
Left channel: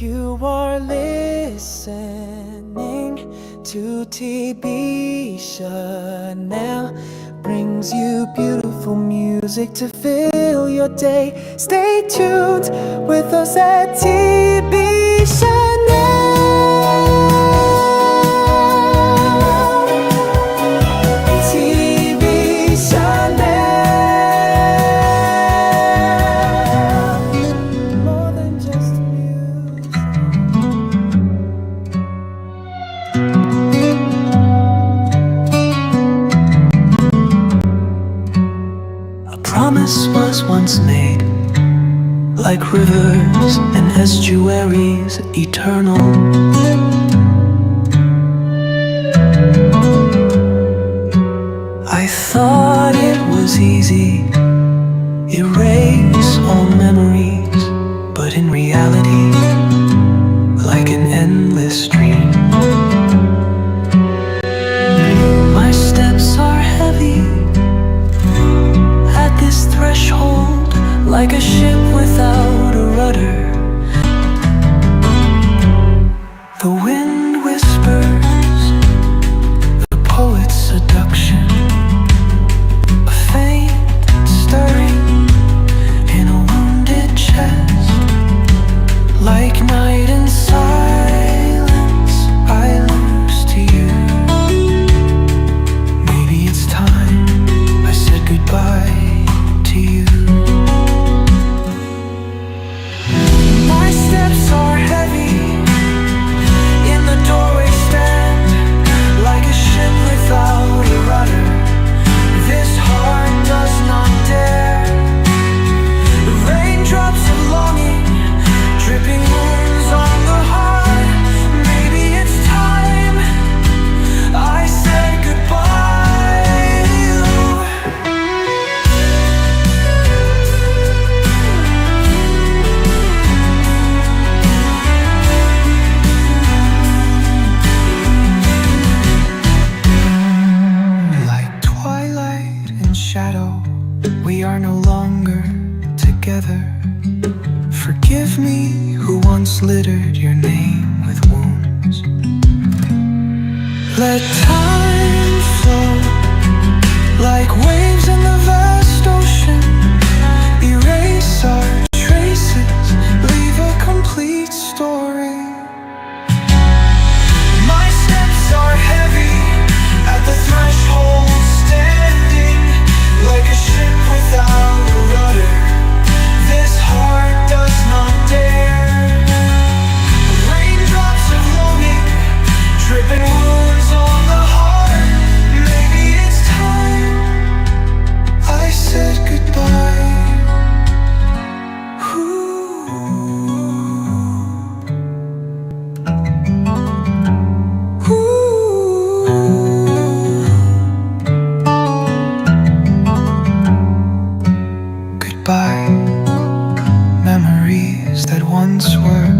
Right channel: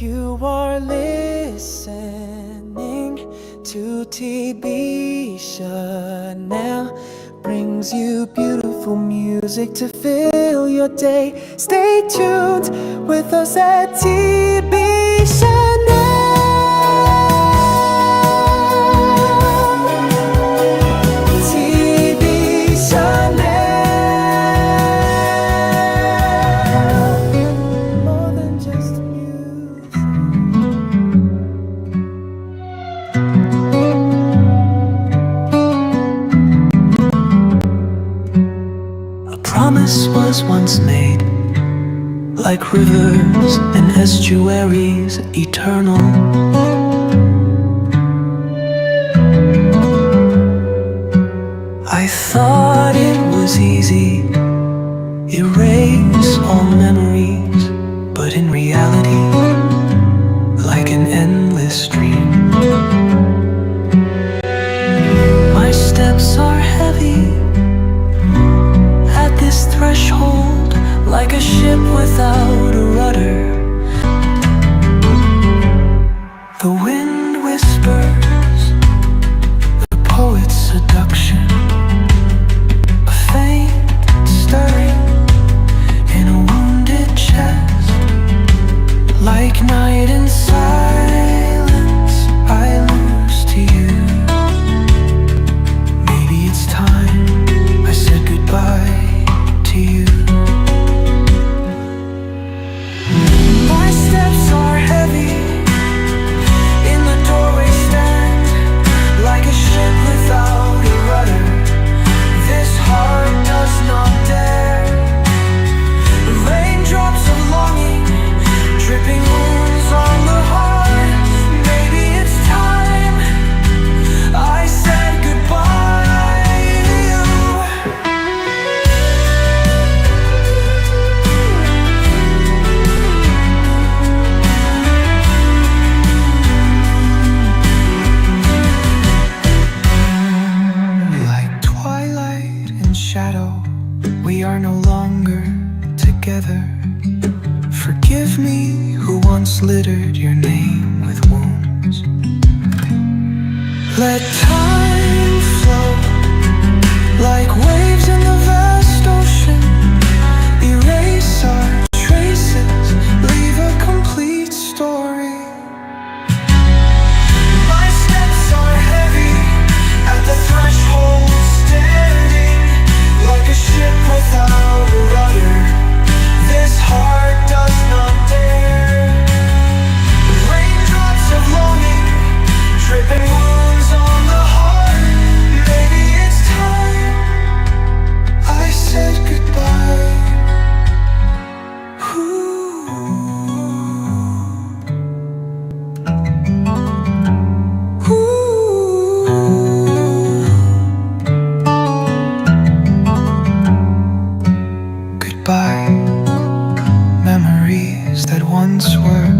You are listening to TB Chanel, brings you beautiful music to fill your day. Stay tuned with us at TB Chanel. TB Chanel, more than just music. A promise was once made, like rivers and estuaries eternal. I thought it was easy, erase all memories, but in reality, like an endless stream, my steps are heavy at this threshold, like a ship without a rudder. The wind whispers, the poet's seduction, a faint stirring in a wounded chest. Like night in silence, I lose to you. Maybe it's time I said goodbye to you. My steps are heavy, in the doorway stand without a rudder. This heart does not dare. Raindrops of longing, dripping wounds on the heart. Maybe it's time I said goodbye. Like twilight and shadow, we are no longer together. Forgive me who once littered your name with wounds. Let time flow like waves in the vast ocean. Erase our traces, leave a complete story. My steps are heavy at the threshold, standing like a ship without a rudder. This heart does not dare. Raindrops of longing, dripping wounds on the heart. Maybe it's time I said goodbye. Goodbye, memories that once were.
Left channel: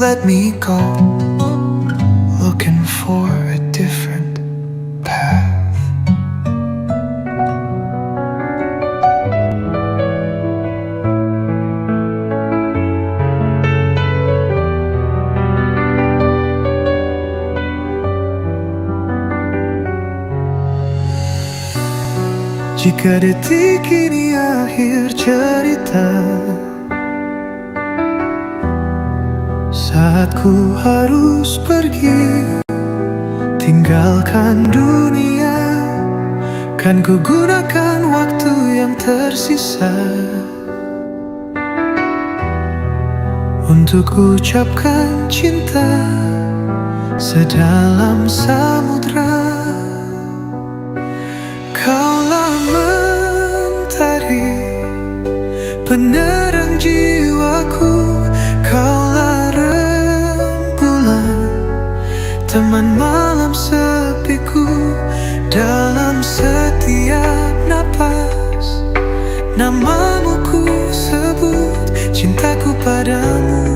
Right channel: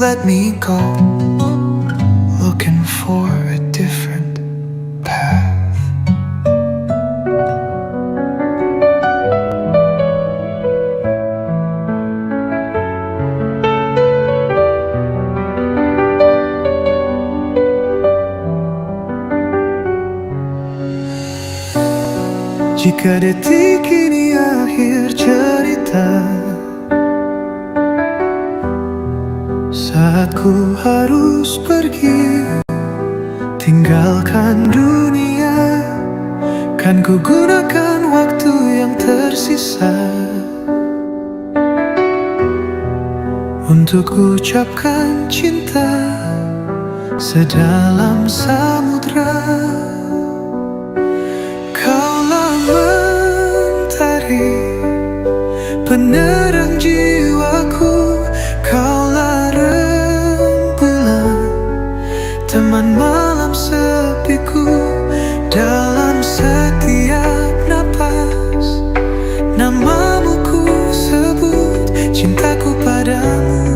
Let me go, looking for a different path. Jika detik ini akhir cerita, saat ku harus pergi, tinggalkan dunia, kan ku gunakan waktu yang tersisa untuk ucapkan cinta sedalam samudra. Kaulah mentari, penerang jiwaku. Kaulah rembulan, teman malam sepiku. Dalam setiap napas, namamu ku sebut. Cintaku padamu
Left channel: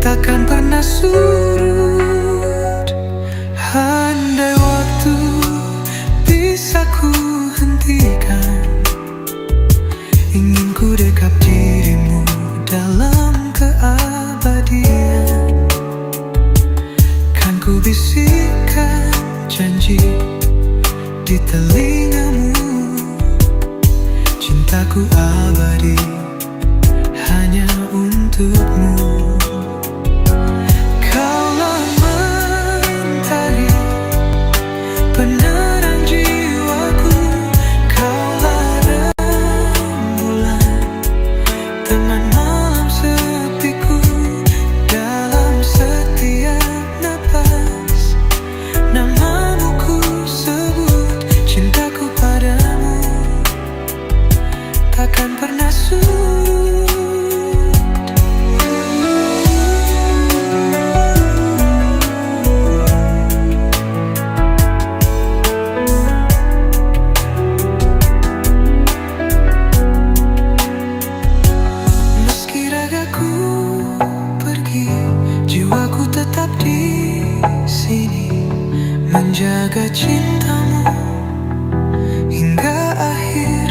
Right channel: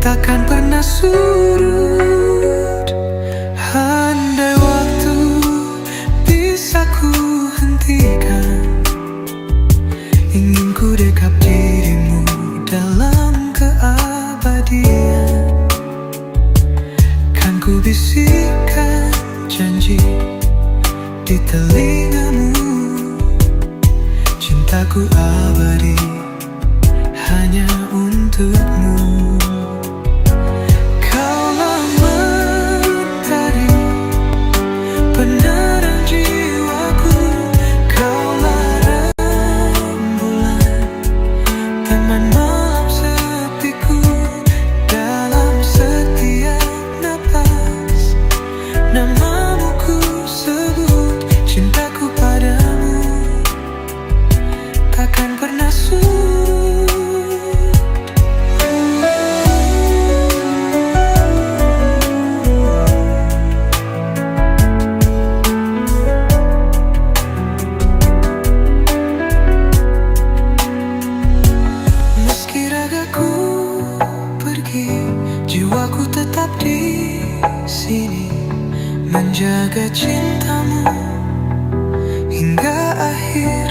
takkan pernah surut. Andai waktu bisa ku hentikan, ingin ku dekap dirimu dalam keabadian. Kan ku bisikkan janji di telingamu, cintaku abadi hanya untukmu. Kaulah mentari, penerang jiwaku. Kaulah rembulan, teman malam sepiku. Dalam setiap napas, namamu ku sebut. Cintaku padamu takkan pernah surut. Meski ragaku pergi, jiwaku tetap di sini, menjaga cintamu hingga akhir